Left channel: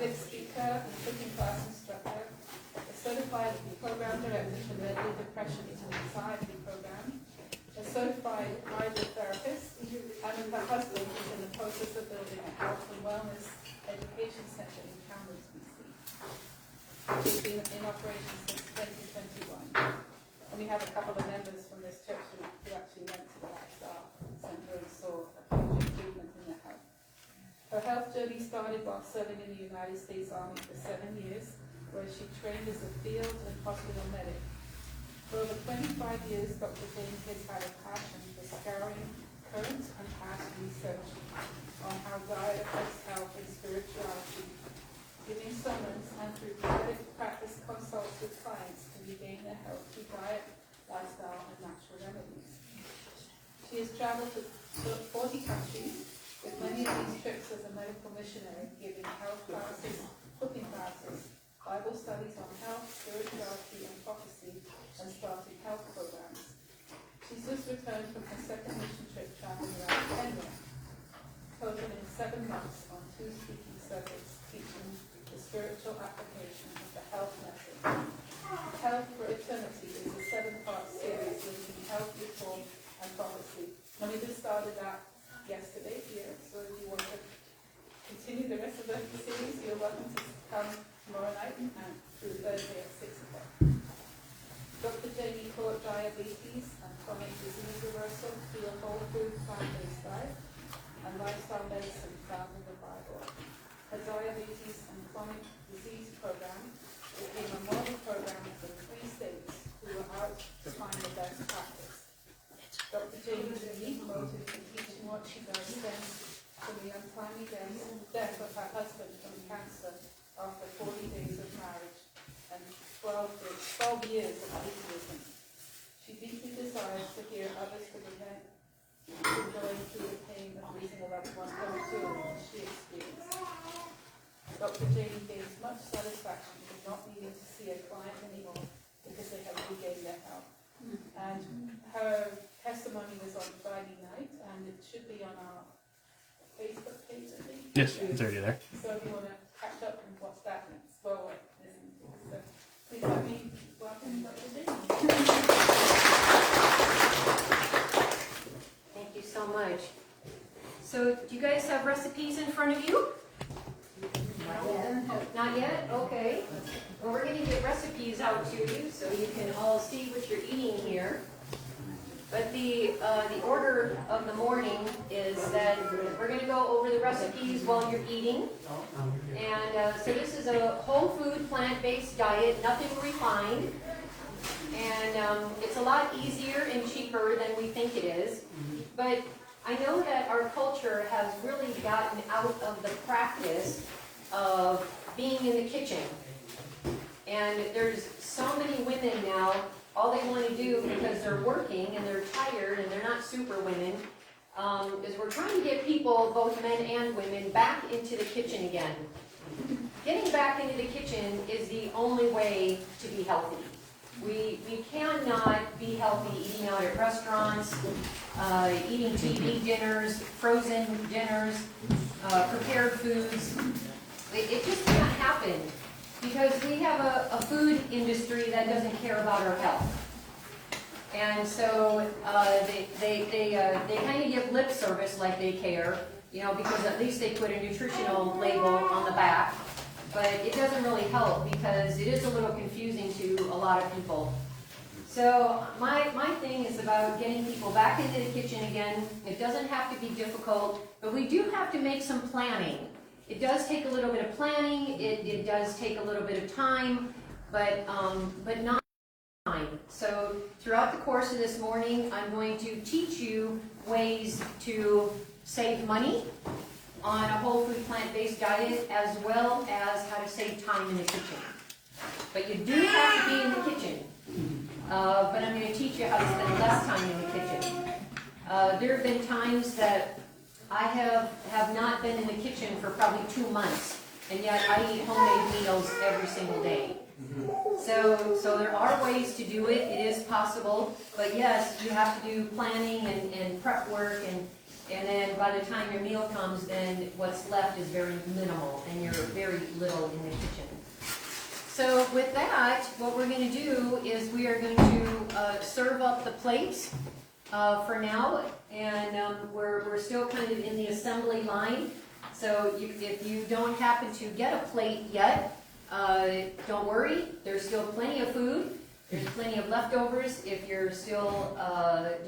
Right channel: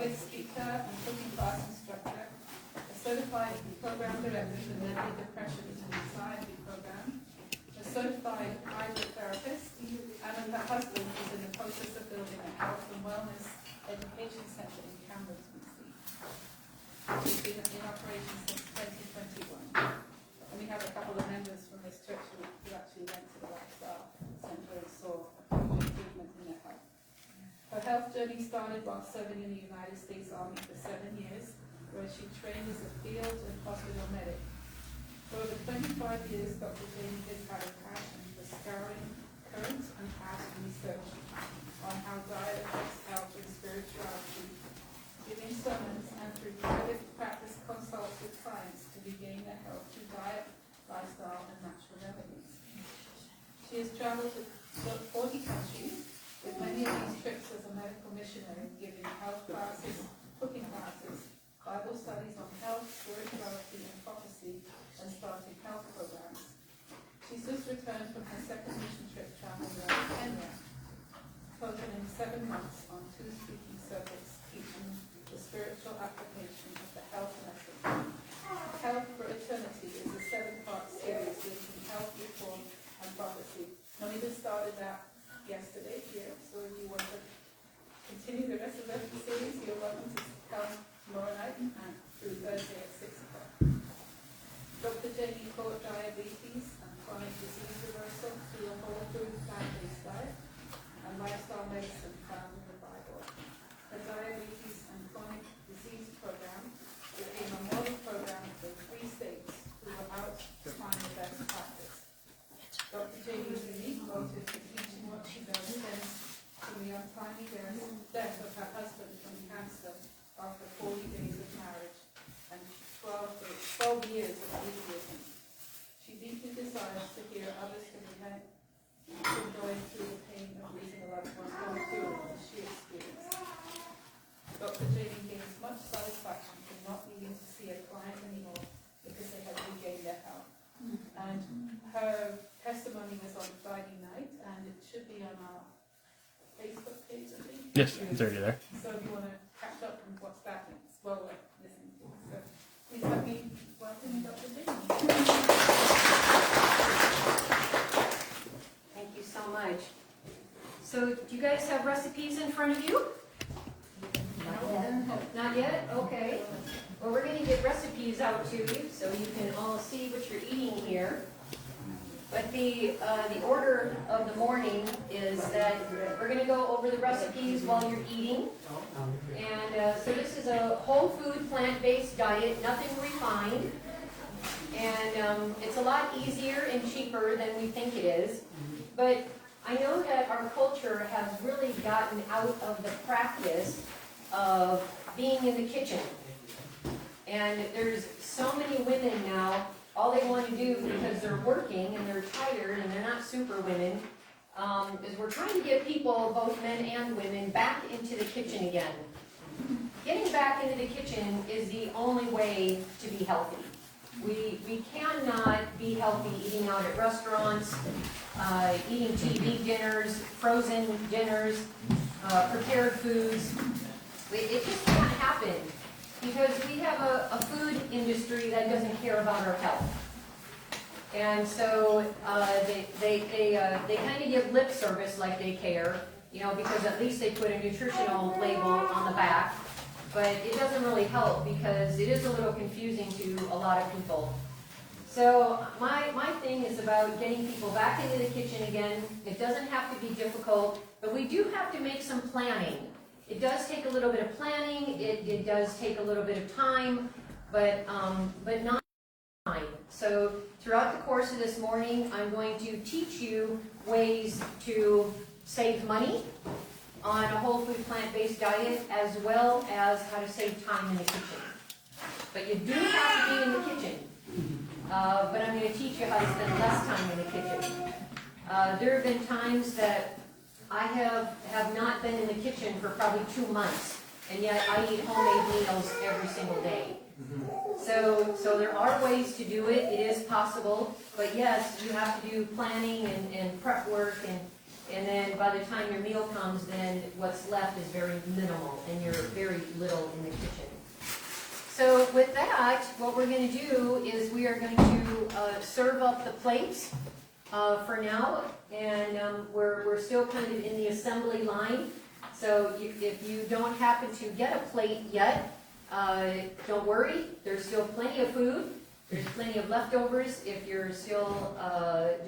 public speaker and cooking class instructor, a certified program director for deadly depression and anxiety program, a certified hydrotherapist, and with her husband is in the process of building a health and wellness education center in Cambridge, BC. She's been in operation since 2021. And we have a couple of members from this church who actually went to the lifestyle center and saw a huge improvement in their health. Her health journey started while serving in the United States Army for 7 years, where she trained as a field and hospital medic. For over 25 years, Dr. Janie has had a passion for scouring current and past research on how diet affects health and spirituality, giving sermons and through guided practice consults with clients to regain their health through diet, lifestyle, and natural remedies. She has traveled to 40 countries, with many of these trips as a medical missionary, giving health classes, cooking classes, Bible studies on health, spirituality, and prophecy, and starting health programs. She's just returned from her second mission trip traveling around Kenya, totaling 7 months on 2 speaking circuits, teaching the spiritual application of the health message. Health for Eternity is a 7-part series listing health, reform, and prophecy. And we just started that yesterday here, so if you want to continue the rest of the series, you're welcome to come tomorrow night and through Thursday at 6 o'clock. Dr. Janie taught diabetes and chronic disease reversal through a whole food plant-based diet and lifestyle medicine found in the Bible. Her diabetes and chronic disease program became a model program for 3 states who were out to find the best practice. Dr. Janie's unique motive for teaching what she does stems from the untimely death of her husband from cancer after 40 days of marriage and 12 years of atheism. She deeply desires to hear others to join through the pain of losing a loved one going through what she experienced. Dr. Janie gains much satisfaction from not needing to see a client anymore because they have regained their health. And her testimony was on Friday night, and it should be on our Facebook page, I think. Yes, it's already there. So if you want to catch up and watch that, well, wait, listen. So please help me welcome Dr. Janie. Thank you so much. So, do you guys have recipes in front of you? Not yet? Okay. Well, we're going to get recipes out to you so you can all see what you're eating here. But the order of the morning is that we're going to go over the recipes while you're eating. And so this is a whole food, plant-based diet, nothing refined. And it's a lot easier and cheaper than we think it is. But I know that our culture has really gotten out of the practice of being in the kitchen. And there's so many women now, all they want to do because they're working and they're tired and they're not super women, is we're trying to get people, both men and women, back into the kitchen again. Getting back into the kitchen is the only way to be healthy. We cannot be healthy eating out at restaurants, eating TV dinners, frozen dinners, prepared foods. It just can't happen because we have a food industry that doesn't care about our health. And so they kind of give lip service like they care, because at least they put a nutritional label on the back. But it doesn't really help because it is a little confusing to a lot of people. So my thing is about getting people back into the kitchen again. It doesn't have to be difficult, but we do have to make some planning. It does take a little bit of planning. It does take a little bit of time, but not time. So throughout the course of this morning, I'm going to teach you ways to save money on a whole food plant-based diet, as well as how to save time in the kitchen. But you do have to be in the kitchen. But I'm going to teach you how to spend less time in the kitchen. There have been times that I have not been in the kitchen for probably 2 months, and yet I eat homemade meals every single day. So there are ways to do it. It is possible. But yes, you have to do planning and prep work And then by the time your meal comes, then what's left is very minimal, and you're very little in the kitchen. So with that, what we're going to do is we are going to serve up the plates for now, and we're still kind of in the assembly line. So if you don't happen to get a plate yet, don't worry. There's still plenty of food. There's plenty of leftovers if you're still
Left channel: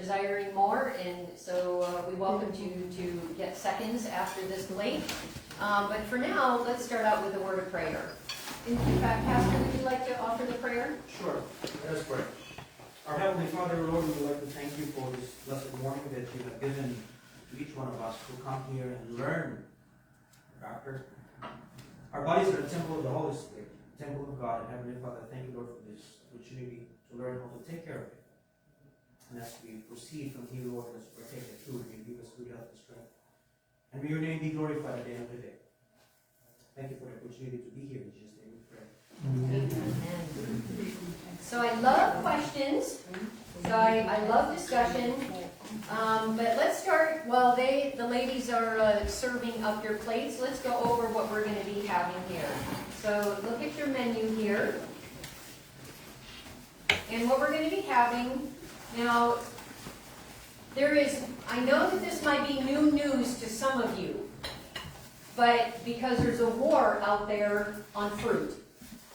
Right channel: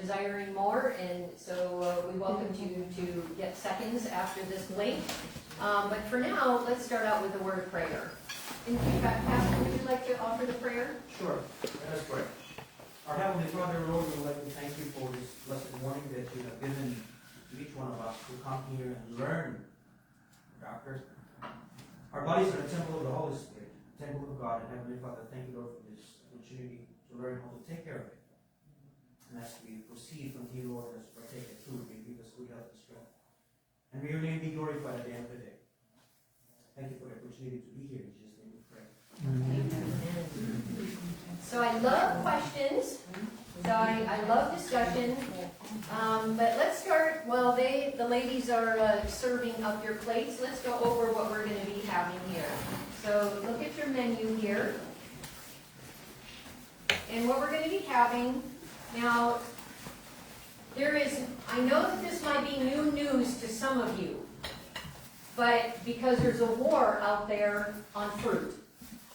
desiring more, and so we welcome you to get seconds after this plate. But for now, let's start out with a word of prayer. In fact, Pastor, would you like to offer the prayer? Sure. Let us pray. Our Heavenly Father, Lord, we would like to thank you for this blessed morning that you have given to each one of us to come here and learn, Doctor. Our bodies are a temple of the Holy Spirit, temple of God, and Heavenly Father, thank you, Lord, for this opportunity to learn how to take care of it. And as we proceed from here, Lord, as we partake the truth, may you give us good health and strength. And may your name be glorified at the end of the day. Thank you for the opportunity to be here. In Jesus' name we pray. Amen. So I love questions. So I love discussion. But let's start while the ladies are serving up your plates. Let's go over what we're going to be having here. So look at your menu here. And what we're going to be having now, I know that this might be new news to some of you, but because there's a war out there on fruit.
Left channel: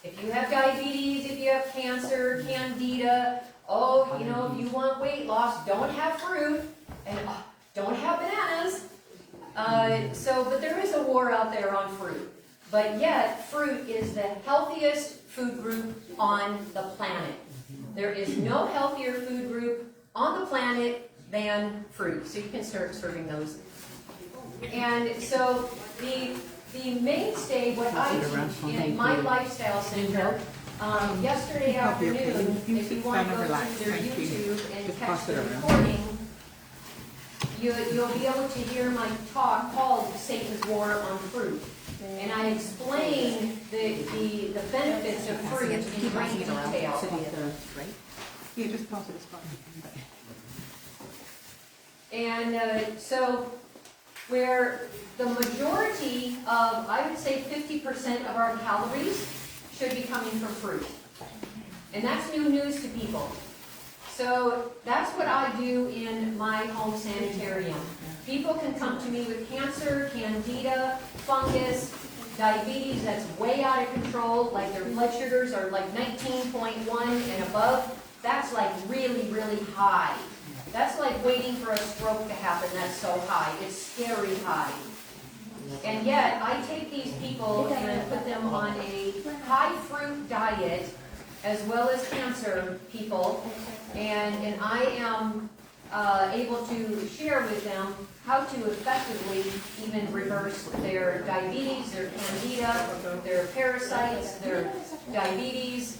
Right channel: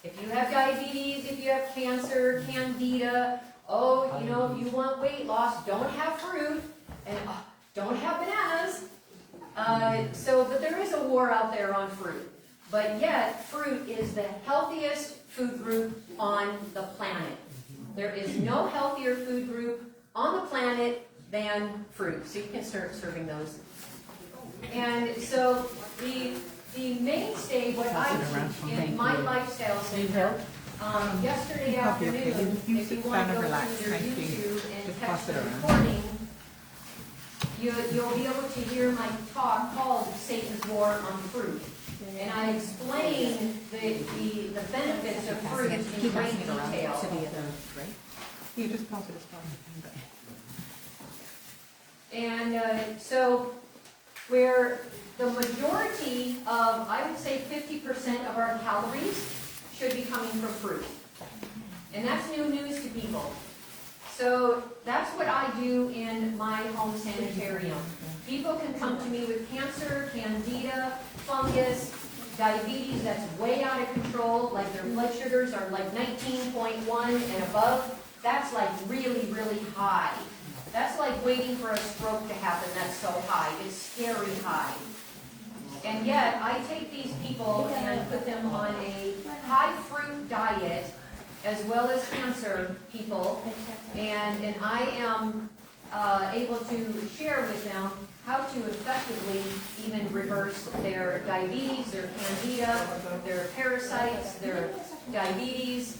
If you have diabetes, if you have cancer, candida, if you want weight loss, don't have fruit, and don't have bananas. But there is a war out there on fruit. But yet, fruit is the healthiest food group on the planet. There is no healthier food group on the planet than fruit. So you can start serving those. And so the mainstay, what I teach in my lifestyle center, yesterday afternoon, if you want to go to their YouTube and catch the recording, you'll be able to hear my talk called Satan's War on Fruit. And I explain the benefits of fruit in great detail. You just pass it as far. And so where the majority of, I would say 50% of our calories should be coming from fruit. And that's new news to people. So that's what I do in my home sanitarium. People can come to me with cancer, candida, fungus, diabetes that's way out of control, like their blood sugars are like 19.1 and above. That's like really, really high. That's like waiting for a stroke to happen. That's so high. It's scary high. And yet, I take these people and put them on a high fruit diet, as well as cancer people, and I am able to share with them how to effectively even reverse their diabetes, their candida, their parasites, their diabetes.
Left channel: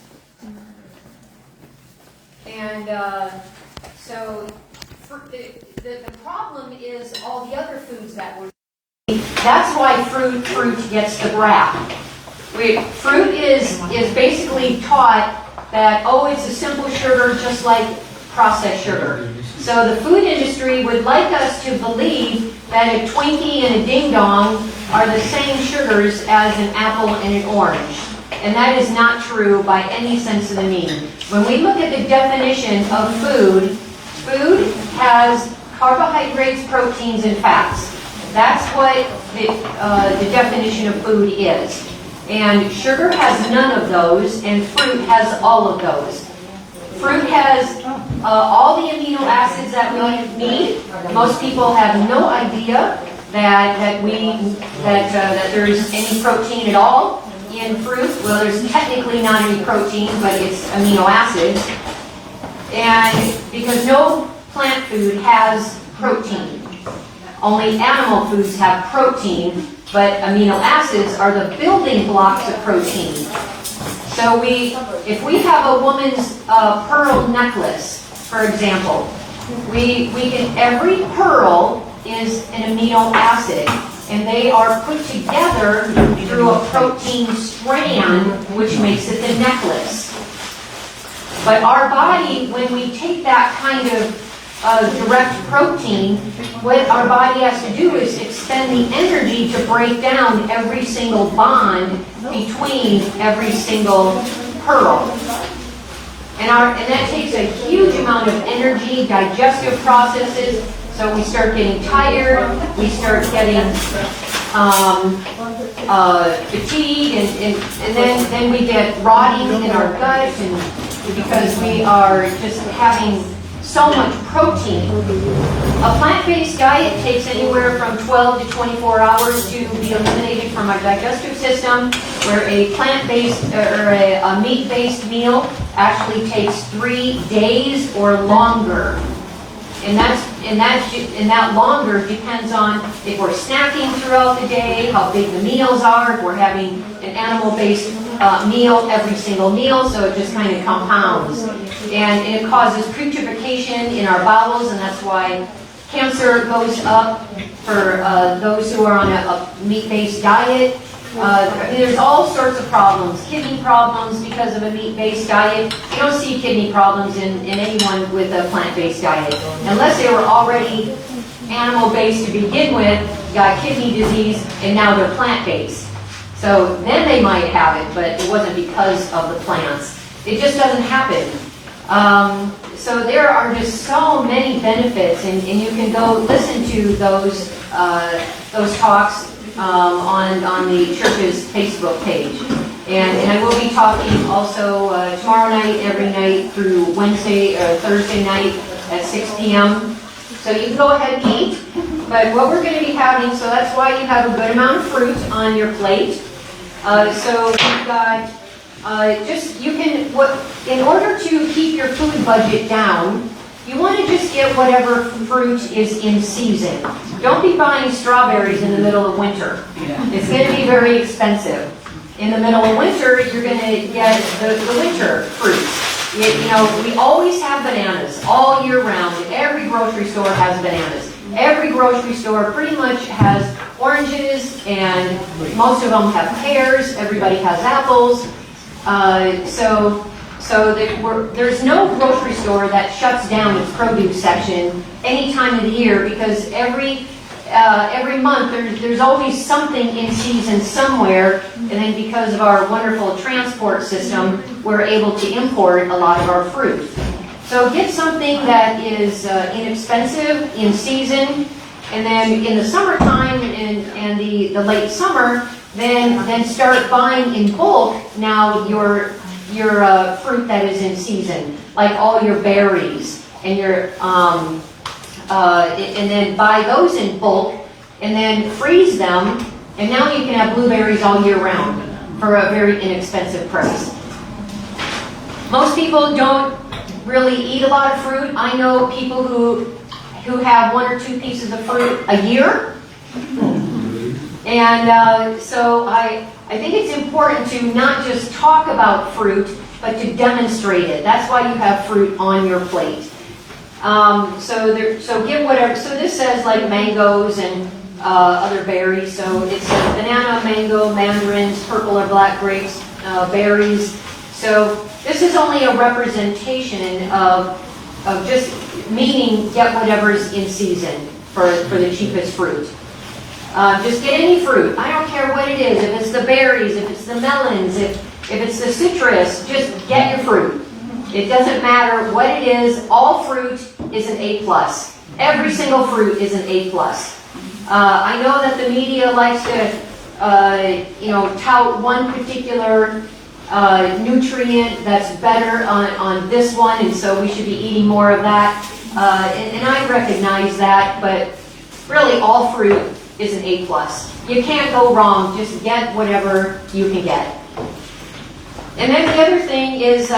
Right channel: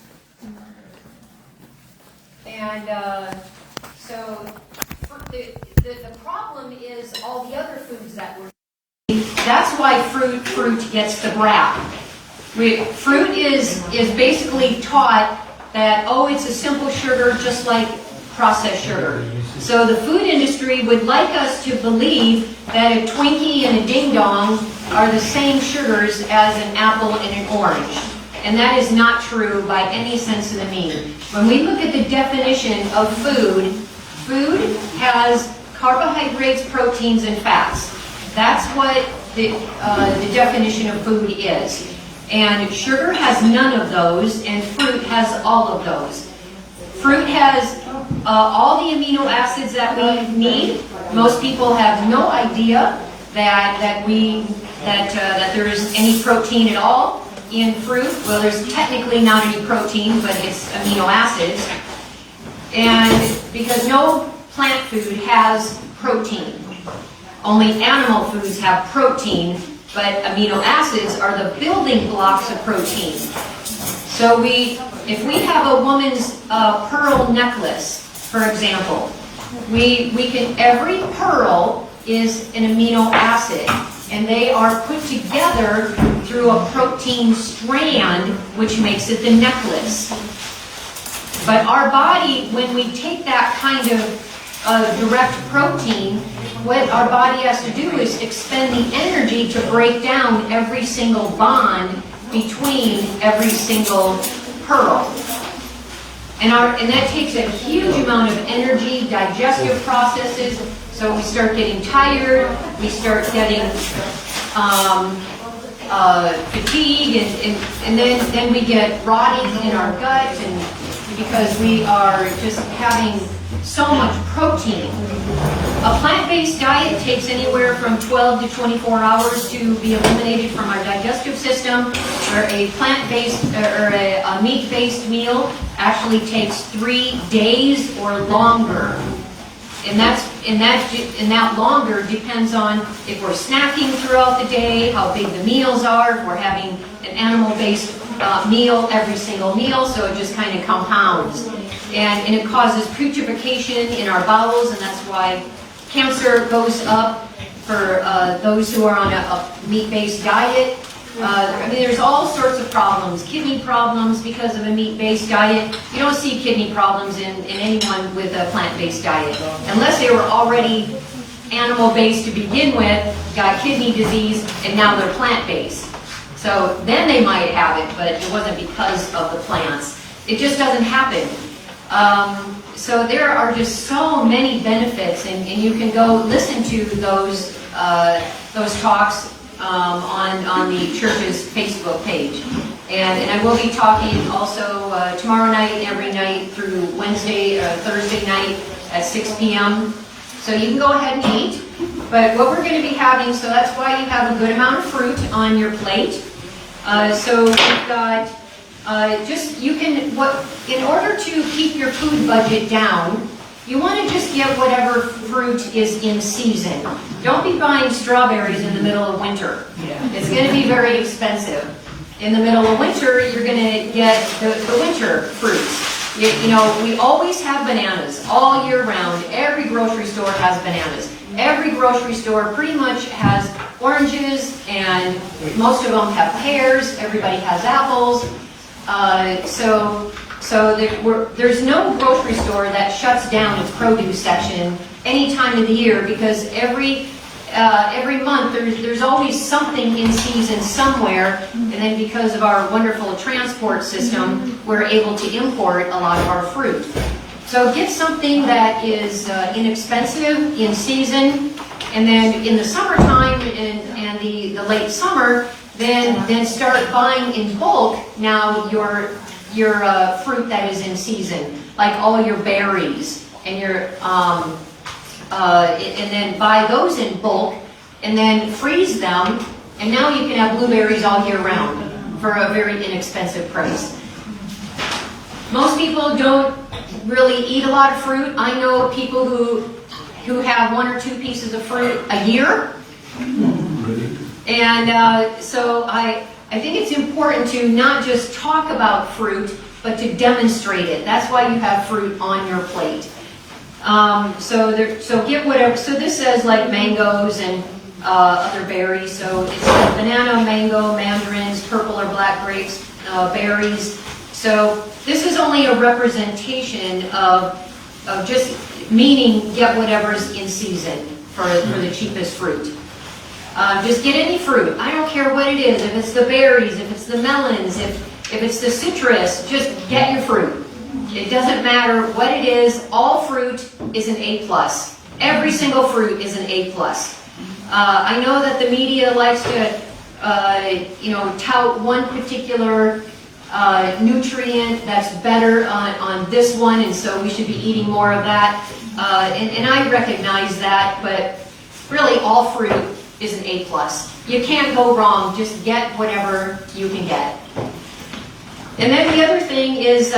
And so the problem is all the other foods that we're eating. That's why fruit gets the rap. Fruit is basically taught that, it's a simple sugar just like processed sugar. So the food industry would like us to believe that a Twinkie and a Ding Dong are the same sugars as an apple and an orange. And that is not true by any sense of the meaning. When we look at the definition of food, food has carbohydrates, proteins, and fats. That's what the definition of food is. And sugar has none of those, and fruit has all of those. Fruit has all the amino acids that we need. Most people have no idea that there is any protein at all in fruit. Well, there's technically not any protein, but it's amino acids. And because no plant food has protein. Only animal foods have protein, but amino acids are the building blocks of protein. So if we have a woman's pearl necklace, for example, every pearl is an amino acid, and they are put together through a protein strand, which makes it the necklace. But our body, when we take that kind of direct protein, what our body has to do is expend the energy to break down every single bond between every single pearl. And that takes a huge amount of energy, digestive processes, so we start getting tired, we start getting fatigue, and then we get rotting in our gut, and because we are just having so much protein. A plant-based diet takes anywhere from 12 to 24 hours to be eliminated from our digestive system, where a plant-based or a meat-based meal actually takes 3 days or longer. And that longer depends on if we're snacking throughout the day, how big the meals are, if we're having an animal-based meal every single meal, so it just kind of compounds. And it causes putrefaction in our bowels, and that's why cancer goes up for those who are on a meat-based diet. I mean, there's all sorts of problems. Kidney problems because of a meat-based diet. You don't see kidney problems in anyone with a plant-based diet. Unless they were already animal-based to begin with, got kidney disease, and now they're plant-based. So then they might have it, but it wasn't because of the plants. It just doesn't happen. So there are just so many benefits, and you can go listen to those talks on the church's Facebook page. And I will be talking also tomorrow night, every night through Wednesday or Thursday night at 6 p.m. So you can go ahead and eat. But what we're going to be having, so that's why you have a good amount of fruit on your plate. So you've got in order to keep your food budget down, you want to just get whatever fruit is in season. Don't be buying strawberries in the middle of winter. It's going to be very expensive. In the middle of winter, you're going to get the winter fruits. We always have bananas all year round. Every grocery store has bananas. Every grocery store pretty much has oranges, and most of them have pears. Everybody has apples. There's no grocery store that shuts down its produce section any time of the year, because every month there's always something in season somewhere, and then because of our wonderful transport system, we're able to import a lot of our fruit. So get something that is inexpensive, in season, and then in the summertime and the late summer, then start buying in bulk now your fruit that is in season, like all your berries and and then buy those in bulk and then freeze them, and now you can have blueberries all year round for a very inexpensive price. Most people don't really eat a lot of fruit. I know people who have 1 or 2 pieces of fruit a year. And so I think it's important to not just talk about fruit, but to demonstrate it. That's why you have fruit on your plate. So get whatever. So this says like mangoes and other berries. So it's banana, mango, mandarins, purple or black grapes, berries. So this is only a representation of just meaning get whatever's in season for the cheapest fruit. Just get any fruit. I don't care what it is. If it's the berries, if it's the melons, if it's the citrus, just get your fruit. It doesn't matter what it is. All fruit is an A+. Every single fruit is an A+. I know that the media likes to, tout one particular nutrient that's better on this one, and so we should be eating more of that. And I recognize that, but really all fruit is an A+. You can't go wrong. Just get whatever you can get. And then the other thing is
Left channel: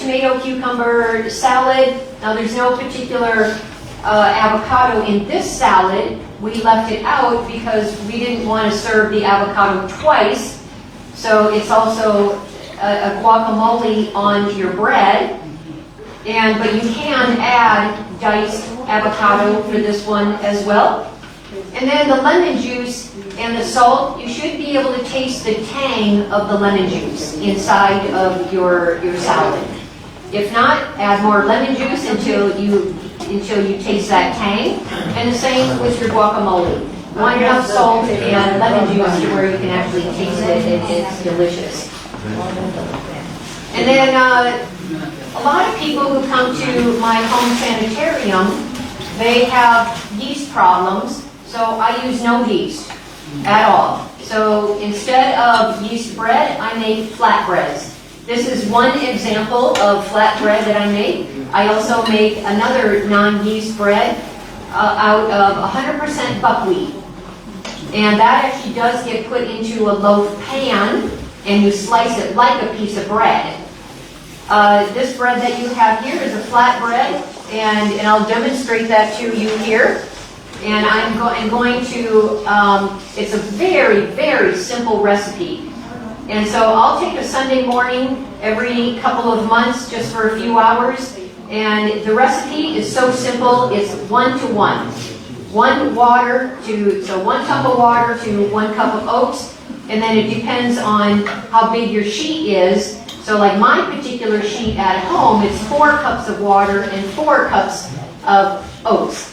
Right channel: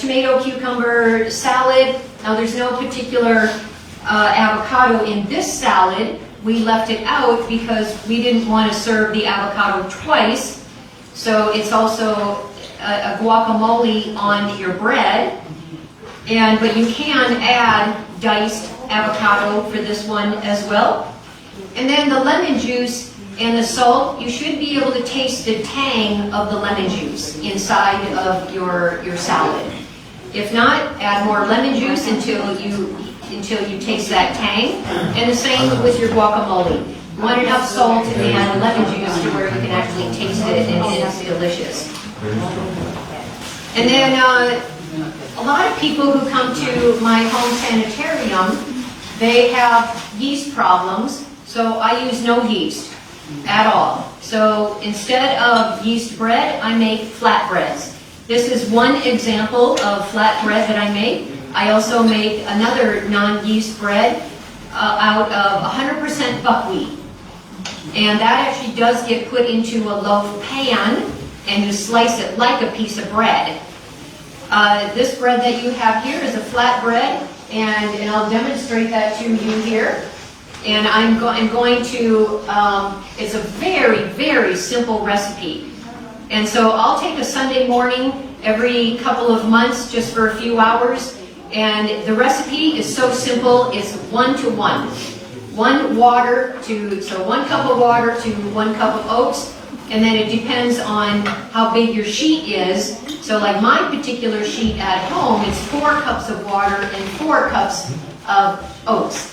tomato cucumber salad. Now there's no particular avocado in this salad. We left it out because we didn't want to serve the avocado twice. So it's also a guacamole onto your bread. But you can add diced avocado for this one as well. And then the lemon juice and the salt, you should be able to taste the tang of the lemon juice inside of your salad. If not, add more lemon juice until until you taste that tang. And the same with your guacamole. You want enough salt and lemon juice to where you can actually taste it, and it's delicious. And then a lot of people who come to my home sanitarium, they have yeast problems, so I use no yeast at all. So instead of yeast bread, I make flatbreads. This is one example of flatbread that I make. I also make another non-yeast bread out of 100% buckwheat. And that actually does get put into a loaf pan, and you slice it like a piece of bread. This bread that you have here is a flatbread, and I'll demonstrate that to you here. And I'm going to, it's a very, very simple recipe. And so I'll take a Sunday morning every couple of months just for a few hours. And the recipe is so simple, it's 1-to-1. 1 cup of water to 1 cup of oats. And then it depends on how big your sheet is. So like my particular sheet at home, it's 4 cups of water and 4 cups of oats.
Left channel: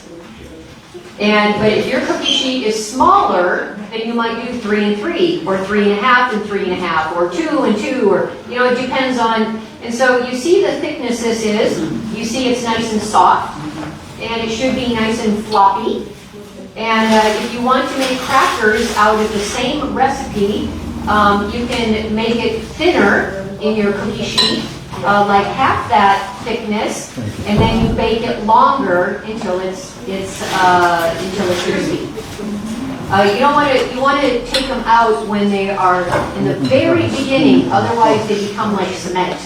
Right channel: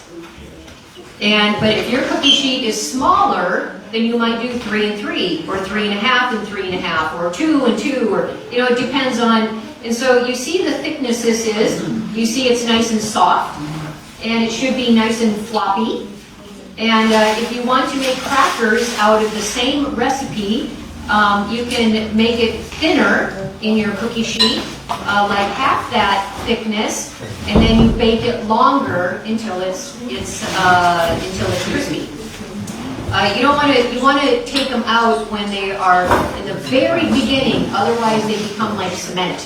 But if your cookie sheet is smaller, then you might do 3 and 3, or 3 and a half and 3 and a half, or 2 and 2, or, it depends on. And so you see the thickness this is. You see it's nice and soft, and it should be nice and floppy. And if you want to make crackers out of the same recipe, you can make it thinner in your cookie sheet, like half that thickness, and then you bake it longer until it's crispy. You want to take them out when they are in the very beginning, otherwise they become like cement,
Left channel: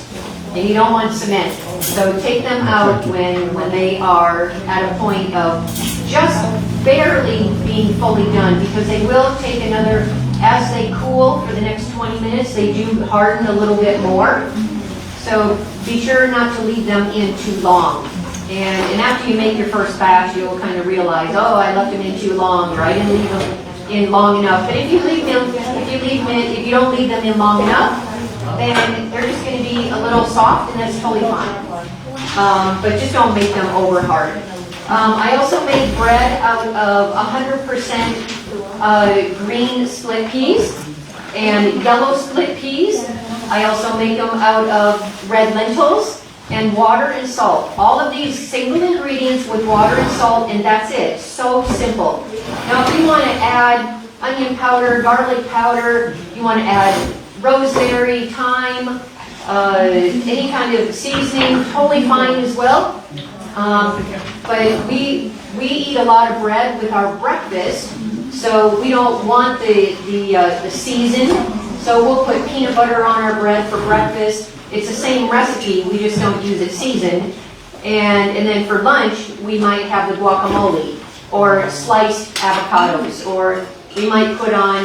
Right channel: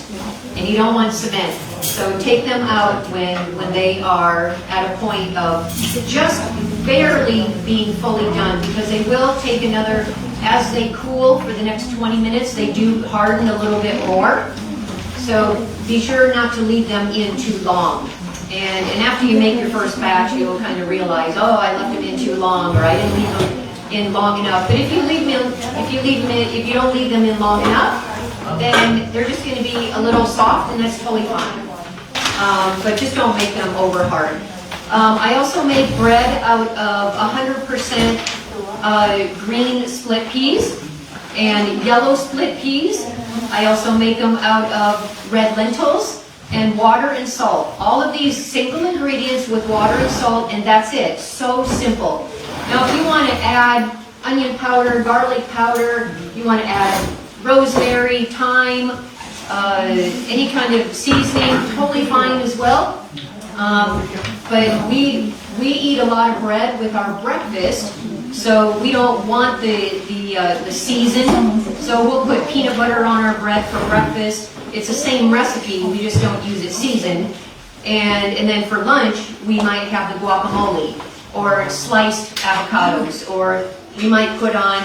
and you don't want cement. So take them out when they are at a point of just barely being fully done, because they will take another, as they cool for the next 20 minutes, they do harden a little bit more. So be sure not to leave them in too long. And after you make your first batch, you'll kind of realize, oh, I left them in too long, or I didn't leave them in long enough. But if you don't leave them in long enough, then they're just going to be a little soft, and that's totally fine. But just don't make them over hard. I also make bread out of 100% green split peas and yellow split peas. I also make them out of red lentils and water and salt. All of these single ingredients with water and salt, and that's it. So simple. Now, if you want to add onion powder, garlic powder, you want to add rosemary, thyme, any kind of seasoning, totally fine as well. But we eat a lot of bread with our breakfast, so we don't want the season. So we'll put peanut butter on our bread for breakfast. It's the same recipe, we just don't use it seasoned. And then for lunch, we might have the guacamole, or sliced avocados, or we might put on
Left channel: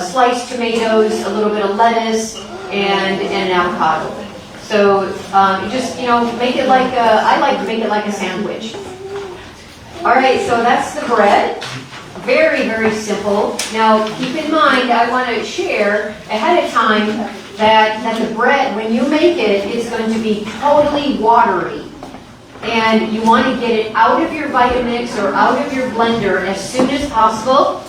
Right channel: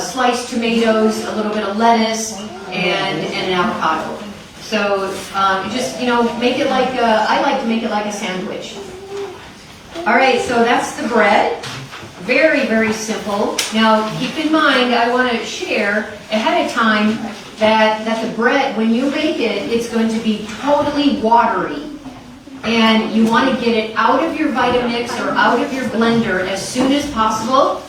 sliced tomatoes, a little bit of lettuce, and an avocado. So just, make it like I like to make it like a sandwich. All right, so that's the bread. Very, very simple. Now, keep in mind, I want to share ahead of time that the bread, when you make it, is going to be totally watery. And you want to get it out of your Vitamix or out of your blender as soon as possible.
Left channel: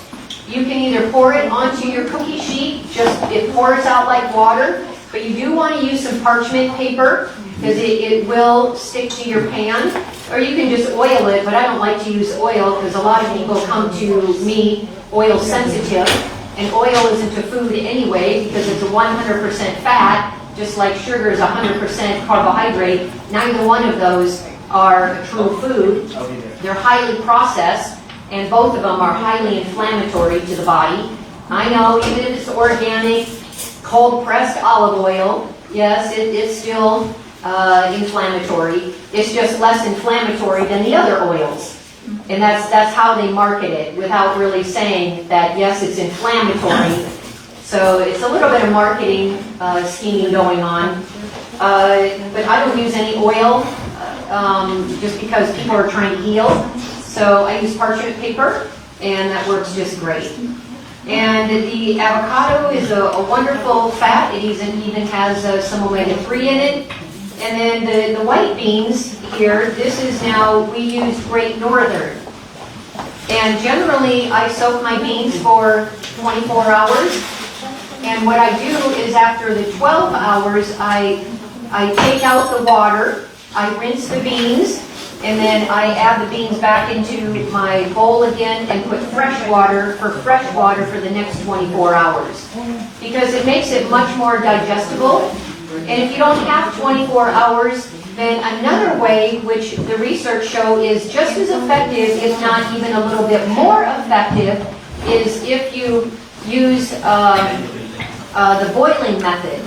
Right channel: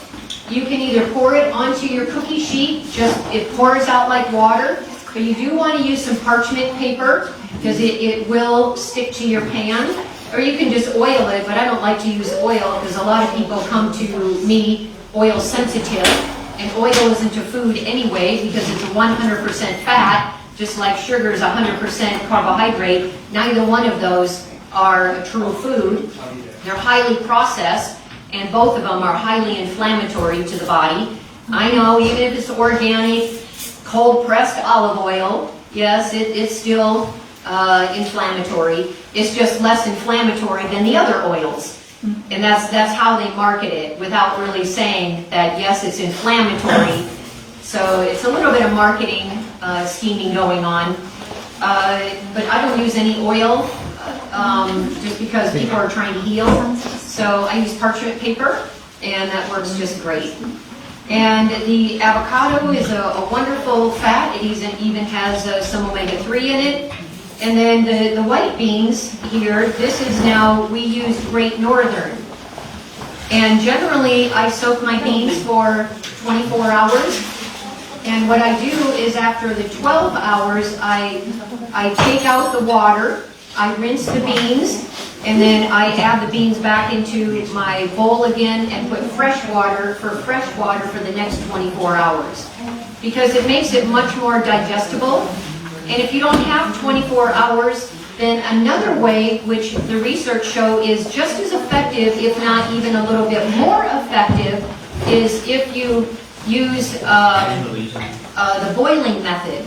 You can either pour it onto your cookie sheet, it pours out like water, but you do want to use some parchment paper because it will stick to your pan. Or you can just oil it, but I don't like to use oil because a lot of people come to me oil sensitive, and oil isn't a food anyway because it's a 100% fat, just like sugar is 100% carbohydrate. Neither one of those are a true food. They're highly processed, and both of them are highly inflammatory to the body. I know, even if it's organic, cold-pressed olive oil, yes, it's still inflammatory. It's just less inflammatory than the other oils. And that's how they market it, without really saying that, yes, it's inflammatory. So it's a little bit of marketing scheming going on. But I don't use any oil just because people are trying to heal. So I use parchment paper, and that works just great. And the avocado is a wonderful fat. It even has some omega-3 in it. And then the white beans here, this is now, we use Great Northern. And generally, I soak my beans for 24 hours. And what I do is after the 12 hours, I take out the water, I rinse the beans, and then I add the beans back into my bowl again and put fresh water for the next 24 hours. Because it makes it much more digestible. And if you don't have 24 hours, then another way, which the research show is just as effective, if not even a little bit more effective, is if you use the boiling method.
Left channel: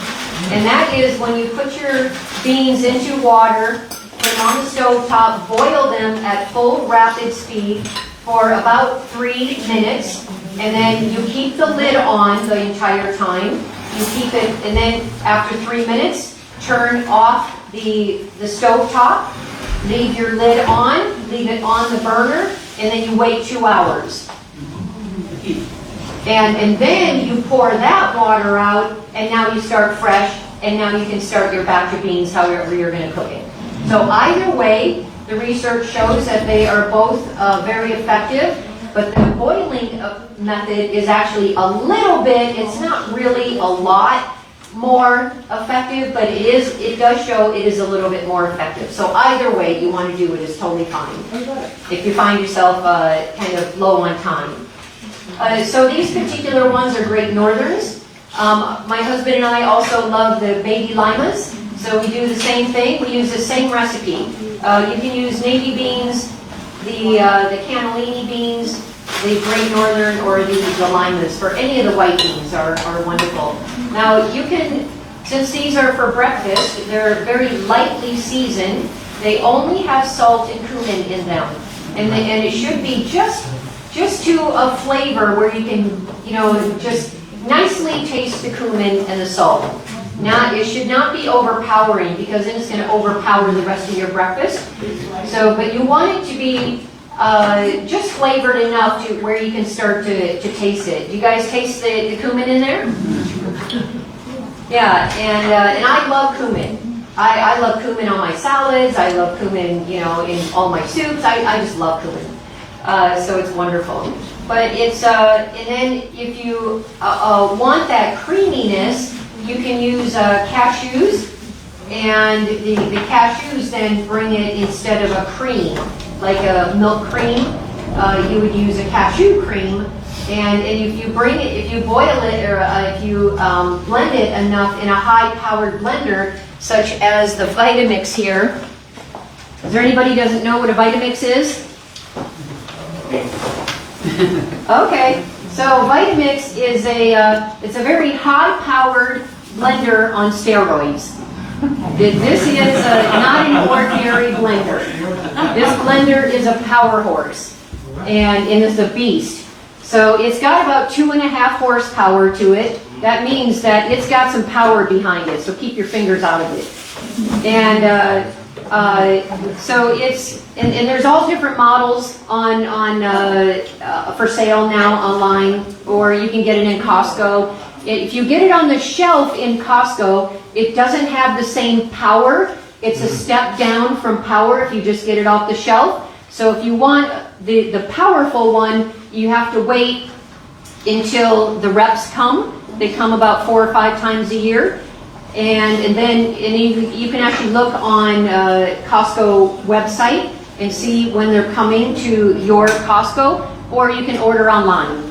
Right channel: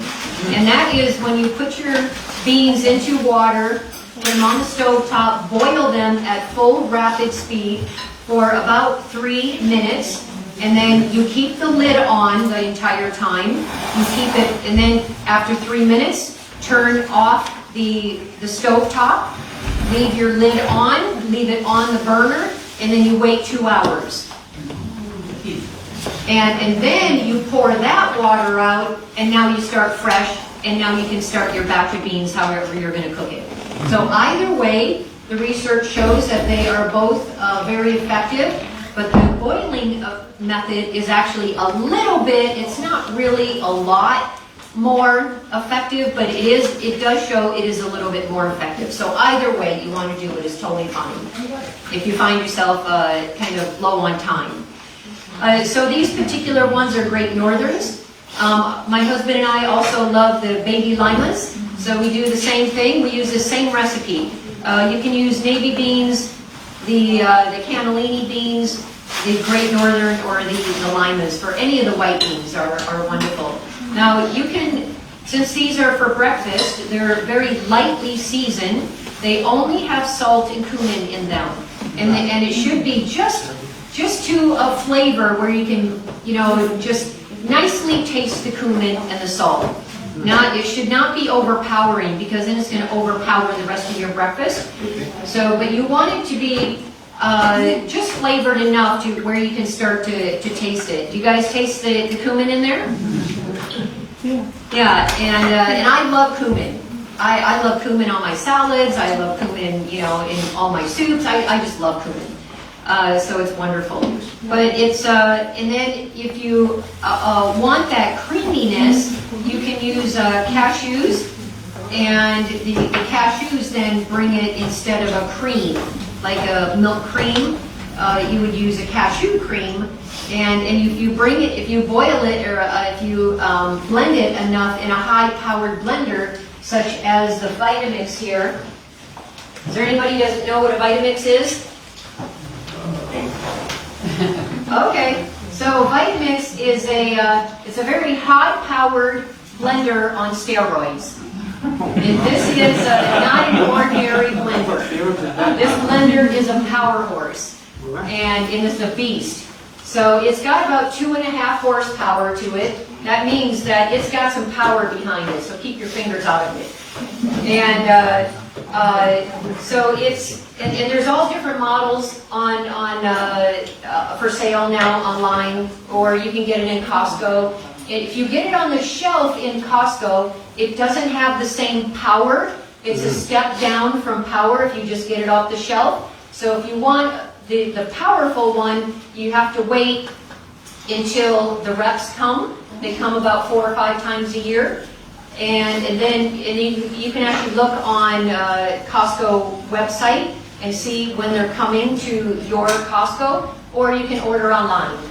And that is when you put your beans into water, put them on the stove top, boil them at full rapid speed for about 3 minutes, and then you keep the lid on the entire time. You keep it, and then after 3 minutes, turn off the stove top, leave your lid on, leave it on the burner, and then you wait 2 hours. And then you pour that water out, and now you start fresh, and now you can start your batch of beans however you're going to cook it. So either way, the research shows that they are both very effective, but the boiling method is actually a little bit, it's not really a lot more effective, but it does show it is a little bit more effective. So either way you want to do it is totally fine if you find yourself kind of low on time. So these particular ones are Great Northerns. My husband and I also love the baby limas, so we do the same thing. We use the same recipe. You can use navy beans, the cannellini beans, the Great Northern, or the limas. For any of the white beans are wonderful. Now you can, since these are for breakfast, they're very lightly seasoned. They only have salt and cumin in them, and it should be just to a flavor where you can, just nicely taste the cumin and the salt. Now, it should not be overpowering, because then it's going to overpower the rest of your breakfast. So, but you want it to be just flavored enough to where you can start to taste it. Do you guys taste the cumin in there? Yeah, and I love cumin. I love cumin on my salads. I love cumin, in all my soups. I just love cumin. So it's wonderful. But it's, and then if you want that creaminess, you can use cashews, and the cashews then bring it, instead of a cream, like a milk cream, you would use a cashew cream, and if you bring it, if you boil it, or if you blend it enough in a high-powered blender, such as the Vitamix here. Is there anybody who doesn't know what a Vitamix is? Okay, so Vitamix is it's a very high-powered blender on steroids. This is not an ordinary blender. This blender is a power horse, and it is a beast. So it's got about 2.5 horsepower to it. That means that it's got some power behind it, so keep your fingers out of it. And so it's, and there's all different models for sale now online, or you can get it in Costco. If you get it on the shelf in Costco, it doesn't have the same power. It's a step down from power if you just get it off the shelf. So if you want the powerful one, you have to wait until the reps come. They come about 4 or 5 times a year. And then you can actually look on Costco website and see when they're coming to your Costco, or you can order online.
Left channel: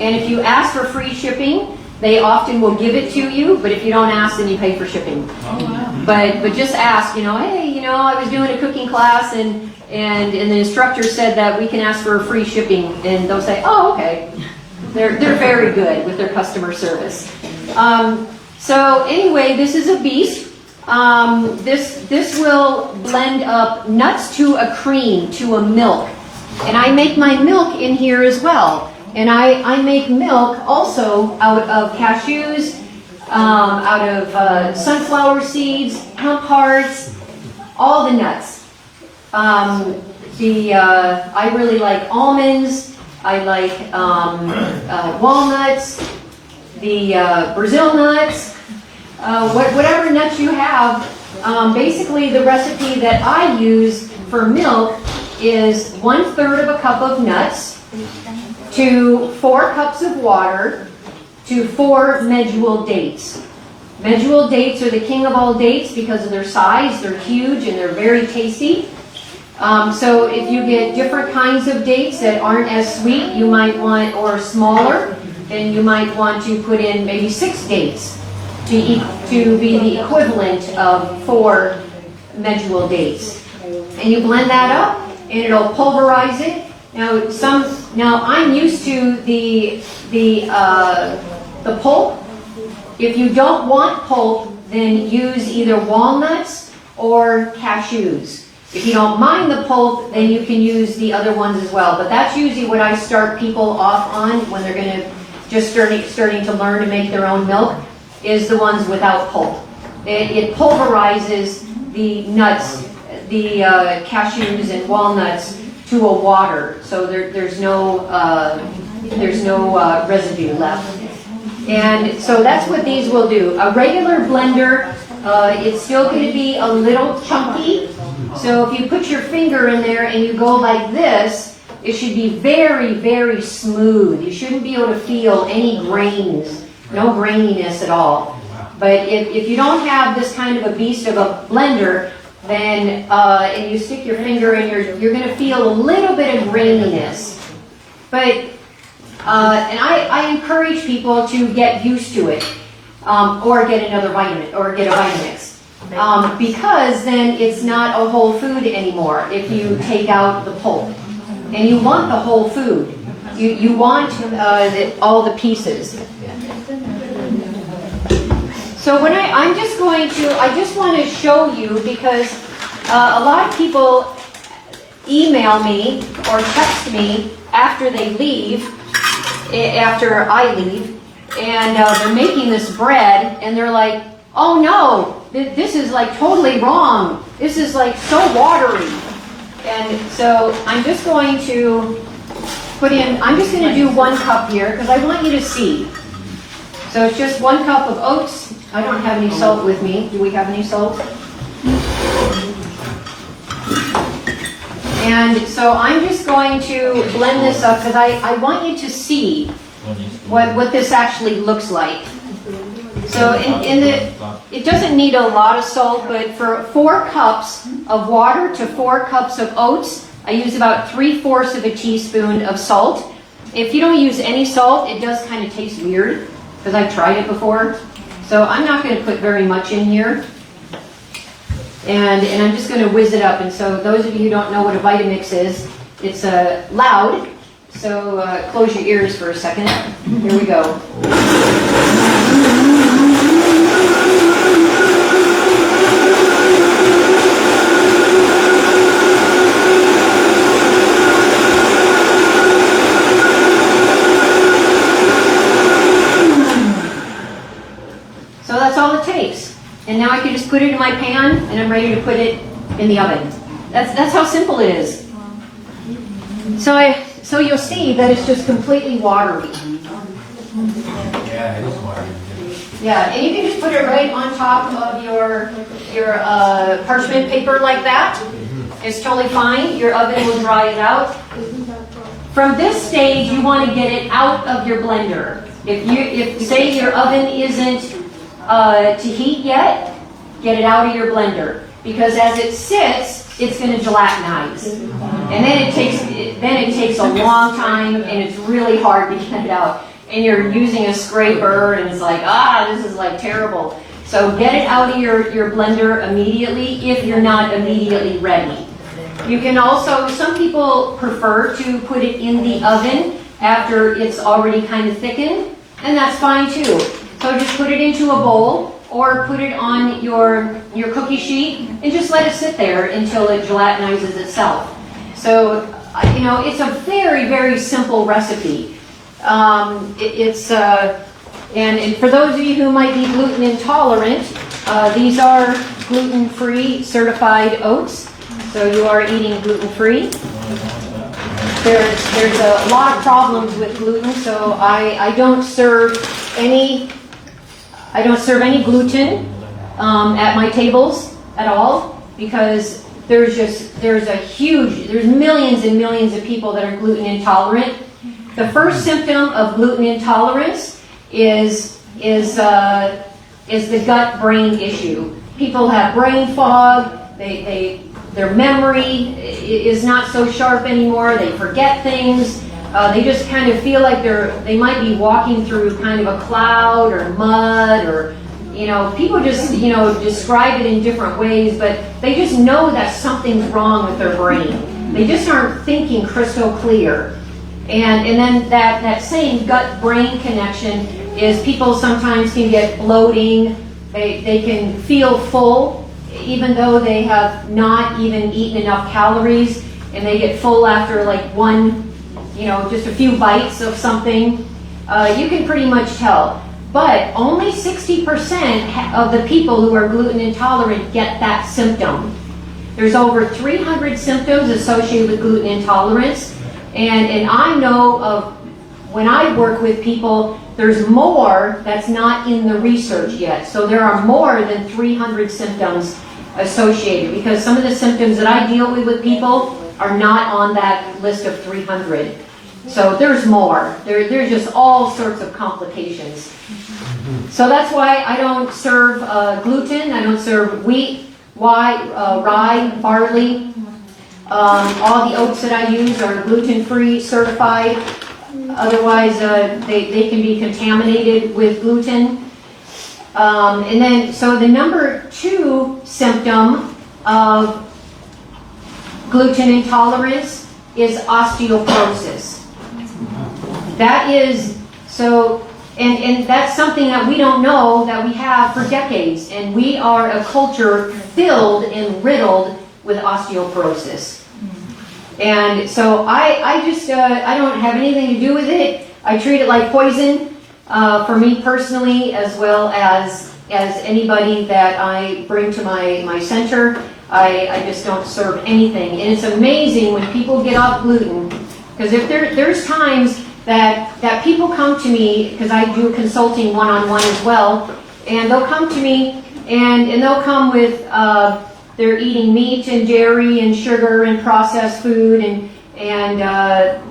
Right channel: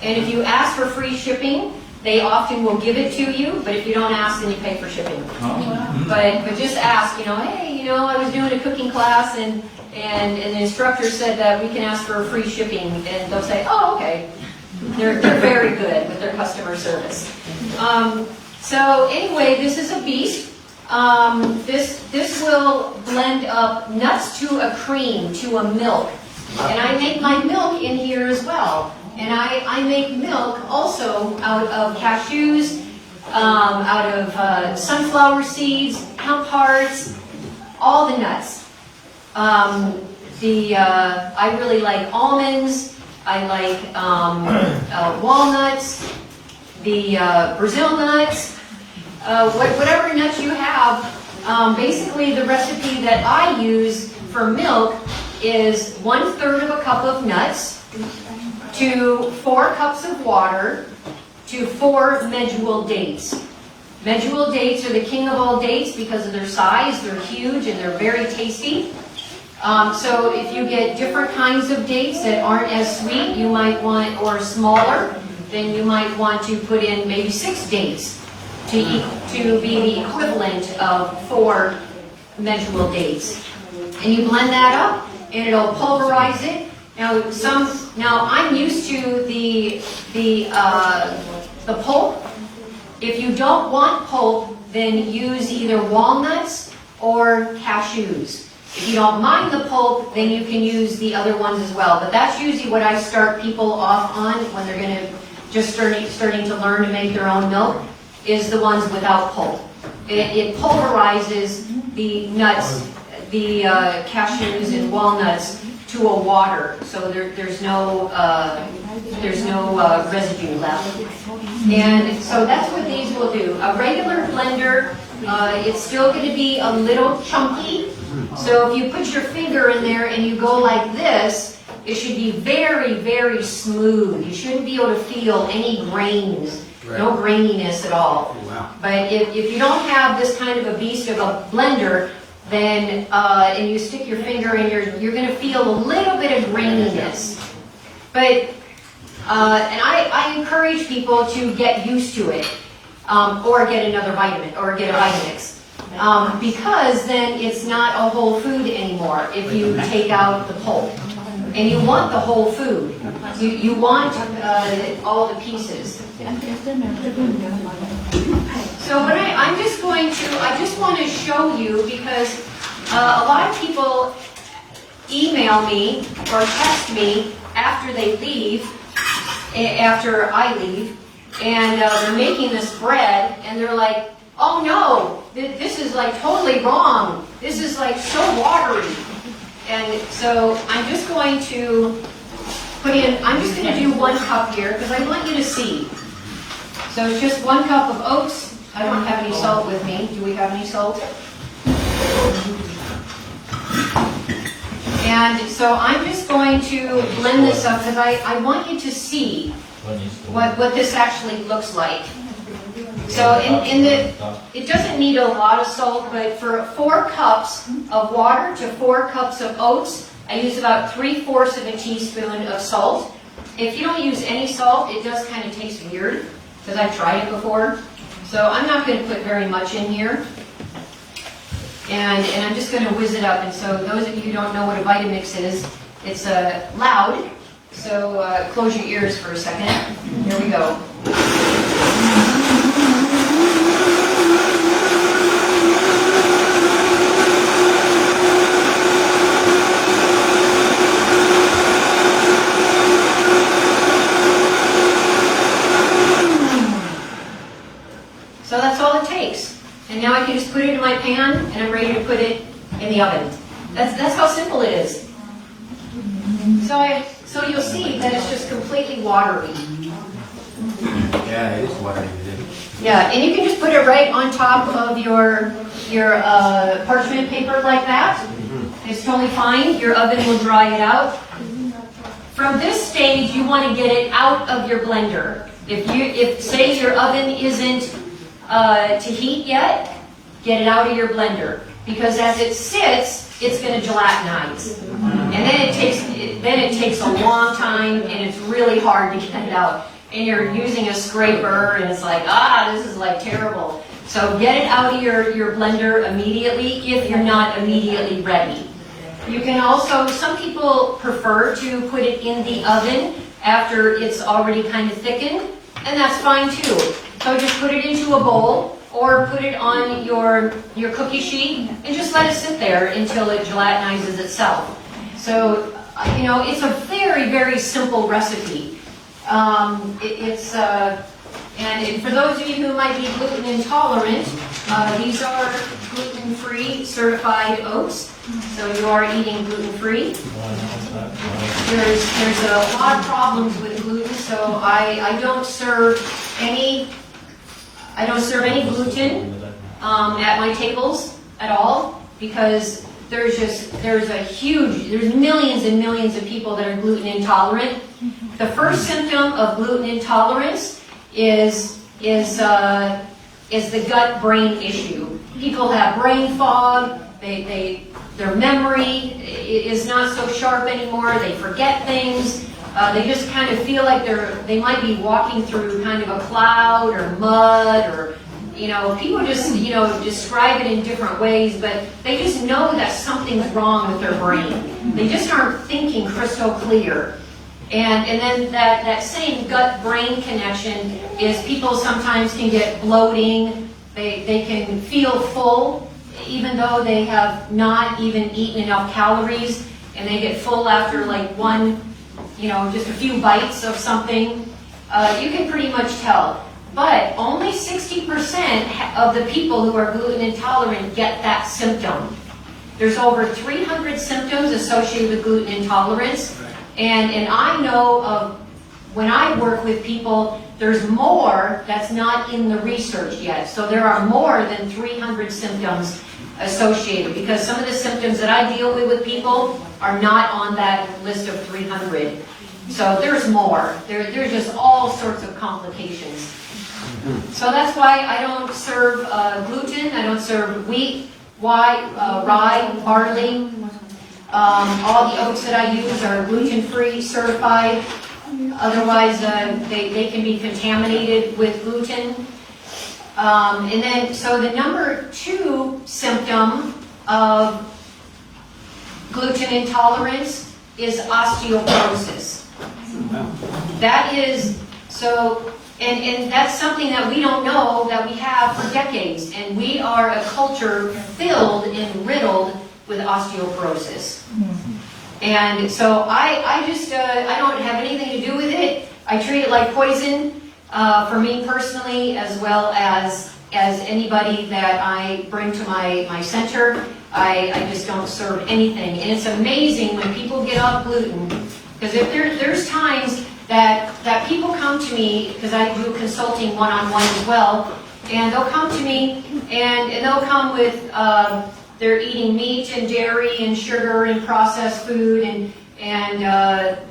And if you ask for free shipping, they often will give it to you, but if you don't ask, then you pay for shipping. But just ask, hey, I was doing a cooking class, and the instructor said that we can ask for free shipping, and they'll say, oh, okay. They're very good with their customer service. So anyway, this is a beast. This will blend up nuts to a cream, to a milk. And I make my milk in here as well. And I make milk also out of cashews, out of sunflower seeds, hemp hearts, all the nuts. I really like almonds. I like walnuts, the Brazil nuts, whatever nuts you have. basically the recipe that I use for milk is 1/3 of a cup of nuts to 4 cups of water to 4 medjool dates. Medjool dates are the king of all dates because of their size. They're huge and they're very tasty. So if you get different kinds of dates that aren't as sweet, you might want, or smaller, then you might want to put in maybe 6 dates to be the equivalent of 4 medjool dates. And you blend that up, and it'll pulverize it. Now I'm used to the pulp. If you don't want pulp, then use either walnuts or cashews. If you don't mind the pulp, then you can use the other ones as well. But that's usually what I start people off on when they're going to just starting to learn to make their own milk, is the ones without pulp. It pulverizes the nuts, the cashews and walnuts to a water, so there's no residue left. And so that's what these will do. A regular blender, it's still going to be a little chunky. So if you put your finger in there and you go like this, it should be very, very smooth. You shouldn't be able to feel any grains, no graininess at all. But if you don't have this kind of a beast of a blender, then and you stick your finger in, you're going to feel a little bit of graininess. But and I encourage people to get used to it, or get another vitamin, or get a Vitamix. Because then it's not a whole food anymore if you take out the pulp. And you want the whole food. You want all the pieces. So when I just want to show you, because a lot of people email me or text me after they leave, after I leave, and they're making this bread, and they're like, oh no, this is like totally wrong. This is like so watery. And so I'm just going to I'm just going to do 1 cup here because I want you to see. So it's just 1 cup of oats. I don't have any salt with me. Do we have any salt? And so I'm just going to blend this up because I want you to see what this actually looks like. So it doesn't need a lot of salt, but for 4 cups of water to 4 cups of oats, I use about 3/4 of a teaspoon of salt. If you don't use any salt, it does kind of taste weird because I've tried it before. So I'm not going to put very much in here. And I'm just going to whiz it up. And so those of you who don't know what a Vitamix is, it's loud. So close your ears for a second. Here we go. And now I can just put it in my pan, and I'm ready to put it in the oven. That's how simple it is. So you'll see that it's just completely watery. Yeah, it is watery. Yeah, and you can just put it right on top of your parchment paper like that. It's totally fine. Your oven will dry it out. From this stage, you want to get it out of your blender. If say your oven isn't to heat yet, get it out of your blender, because as it sits, it's going to gelatinize, and then it takes a long time, and it's really hard to get it out. And you're using a scraper, and it's like, this is like terrible. So get it out of your blender immediately if you're not immediately ready. You can also, some people prefer to put it in the oven after it's already kind of thickened, and that's fine too. So just put it into a bowl or put it on your cookie sheet and just let it sit there until it gelatinizes itself. So, it's a very, very simple recipe. And for those of you who might be gluten intolerant, these are gluten-free certified oats. So you are eating gluten-free. There's a lot of problems with gluten, so I don't serve any gluten at my tables. at all, because there's millions and millions of people that are gluten intolerant. The first symptom of gluten intolerance is the gut-brain issue. People have brain fog. Their memory is not so sharp anymore. They forget things. They just kind of feel like they might be walking through kind of a cloud or mud, or people just describe it in different ways, but they just know that something's wrong with their brain. They just aren't thinking crystal clear. And then that same gut-brain connection is people sometimes can get bloating. They can feel full, even though they have not even eaten enough calories, and they get full after like one, just a few bites of something. You can pretty much tell. But only 60% of the people who are gluten intolerant get that symptom. There's over 300 symptoms associated with gluten intolerance. And I know of, when I work with people, there's more that's not in the research yet. So there are more than 300 symptoms associated, because some of the symptoms that I deal with people are not on that list of 300. So there's more. There's just all sorts of complications. So that's why I don't serve gluten. I don't serve wheat, rye, barley. All the oats that I use are gluten-free certified. Otherwise, they can be contaminated with gluten. And then, so the number 2 symptom of gluten intolerance is osteoporosis. That is, and that's something that we don't know that we have for decades. And we are a culture filled and riddled with osteoporosis. And so I don't have anything to do with it. I treat it like poison for me personally, as well as anybody that I bring to my center. I just don't serve anything. And it's amazing when people get off gluten, because if there's times that people come to me, because I do consulting one-on-one as well, and they'll come to me and they'll come with they're eating meat and dairy and sugar and processed food and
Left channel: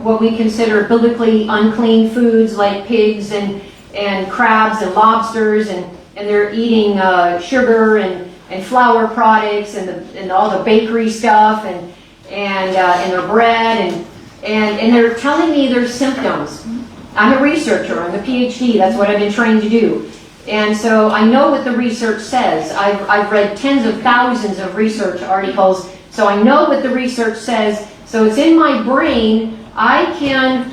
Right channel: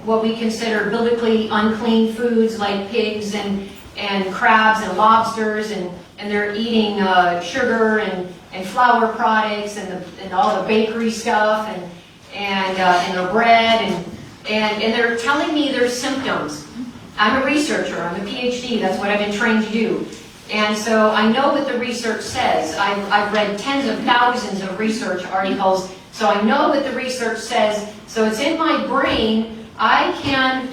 what we consider biblically unclean foods like pigs and crabs and lobsters, and they're eating sugar and flour products and all the bakery stuff and their bread and they're telling me their symptoms. I'm a researcher. I'm a PhD. That's what I've been trained to do. And so I know what the research says. I've read tens of thousands of research articles, so I know what the research says. So it's in my brain. I can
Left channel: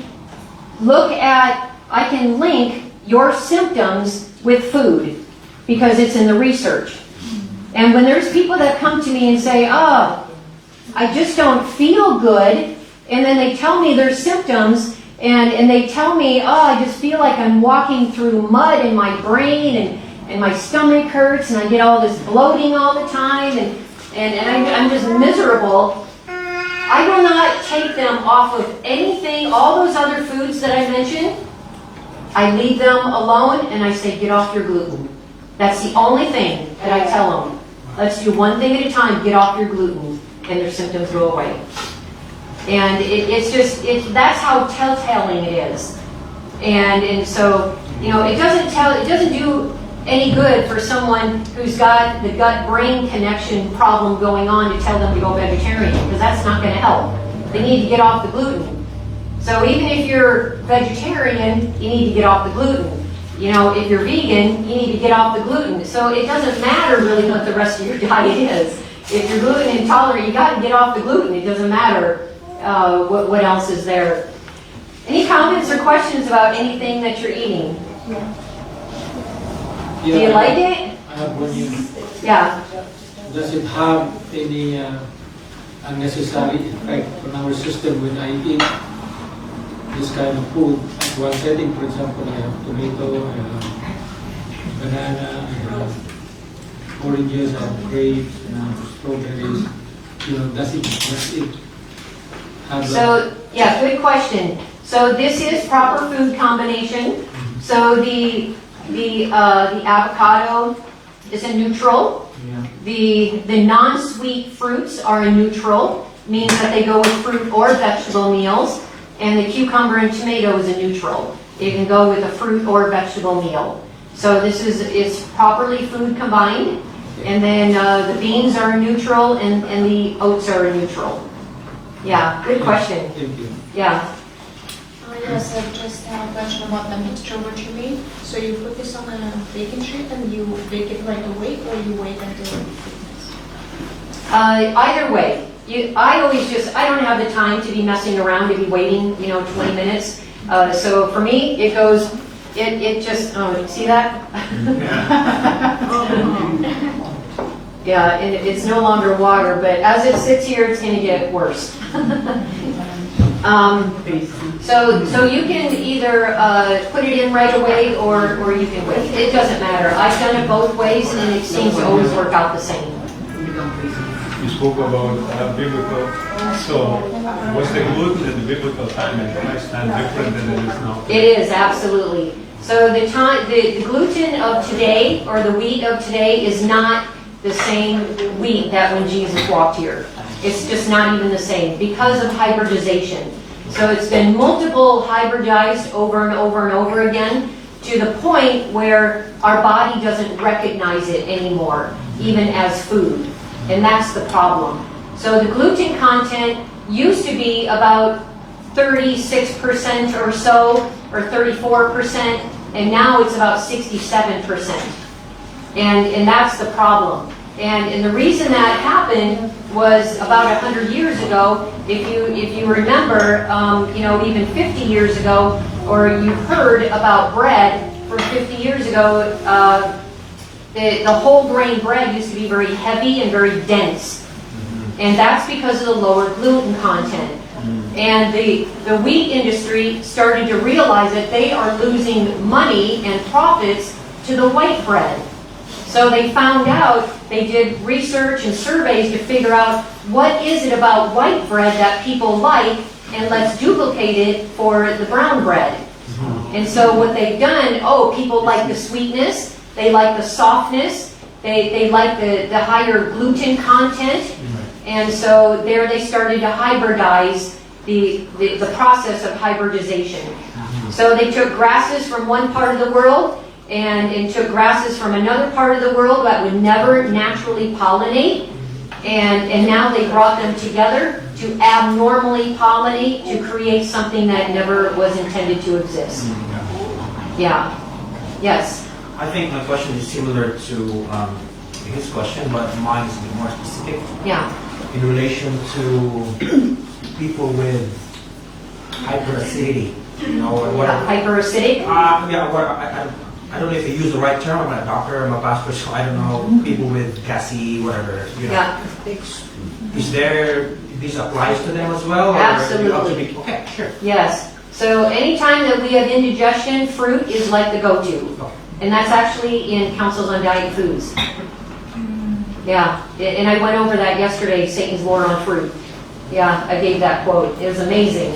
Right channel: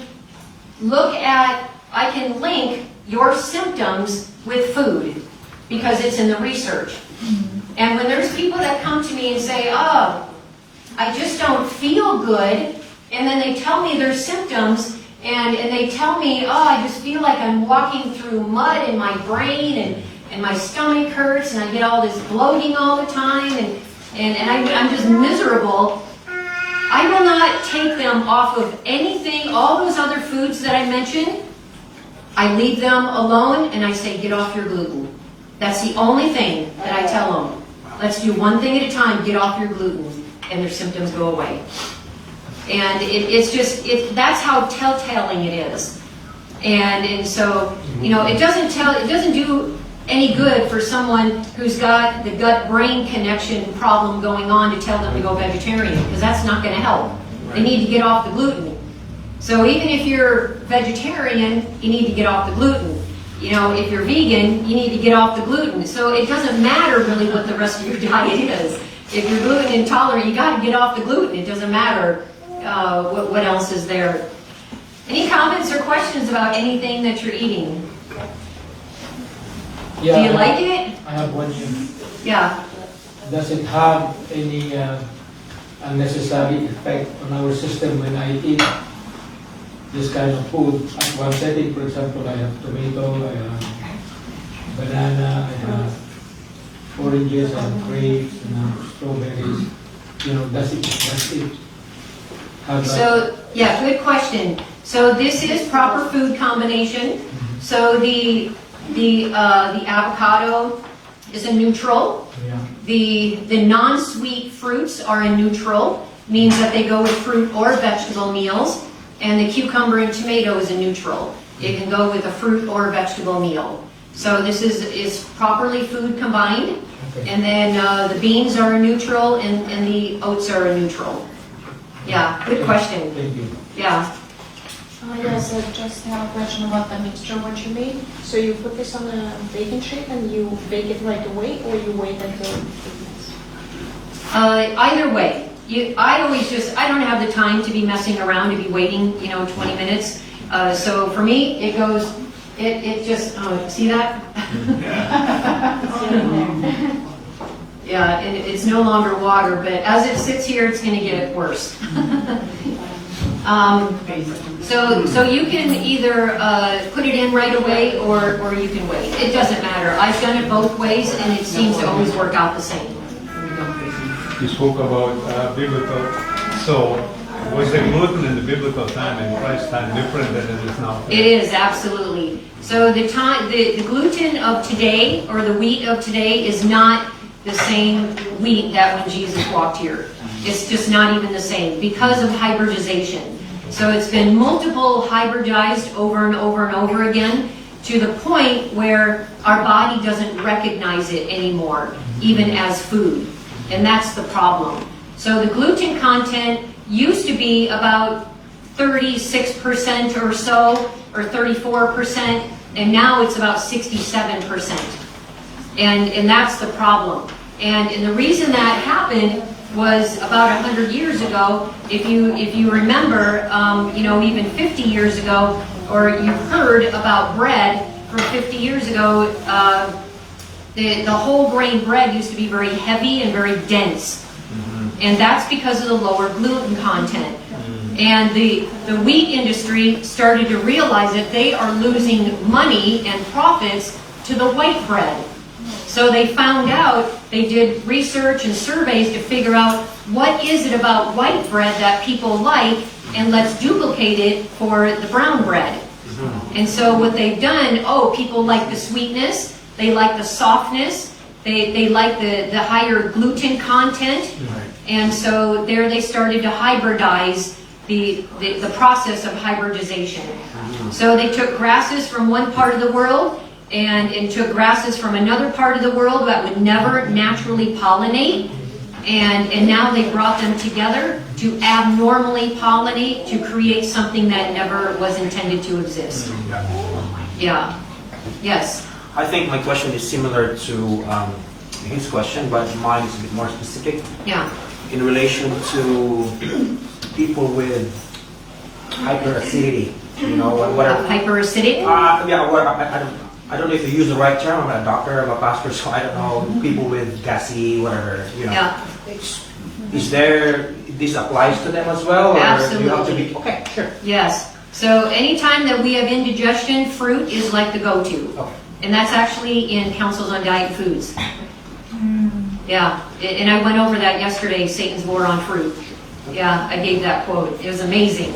link your symptoms with food because it's in the research. And when there's people that come to me and say, I just don't feel good, and then they tell me their symptoms, and they tell me, I just feel like I'm walking through mud in my brain, and my stomach hurts, and I get all this bloating all the time, and I'm just miserable. I will not take them off of anything, all those other foods that I mentioned. I leave them alone, and I say, get off your gluten. That's the only thing that I tell them. Let's do one thing at a time, get off your gluten, and their symptoms go away. And that's how telltale it is. And so, it doesn't do any good for someone who's got the gut-brain connection problem going on to tell them to go vegetarian, because that's not going to help. They need to get off the gluten. So even if you're vegetarian, you need to get off the gluten. If you're vegan, you need to get off the gluten. So it doesn't matter really what the rest of your diet is. If you're gluten intolerant, you got to get off the gluten. It doesn't matter what else is there. Any comments or questions about anything that you're eating? Yeah, Do you like it? I have one here. Yeah. Does it have any unnecessary effect on our system when I eat this kind of food? At one setting, for example, I have tomato, I have banana, I have oranges, I have grapes, and I have strawberries. Does it have So, yeah, good question. So this is proper food combination. So the avocado is a neutral. The non-sweet fruits are a neutral, means that they go with fruit or vegetable meals. And the cucumber and tomato is a neutral. It can go with a fruit or vegetable meal. So this is properly food combined. And then the beans are a neutral and the oats are a neutral. Yeah, good question. Thank you. Yeah. Yes, just now a question about the mixture, what you made. So you put this on a baking sheet and you bake it right away, or you wait until? Either way. I don't have the time to be messing around, to be waiting, 20 minutes. So for me, it goes, it just, see that? Yeah, and it's no longer water, but as it sits here, it's going to get worse. So you can either put it in right away or you can wait. It doesn't matter. I've done it both ways, and it seems to always work out the same. You spoke about biblical, so was the gluten in the biblical time and Christ time different than it is now? It is, absolutely. So the gluten of today, or the wheat of today, is not the same wheat that when Jesus walked here. It's just not even the same because of hybridization. So it's been multiple hybridized over and over and over again to the point where our body doesn't recognize it anymore, even as food. And that's the problem. So the gluten content used to be about 36% or so, or 34%, and now it's about 67%. And that's the problem. And the reason that happened was about 100 years ago. If you remember, even 50 years ago, or you heard about bread for 50 years ago, the whole grain bread used to be very heavy and very dense. And that's because of the lower gluten content. And the wheat industry started to realize that they are losing money and profits to the white bread. So they found out, they did research and surveys to figure out what is it about white bread that people like, and let's duplicate it for the brown bread. And so what they've done, people like the sweetness, they like the softness, they like the higher gluten content, and so there they started to hybridize the process of hybridization. So they took grasses from one part of the world, and it took grasses from another part of the world that would never naturally pollinate, and now they brought them together to abnormally pollinate to create something that never was intended to exist. Yeah. Yes. I think my question is similar to his question, but mine is a bit more specific. Yeah. In relation to people with hyperacidity, Hyperacidic? I don't know if they use the right term. I'm not a doctor, I'm a pastor, so I don't know. People with gassy, whatever, Yeah. Is there, this applies to them as well? Or Absolutely. You have to be, okay, sure. Yes. So anytime that we have indigestion, fruit is like the go-to. And that's actually in Councils on Diet Foods. Yeah. And I went over that yesterday, Satan's War on Fruit. Yeah, I gave that quote. It was amazing.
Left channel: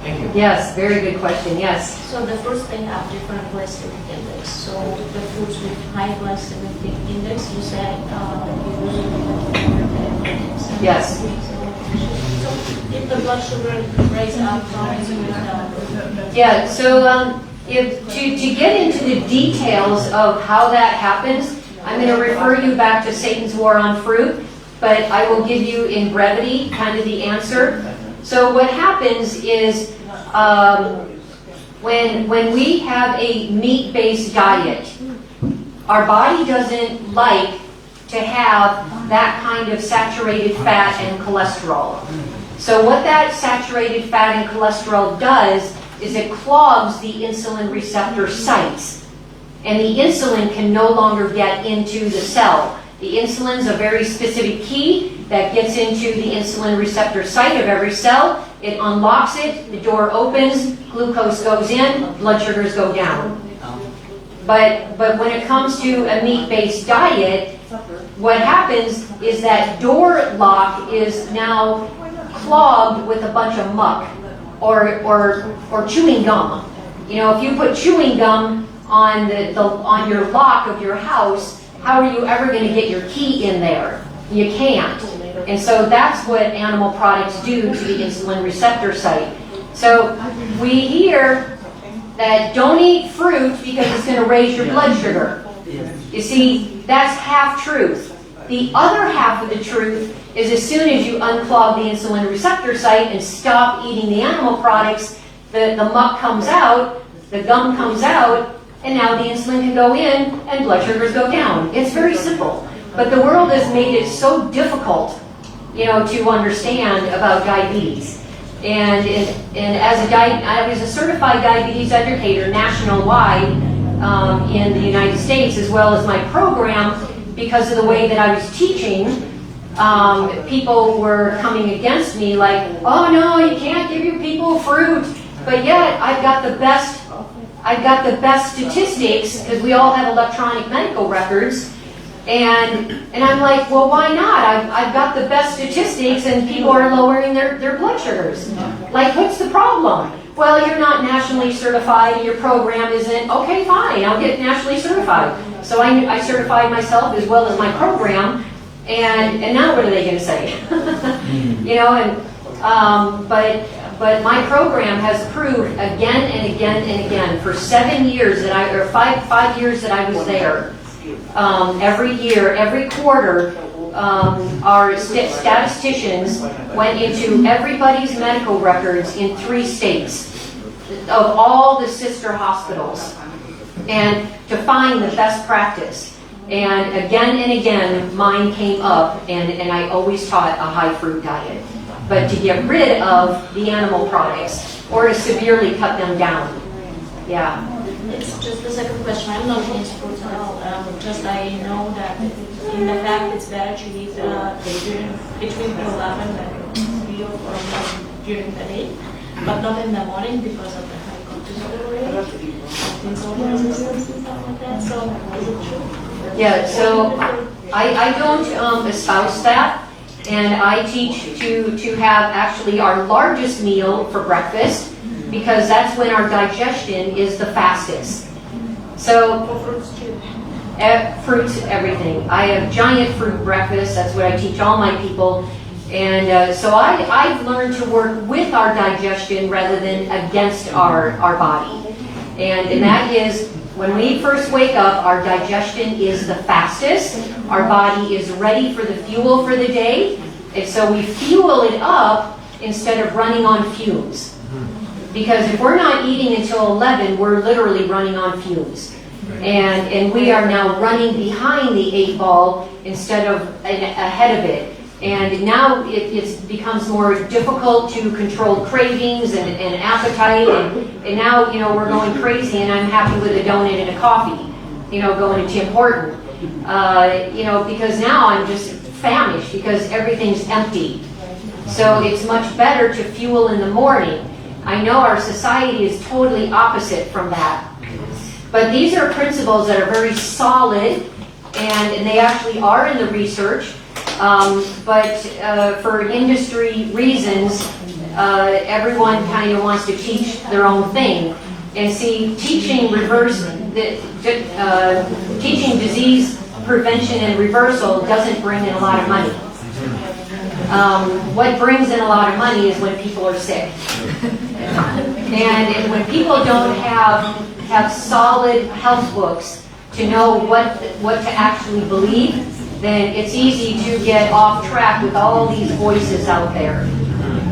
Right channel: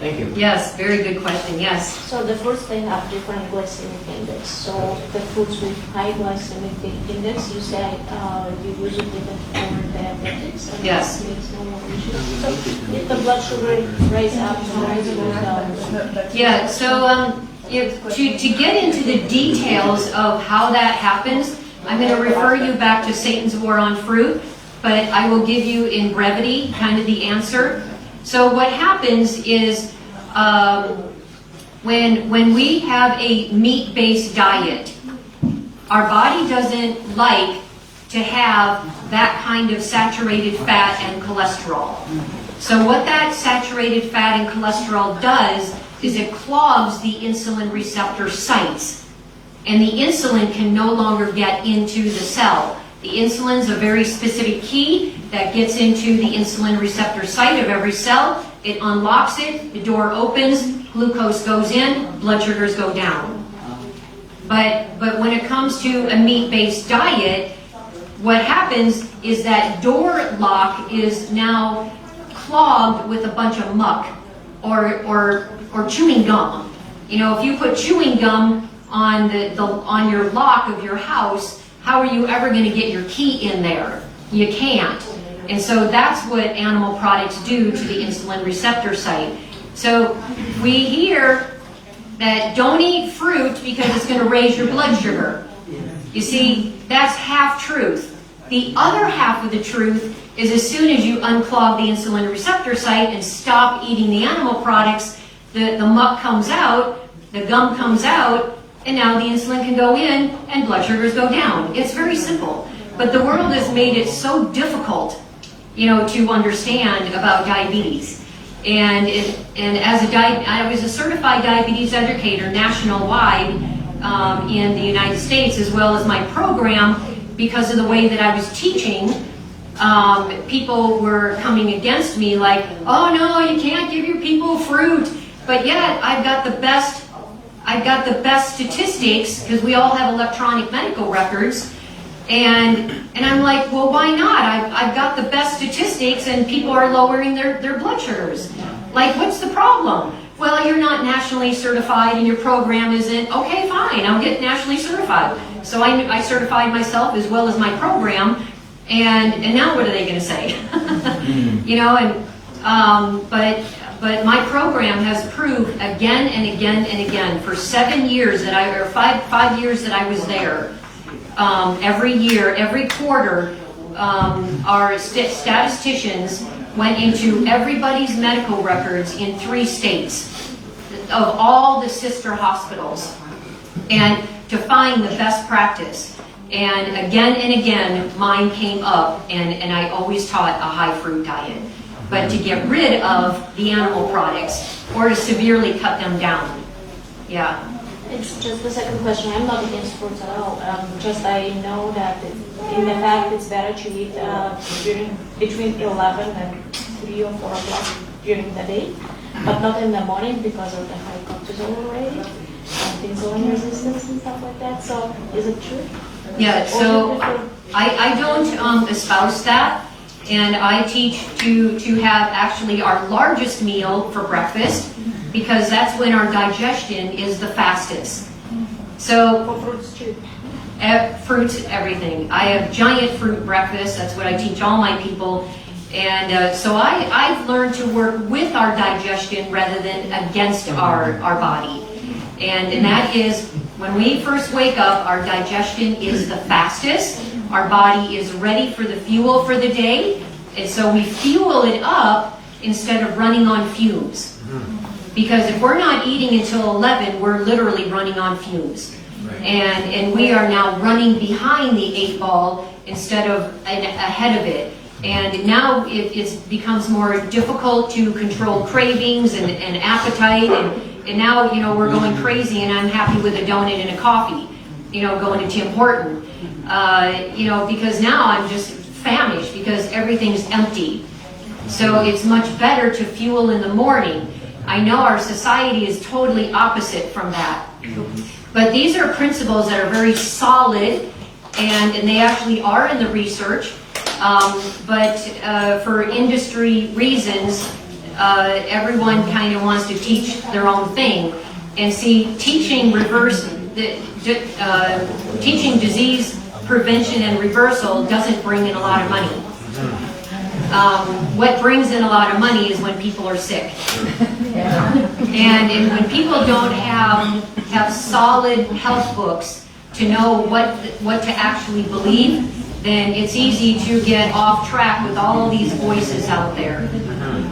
Thank you. Yes, very good question. Yes. So the fruits, they have different glycemic index. So the fruits with high glycemic index, you said you usually have index. Yes. So if the blood sugar rise up, how is it goes down? Yeah, so to get into the details of how that happens, I'm going to refer you back to Satan's War on Fruit, but I will give you in brevity kind of the answer. So what happens is when we have a meat-based diet, our body doesn't like to have that kind of saturated fat and cholesterol. So what that saturated fat and cholesterol does is it clogs the insulin receptor sites. And the insulin can no longer get into the cell. The insulin's a very specific key that gets into the insulin receptor site of every cell. It unlocks it, the door opens, glucose goes in, blood sugars go down. But when it comes to a meat-based diet, what happens is that door lock is now clogged with a bunch of muck or chewing gum. If you put chewing gum on your lock of your house, how are you ever going to get your key in there? You can't. And so that's what animal products do to the insulin receptor site. So we hear that don't eat fruit because it's going to raise your blood sugar. You see, that's half truth. The other half of the truth is as soon as you unclog the insulin receptor site and stop eating the animal products, the muck comes out, the gum comes out, and now the insulin can go in and blood sugars go down. It's very simple. But the world has made it so difficult, to understand about diabetes. And as I was a certified diabetes educator nationwide in the United States, as well as my program, because of the way that I was teaching, people were coming against me like, oh no, you can't give your people fruit. But yet I've got the best statistics because we all have electronic medical records. And I'm like, well, why not? I've got the best statistics and people are lowering their blood sugars. Like, what's the problem? Well, you're not nationally certified and your program isn't. Okay, fine, I'll get nationally certified. So I certified myself as well as my program, and now what are they going to say? But my program has proved again and again and again for 7 years that five years that I was there. Every year, every quarter, our statisticians went into everybody's medical records in 3 states of all the sister hospitals and to find the best practice. And again, mine came up, and I always taught a high fruit diet. But to get rid of the animal products or to severely cut them down. Yeah. It's just the second question. I'm not against fruits at all. Just I know that in the fact it's better to eat between 11 and 3 or 4 o'clock during the day, but not in the morning because of the high cortisol rate, insulin resistance and stuff like that. So is it true? Yeah. So I don't espouse that, and I teach to have actually our largest meal for breakfast, because that's when our digestion is the fastest. So fruits, everything. I have giant fruit breakfast. That's what I teach all my people. And so I've learned to work with our digestion rather than against our body. And that is, when we first wake up, our digestion is the fastest. Our body is ready for the fuel for the day. And so we fuel it up instead of running on fumes. Because if we're not eating until 11, we're literally running on fumes. And we are now running behind the 8 ball instead of ahead of it. And now it becomes more difficult to control cravings and appetite. And now, we're going crazy, and I'm happy with a donut and a coffee, going to Tim Horton. Because now I'm just famished because everything's empty. So it's much better to fuel in the morning. I know our society is totally opposite from that. But these are principles that are very solid, and they actually are in the research. But for industry reasons, everyone kind of wants to teach their own thing. And see, teaching disease prevention and reversal doesn't bring in a lot of money. What brings in a lot of money is when people are sick. And when people don't have solid health books to know what to actually believe, then it's easy to get off track with all these voices out there.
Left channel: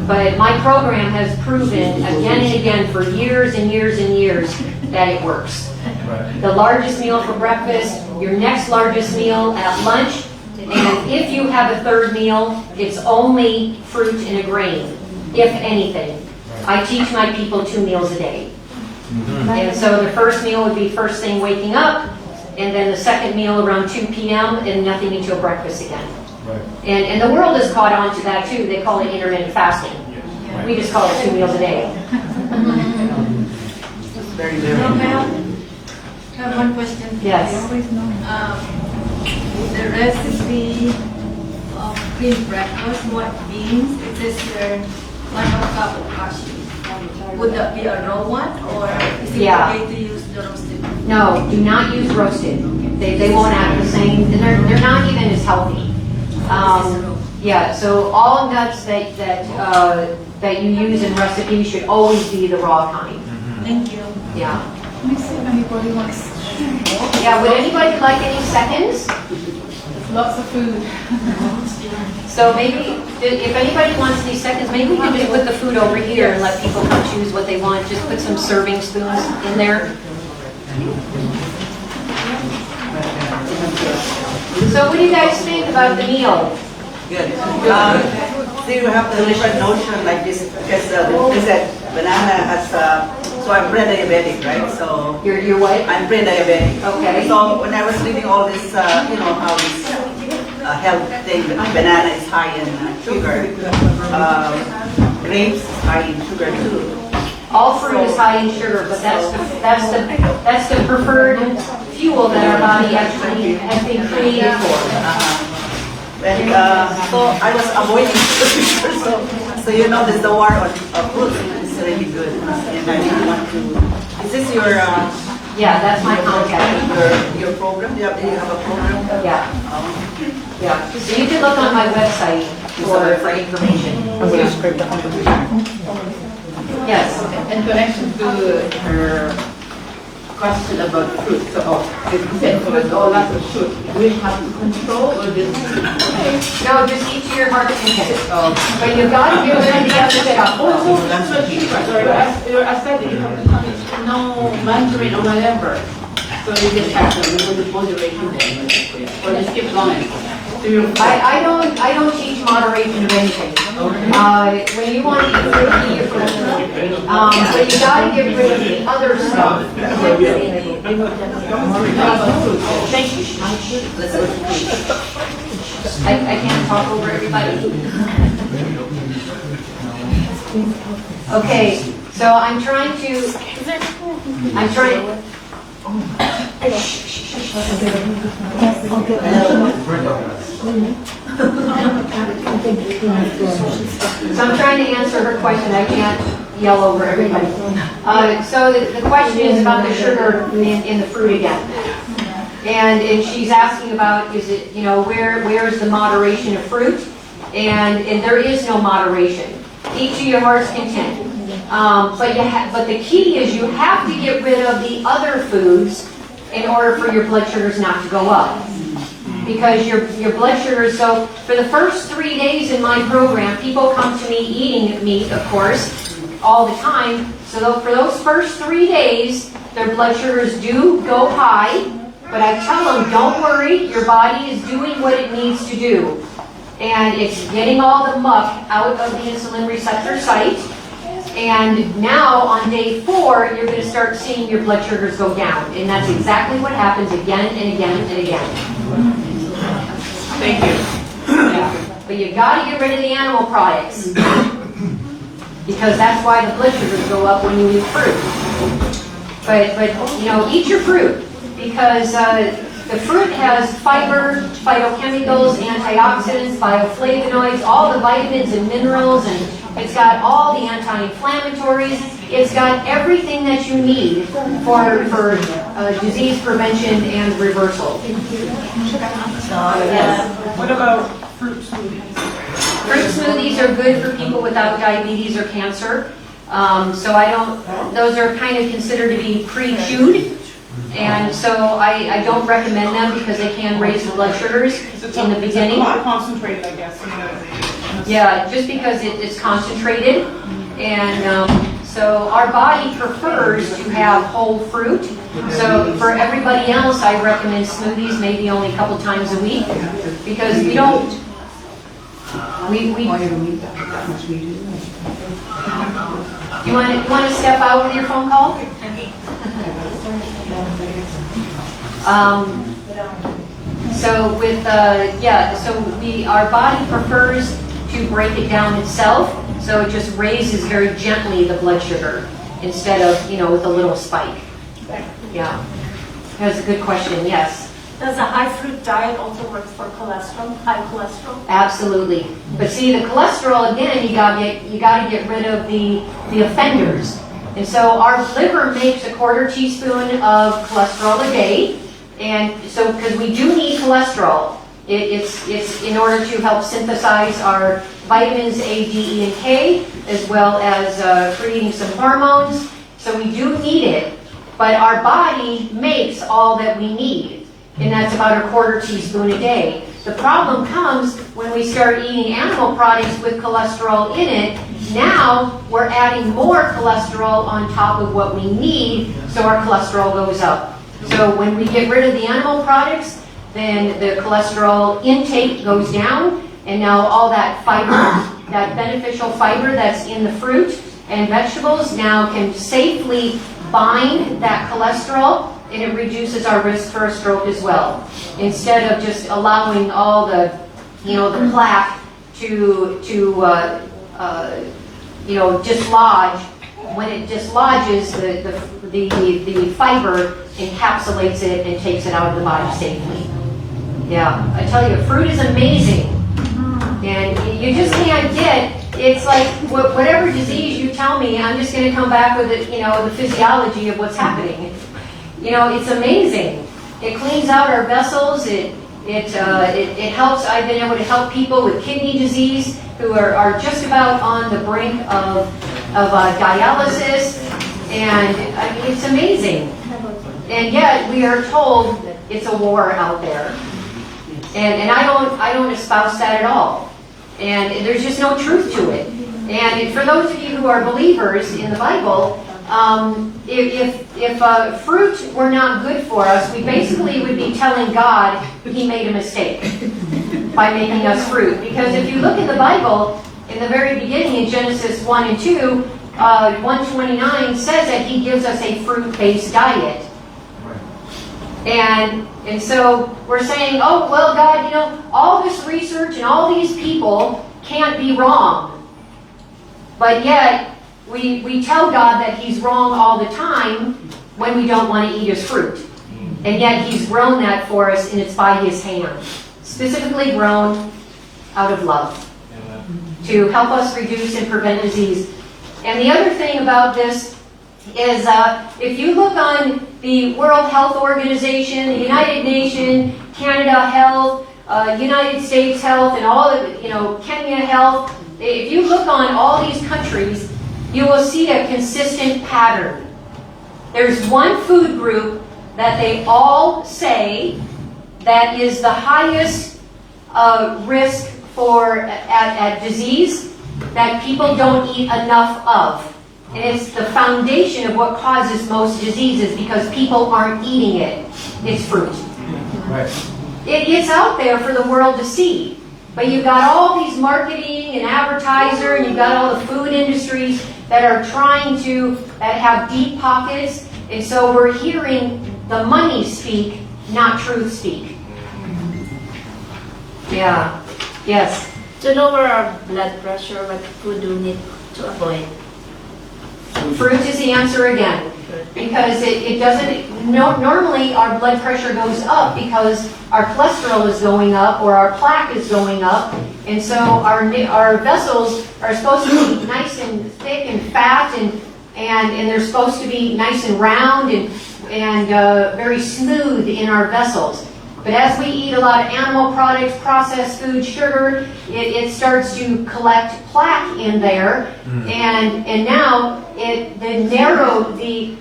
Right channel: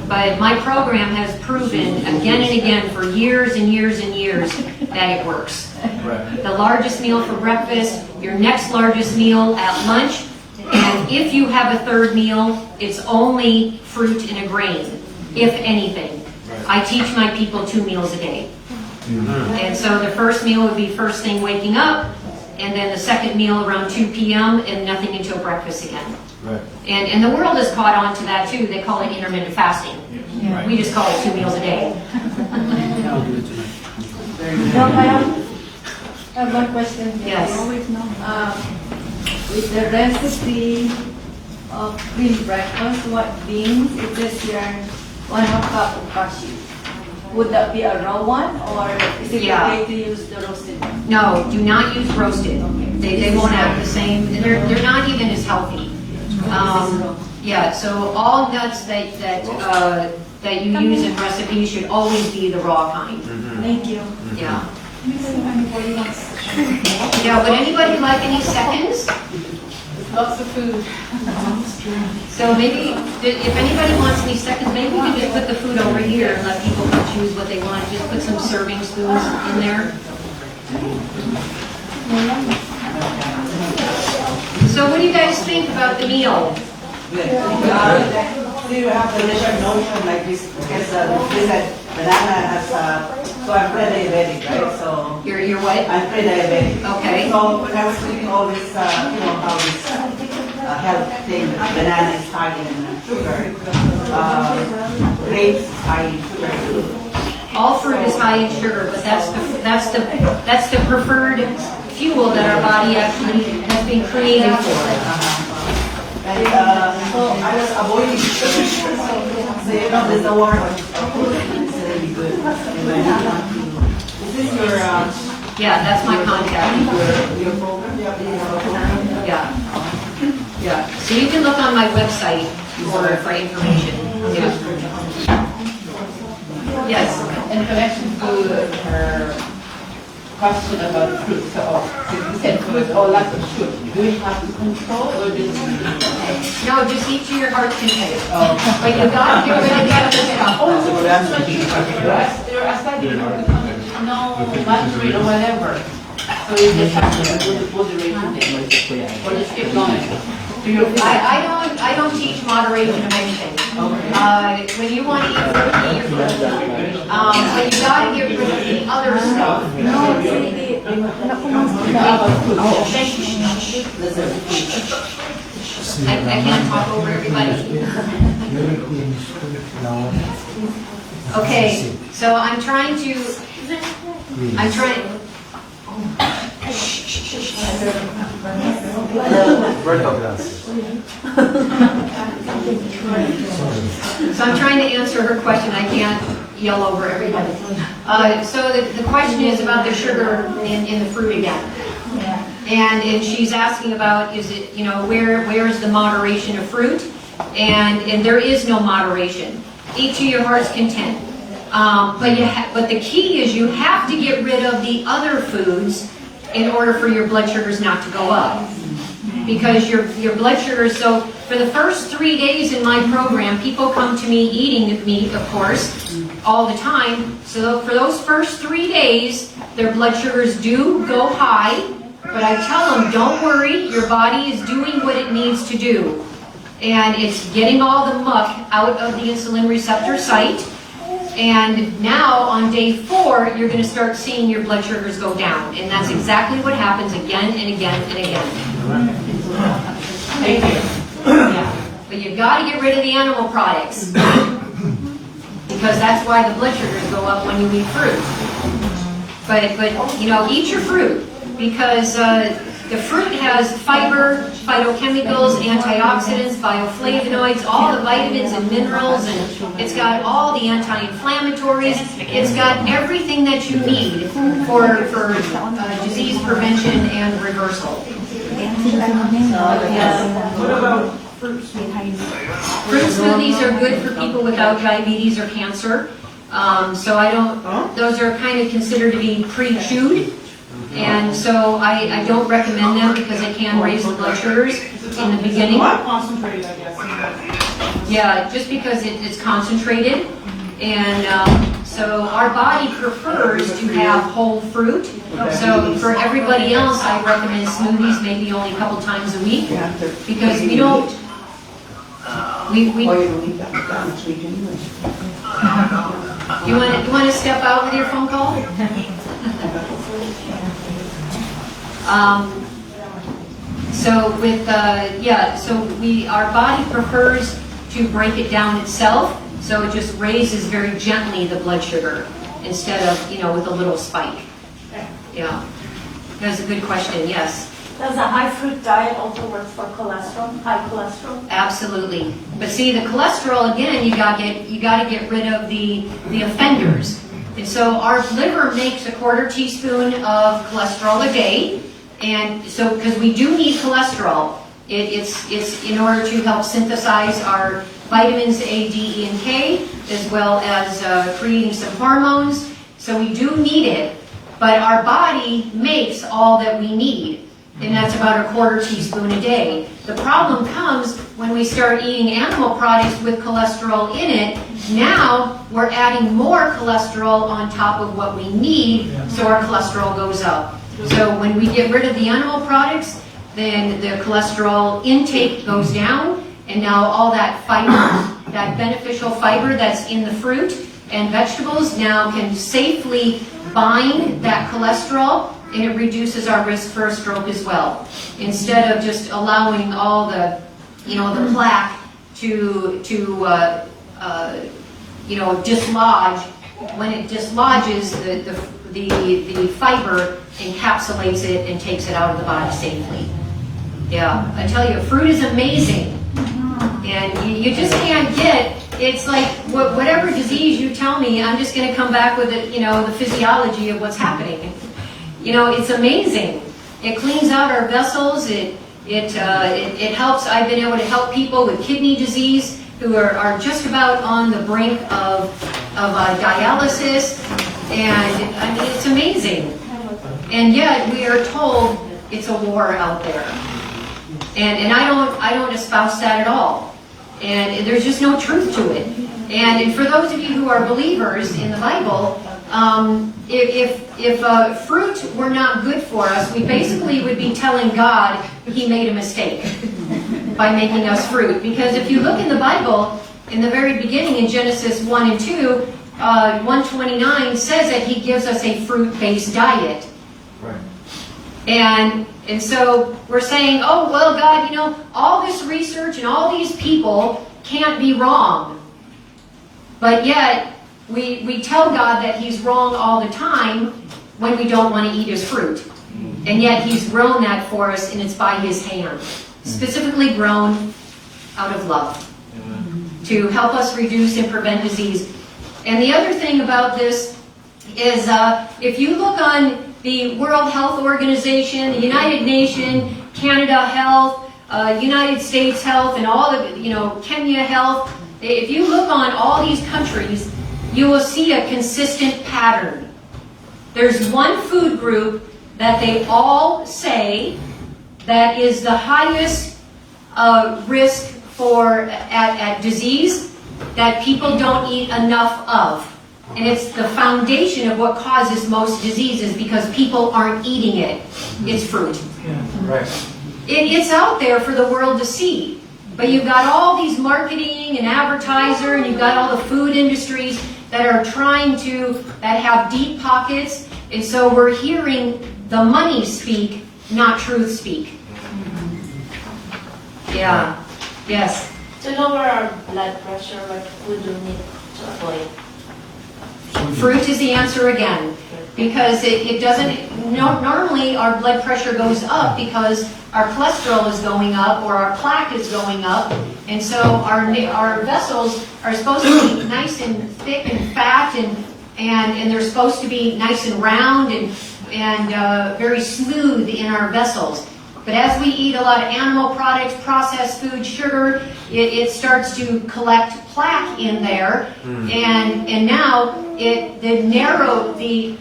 But my program has proven again and again for years and years and years that it works. The largest meal for breakfast, your next largest meal at lunch, and if you have a third meal, it's only fruit and a grain, if anything. I teach my people 2 meals a day. And so the first meal would be first thing waking up, and then the second meal around 2 p.m. and nothing until breakfast again. Right. And the world has caught on to that too. They call it intermittent fasting. Yeah. We just call it 2 meals a day. I have one question. Yes. With the recipe of green breakfast, what beans? It says here 1/2 cup of cashew. Would that be a raw one, or is it okay to use the roasted one? No, do not use roasted. They won't have the same healthy. Yeah, so all nuts that you use in recipes should always be the raw kind. Thank you. Yeah. Yeah, would anybody like any seconds? Lots of food. So maybe, if anybody wants these seconds, maybe we can just put the food over here and let people come choose what they want. Just put some serving spoons in there. So what do you guys think about the meal? Good. So you have the different notion like this because they said banana has so I'm pre-diabetic, right? So Your what? I'm pre-diabetic. Okay. So when I was reading all this, health thing, banana is high in sugar. Grapes is high in sugar too. All fruit is high in sugar, but that's the preferred fuel that our body actually has been created for. And so I was avoiding sugar. So you know there's no war on fruits is really good. And I didn't want to. Is this your Yeah, that's my contact. your program? You have a program? Yeah. Yeah. So you can look on my website for information. Yes. In connection to her question about the fruit, so you said fruit, all that is fruit. Do we have to control or just? No, just eat to your heart's content. But you gotta get rid of the other stuff. I said you no mandarin or whatever. So you just have to remove moderation there. But let's keep going. I don't teach moderation of anything. When you want to eat fruit, eat your fruit. But you gotta get rid of the other stuff. Listen, I can't talk over everybody. Okay, so I'm trying. So I'm trying to answer her question. I can't yell over everybody. So the question is about the sugar in the fruit again. And she's asking about, is it, where is the moderation of fruit? And there is no moderation. Eat to your heart's content. But the key is you have to get rid of the other foods in order for your blood sugars not to go up. Because your blood sugars, so for the first 3 days in my program, people come to me eating meat, of course, all the time. So for those first 3 days, their blood sugars do go high. But I tell them, don't worry, your body is doing what it needs to do. And it's getting all the muck out of the insulin receptor site. And now on day 4, you're going to start seeing your blood sugars go down. And that's exactly what happens again and again and again. Thank you. Yeah. But you got to get rid of the animal products. Because that's why the blood sugars go up when you eat fruit. But eat your fruit. Because the fruit has fiber, phytochemicals, antioxidants, bioflavonoids, all the vitamins and minerals, and it's got all the anti-inflammatories. It's got everything that you need for disease prevention and reversal. Yes. What about fruit smoothies? Fruit smoothies are good for people without diabetes or cancer. Those are kind of considered to be pre-chewed. And so I don't recommend them because they can raise the blood sugars in the beginning. Concentrated, I guess. Yeah, just because it's concentrated. And so our body prefers to have whole fruit. So for everybody else, I recommend smoothies maybe only a couple times a week. Because we don't... You want to step out with your phone call? Our body prefers to break it down itself, so it just raises very gently the blood sugar instead of, with a little spike. Yeah. That's a good question, yes. Does a high fruit diet also work for cholesterol, high cholesterol? Absolutely. But see, the cholesterol, again, you got to get rid of the offenders. And so our liver makes a 1/4 teaspoon of cholesterol a day. And so, because we do need cholesterol It's in order to help synthesize our vitamins A, D, and K, as well as creating some hormones. So we do need it, but our body makes all that we need, and that's about a quarter teaspoon a day. The problem comes when we start eating animal products with cholesterol in it. Now we're adding more cholesterol on top of what we need, so our cholesterol goes up. So when we get rid of the animal products, then the cholesterol intake goes down, and now all that fiber, that beneficial fiber that's in the fruit and vegetables now can safely bind that cholesterol, and it reduces our risk for a stroke as well. Instead of just allowing all the, the plaque to dislodge. When it dislodges, the fiber encapsulates it and takes it out of the body safely. Yeah, I tell you, fruit is amazing, and you just can't get. It's like whatever disease you tell me, I'm just going to come back with it. The physiology of what's happening. It's amazing. It cleans out our vessels. It helps. I've been able to help people with kidney disease who are just about on the brink of dialysis, and I mean it's amazing. And yet we are told it's a war out there, and I don't espouse that at all. And there's just no truth to it. And for those of you who are believers in the Bible, if fruit were not good for us, we basically would be telling God He made a mistake by making us fruit. Because if you look in the Bible, in the very beginning in Genesis 1 and 2, 129 says that He gives us a fruit-based diet. And so we're saying, oh, well, God, all this research and all these people can't be wrong. But yet, we tell God that He's wrong all the time when we don't want to eat His fruit. And yet He's grown that for us, and it's by His hand. Specifically grown out of love. To help us reduce and prevent disease. And the other thing about this is, if you look on the World Health Organization, the United Nations, Canada Health, United States Health, and all of Kenya Health, if you look on all these countries, you will see a consistent pattern. There's one food group that they all say that is the highest risk for at disease that people don't eat enough of. And it's the foundation of what causes most diseases because people aren't eating it. It's fruit. Right. It's out there for the world to see. But you've got all these marketing and advertiser, and you've got all the food industries that are trying to, that have deep pockets. And so we're hearing the money speak, not truth speak. Yeah. Yes. To lower our blood pressure, what food do we need to avoid? Fruit is the answer again, because it doesn't, normally our blood pressure goes up because our cholesterol is going up or our plaque is going up, and so our vessels are supposed to be nice and thick and fat, and they're supposed to be nice and round and very smooth in our vessels. But as we eat a lot of animal products, processed food, sugar, it starts to collect plaque in there, and now the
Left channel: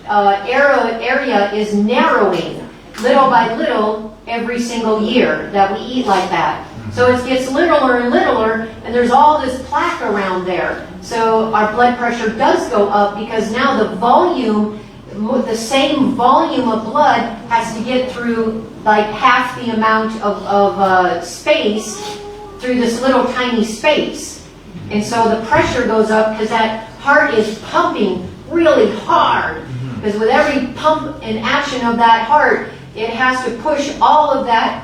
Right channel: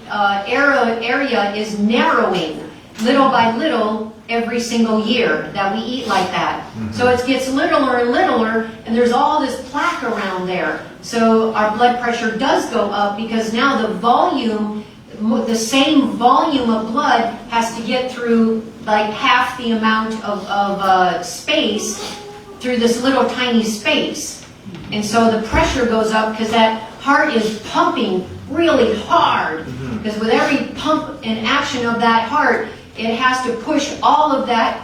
area is narrowing little by little every single year that we eat like that. So it gets littler and littler, and there's all this plaque around there. So our blood pressure does go up because now the same volume of blood has to get through like half the amount of space through this little tiny space. And so the pressure goes up because that heart is pumping really hard. Because with every pump and action of that heart, it has to push all of that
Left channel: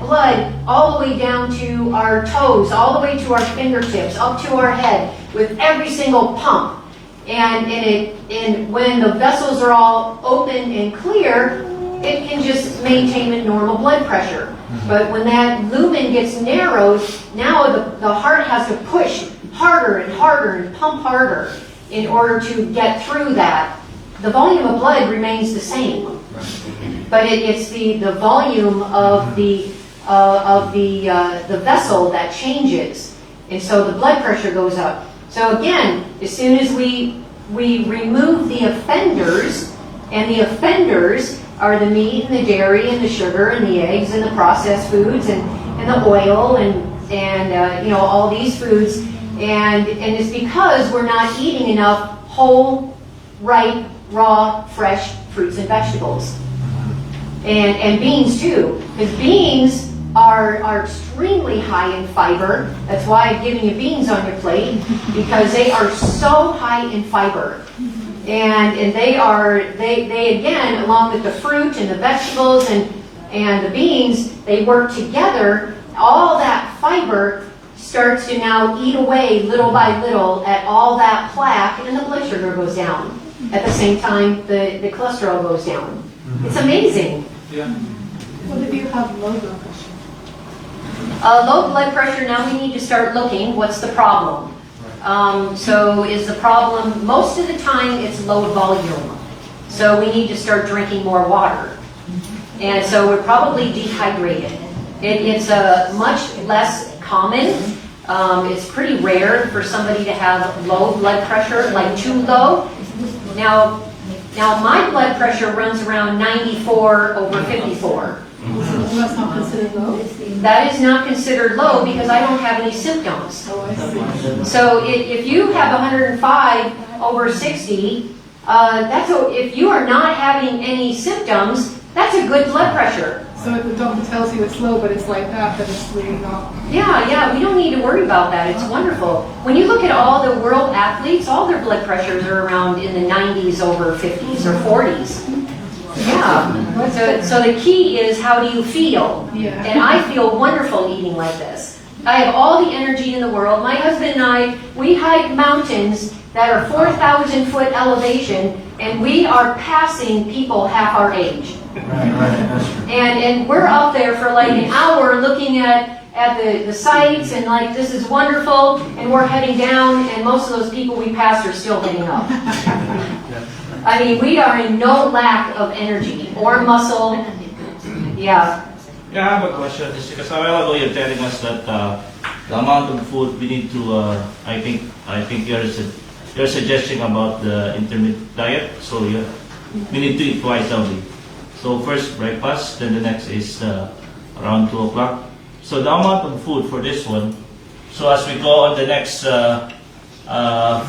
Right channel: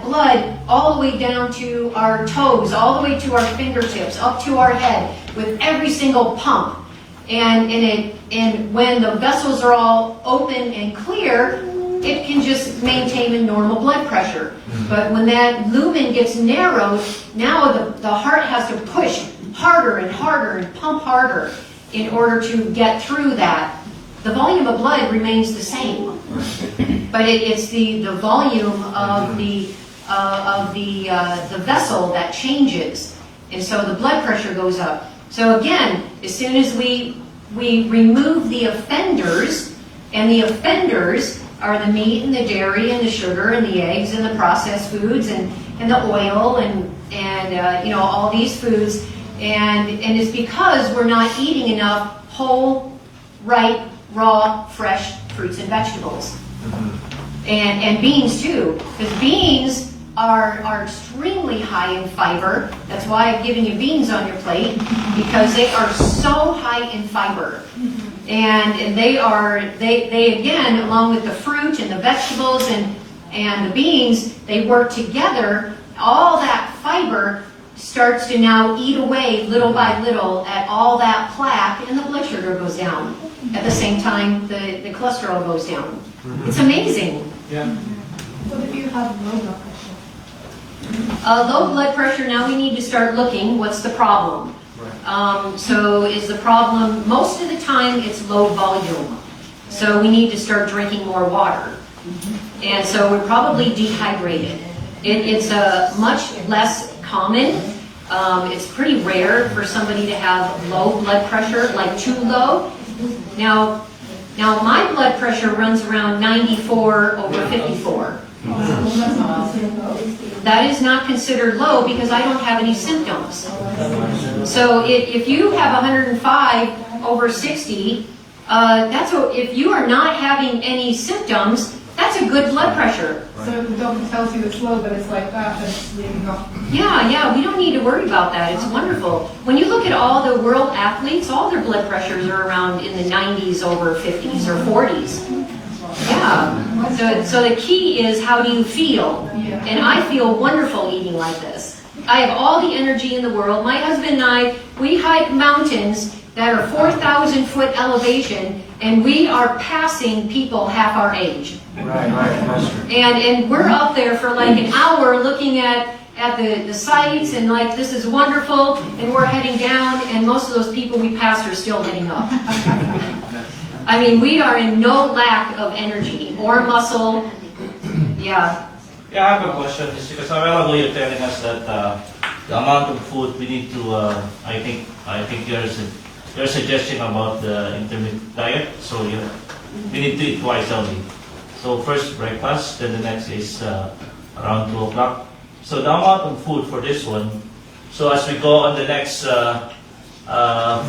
blood all the way down to our toes, all the way to our fingertips, up to our head, with every single pump. And when the vessels are all open and clear, it can just maintain a normal blood pressure. But when that lumen gets narrowed, now the heart has to push harder and harder and pump harder in order to get through that. The volume of blood remains the same, but it's the volume of the of the vessel that changes, and so the blood pressure goes up. So again, as soon as we remove the offenders, and the offenders are the meat and the dairy and the sugar and the eggs and the processed foods and the oil and all these foods, and it's because we're not eating enough whole, ripe, raw, fresh fruits and vegetables. And beans too, because beans are extremely high in fiber. That's why I've given you beans on your plate, because they are so high in fiber. And they again, along with the fruit and the vegetables and the beans, they work together. All that fiber starts to now eat away little by little at all that plaque, and the blood sugar goes down. At the same time, the cholesterol goes down. It's amazing. Yeah. What if you have low blood pressure? Low blood pressure, now we need to start looking, what's the problem? So is the problem, most of the time it's low volume. So we need to start drinking more water. And so we're probably dehydrated. It's much less common. It's pretty rare for somebody to have low blood pressure, like too low. Now my blood pressure runs around 94/54. That's not considered low? That is not considered low because I don't have any symptoms. So if you have 105/60, if you are not having any symptoms, that's a good blood pressure. So if the doctor tells you it's low, but it's like that, then it's really not. Yeah, we don't need to worry about that. It's wonderful. When you look at all the world athletes, all their blood pressures are around in the 90s/50s or 40s. Yeah. So the key is, how do you feel? Yeah. And I feel wonderful eating like this. I have all the energy in the world. My husband and I, we hike mountains that are 4,000 foot elevation, and we are passing people half our age. And we're up there for like an hour looking at the sights, and like, this is wonderful, and we're heading down, and most of those people we passed are still heading up. I mean, we are in no lack of energy or muscle. Yeah. Yeah, I have a question. It's because a while ago you're telling us that the amount of food we need to, I think you're suggesting about the intermittent diet. So we need to eat twice only. So first breakfast, then the next is around 2 o'clock. So the amount of food for this one, so as we go on the next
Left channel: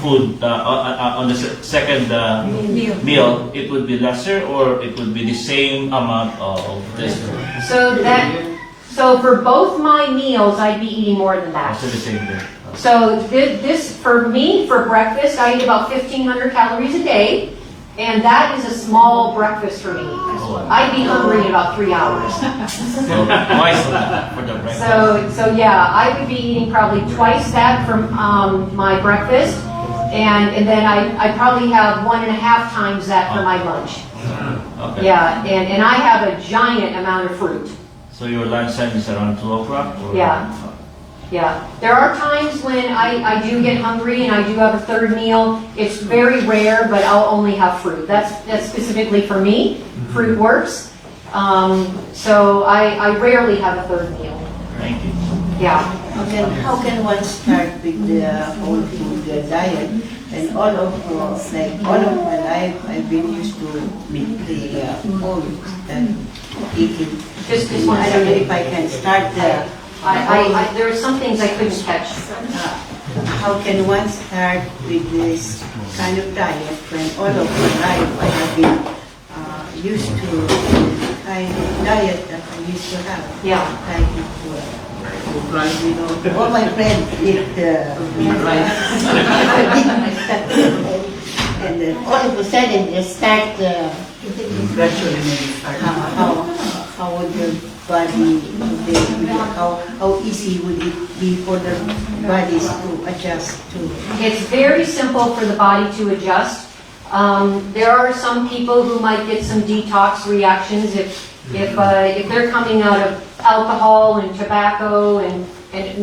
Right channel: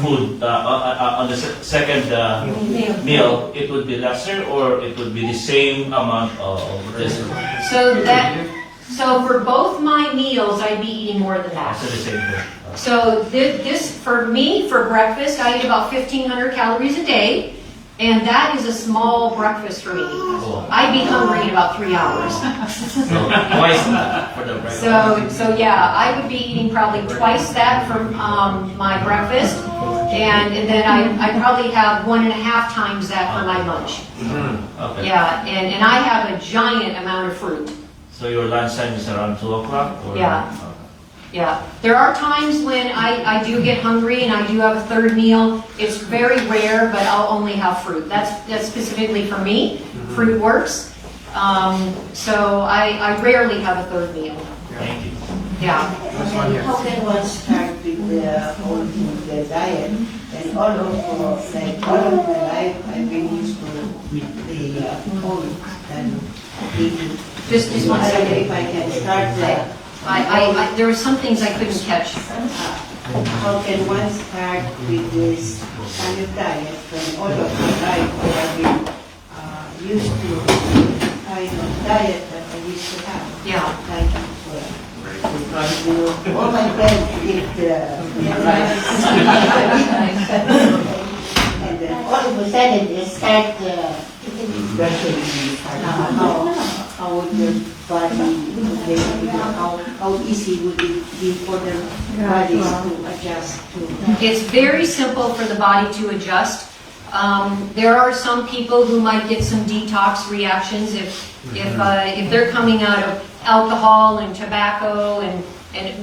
food, on the second meal, it would be lesser, or it would be the same amount of this? So for both my meals, I'd be eating more than that. Also the same thing. So this, for me, for breakfast, I eat about 1,500 calories a day, and that is a small breakfast for me. I'd be hungry in about 3 hours. So twice for the breakfast. So yeah, I would be eating probably twice that for my breakfast, and then I probably have 1.5 times that for my lunch. Okay. Yeah, and I have a giant amount of fruit. So your lunch time is around 2 o'clock? Yeah. Yeah, there are times when I do get hungry and I do have a third meal. It's very rare, but I'll only have fruit. That's specifically for me. Fruit works. So I rarely have a third meal. Thank you. Yeah. How can one start with the whole food diet? And all of my life, I've been used to the whole and eating. Just one I don't know second. if I can start There were some things I couldn't catch. how can one start with this kind of diet when all of my life I have been used to the kind of diet that I used to have. Yeah. Thank you all my friends eat and all of a sudden they start how would your body how easy would it be for the bodies to adjust to? It's very simple for the body to adjust. There are some people who might get some detox reactions if they're coming out of alcohol and tobacco and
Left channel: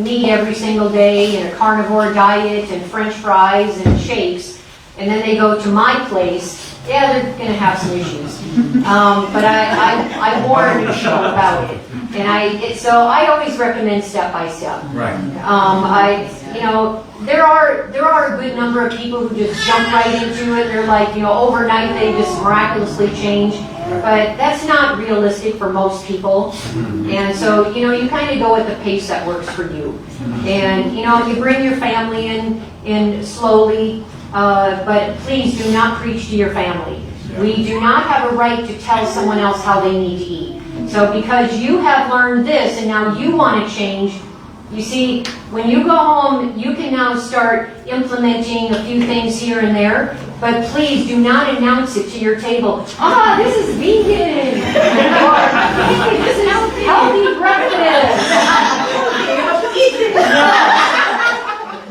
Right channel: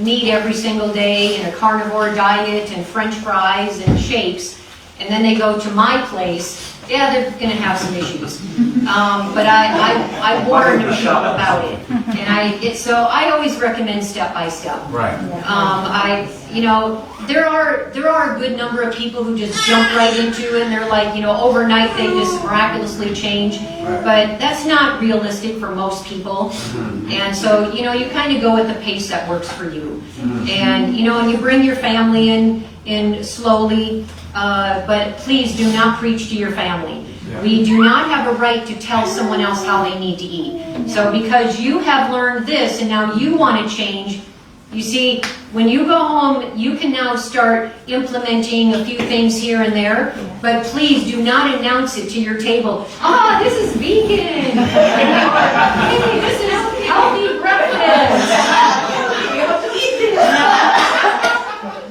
meat every single day and a carnivore diet and French fries and shakes, and then they go to my place Yeah, they're gonna have some issues. But I warned you about it. And so I always recommend step by step. Right. There are a good number of people who just jump right into it. They're like, overnight they just miraculously change. But that's not realistic for most people. And so, you kind of go at the pace that works for you. And, you bring your family in slowly, but please do not preach to your family. We do not have a right to tell someone else how they need to eat. So because you have learned this and now you want to change, you see, when you go home, you can now start implementing a few things here and there, but please do not announce it to your table. This is vegan! Hey, this is healthy breakfast!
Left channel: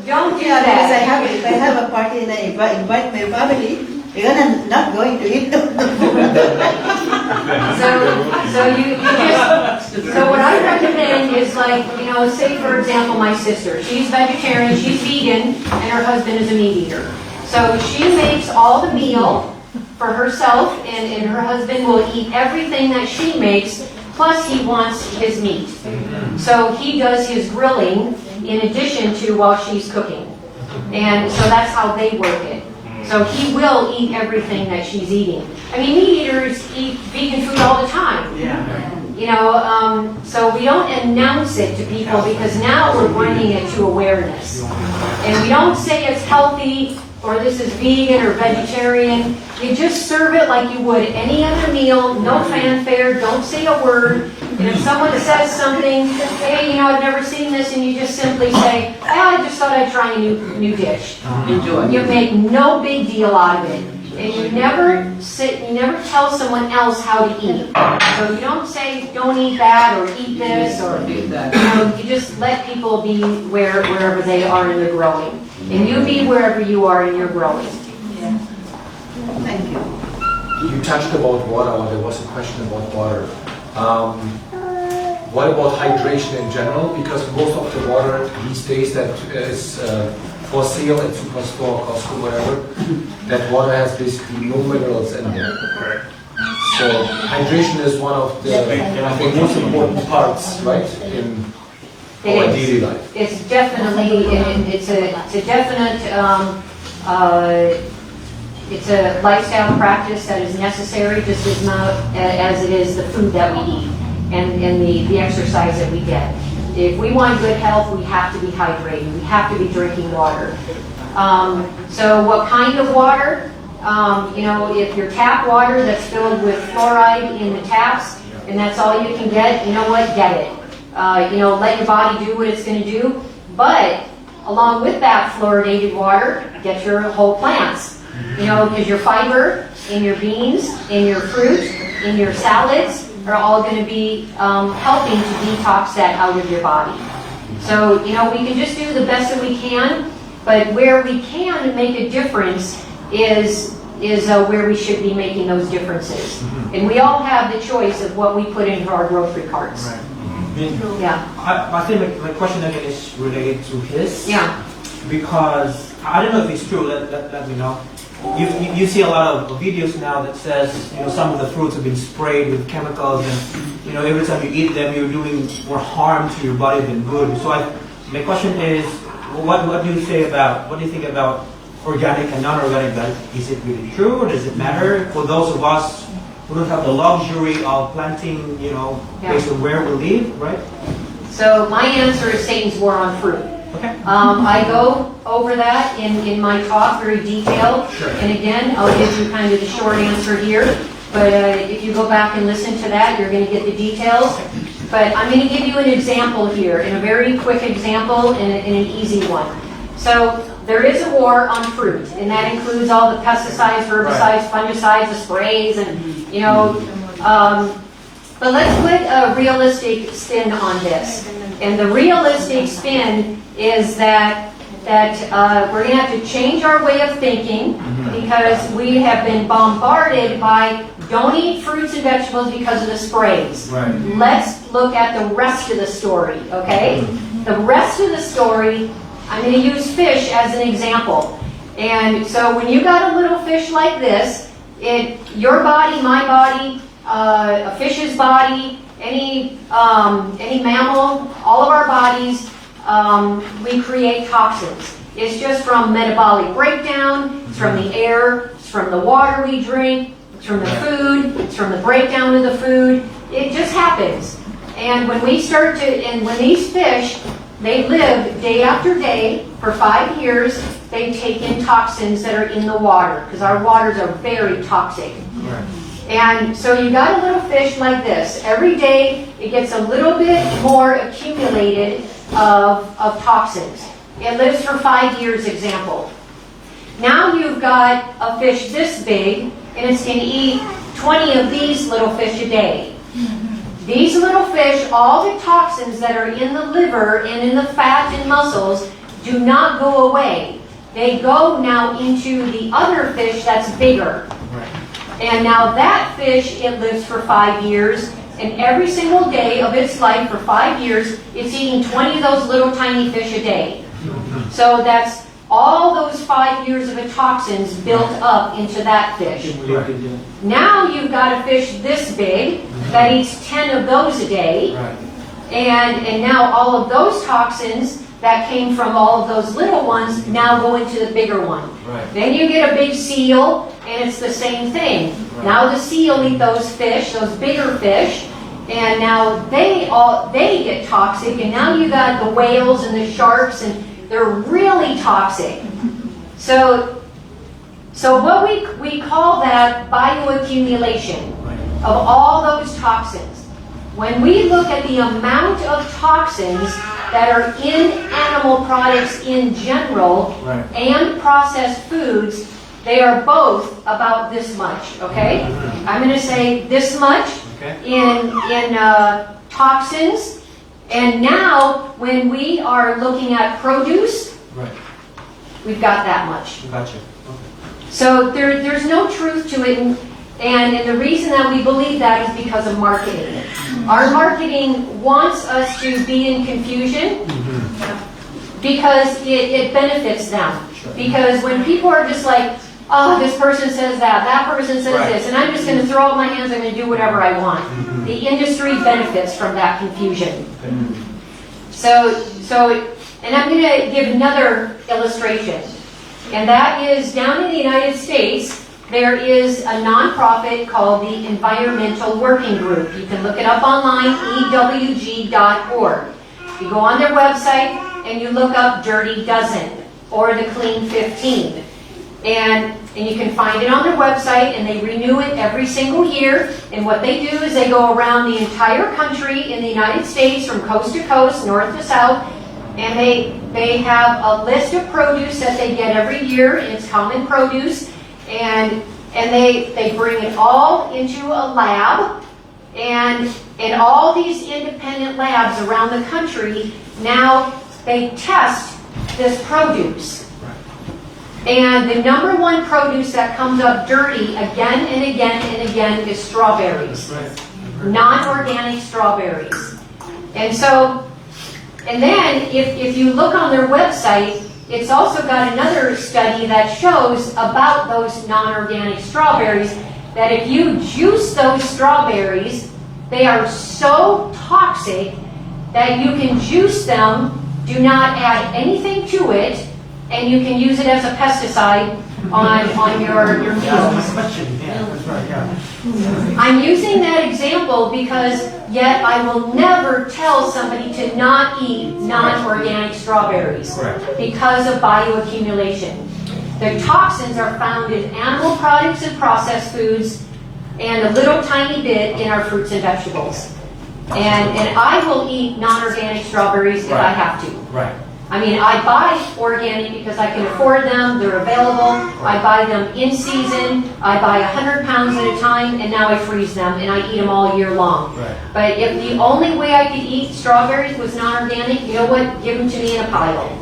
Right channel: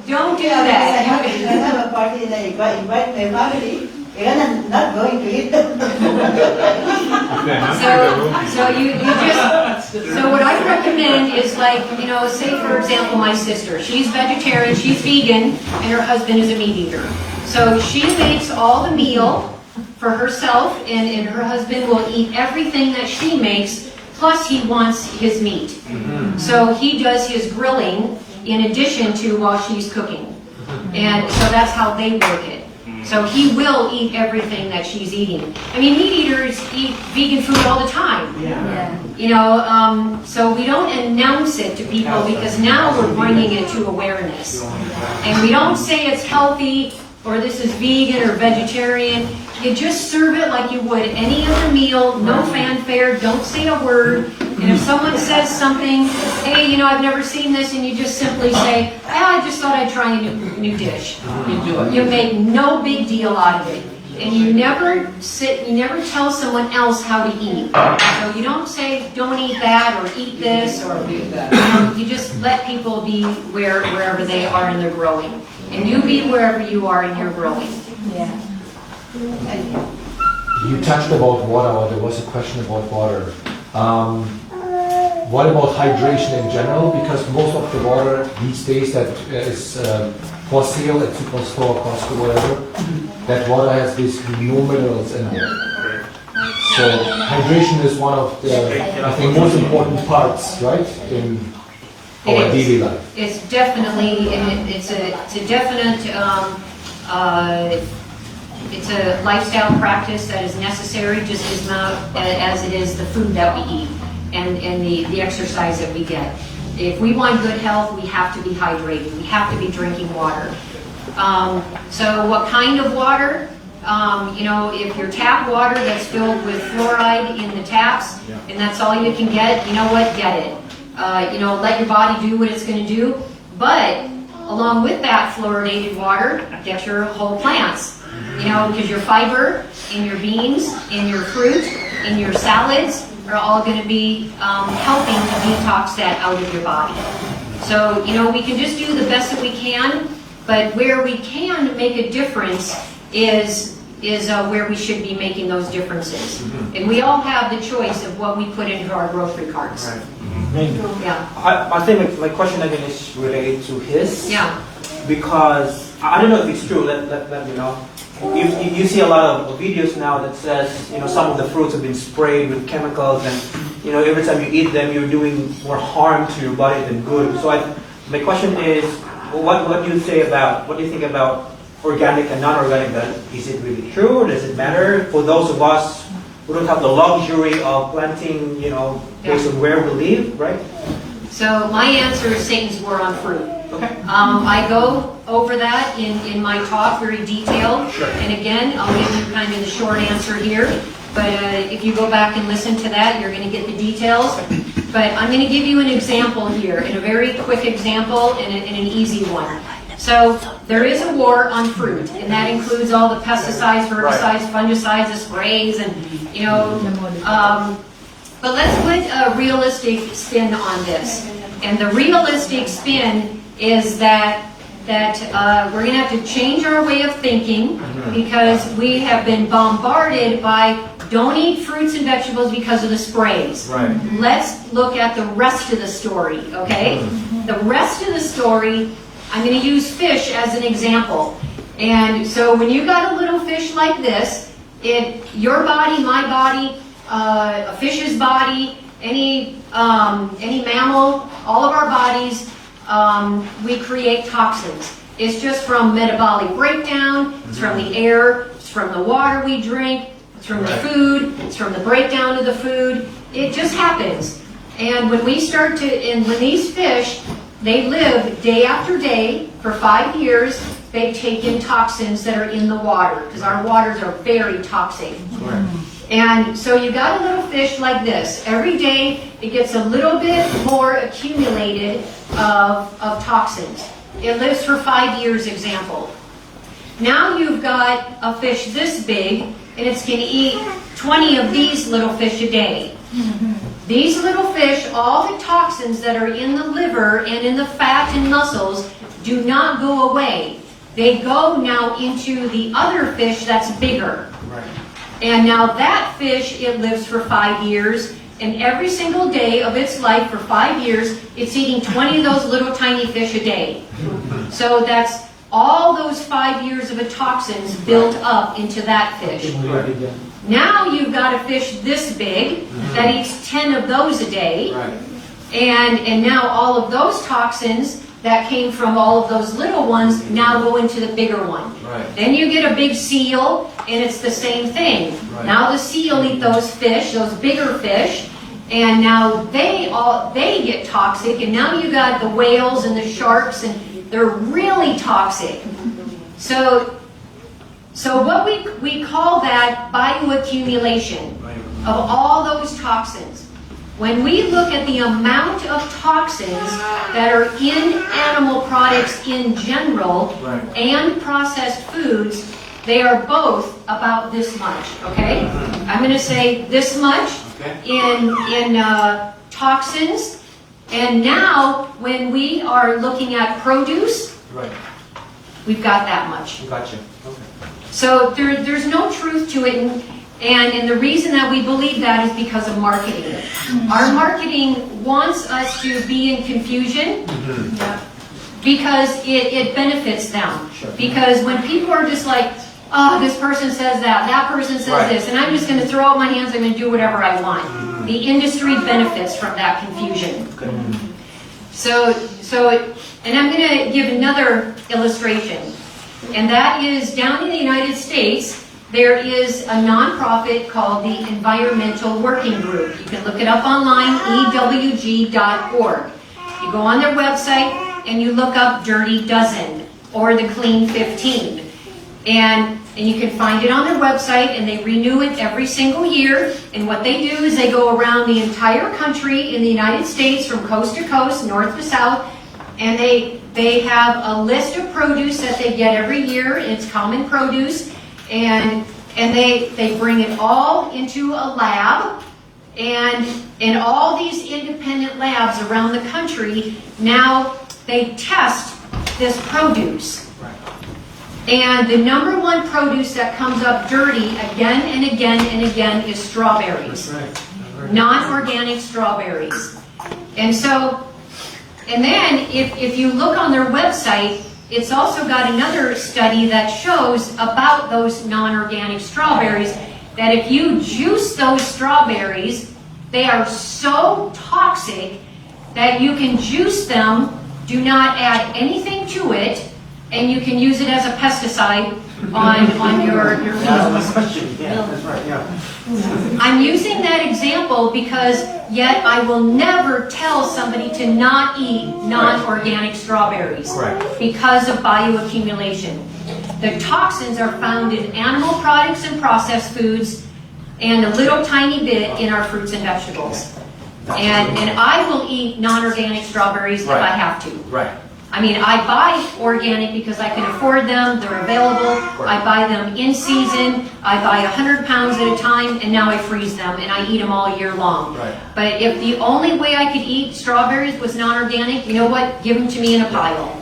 Don't do that. If I have a party and I invite my family, they're not going to eat them. So what I recommend is say for example my sister, she's vegetarian, she's vegan, and her husband is a meat eater. So she makes all the meal for herself, and her husband will eat everything that she makes, plus he wants his meat. So he does his grilling in addition to while she's cooking. And so that's how they work it. So he will eat everything that she's eating. I mean, meat eaters eat vegan food all the time. So we don't announce it to people because now we're bringing it to awareness. And we don't say it's healthy or this is vegan or vegetarian. You just serve it like you would any other meal, no fanfare, don't say a word. And if someone says something, hey, I've never seen this, and you just simply say, I just thought I'd try a new dish. Enjoy. You make no big deal out of it. And you never tell someone else how to eat. So you don't say, don't eat that, or eat this, or, you just let people be wherever they are in their growing. And you be wherever you are in your growing. Yeah. Thank you. You touched about water, or there was a question about water. What about hydration in general? Because most of the water these days that is for sale at superstore, Costco, whatever, that water has basically no minerals in there. So hydration is one of the, I think, most important parts, right, in our daily life. It's definitely, it's a definite, it's a lifestyle practice that is necessary just as much as it is the food that we eat and the exercise that we get. If we want good health, we have to be hydrated. We have to be drinking water. So what kind of water? If your tap water that's filled with fluoride in the taps, and that's all you can get, you know what, get it. Let your body do what it's going to do. But along with that fluoridated water, get your whole plants. Because your fiber in your beans, in your fruit, in your salads are all going to be helping to detox that out of your body. So, we can just do the best that we can, but where we can make a difference is where we should be making those differences. And we all have the choice of what we put into our grocery carts. Right. Yeah. I think my question again is related to his. Yeah. Because I don't know if it's true. Let me know. You see a lot of videos now that says some of the fruits have been sprayed with chemicals, and every time you eat them, you're doing more harm to your body than good. So my question is, what do you think about organic and non-organic? Is it really true? Does it matter for those of us who don't have the luxury of planting, based on where we live, right? So my answer is Satan's war on fruit. Okay. I go over that in my talk very detailed. Sure. And again, I'll give you kind of the short answer here. But if you go back and listen to that, you're going to get the details. But I'm going to give you an example here, and a very quick example and an easy one. So there is a war on fruit, and that includes all the pesticides, herbicides, fungicides, the sprays, and but let's put a realistic spin on this. And the realistic spin is that we're going to have to change our way of thinking because we have been bombarded by don't eat fruits and vegetables because of the sprays. Right. Let's look at the rest of the story, okay? The rest of the story, I'm going to use fish as an example. And so when you got a little fish like this, Your body, my body, a fish's body, any mammal, all of our bodies, we create toxins. It's just from metabolic breakdown, it's from the air, it's from the water we drink, it's from the food, it's from the breakdown of the food. It just happens. And when we start to, and when these fish, they live day after day for 5 years, they take in toxins that are in the water, because our waters are very toxic. And so you got a little fish like this. Every day it gets a little bit more accumulated of toxins. It lives for 5 years, example. Now you've got a fish this big, and it's going to eat 20 of these little fish a day. These little fish, all the toxins that are in the liver and in the fat and muscles do not go away. They go now into the other fish that's bigger. And now that fish, it lives for 5 years, and every single day of its life for 5 years, it's eating 20 of those little tiny fish a day. So that's all those 5 years of the toxins built up into that fish. Now you've got a fish this big that eats 10 of those a day, and now all of those toxins that came from all of those little ones now go into the bigger one. Then you get a big seal, and it's the same thing. Now the seal eat those fish, those bigger fish, and now they get toxic, and now you got the whales and the sharks, and they're really toxic. So what we call that bioaccumulation of all those toxins. When we look at the amount of toxins that are in animal products in general and processed foods, they are both about this much, okay? I'm going to say this much in toxins. And now, when we are looking at produce, we've got that much. Gotcha. So there's no truth to it, and the reason that we believe that is because of marketing. Our marketing wants us to be in confusion because it benefits them. Because when people are just like, oh, this person says that person says this, and I'm just going to throw up my hands, I'm going to do whatever I want. The industry benefits from that confusion. So, and I'm going to give another illustration. And that is down in the United States, there is a nonprofit called the Environmental Working Group. You can look it up online, ewg.org. You go on their website and you look up Dirty Dozen or the Clean 15. And you can find it on their website, and they renew it every single year. And what they do is they go around the entire country in the United States from coast to coast, north to south, and they have a list of produce that they get every year. It's common produce, and they bring it all into a lab, and in all these independent labs around the country, now they test this produce. And the number one produce that comes up dirty again and again and again is strawberries. Non-organic strawberries. And then if you look on their website, it's also got another study that shows about those non-organic strawberries, that if you juice those strawberries, they are so toxic that you can juice them, do not add anything to it, and you can use it as a pesticide on your fields. I'm using that example because yet I will never tell somebody to not eat non-organic strawberries because of bioaccumulation. The toxins are found in animal products and processed foods, and a little tiny bit in our fruits and vegetables. And I will eat non-organic strawberries if I have to. I mean, I buy organic because I can afford them, they're available, I buy them in season, I buy 100 pounds at a time, and now I freeze them, and I eat them all year long. But if the only way I could eat strawberries was non-organic, you know what, give them to me in a pile.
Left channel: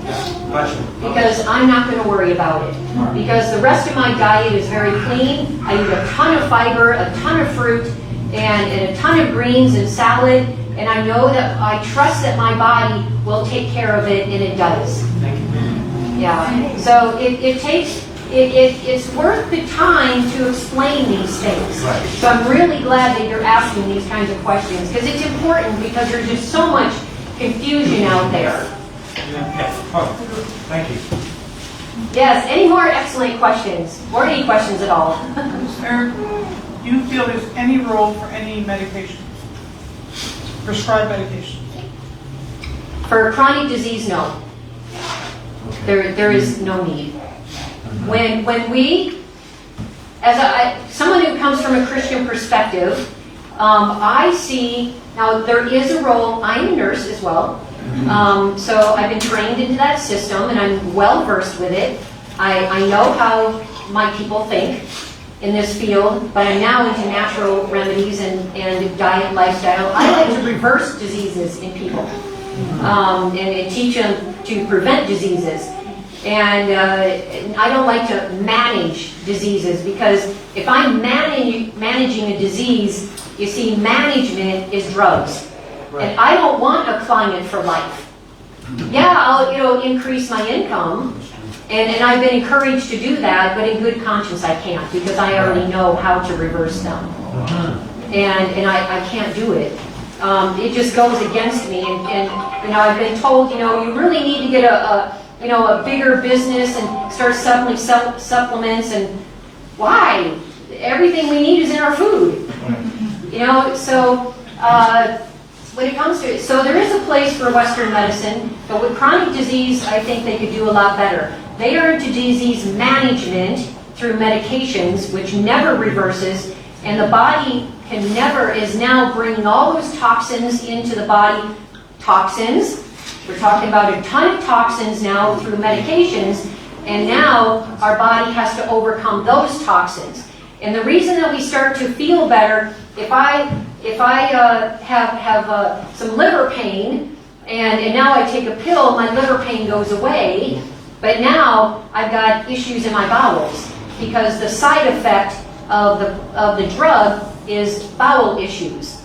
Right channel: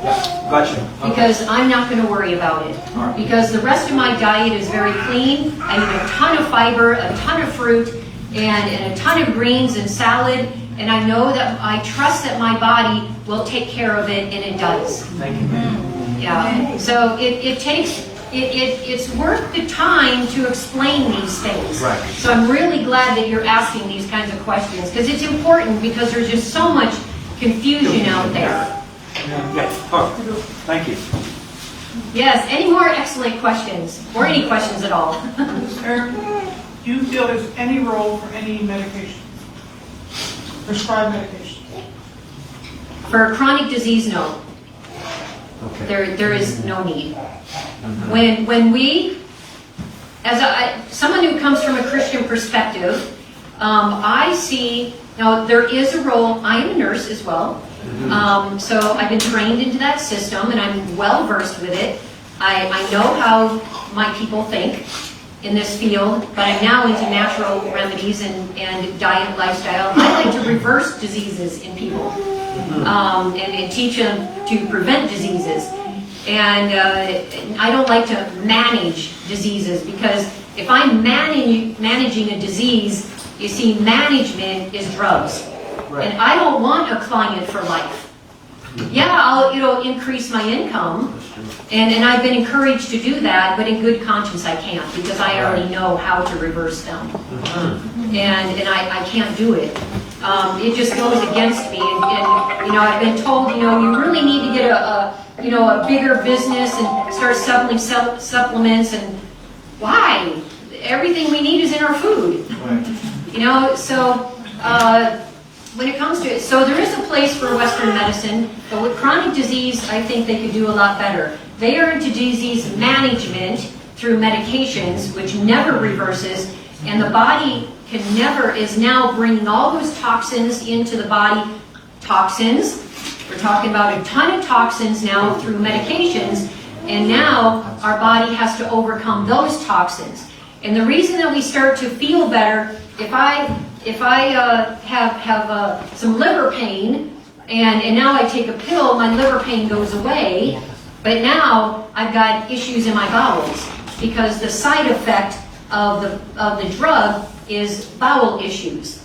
Because I'm not going to worry about it. Because the rest of my diet is very clean, I eat a ton of fiber, a ton of fruit, and a ton of greens and salad, and I know that I trust that my body will take care of it, and it does. Thank you. Yeah. So it takes it's worth the time to explain these things. Right. So I'm really glad that you're asking these kinds of questions, because it's important, because there's just so much confusion out there. Yes. Oh, thank you. Yes, any more excellent questions? Or any questions at all? Eric, do you feel there's any role for any medication? Prescribed medication? For chronic disease, no. There is no need. When we, as someone who comes from a Christian perspective, I see, now there is a role, I'm a nurse as well, so I've been trained into that system and I'm well versed with it. I know how my people think in this field, but I'm now into natural remedies and diet, lifestyle. I like to reverse diseases in people and teach them to prevent diseases. And I don't like to manage diseases, because if I'm managing a disease, you see, management is drugs. Right. And I don't want a client for life. Yeah, I'll increase my income, and I've been encouraged to do that, but in good conscience I can't, because I already know how to reverse them. And I can't do it. It just goes against me, and I've been told, you really need to get a bigger business and start selling supplements, and why? Everything we need is in our food. So when it comes to it, so there is a place for Western medicine, but with chronic disease, I think they could do a lot better. They are into disease management through medications, which never reverses, and the body is now bringing all those toxins into the body. Toxins, we're talking about a ton of toxins now through medications, and now our body has to overcome those toxins. And the reason that we start to feel better, if I have some liver pain, and now I take a pill, my liver pain goes away, but now I've got issues in my bowels, because the side effect of the drug is bowel issues.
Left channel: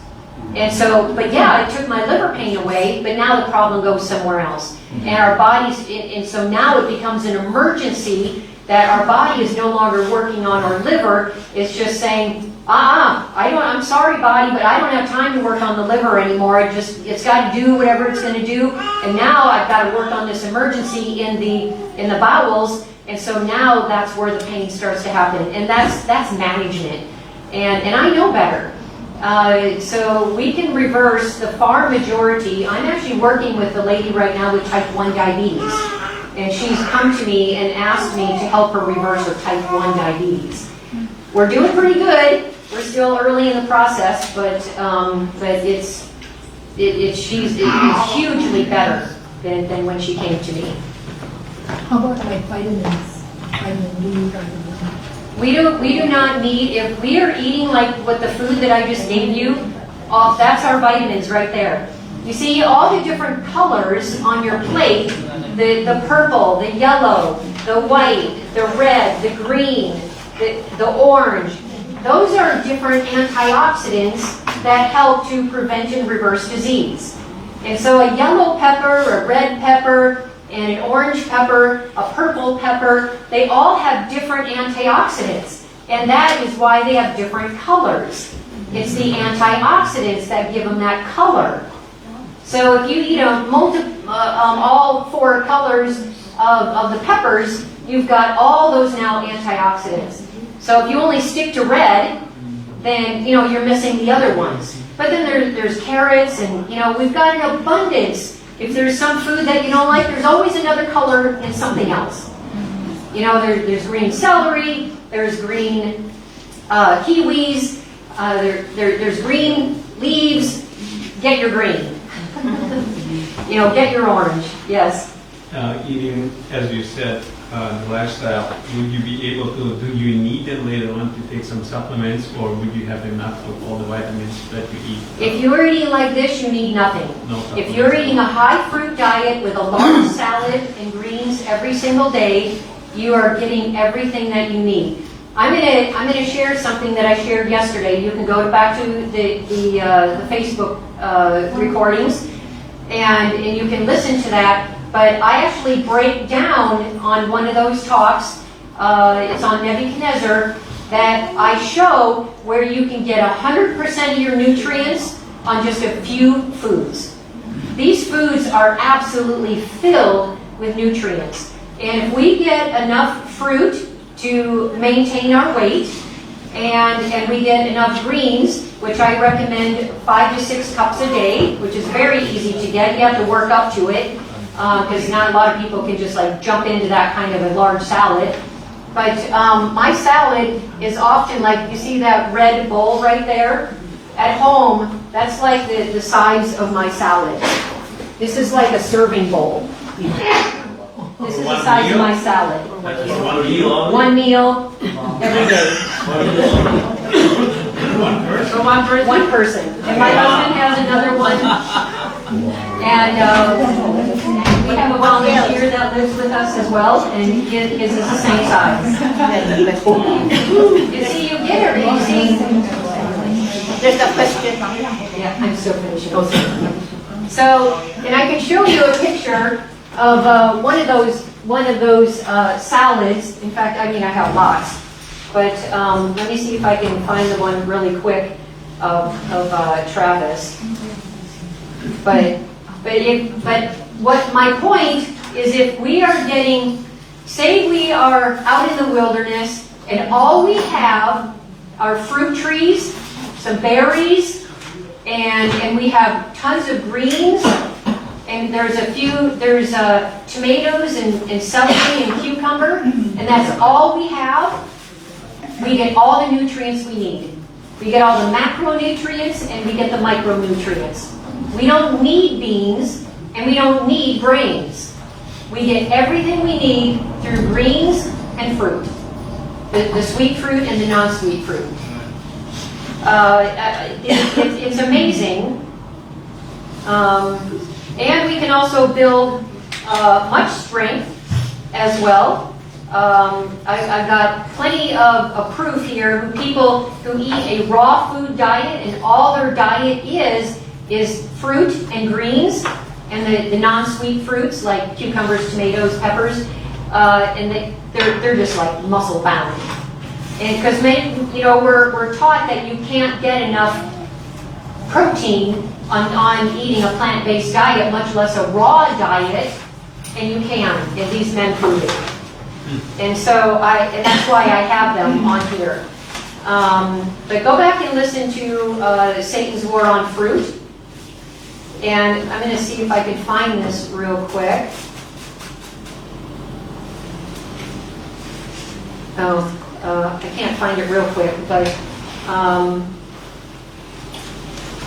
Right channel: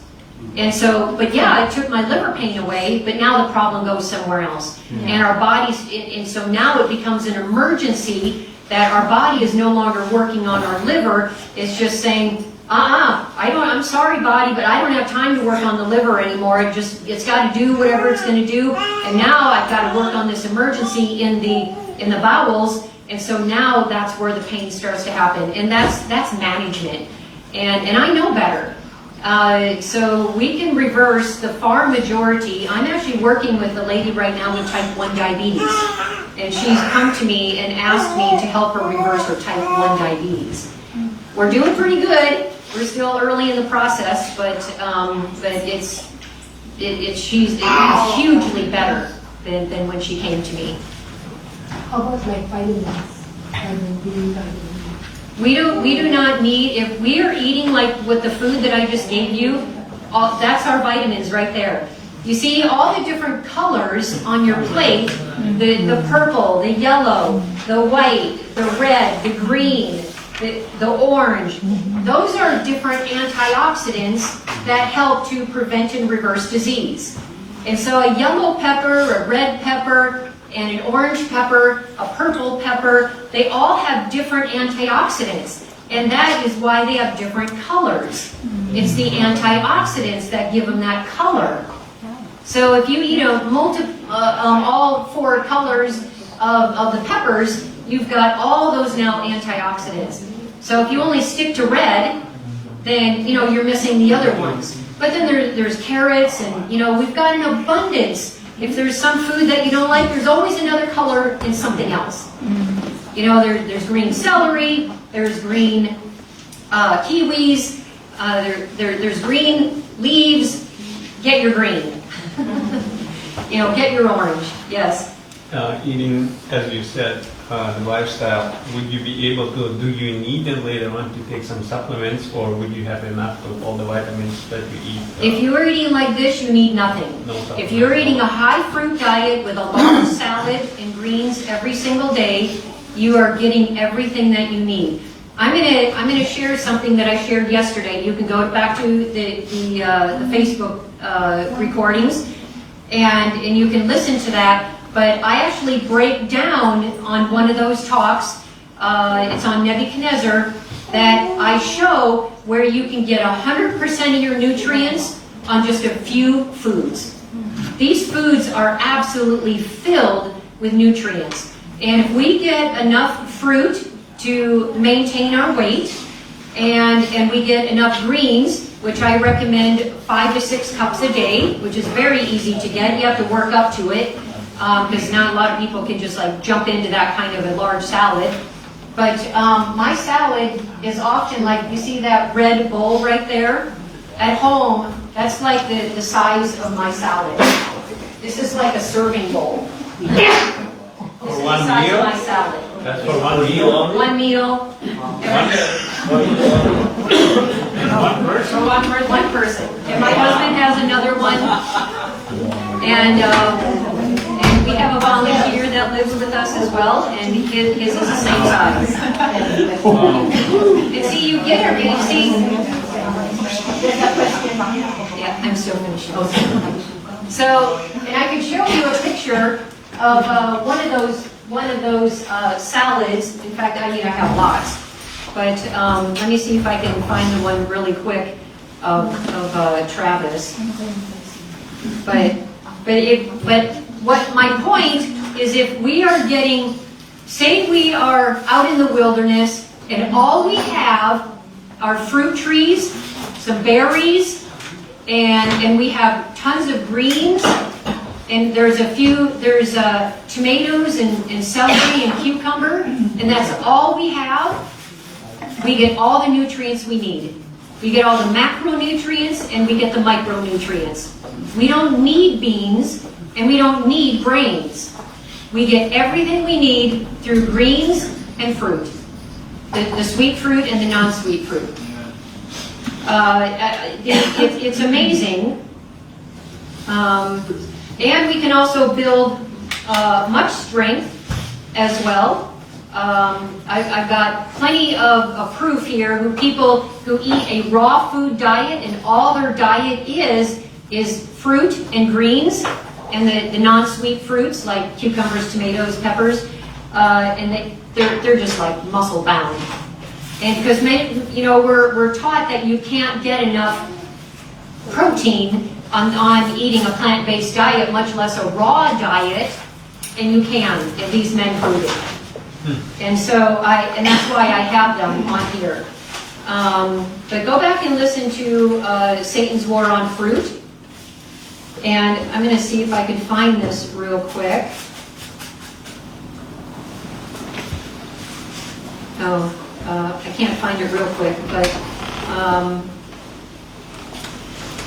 And so, but yeah, I took my liver pain away, but now the problem goes somewhere else. And our bodies, and so now it becomes an emergency that our body is no longer working on our liver. It's just saying, I'm sorry, body, but I don't have time to work on the liver anymore. It's got to do whatever it's going to do. And now I've got to work on this emergency in the bowels. And so now that's where the pain starts to happen. And that's management. And I know better. So we can reverse the far majority. I'm actually working with a lady right now with type 1 diabetes. And she's come to me and asked me to help her reverse her type 1 diabetes. We're doing pretty good. We're still early in the process, but it's hugely better than when she came to me. How about like vitamins? We do not need, if we are eating like with the food that I just gave you, that's our vitamins right there. You see all the different colors on your plate, the purple, the yellow, the white, the red, the green, the orange. Those are different antioxidants that help to prevent and reverse disease. And so a yellow pepper, a red pepper, and an orange pepper, a purple pepper, they all have different antioxidants. And that is why they have different colors. It's the antioxidants that give them that color. So if you eat all 4 colors of the peppers, you've got all those now antioxidants. So if you only stick to red, then you're missing the other ones. But then there's carrots, and we've got an abundance. If there's some food that you don't like, there's always another color in something else. There's green celery, there's green kiwis, there's green leaves. Get your green. Get your orange. Yes. Eating, as you said, the lifestyle, would you be able to, do you need it later on to take some supplements, or would you have enough of all the vitamins that you eat? If you're eating like this, you need nothing. No. If you're eating a high fruit diet with a large salad and greens every single day, you are getting everything that you need. I'm gonna share something that I shared yesterday. You can go back to the Facebook recordings, and you can listen to that. But I actually break down on one of those talks it's on Nebuchadnezzar, that I show where you can get 100% of your nutrients on just a few foods. These foods are absolutely filled with nutrients. And if we get enough fruit to maintain our weight, and we get enough greens, which I recommend 5 to 6 cups a day, which is very easy to get. You have to work up to it, because not a lot of people can just like jump into that kind of a large salad. But my salad is often like, you see that red bowl right there? At home, that's like the size of my salad. This is like a serving bowl. This is the size of my salad. That's for one meal? One meal every day. For one person. And my husband has another one. And we have a volunteer that lives with us as well, and his is the same size. And see, you get it, you see. Just a question. Yeah, I'm still finishing. So, and I can show you a picture of one of those salads. In fact, I mean, I have lots. But let me see if I can find the one really quick of Travis. But what my point is, if we are getting, say we are out in the wilderness and all we have are fruit trees, some berries, and we have tons of greens, and there's tomatoes and celery and cucumber, and that's all we have, we get all the nutrients we need. We get all the macronutrients and we get the micronutrients. We don't need beans and we don't need brains. We get everything we need through greens and fruit. The sweet fruit and the non-sweet fruit. It's amazing. And we can also build much strength as well. I've got plenty of proof here of people who eat a raw food diet, and all their diet is fruit and greens, and the non-sweet fruits like cucumbers, tomatoes, peppers, and they're just like muscle bound. And because we're taught that you can't get enough protein on eating a plant-based diet, much less a raw diet, and you can, if these men prove it. And so that's why I have them on here. But go back and listen to Satan's War on Fruit. And I'm going to see if I can find this real quick. I can't find it real quick, but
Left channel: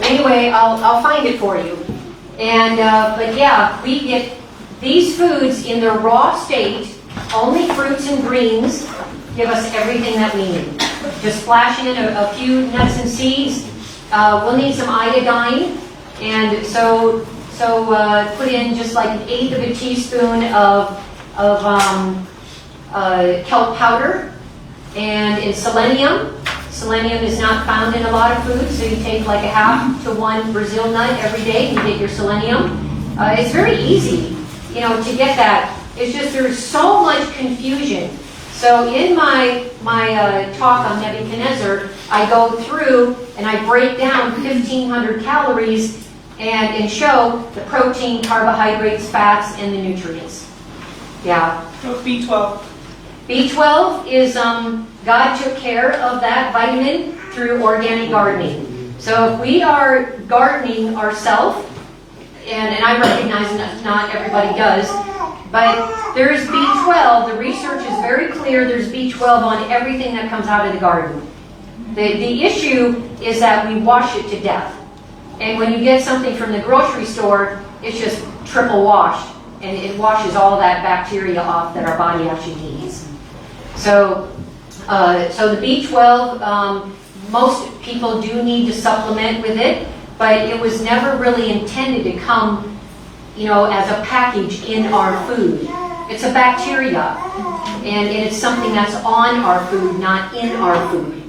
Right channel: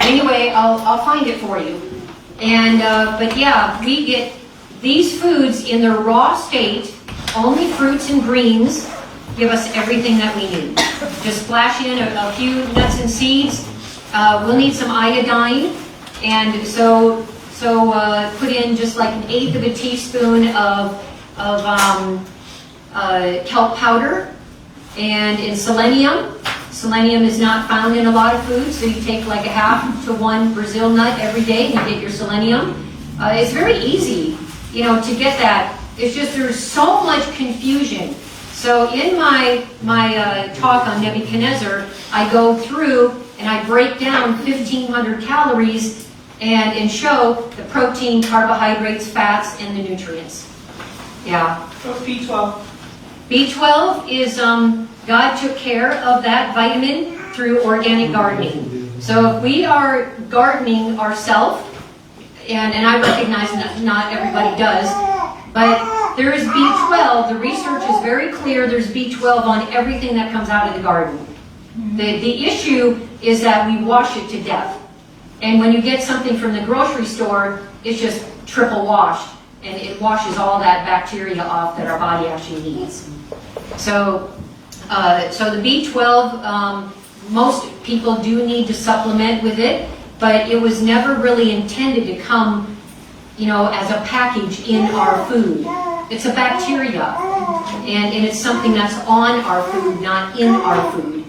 anyway, I'll find it for you. And but yeah, we get these foods in their raw state. Only fruits and greens give us everything that we need. Just splash in a few nuts and seeds. We'll need some iodine, and so put in just like 1/8 of a teaspoon of kelp powder, and in selenium. Selenium is not found in a lot of foods, so you take like 1/2 to 1 Brazil nut every day and you get your selenium. It's very easy, to get that. It's just there's so much confusion. So in my talk on Nebuchadnezzar, I go through and I break down 1,500 calories and show the protein, carbohydrates, fats, and the nutrients. Yeah. So B12. B12 is, God took care of that vitamin through organic gardening. So if we are gardening ourselves, and I recognize not everybody does, but there's B12, the research is very clear, there's B12 on everything that comes out of the garden. The issue is that we wash it to death. And when you get something from the grocery store, it's just triple washed, and it washes all that bacteria off that our body actually needs. So the B12, most people do need to supplement with it, but it was never really intended to come, as a package in our food. It's a bacteria, and it's something that's on our food, not in our food.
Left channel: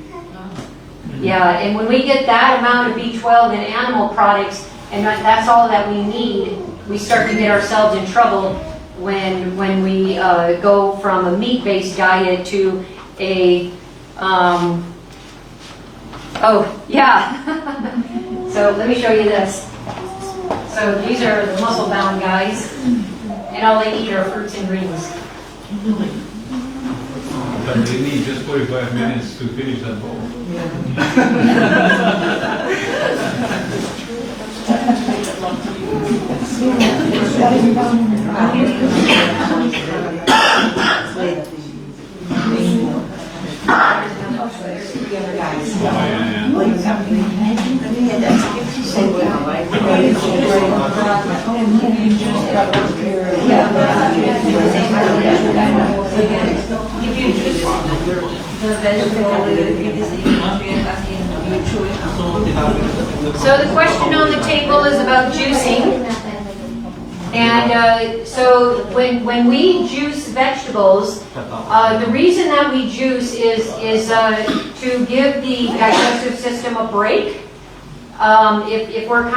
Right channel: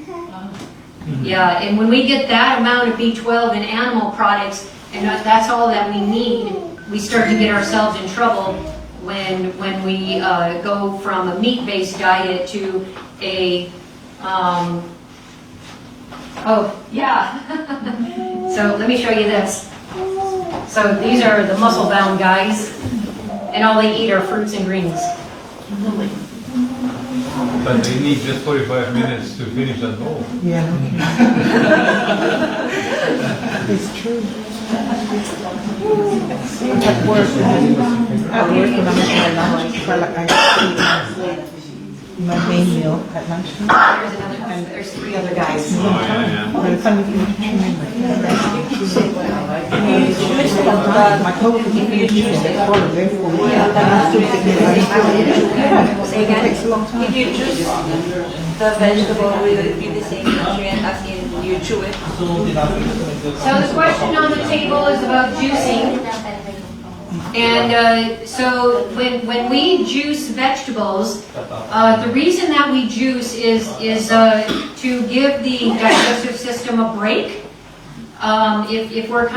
Yeah, and when we get that amount of B12 in animal products, and that's all that we need, we start to get ourselves in trouble when we go from a meat-based diet to a, oh, yeah. So let me show you this. So these are the muscle-bound guys, and all they eat are fruits and greens. But they need just 45 minutes to finish that bowl. There's three other guys. Oh, If you choose the vegetable, will it be the same nutrient as in you chew it? So the question on the table is about juicing. And so when we juice vegetables, the reason that we juice is to give the digestive system a break. If we're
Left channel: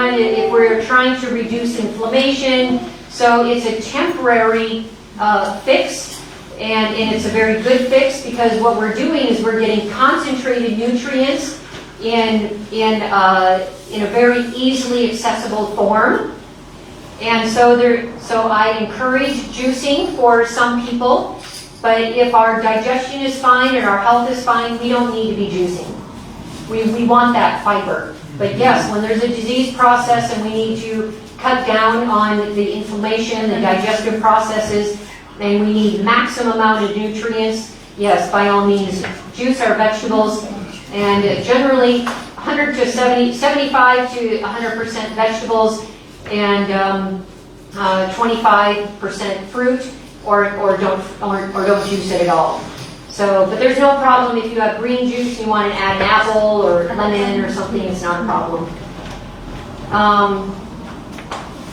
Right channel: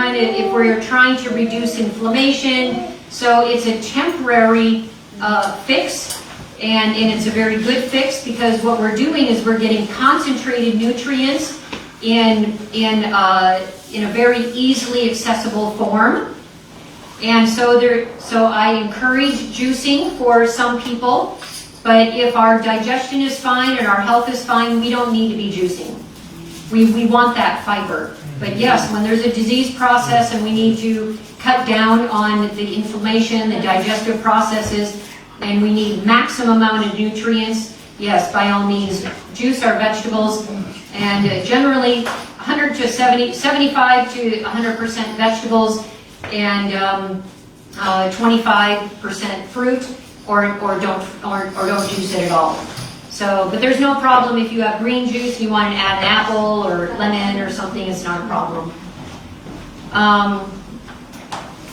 trying to reduce inflammation, so it's a temporary fix, and it's a very good fix because what we're doing is we're getting concentrated nutrients in a very easily accessible form. And so I encourage juicing for some people, but if our digestion is fine and our health is fine, we don't need to be juicing. We want that fiber. But yes, when there's a disease process and we need to cut down on the inflammation, the digestive processes, and we need maximum amount of nutrients, yes, by all means, juice our vegetables. And generally, 75 to 100% vegetables, and 25% fruit, or don't juice it at all. So, but there's no problem if you have green juice and you want to add an apple or lemon or something. It's not a problem.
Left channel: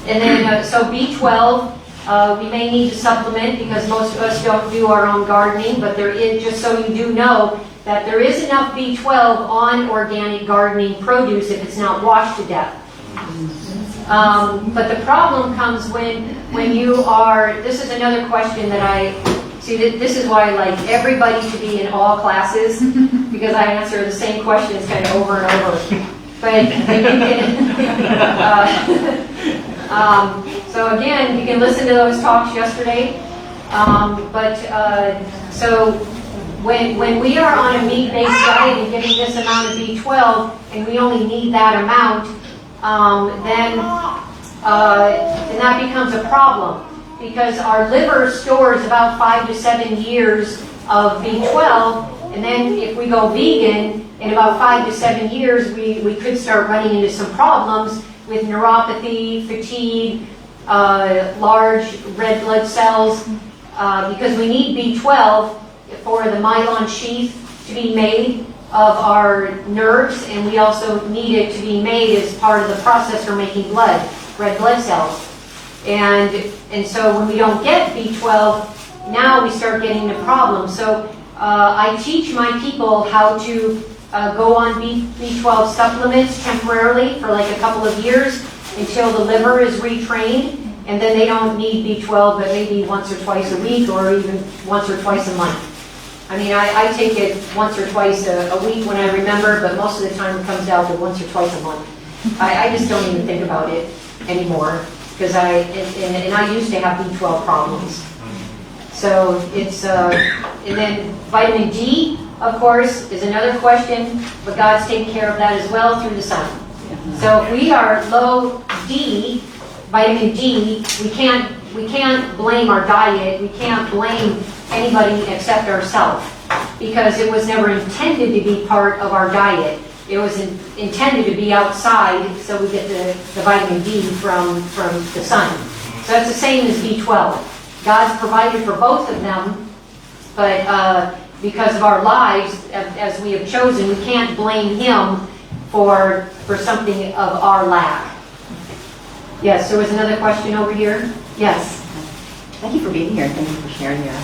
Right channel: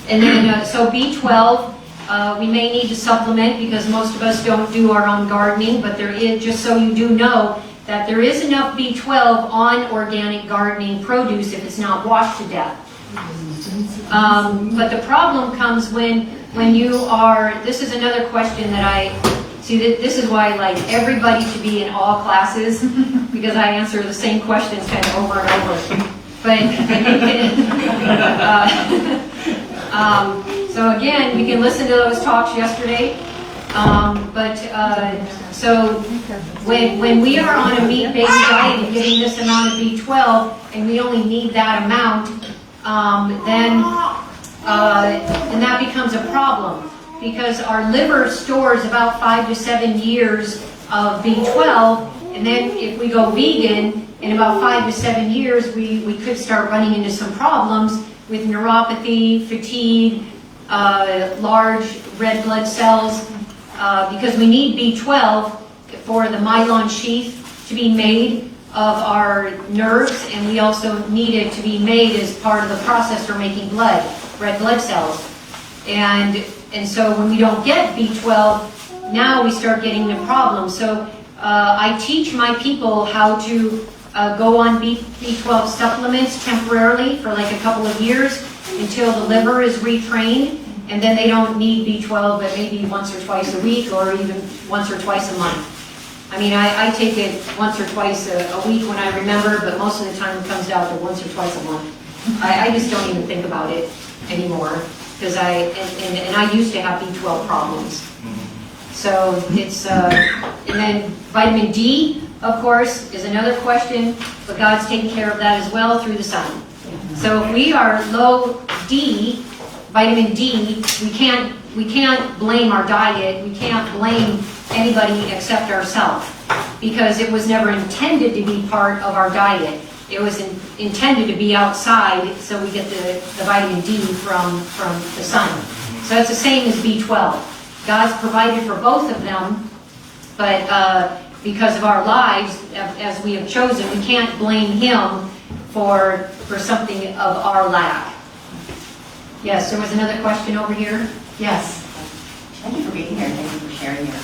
And then so B12, we may need to supplement because most of us don't do our own gardening. But there is, just so you do know, that there is enough B12 on organic gardening produce if it's not washed to death. But the problem comes when you are, this is another question that I, see this is why I like everybody to be in all classes, because I answer the same questions kind of over and over. But you can, so again, you can listen to those talks yesterday. So when we are on a meat-based diet and getting this amount of B12, and we only need that amount, then that becomes a problem, because our liver stores about 5 to 7 years of B12, and then if we go vegan, in about 5 to 7 years, we could start running into some problems with neuropathy, fatigue, large red blood cells, because we need B12 for the myelin sheath to be made of our nerves, and we also need it to be made as part of the process for making blood, red blood cells. And so when we don't get B12, now we start getting the problems. So I teach my people how to go on B12 supplements temporarily for like a couple of years until the liver is retrained, and then they don't need B12 but maybe once or twice a week or even once or twice a month. I mean, I take it once or twice a week when I remember, but most of the time it comes out to once or twice a month. I just don't even think about it anymore, because I used to have B12 problems. So it's, and then vitamin D, of course, is another question, but God's taking care of that as well through the sun. So if we are low D, vitamin D, we can't blame our diet, we can't blame anybody except ourselves, because it was never intended to be part of our diet. It was intended to be outside, so we get the vitamin D from the sun. So it's the same as B12. God's provided for both of them, but because of our lives, as we have chosen, we can't blame Him for something of our lack. Yes, there was another question over here. Yes. Thank you for being here. Thank you for sharing your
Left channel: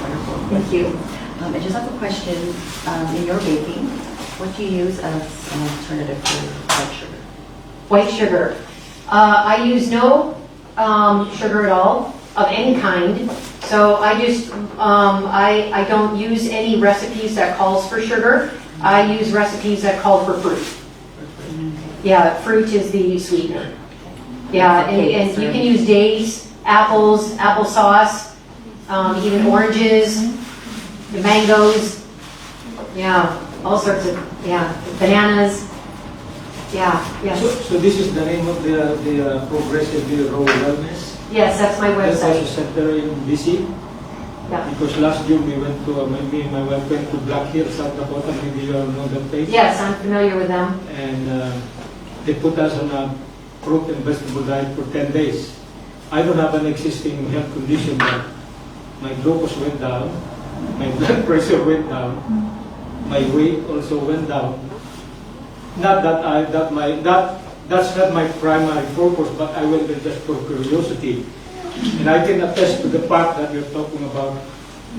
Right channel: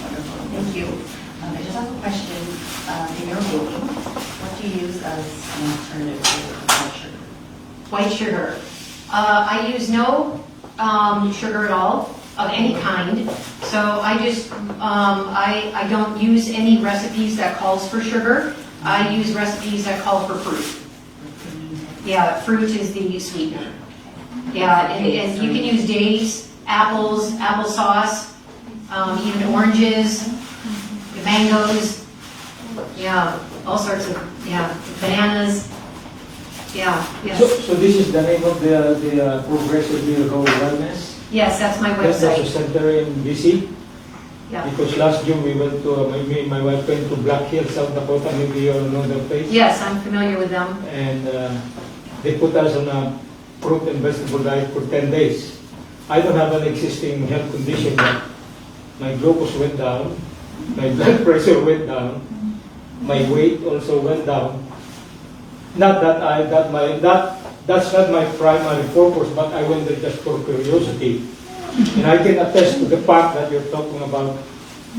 wonderful. Thank you. I just have a question. In your baking, what do you use as an alternative to white sugar? White sugar. I use no sugar at all. of any kind. So I just, I don't use any recipes that calls for sugar. I use recipes that call for fruit. Yeah, fruit is the sweetener. Yeah, and you can use dates, apples, applesauce, even oranges, mangoes, yeah, all sorts of, yeah, bananas. Yeah, yes. So this is the name of the Progressively Rural Wellness? Yes, that's my That's website. also center in BC? Yeah. Because last June we went to, me and my wife went to Black Hills, South Dakota, maybe you know the place. Yes, I'm familiar with them. And they put us on a fruit and vegetable diet for 10 days. I don't have an existing health condition, but my glucose went down, my blood pressure went down, my weight also went down. Not that that's not my primary purpose, but I went there just for curiosity. And I can attest to the fact that you're talking about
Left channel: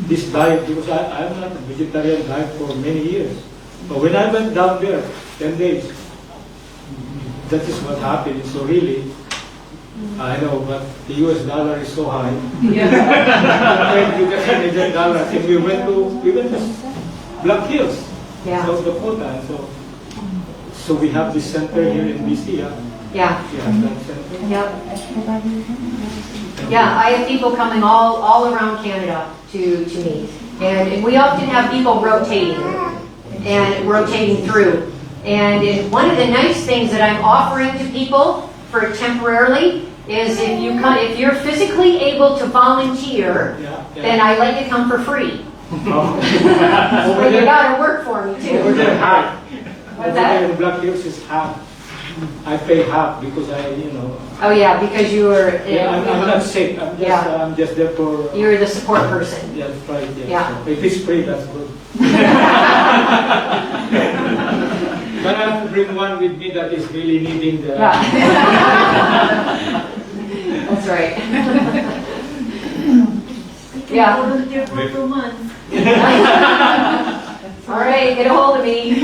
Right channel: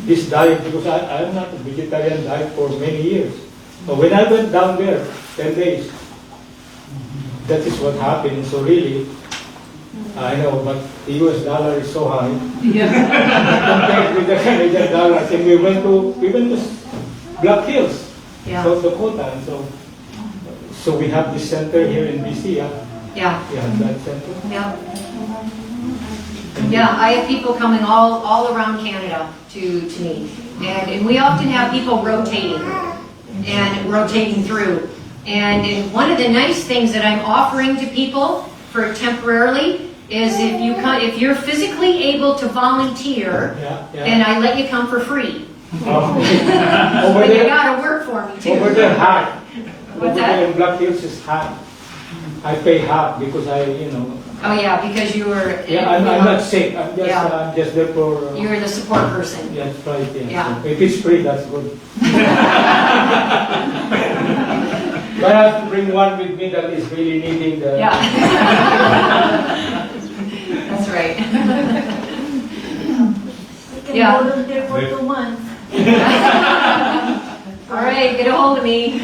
this diet, because I'm not a vegetarian diet for many years. But when I went down there, 10 days, that is what happened. So really, I know, but the US dollar is so high. Compared with the Canadian dollar, and we went to Black Hills, South Dakota, and so we have this center here in BC. Yeah. Yeah. Yeah, that center. Yep. Yeah, I have people coming all around Canada to meet. And we often have people rotating through. And one of the nice things that I'm offering to people for temporarily is if you're physically able to volunteer, then I let you come for free. But you gotta work for me too. Over there, half. What's that? In Black Hills is half. I pay half because Oh yeah, because you were. I'm not sick. I'm just there for. You were the support person. Yeah, that's right. Yeah. So if it's free, that's good. But I have to bring one with me that is really needing the. Yeah. That's right. Yeah. There for 2 months. All right, get a hold of me.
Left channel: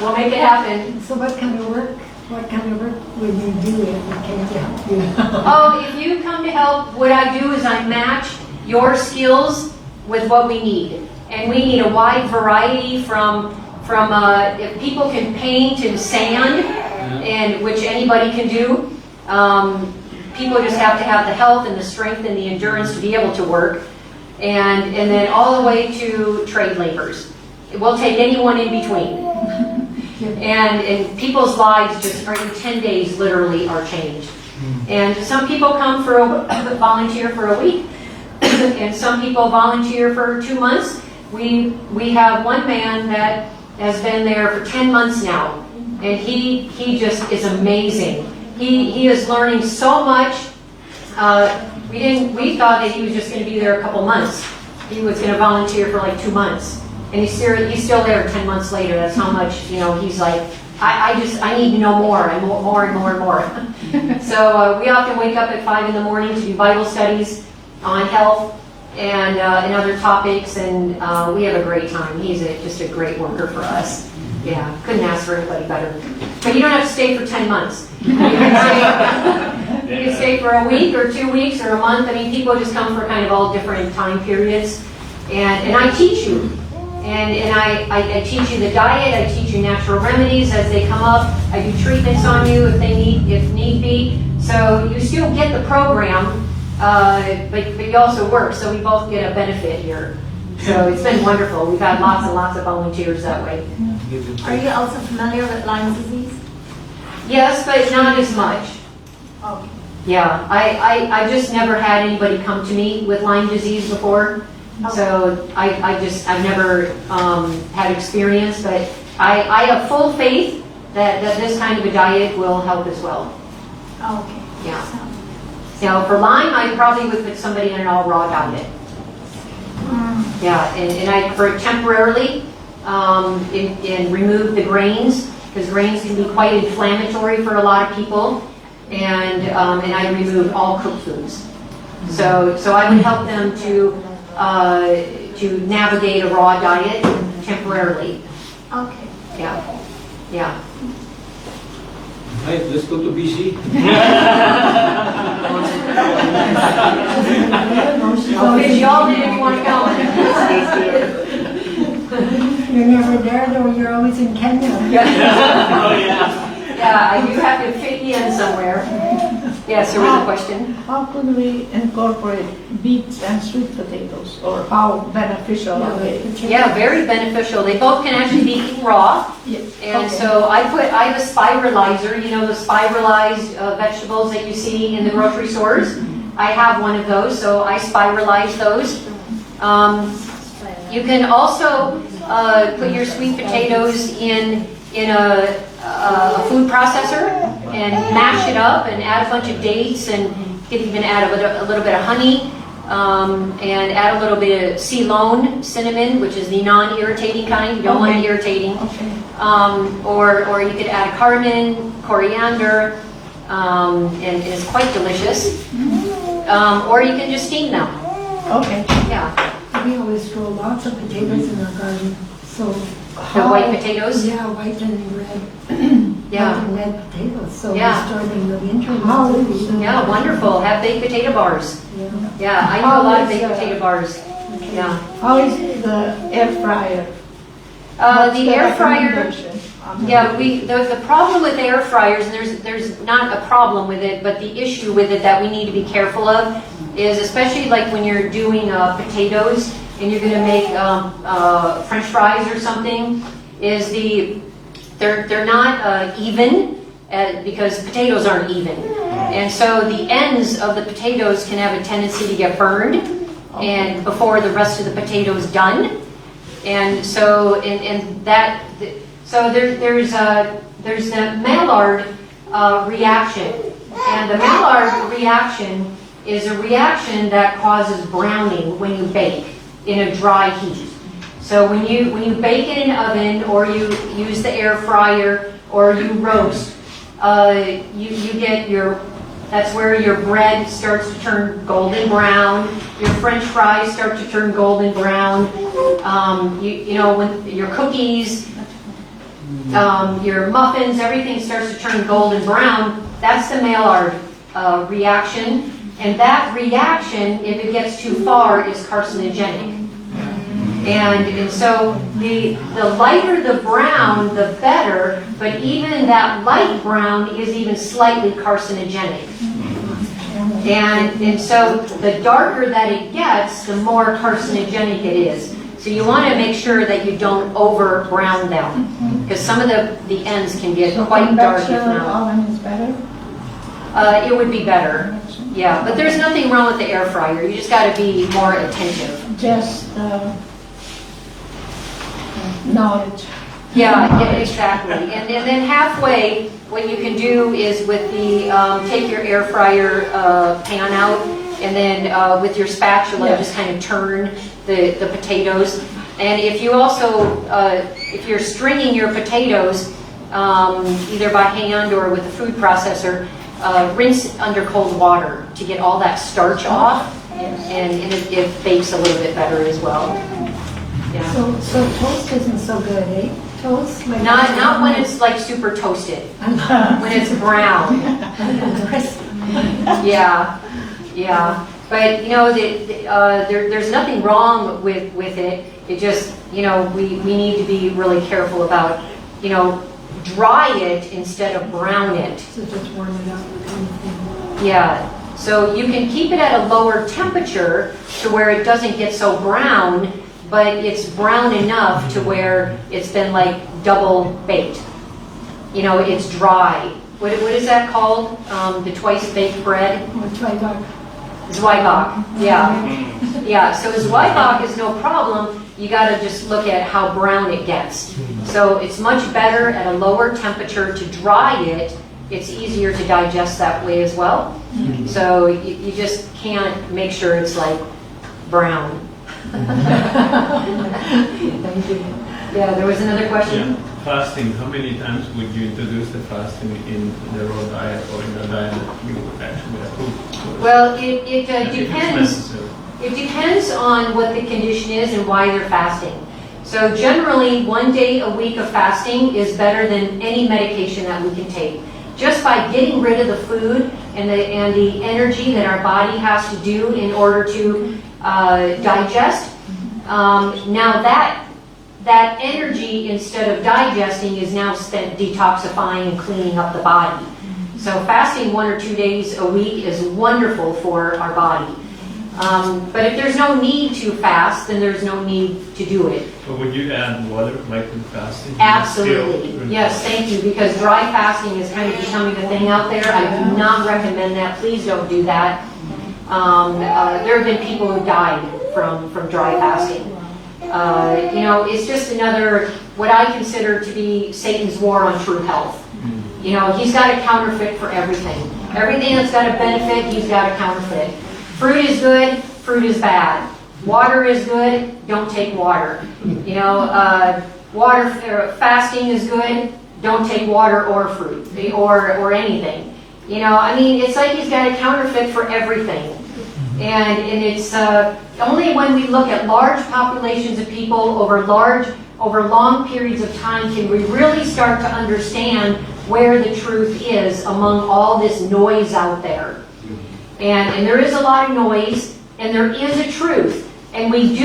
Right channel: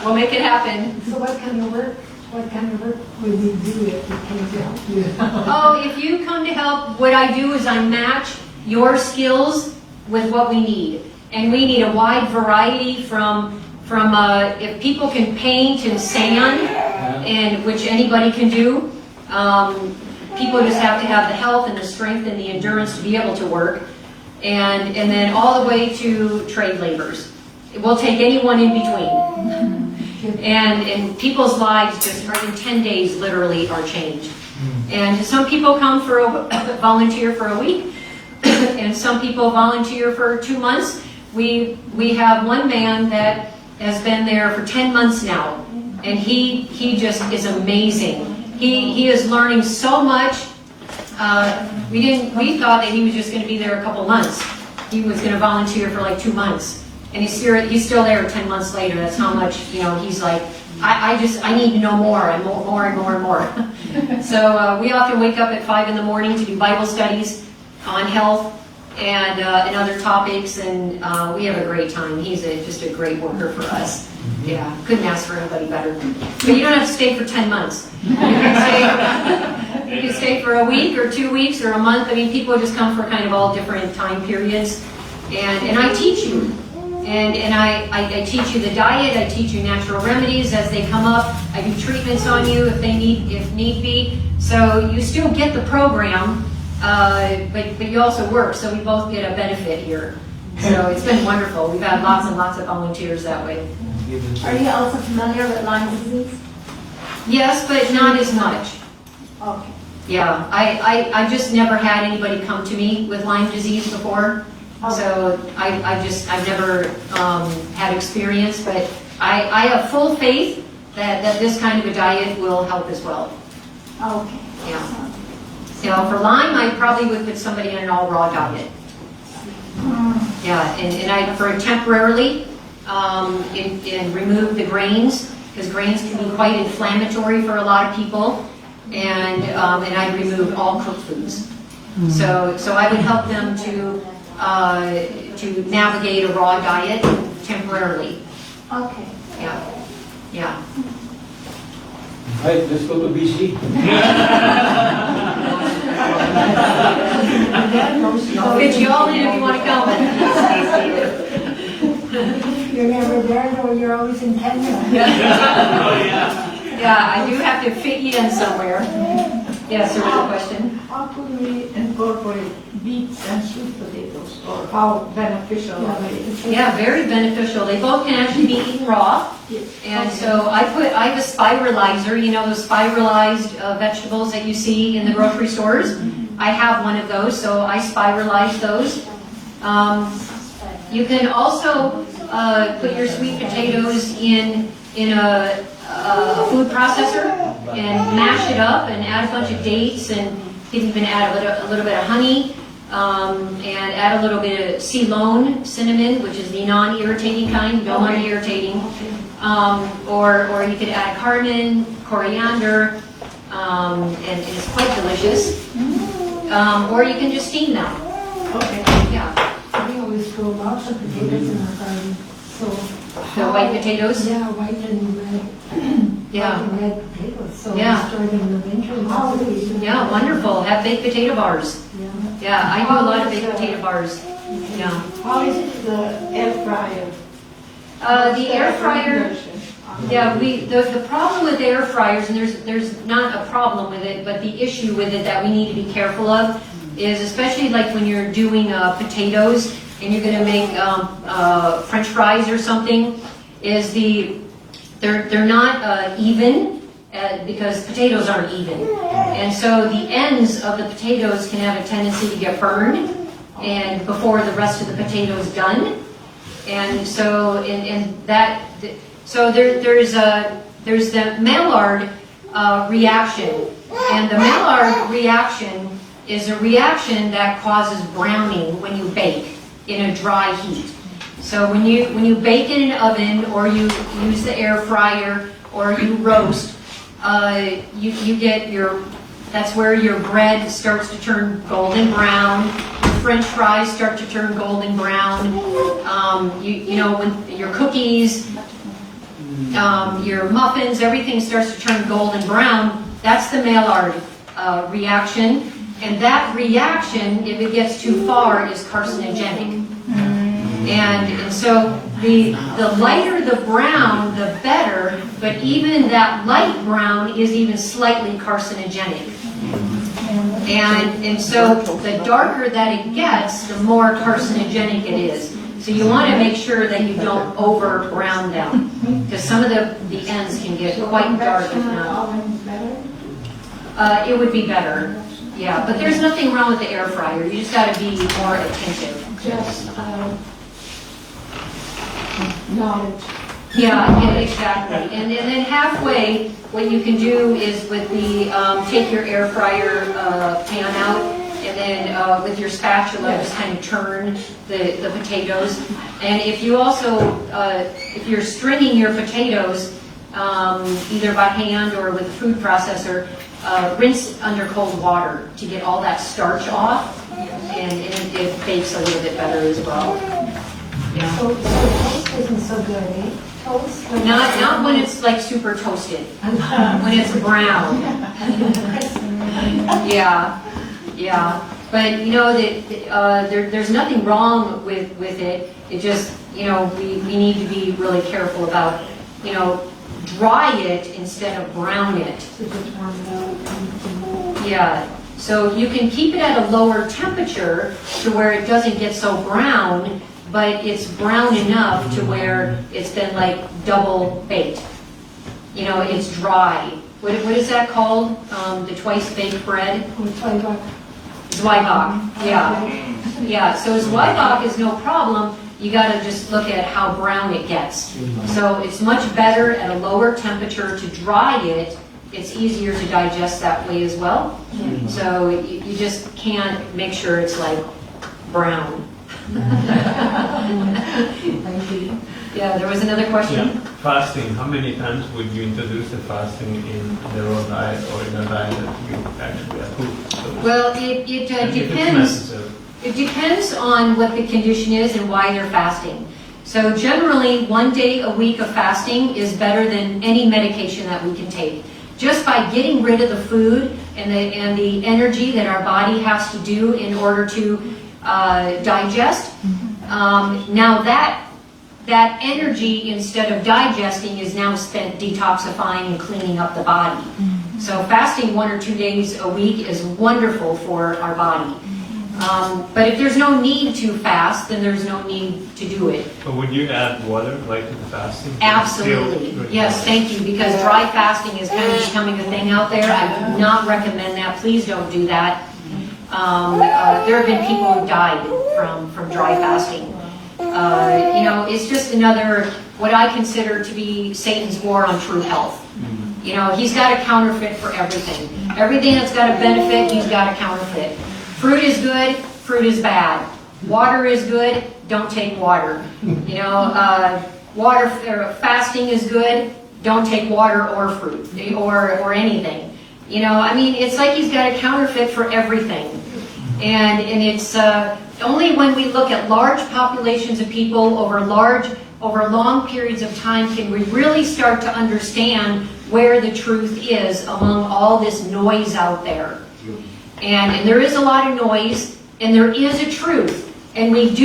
We'll make it happen. So what kind of work would you do if you came to help you? Oh, if you come to help, what I do is I match your skills with what we need. And we need a wide variety from if people can paint and sand, and which anybody can do. People just have to have the health and the strength and the endurance to be able to work. And then all the way to trade laborers. We'll take anyone in between. And people's lives just in 10 days literally are changed. And some people come for volunteer for a week, and some people volunteer for 2 months. We have one man that has been there for 10 months now, and he just is amazing. He is learning so much. We thought that he was just going to be there a couple months. He was going to volunteer for like 2 months. And he's still there 10 months later. That's how much, he's like, I need to know more and more and more and more. So we often wake up at 5 in the morning to do Bible studies on health and other topics, and we have a great time. He's just a great worker for us. Yeah, couldn't ask for anybody better. But you don't have to stay for 10 months. You can stay for a week or 2 weeks or a month. I mean, people just come for kind of all different time periods. And I teach you. And I teach you the diet, I teach you natural remedies as they come up. I do treatments on you if need be. So you still get the program, but you also work, so we both get a benefit here. So it's been wonderful. We've had lots and lots of volunteers that way. Are you also familiar with Lyme disease? Yes, but not as much. Okay. Yeah, I just never had anybody come to me with Lyme disease before. So I've never had experience, but I have full faith that this kind of a diet will help as well. Okay. Yeah. Now for Lyme, I probably would put somebody on an all raw diet. Yeah, and I for temporarily and remove the grains, because grains can be quite inflammatory for a lot of people, and I remove all cooked foods. So I would help them to navigate a raw diet temporarily. Okay. Yeah. Yeah. Right, let's go to BC. I'll fit you all in if you want to come. You're never there, though, you're always in Kenya. Yeah, I do have to fit you in somewhere. Yes, there was a question. How could we incorporate beets and sweet potatoes, or how beneficial are they? Yeah, very beneficial. They both can actually be eaten raw. And so I have a spiralizer, you know, those spiralized vegetables that you see in the grocery stores. I have one of those, so I spiralize those. You can also put your sweet potatoes in a food processor and mash it up and add a bunch of dates, and you can even add a little bit of honey, and add a little bit of Ceylon cinnamon, which is the non-irritating kind. You don't want it irritating. Or you could add cardamom, coriander, and it's quite delicious. Or you can just steam them. Okay. Yeah. We always grow lots of potatoes in our garden, so. The white potatoes? Yeah, white and red. Yeah. White and red potatoes, so we Yeah. store them in the winter. Yeah, wonderful. Have baked potato bars. Yeah, I do a lot of baked potato bars. Yeah. How is the air fryer? The air fryer, yeah, the problem with air fryers, and there's not a problem with it, but the issue with it that we need to be careful of is, especially like when you're doing potatoes and you're going to make French fries or something, is they're not even, because potatoes aren't even, and so the ends of the potatoes can have a tendency to get burned, and before the rest of the potato is done. And so, there's the Maillard reaction, and the Maillard reaction is a reaction that causes browning when you bake in a dry heat. So when you bake in an oven, or you use the air fryer, or you roast, you get that's where your bread starts to turn golden brown. Your French fries start to turn golden brown. You know, when your cookies, your muffins, everything starts to turn golden brown. That's the Maillard reaction. And that reaction, if it gets too far, is carcinogenic. And so the lighter the brown, the better, but even that light brown is even slightly carcinogenic. And so the darker that it gets, the more carcinogenic it is. So you want to make sure that you don't over brown them, because some of the ends can get quite dark if not. It would be better. Yeah, but there's nothing wrong with the air fryer. You just got to be more attentive. Just knowledge. Yeah, exactly. And then halfway, what you can do is with the, take your air fryer pan out, and then with your spatula, just kind of turn the potatoes. And if you also, if you're stringing your potatoes, either by hand or with a food processor, rinse under cold water to get all that starch off, and it bakes a little bit better as well. Yeah. So toast isn't so good, eh? Toast? Like Not when it's like super toasted. When it's brown. Yeah. But you know that there's nothing wrong with it. It just, you know, we need to be really careful about, you know, dry it instead of brown it. So just warm it up. Yeah. So you can keep it at a lower temperature to where it doesn't get so brown, but it's brown enough to where it's been like double baked. You know, it's dry. What is that called? The twice baked bread? Zwieback. Yeah. So Zwieback is no problem. You got to just look at how brown it gets. So it's much better at a lower temperature to dry it. It's easier to digest that way as well. So you just can't make sure it's like brown. Yeah, there was another question? Yeah. Fasting, how many times would you introduce the fasting in the raw diet or in the diet that you actually approve? So Well, it depends. It depends on what the condition is and why they're fasting. So generally, 1 day a week of fasting is better than any medication that we can take. Just by getting rid of the food and the energy that our body has to do in order to digest. Now that energy, instead of digesting, is now spent detoxifying and cleaning up the body. So fasting 1 or 2 days a week is wonderful for our body. But if there's no need to fast, then there's no need to do it. But would you add water like in fasting? Absolutely. Yes, thank you, because dry fasting is kind of becoming a thing out there. I do not recommend that. Please don't do that. There have been people who died from dry fasting. You know, it's just another, what I consider to be Satan's war on true health. You know, he's got a counterfeit for everything. Everything that's got a benefit, he's got a counterfeit. Fruit is good, fruit is bad. Water is good, don't take water. You know, fasting is good, don't take water or fruit or anything. You know, I mean, it's like he's got a counterfeit for everything. And it's only when we look at large populations of people over long periods of time can we really start to understand where the truth is among all this noise out there. And there is a lot of noise, and there is a truth. And we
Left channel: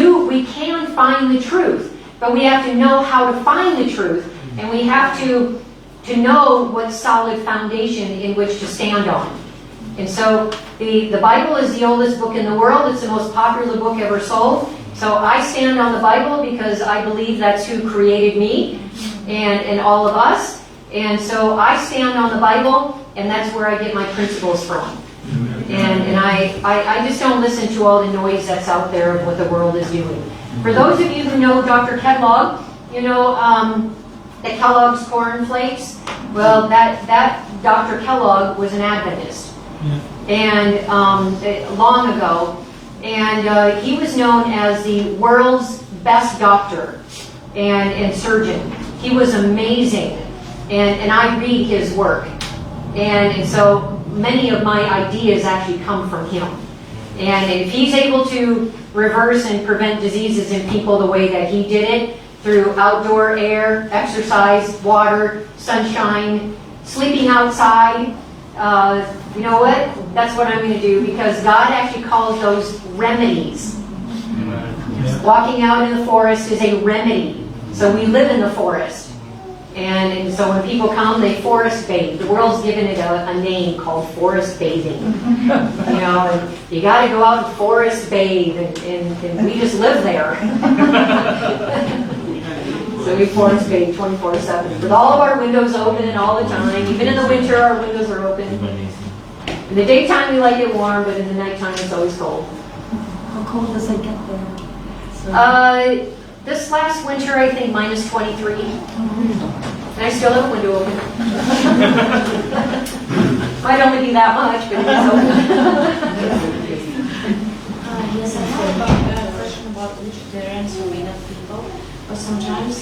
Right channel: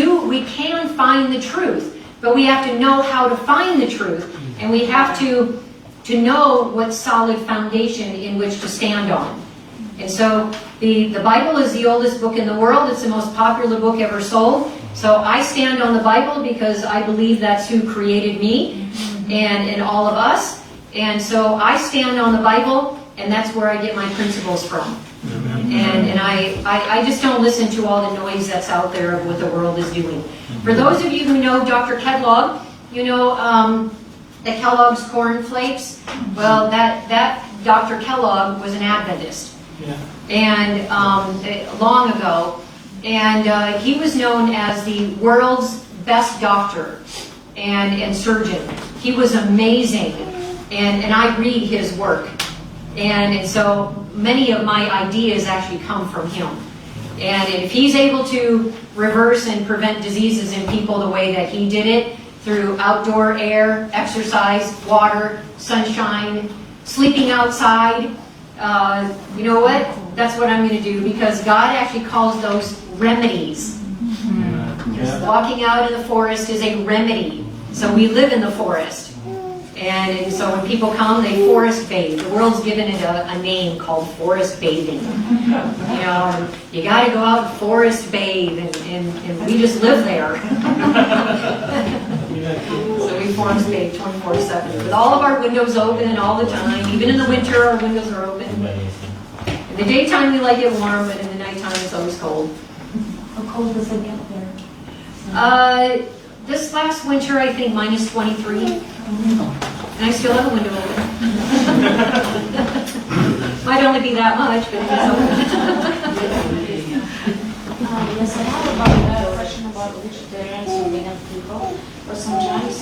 can find the truth, but we have to know how to find the truth, and we have to know what solid foundation in which to stand on. And so the Bible is the oldest book in the world. It's the most popular book ever sold. So I stand on the Bible because I believe that's who created me and all of us. And so I stand on the Bible, and that's where I get my principles from. And I just don't listen to all the noise that's out there of what the world is doing. For those of you who know Dr. Kellogg, you know the Kellogg's Corn Flakes. Well, that Dr. Kellogg was an Adventist. And long ago, and he was known as the world's best doctor and surgeon. He was amazing, and I read his work, and so many of my ideas actually come from him. And if he's able to reverse and prevent diseases in people the way that he did it, through outdoor air, exercise, water, sunshine, sleeping outside, you know what? That's what I'm going to do, because God actually calls those remedies. Walking out in the forest is a remedy. So we live in the forest. And so when people come, they forest bathe. The world's given it a name called forest bathing. You know, and you got to go out and forest bathe, and we just live there. So we forest bathe 24/7 with all of our windows open all the time. Even in the winter, our windows are open. In the daytime, we like it warm, but in the nighttime, it's always cold. How cold does it get there? This last winter, I think -23. And I still have a window open. Might only be that much, but it's open. Yes, I have a question about vegetarians or vegan people. But sometimes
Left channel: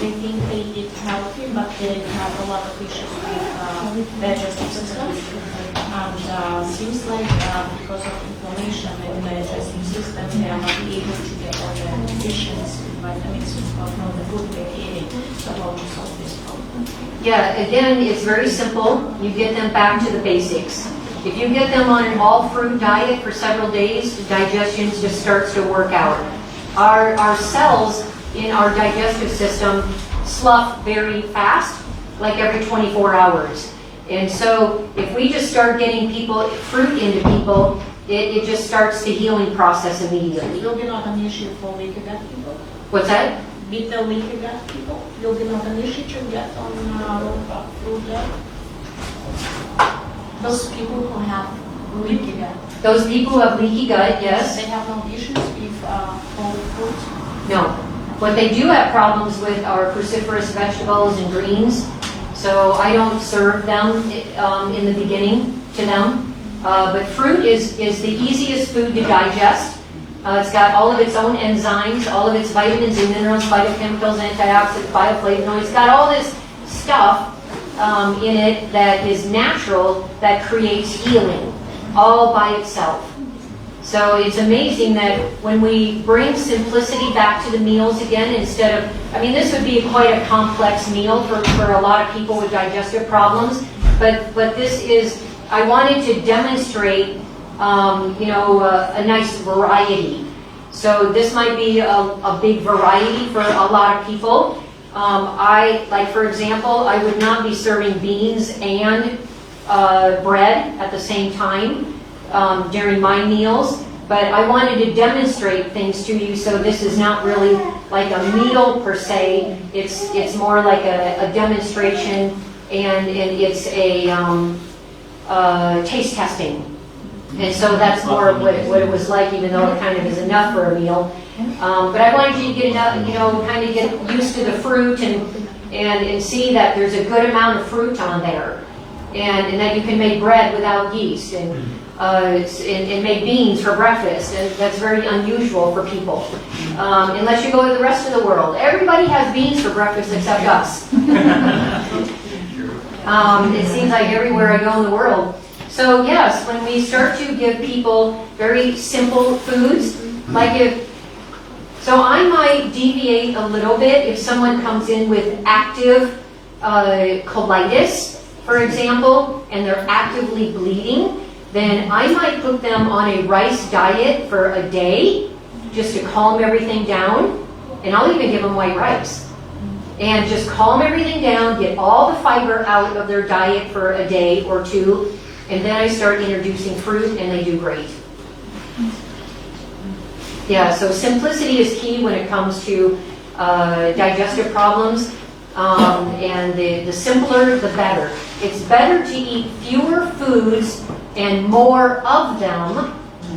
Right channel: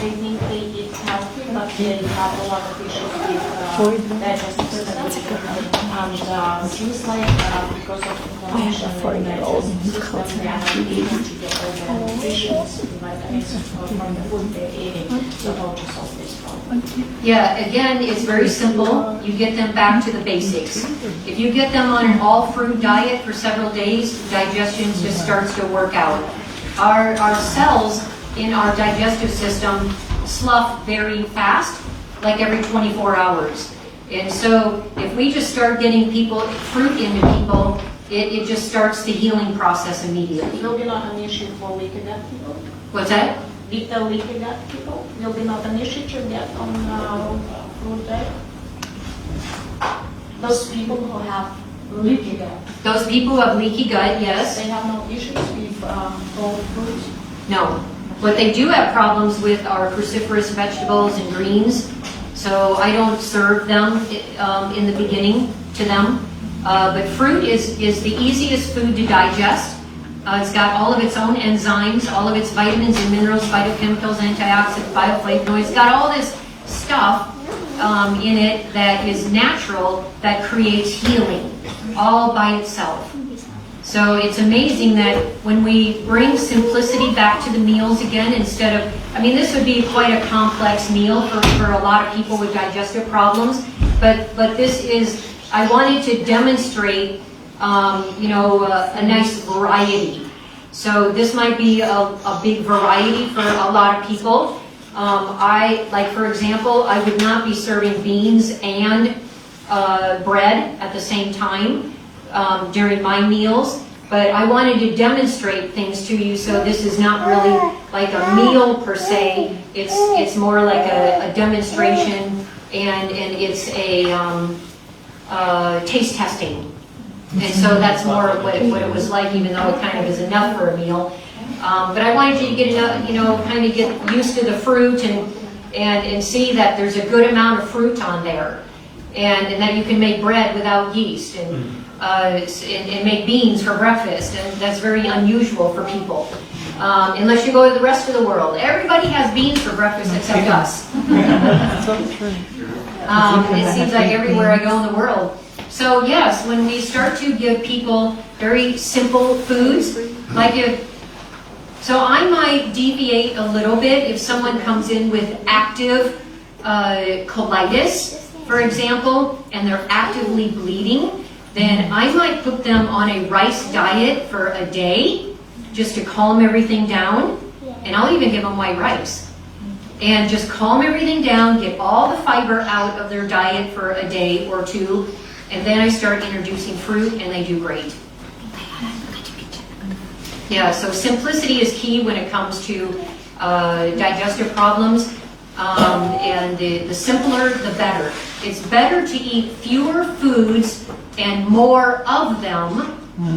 they think they eat healthy, but they have a lot of issues with digestive system. And seems like because of inflammation in the digestive system, they are not able to get all the nutrients, vitamins from the food they're eating. So how to solve this problem? Yeah, again, it's very simple. You get them back to the basics. If you get them on an all-fruit diet for several days, digestion just starts to work out. Our cells in our digestive system slough very fast, like every 24 hours. And so if we just start getting fruit into people, it just starts the healing process immediately. Will be not an issue for leaky gut people? What's that? Beta leaky gut people will be not an issue to get on fruit diet? Those people who have leaky gut. Those people who have leaky gut, yes. They have no issues with whole foods? No. What they do have problems with are cruciferous vegetables and greens. So I don't serve them in the beginning to them. But fruit is the easiest food to digest. It's got all of its own enzymes, all of its vitamins and minerals, phytochemicals, antioxidants, bioflavonoids. It's got all this stuff in it that is natural, that creates healing, all by itself. So it's amazing that when we bring simplicity back to the meals again, instead of, I mean, this would be quite a complex meal for a lot of people with digestive problems, but this is I wanted to demonstrate, you know, a nice variety. So this might be a big variety for a lot of people. Like for example, I would not be serving beans and bread at the same time during my meals, but I wanted to demonstrate things to you, so this is not really like a meal per se. It's more like a demonstration, and it's a taste testing. And so that's more what it was like, even though it kind of is enough for a meal. But I wanted you to get enough, you know, kind of get used to the fruit and see that there's a good amount of fruit on there. And that you can make bread without yeast and make beans for breakfast. And that's very unusual for people. Unless you go to the rest of the world. Everybody has beans for breakfast except us. It seems like everywhere I go in the world. So yes, when we start to give people very simple foods, so I might deviate a little bit if someone comes in with active colitis, for example, and they're actively bleeding, then I might put them on a rice diet for a day, just to calm everything down, and I'll even give them white rice. And just calm everything down, get all the fiber out of their diet for a day or two, and then I start introducing fruit, and they do great. Yeah, so simplicity is key when it comes to digestive problems, and the simpler, the better. It's better to eat fewer foods and more of them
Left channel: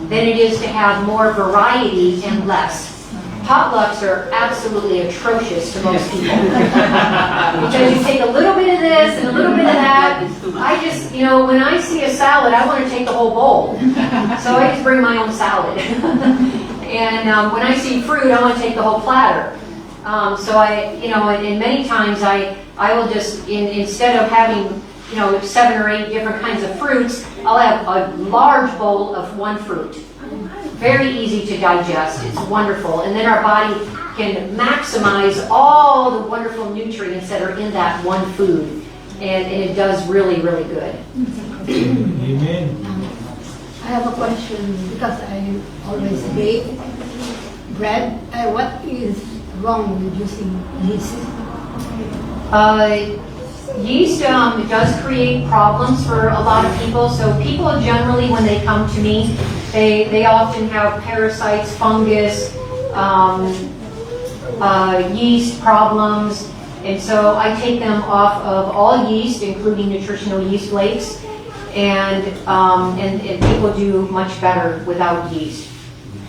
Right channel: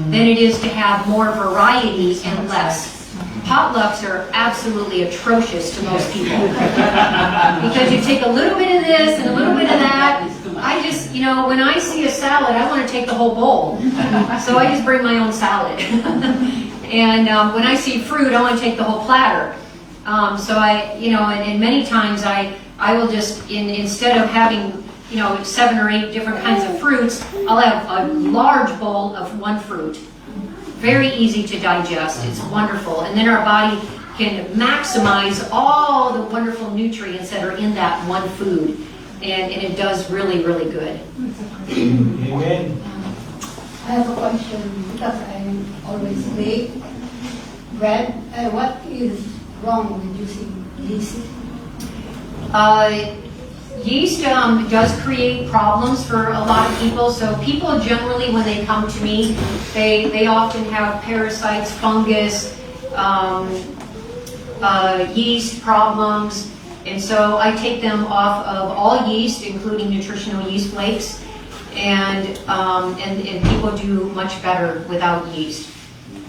than it is to have more variety and less. Potlucks are absolutely atrocious to most people. Because you take a little bit of this and a little bit of that. I just, you know, when I see a salad, I want to take the whole bowl. So I just bring my own salad. And when I see fruit, I want to take the whole platter. So I, you know, and many times I will just, instead of having, you know, 7 or 8 different kinds of fruits, I'll have a large bowl of one fruit. Very easy to digest. It's wonderful. And then our body can maximize all the wonderful nutrients that are in that one food. And it does really, really good. Amen. I have a question because I always bake bread. What is wrong with using yeast? Yeast does create problems for a lot of people. So people generally, when they come to me, they often have parasites, fungus, yeast problems. And so I take them off of all yeast, including nutritional yeast flakes, and people do much better without yeast.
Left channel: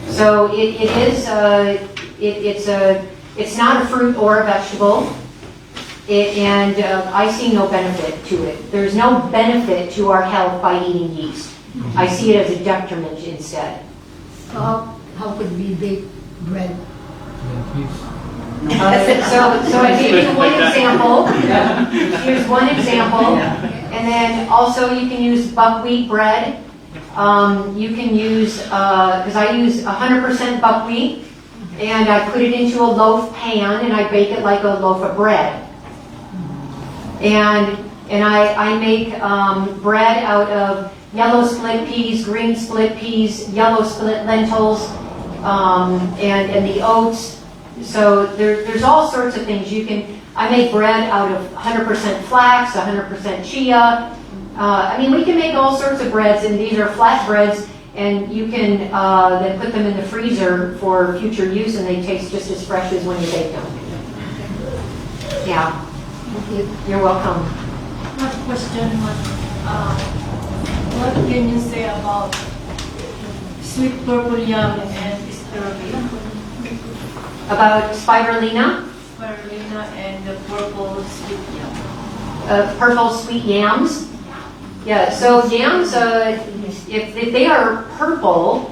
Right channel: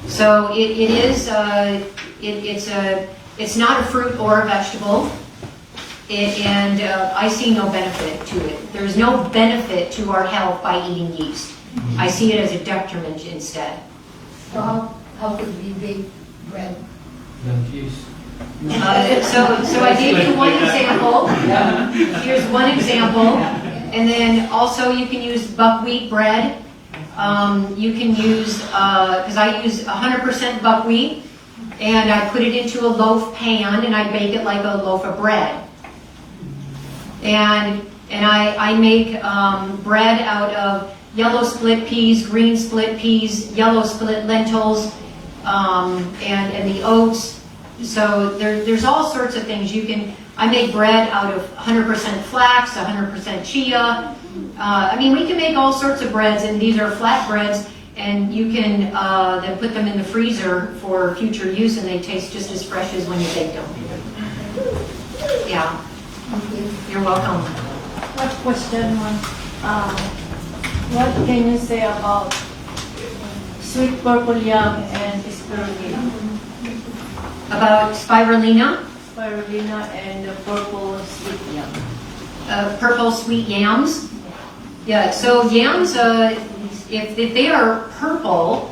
So it's not a fruit or a vegetable. I see no benefit to it. There's no benefit to our health by eating yeast. I see it as a detriment instead. So how could we bake bread? So I gave you one example. Here's one example. And then also you can use buckwheat bread. You can use, because I use 100% buckwheat, and I put it into a loaf pan and I bake it like a loaf of bread. And I make bread out of yellow split peas, green split peas, yellow split lentils, and the oats. So there's all sorts of things you can. I make bread out of 100% flax, 100% chia. I mean, we can make all sorts of breads, and these are flat breads, and you can then put them in the freezer for future use, and they taste just as fresh as when you bake them. Yeah. Okay. You're welcome. My question was, what can you say about sweet purple yam and spirulina? About spirulina? Spirulina and the purple sweet yam. Purple sweet yams. Yeah, so yams, if they are purple,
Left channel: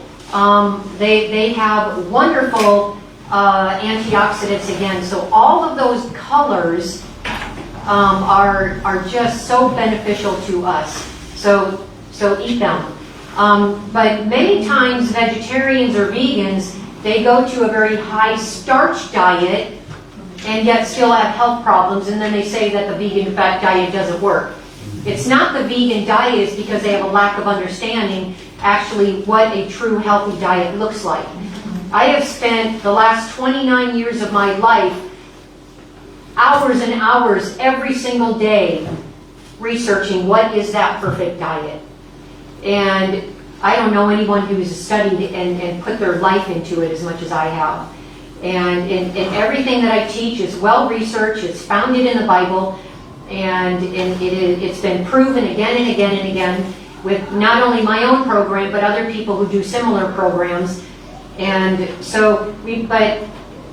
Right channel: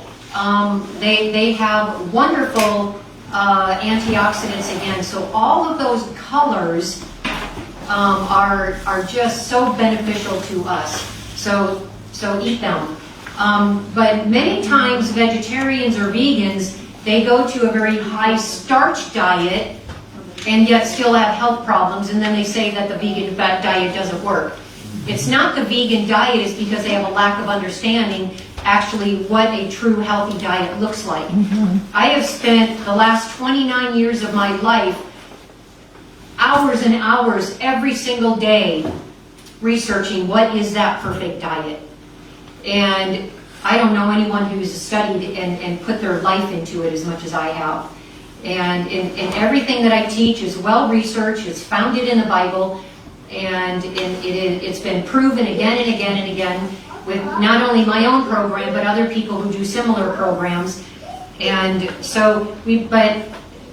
they have wonderful antioxidants again. So all of those colors are just so beneficial to us. So eat them. But many times vegetarians or vegans, they go to a very high starch diet and yet still have health problems, and then they say that the vegan fat diet doesn't work. It's not the vegan diet, it's because they have a lack of understanding actually what a true healthy diet looks like. I have spent the last 29 years of my life hours and hours every single day researching what is that perfect diet. And I don't know anyone who's studied and put their life into it as much as I have. And everything that I teach is well researched, it's founded in the Bible, and it's been proven again and again and again with not only my own program, but other people who do similar programs. And so, but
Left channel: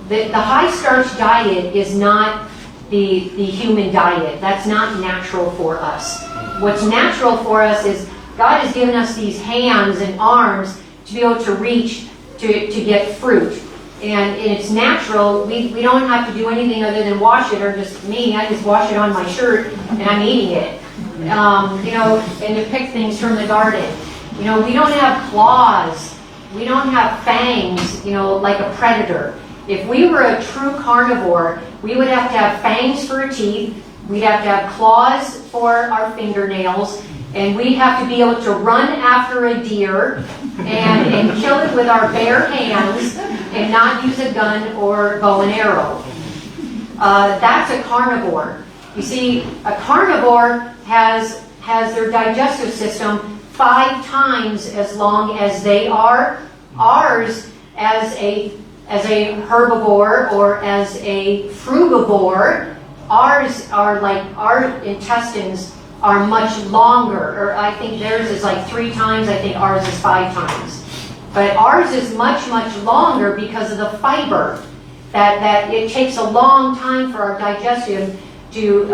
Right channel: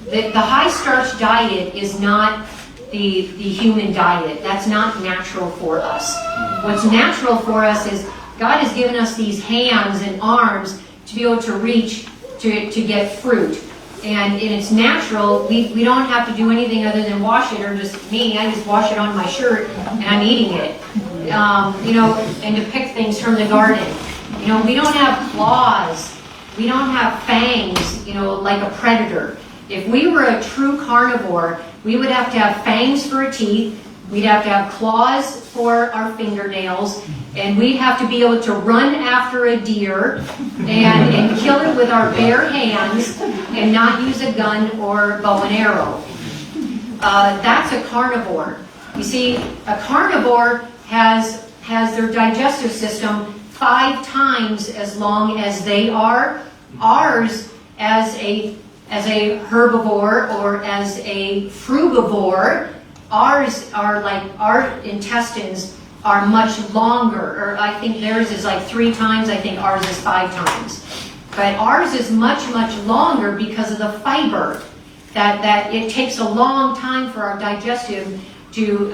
the high starch diet is not the human diet. That's not natural for us. What's natural for us is God has given us these hands and arms to be able to reach to get fruit. And it's natural. We don't have to do anything other than wash it, or just me, I just wash it on my shirt and I'm eating it. You know, and to pick things from the garden. You know, we don't have claws. We don't have fangs, you know, like a predator. If we were a true carnivore, we would have to have fangs for our teeth, we'd have to have claws for our fingernails, and we'd have to be able to run after a deer and kill it with our bare hands and not use a gun or bow and arrow. That's a carnivore. You see, a carnivore has their digestive system 5 times as long as they are. Ours, as a herbivore or as a frugivore, ours are like, our intestines are much longer, or I think theirs is like 3 times, I think ours is 5 times. But ours is much, much longer because of the fiber, that it takes a long time for our digestive to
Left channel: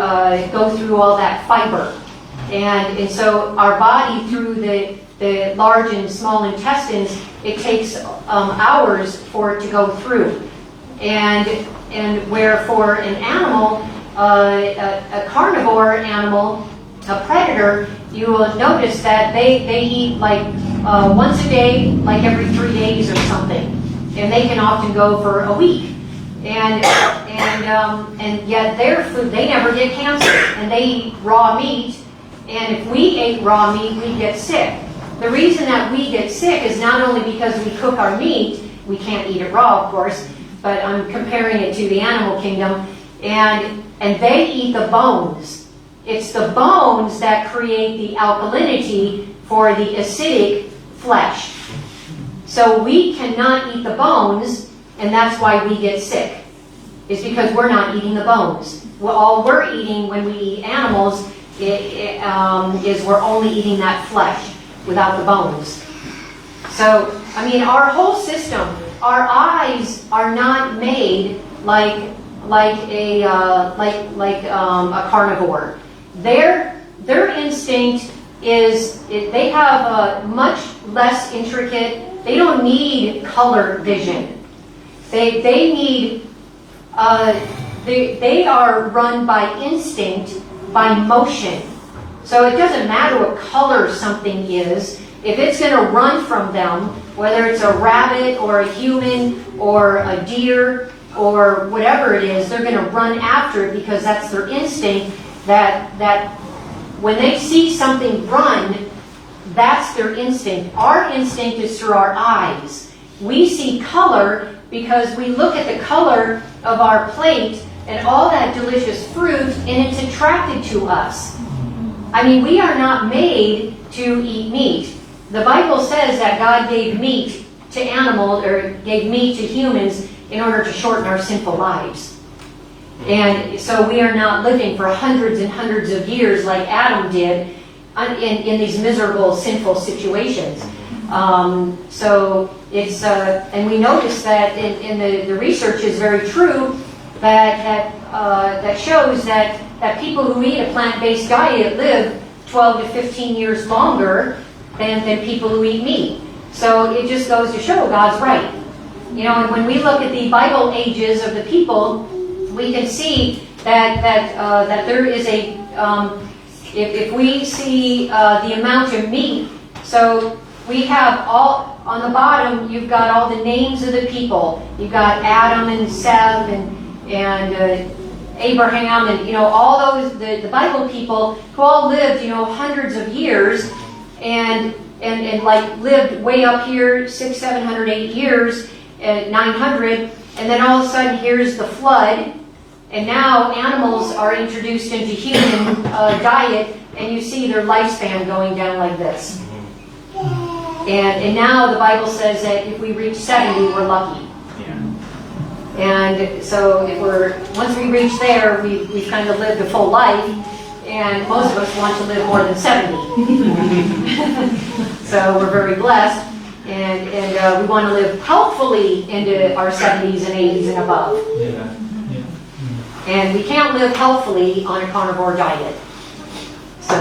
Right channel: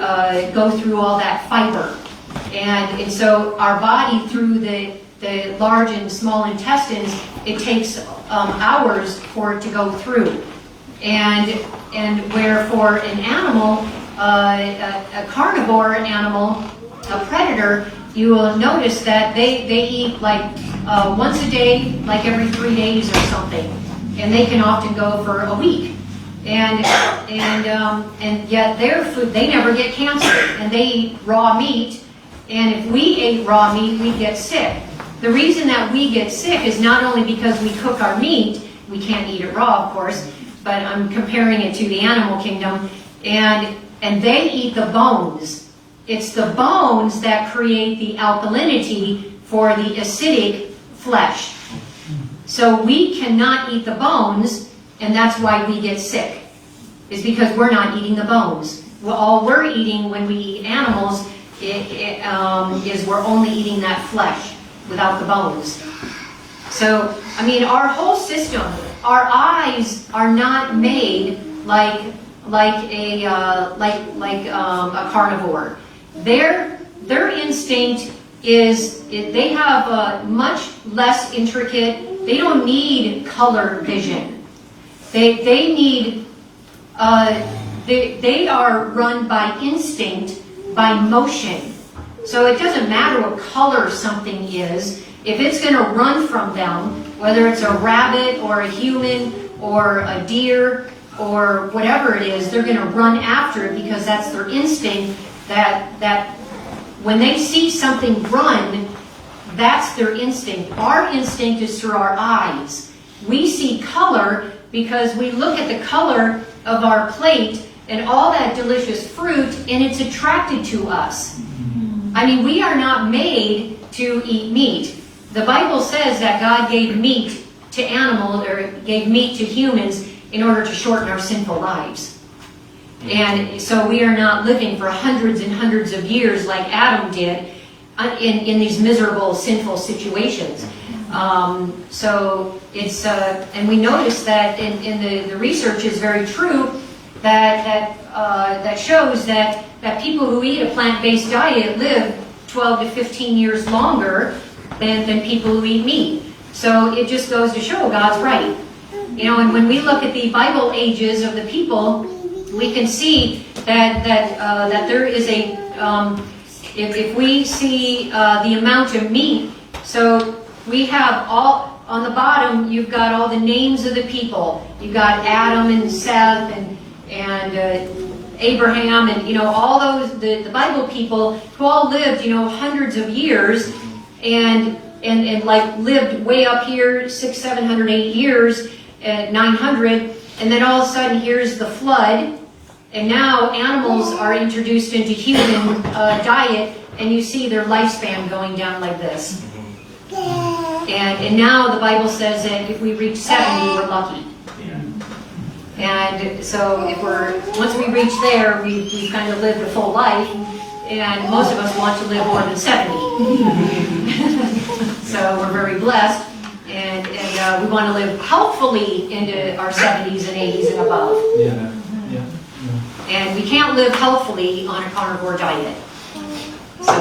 go through all that fiber. And so our body, through the large and small intestines, it takes hours for it to go through. And where for an animal, a carnivore animal, a predator, you will notice that they eat like once a day, like every 3 days or something. And they can often go for a week. And yet their food, they never get cancer. And they eat raw meat. And if we ate raw meat, we'd get sick. The reason that we get sick is not only because we cook our meat, we can't eat it raw, of course, but I'm comparing it to the animal kingdom, and they eat the bones. It's the bones that create the alkalinity for the acidic flesh. So we cannot eat the bones, and that's why we get sick. It's because we're not eating the bones. Well, all we're eating when we eat animals is we're only eating that flesh without the bones. So, I mean, our whole system, our eyes are not made like a carnivore. Their instinct is, they have a much less intricate, they don't need color vision. They need, they are run by instinct, by motion. So it doesn't matter what color something is. If it's going to run from them, whether it's a rabbit or a human or a deer or whatever it is, they're going to run after it because that's their instinct, that when they see something run, that's their instinct. Our instinct is through our eyes. We see color because we look at the color of our plate and all that delicious fruit, and it's attracted to us. I mean, we are not made to eat meat. The Bible says that God gave meat to animals, or gave meat to humans in order to shorten our sinful lives. And so we are not living for hundreds and hundreds of years like Adam did in these miserable, sinful situations. So it's, and we notice that in the research is very true, that shows that people who eat a plant-based diet live 12 to 15 years longer than people who eat meat. So it just goes to show God's right. You know, and when we look at the Bible ages of the people, we can see that there is a, if we see the amount of meat, so we have all, on the bottom, you've got all the names of the people. You've got Adam and Seth and Abraham and, all those, the Bible people who all lived, hundreds of years and like lived way up here, 600, 700, 8 years, 900, and then all of a sudden here's the flood, and now animals are introduced into human diet, and you see their lifespan going down like this. And now the Bible says that if we reach 70, we're lucky. And so once we reach there, we've kind of lived a full life, and most of us want to live more than 70. So we're very blessed, and we want to live healthfully into our 70s and 80s and above. And we can't live healthfully on a carnivore diet. So,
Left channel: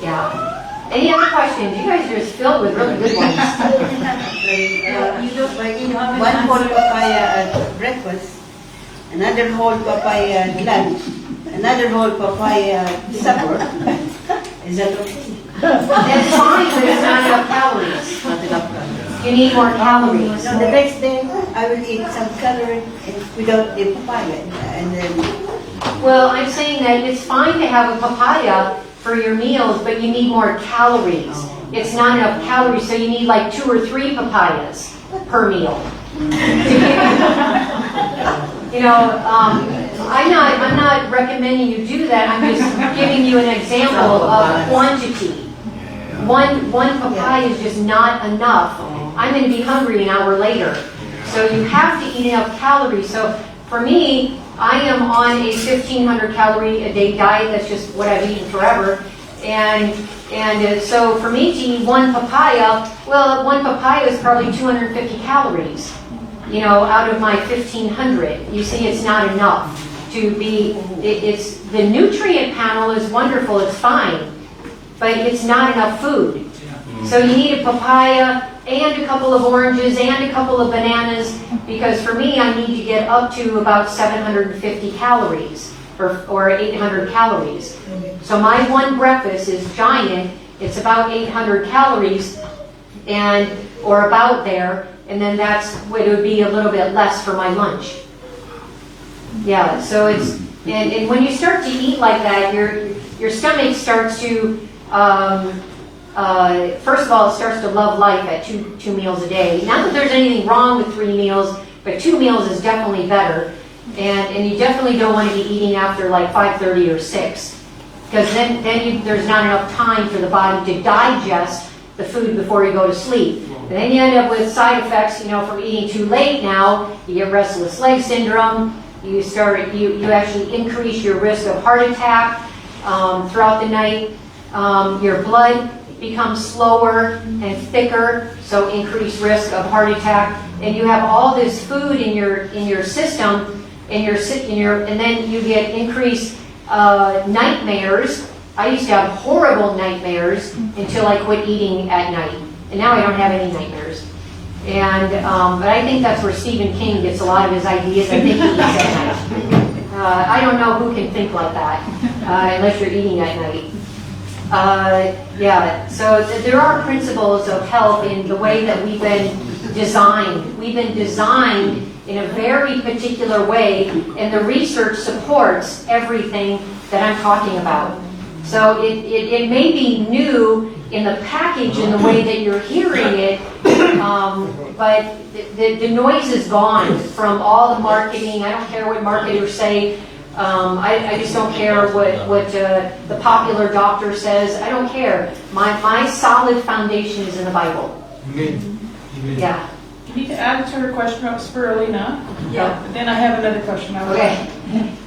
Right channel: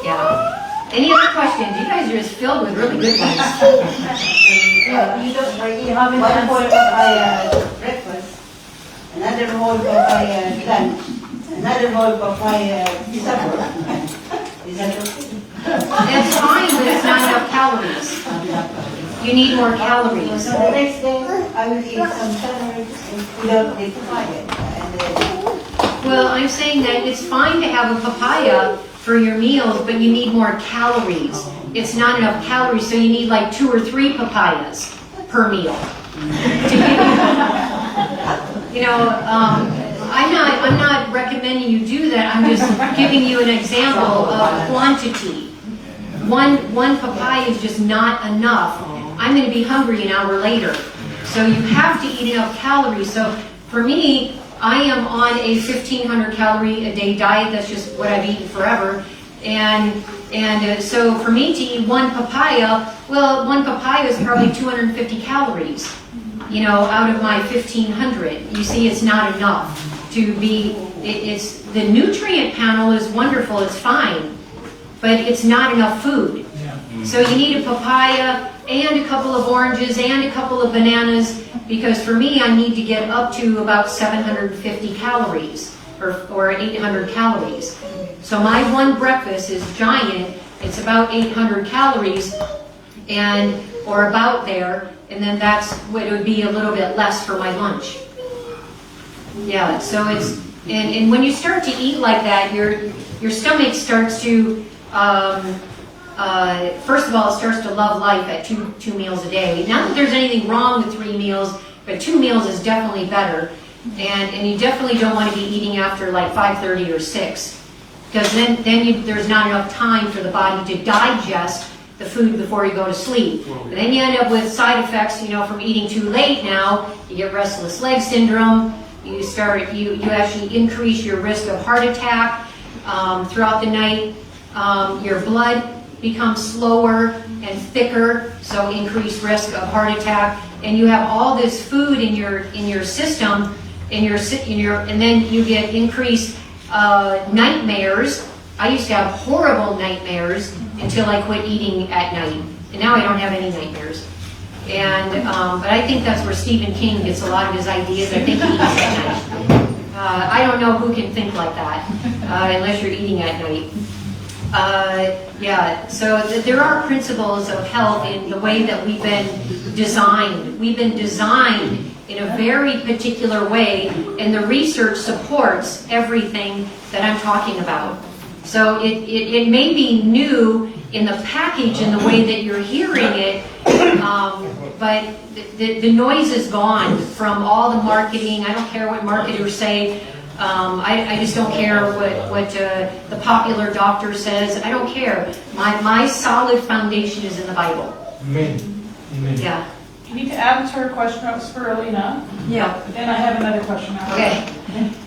yeah. Any other questions? You guys are just filled with really good ones. One whole papaya at breakfast, another whole papaya at lunch, another whole papaya at supper. Is that okay? That's fine, but it's not enough calories. You need more calories. So the next day, I will eat some calories without the papaya. And then, Well, I'm saying that it's fine to have a papaya for your meals, but you need more calories. It's not enough calories, so you need like 2 or 3 papayas per meal. I'm not recommending you do that. I'm just giving you an example of quantity. One papaya is just not enough. I'm going to be hungry an hour later. So you have to eat enough calories. So for me, I am on a 1,500 calorie a day diet. That's just what I've eaten forever. And so for me to eat one papaya, well, one papaya is probably 250 calories, out of my 1,500. You see, it's not enough to be, the nutrient panel is wonderful, it's fine, but it's not enough food. So you need a papaya and a couple of oranges and a couple of bananas, because for me, I need to get up to about 750 calories or 800 calories. So my one breakfast is giant. It's about 800 calories or about there, and then that's what it would be a little bit less for my lunch. Yeah, so and when you start to eat like that, your stomach starts to, first of all, it starts to love life at two meals a day. Not that there's anything wrong with 3 meals, but 2 meals is definitely better. And you definitely don't want to be eating after like 5:30 or 6. Because then there's not enough time for the body to digest the food before you go to sleep. And then you end up with side effects, from eating too late now. You get restless leg syndrome. You actually increase your risk of heart attack throughout the night. Your blood becomes slower and thicker, so increased risk of heart attack. And you have all this food in your system, and then you get increased nightmares. I used to have horrible nightmares until I quit eating at night, and now I don't have any nightmares. And but I think that's where Stephen King gets a lot of his ideas. I think he eats at night. I don't know who can think like that unless you're eating at night. So there are principles of health in the way that we've been designed. We've been designed in a very particular way, and the research supports everything that I'm talking about. So it may be new in the package and the way that you're hearing it, but the noise is gone from all the marketing. I don't care what marketers say. I just don't care what the popular doctor says. I don't care. My solid foundation is in the Bible. Amen. Yeah. You need to add to her question about spirulina. Yeah. Then I have another question. Okay.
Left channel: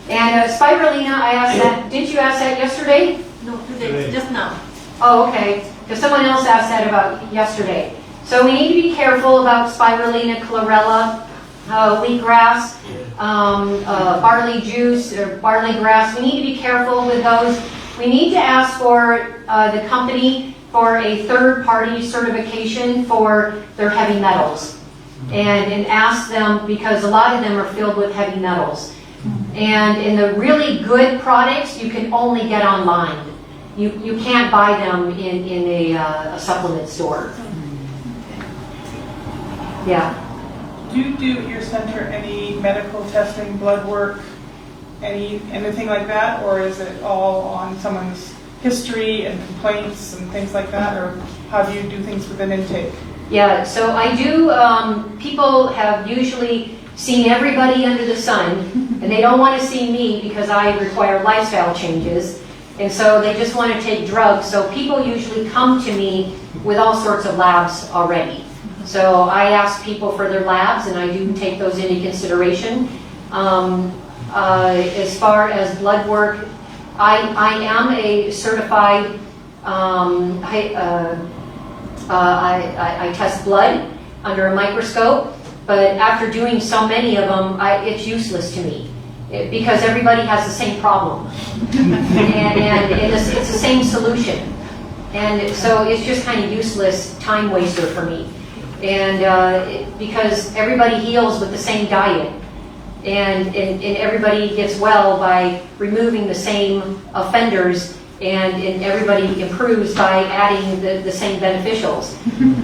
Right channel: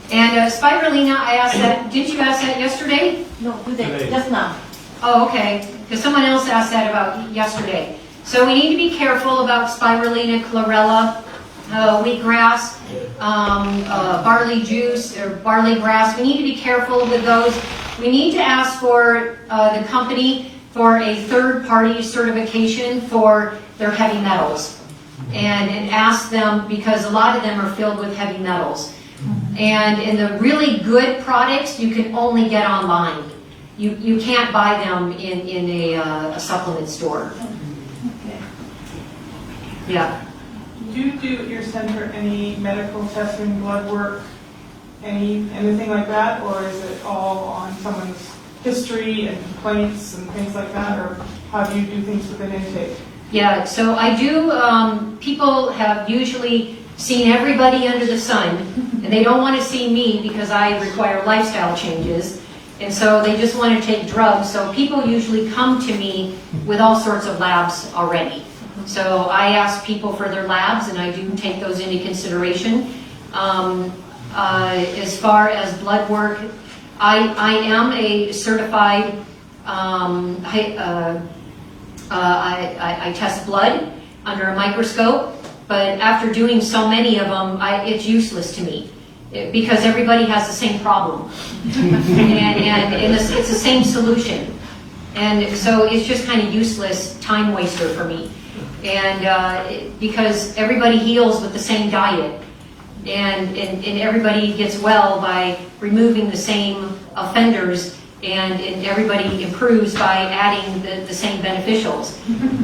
And spirulina, I asked that. Didn't you ask that yesterday? No, today, just now. Oh, okay. Because someone else asked that about yesterday. So we need to be careful about spirulina, chlorella, wheatgrass, barley juice or barley grass. We need to be careful with those. We need to ask for the company for a third-party certification for their heavy metals. And ask them, because a lot of them are filled with heavy metals. And in the really good products, you can only get online. You can't buy them in a supplement store. Yeah. Do you do at your center any medical testing, blood work, anything like that, or is it all on someone's history and complaints and things like that, or how do you do things with an intake? Yeah, so I do, people have usually seen everybody under the sun, and they don't want to see me because I require lifestyle changes, and so they just want to take drugs. So people usually come to me with all sorts of labs already. So I ask people for their labs, and I do take those into consideration. As far as blood work, I am a certified, I test blood under a microscope, but after doing so many of them, it's useless to me because everybody has the same problem, and it's the same solution, and so it's just kind of useless time waster for me, and because everybody heals with the same diet. And everybody gets well by removing the same offenders, and everybody improves by adding the same beneficials.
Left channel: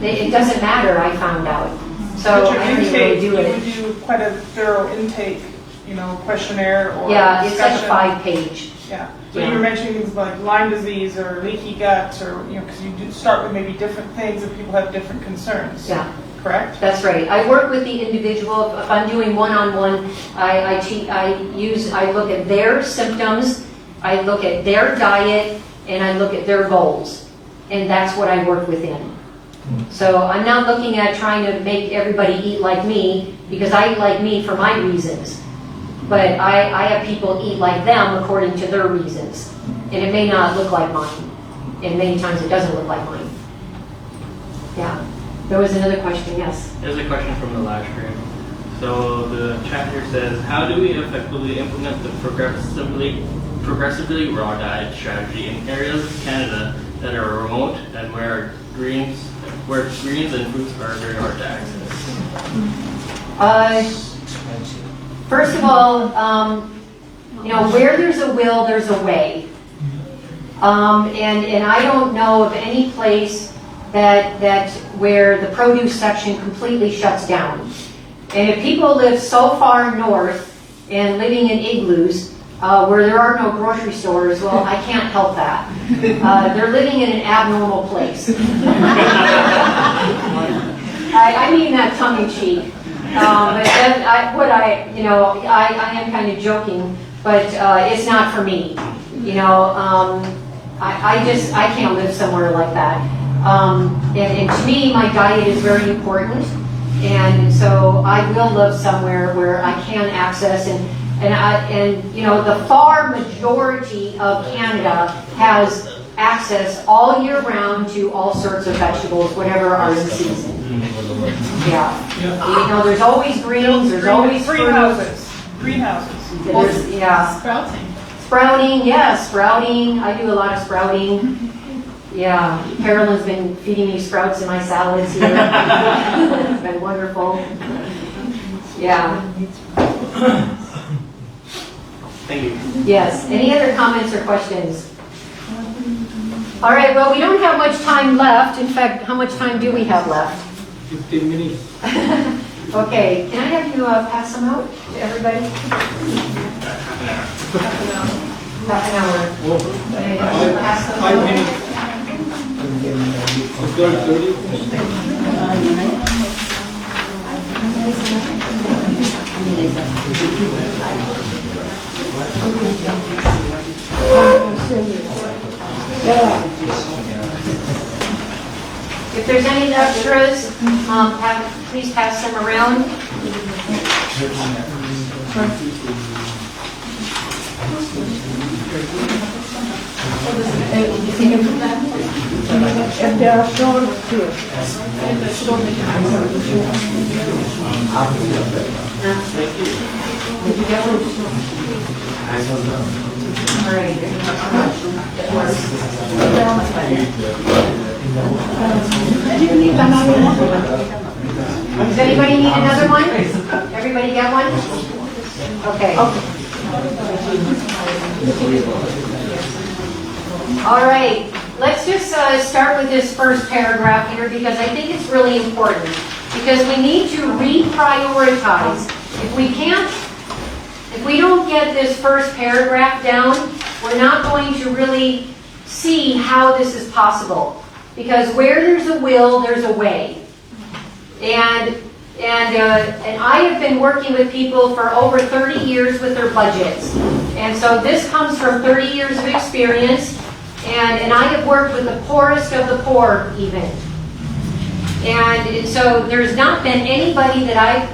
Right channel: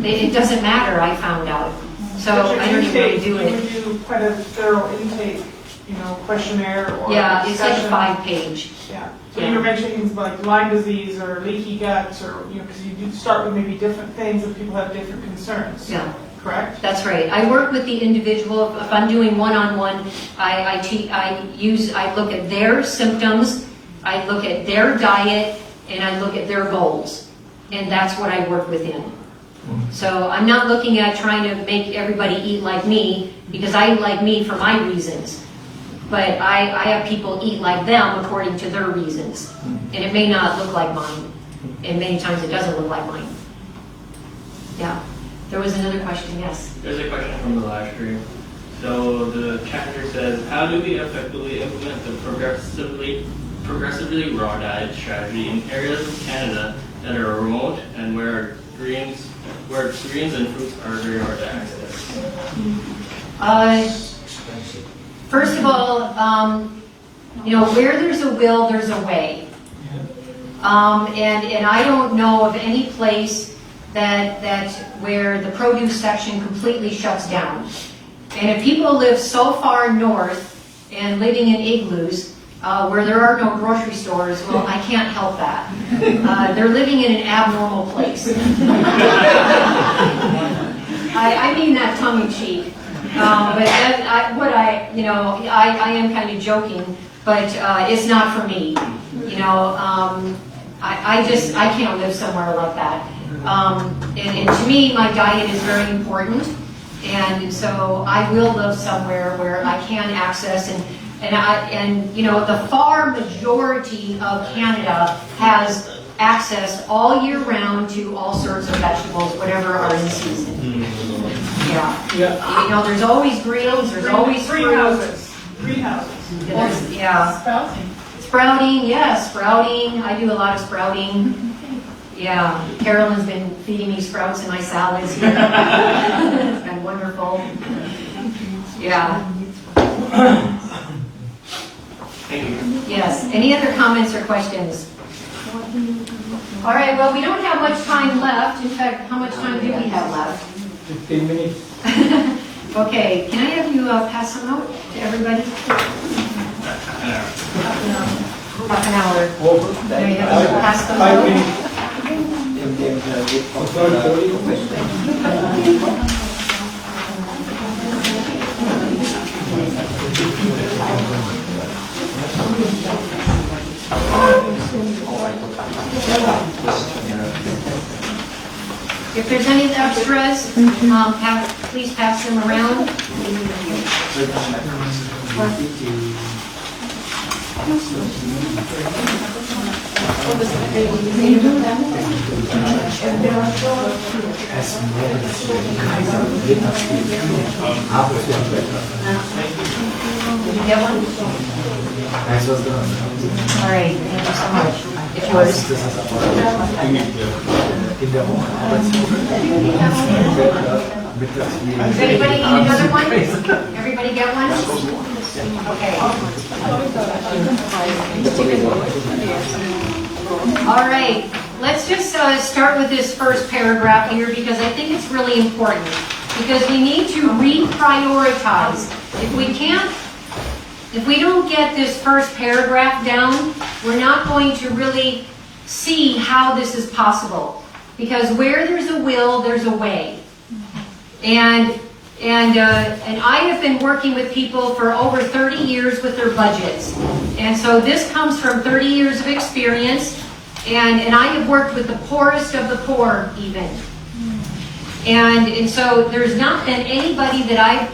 It doesn't matter, I found out. So But I don't even really do it. You do quite a thorough intake, questionnaire or Yeah, it's like discussion. 5-page. Yeah. So Yeah. you were mentioning things like Lyme disease or leaky gut, or because you do start with maybe different things and people have different concerns. Yeah. Correct? That's right. I work with the individual. If I'm doing one-on-one, I look at their symptoms, I look at their diet, and I look at their goals. And that's what I work within. So I'm not looking at trying to make everybody eat like me, because I eat like me for my reasons. But I have people eat like them according to their reasons. And it may not look like mine. And many times it doesn't look like mine. Yeah. There was another question, yes. There's a question from the live stream. So the chat here says, how do we effectively implement the progressively raw diet strategy in areas of Canada that are remote and where greens and fruits are very hard to access? First of all, where there's a will, there's a way. And I don't know of any place that where the produce section completely shuts down. And if people live so far north and living in igloos where there are no grocery stores, well, I can't help that. They're living in an abnormal place. I mean that tongue-in-cheek. But I am kind of joking, but it's not for me. I can't live somewhere like that. And to me, my diet is very important, and so I will live somewhere where I can access the far majority of Canada has access all year round to all sorts of vegetables, whatever are in season. Yeah. There's always greens, there's always greenhouses. Greenhouses. Sprouting, yeah, sprouting. I do a lot of sprouting. Yeah, Carolyn's been feeding me sprouts in my salads here. It's been wonderful. Yeah. Thank you. Yes. Any other comments or questions? All right, well, we don't have much time left. In fact, how much time do we have left? 15 minutes. Okay, can I have you pass them out to everybody? Half an hour. Pass them 5 out. minutes. If there's any extras, please pass them around. Did you get one? All right, thank you so much. It works. Does anybody need another one? Everybody get one? Okay. All right, let's just start with this first paragraph here because I think it's really important. Because we need to reprioritize. If we can't If we don't get this first paragraph down, we're not going to really see how this is possible. Because where there's a will, there's a way. And I have been working with people for over 30 years with their budgets. And so this comes from 30 years of experience. And I have worked with the poorest of the poor even. And so there's not been anybody that I've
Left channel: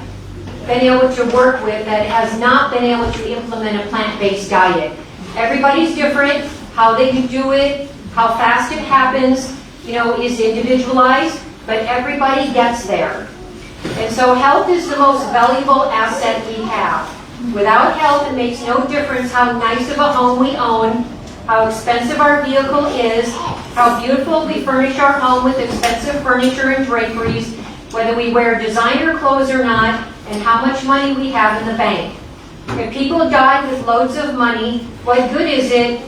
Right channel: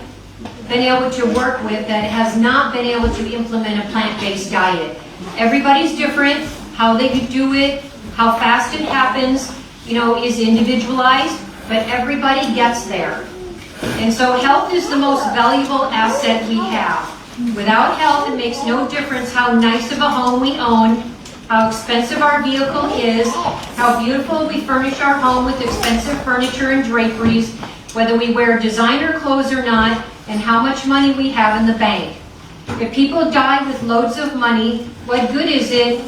been able to work with that has not been able to implement a plant-based diet. Everybody's different. How they can do it, how fast it happens, is individualized, but everybody gets there. And so health is the most valuable asset we have. Without health, it makes no difference how nice of a home we own, how expensive our vehicle is, how beautiful we furnish our home with expensive furniture and draperies, whether we wear designer clothes or not, and how much money we have in the bank. If people die with loads of money, what good is it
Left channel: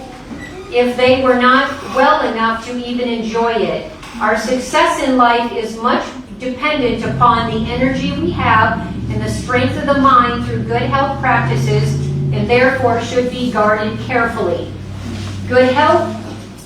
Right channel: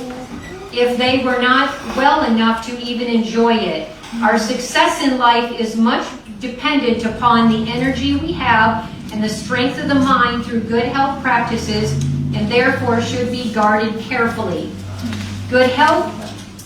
if they were not well enough to even enjoy it? Our success in life is much dependent upon the energy we have and the strength of the mind through good health practices, and therefore should be guarded carefully. Good health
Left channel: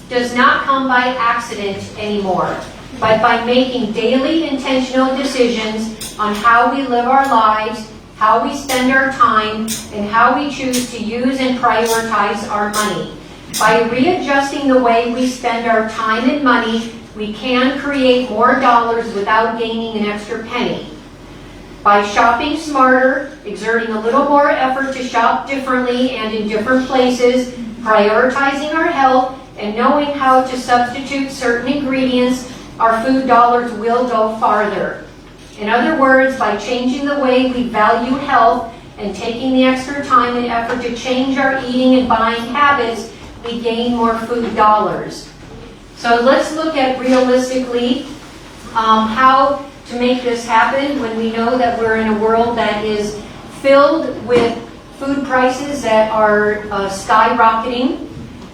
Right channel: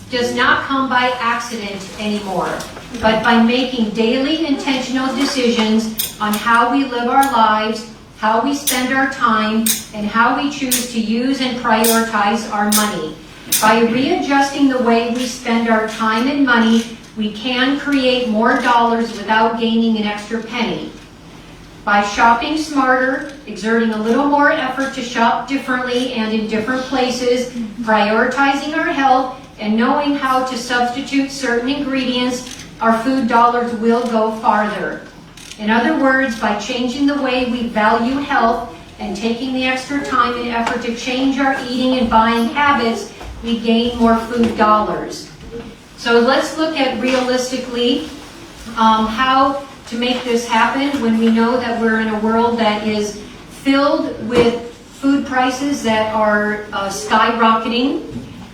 does not come by accident anymore, but by making daily intentional decisions on how we live our lives, how we spend our time, and how we choose to use and prioritize our money. By readjusting the way we spend our time and money, we can create more dollars without gaining an extra penny. By shopping smarter, exerting a little more effort to shop differently and in different places, prioritizing our health, and knowing how to substitute certain ingredients, our food dollars will go farther. In other words, by changing the way we value health and taking the extra time and effort to change our eating and buying habits, we gain more food dollars. So let's look at realistically how to make this happen when we know that we're in a world that is filled with food prices that are skyrocketing,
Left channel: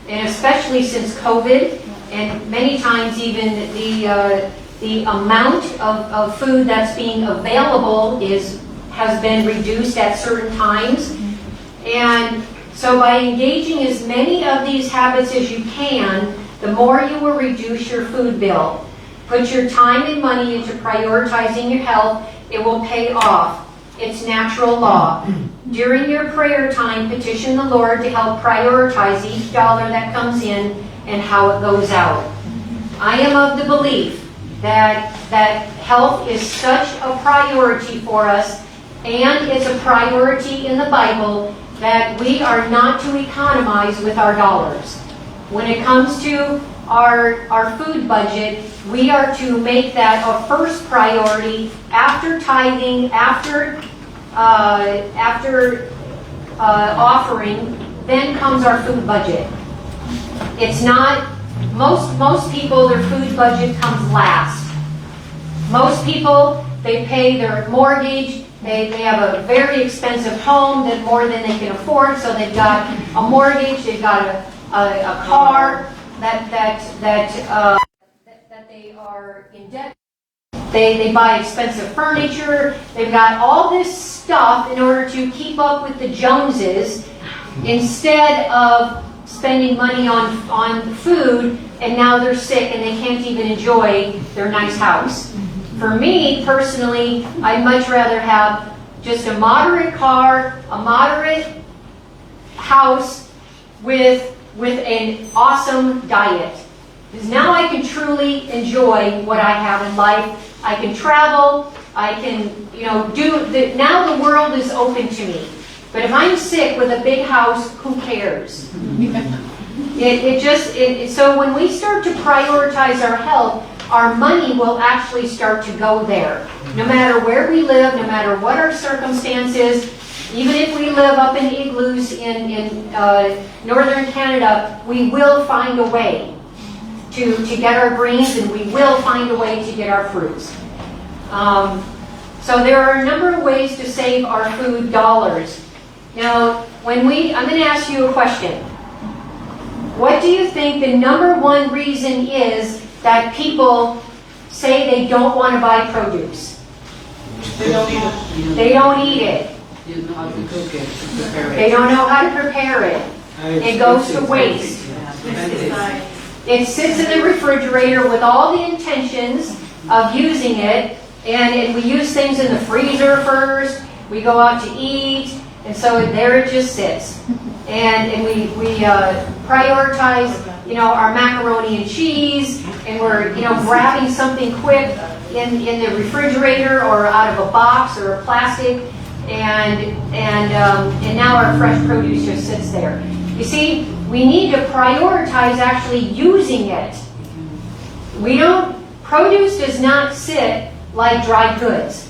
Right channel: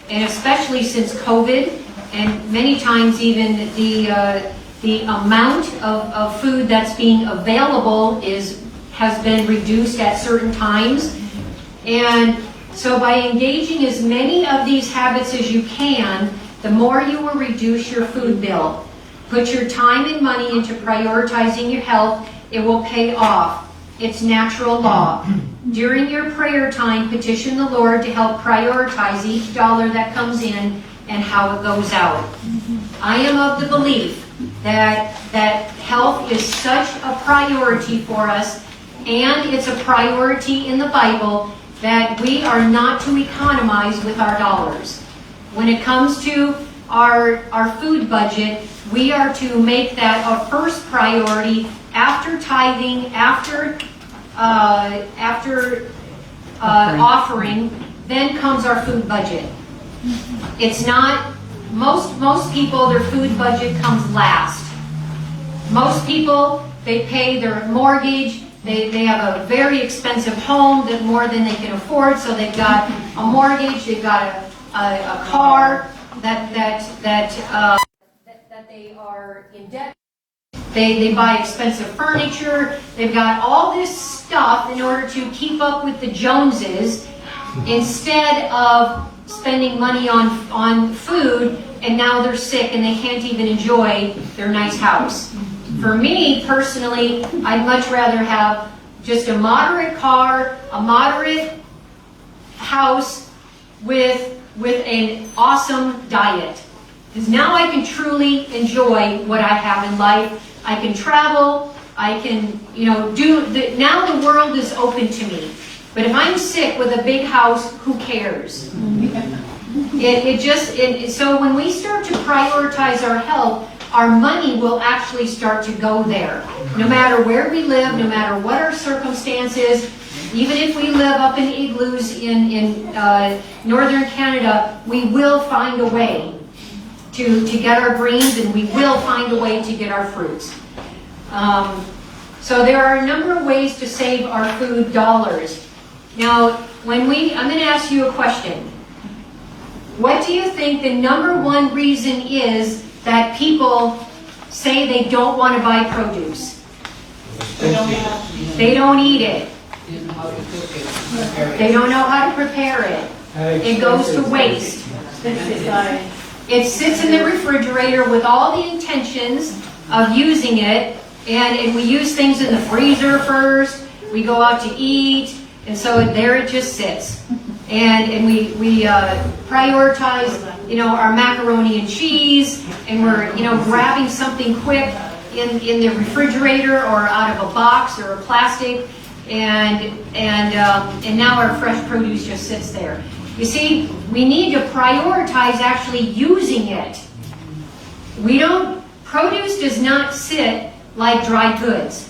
and especially since COVID, and many times even the amount of food that's being available has been reduced at certain times. And so by engaging as many of these habits as you can, the more you will reduce your food bill. Put your time and money into prioritizing your health. It will pay off. It's natural law. During your prayer time, petition the Lord to help prioritize each dollar that comes in and how it goes out. I am of the belief that health is such a priority for us, and it's a priority in the Bible, that we are not to economize with our dollars. When it comes to our food budget, we are to make that a first priority after tithing, after offering, then comes our food budget. It's not, most people, their food budget comes last. Most people, they pay their mortgage, they have a very expensive home, that more than they can afford, so they've got a mortgage, they've got a car that they are in debt. They buy expensive furniture. They've got all this stuff in order to keep up with the Joneses, instead of spending money on food, and now they're sick and they can't even enjoy their nice house. For me, personally, I'd much rather have just a moderate car, a moderate house with an awesome diet. Because now I can truly enjoy what I have in life. I can travel, I can, now the world is open to me. But if I'm sick with a big house, who cares? So when we start to prioritize our health, our money will actually start to go there. No matter where we live, no matter what our circumstances, even if we live up in igloos in northern Canada, we will find a way to get our greens, and we will find a way to get our fruits. So there are a number of ways to save our food dollars. Now, I'm going to ask you a question. What do you think the number one reason is that people say they don't want to buy produce? They don't eat it. They don't eat it. They don't know how to prepare it. It goes to waste. It sits in the refrigerator with all the intentions of using it, and we use things in the freezer first. We go out to eat, and so there it just sits. And we prioritize, our macaroni and cheese, and we're, grabbing something quick in the refrigerator or out of a box or a plastic, and now our fresh produce just sits there. You see, we need to prioritize actually using it. Produce does not sit like dry goods.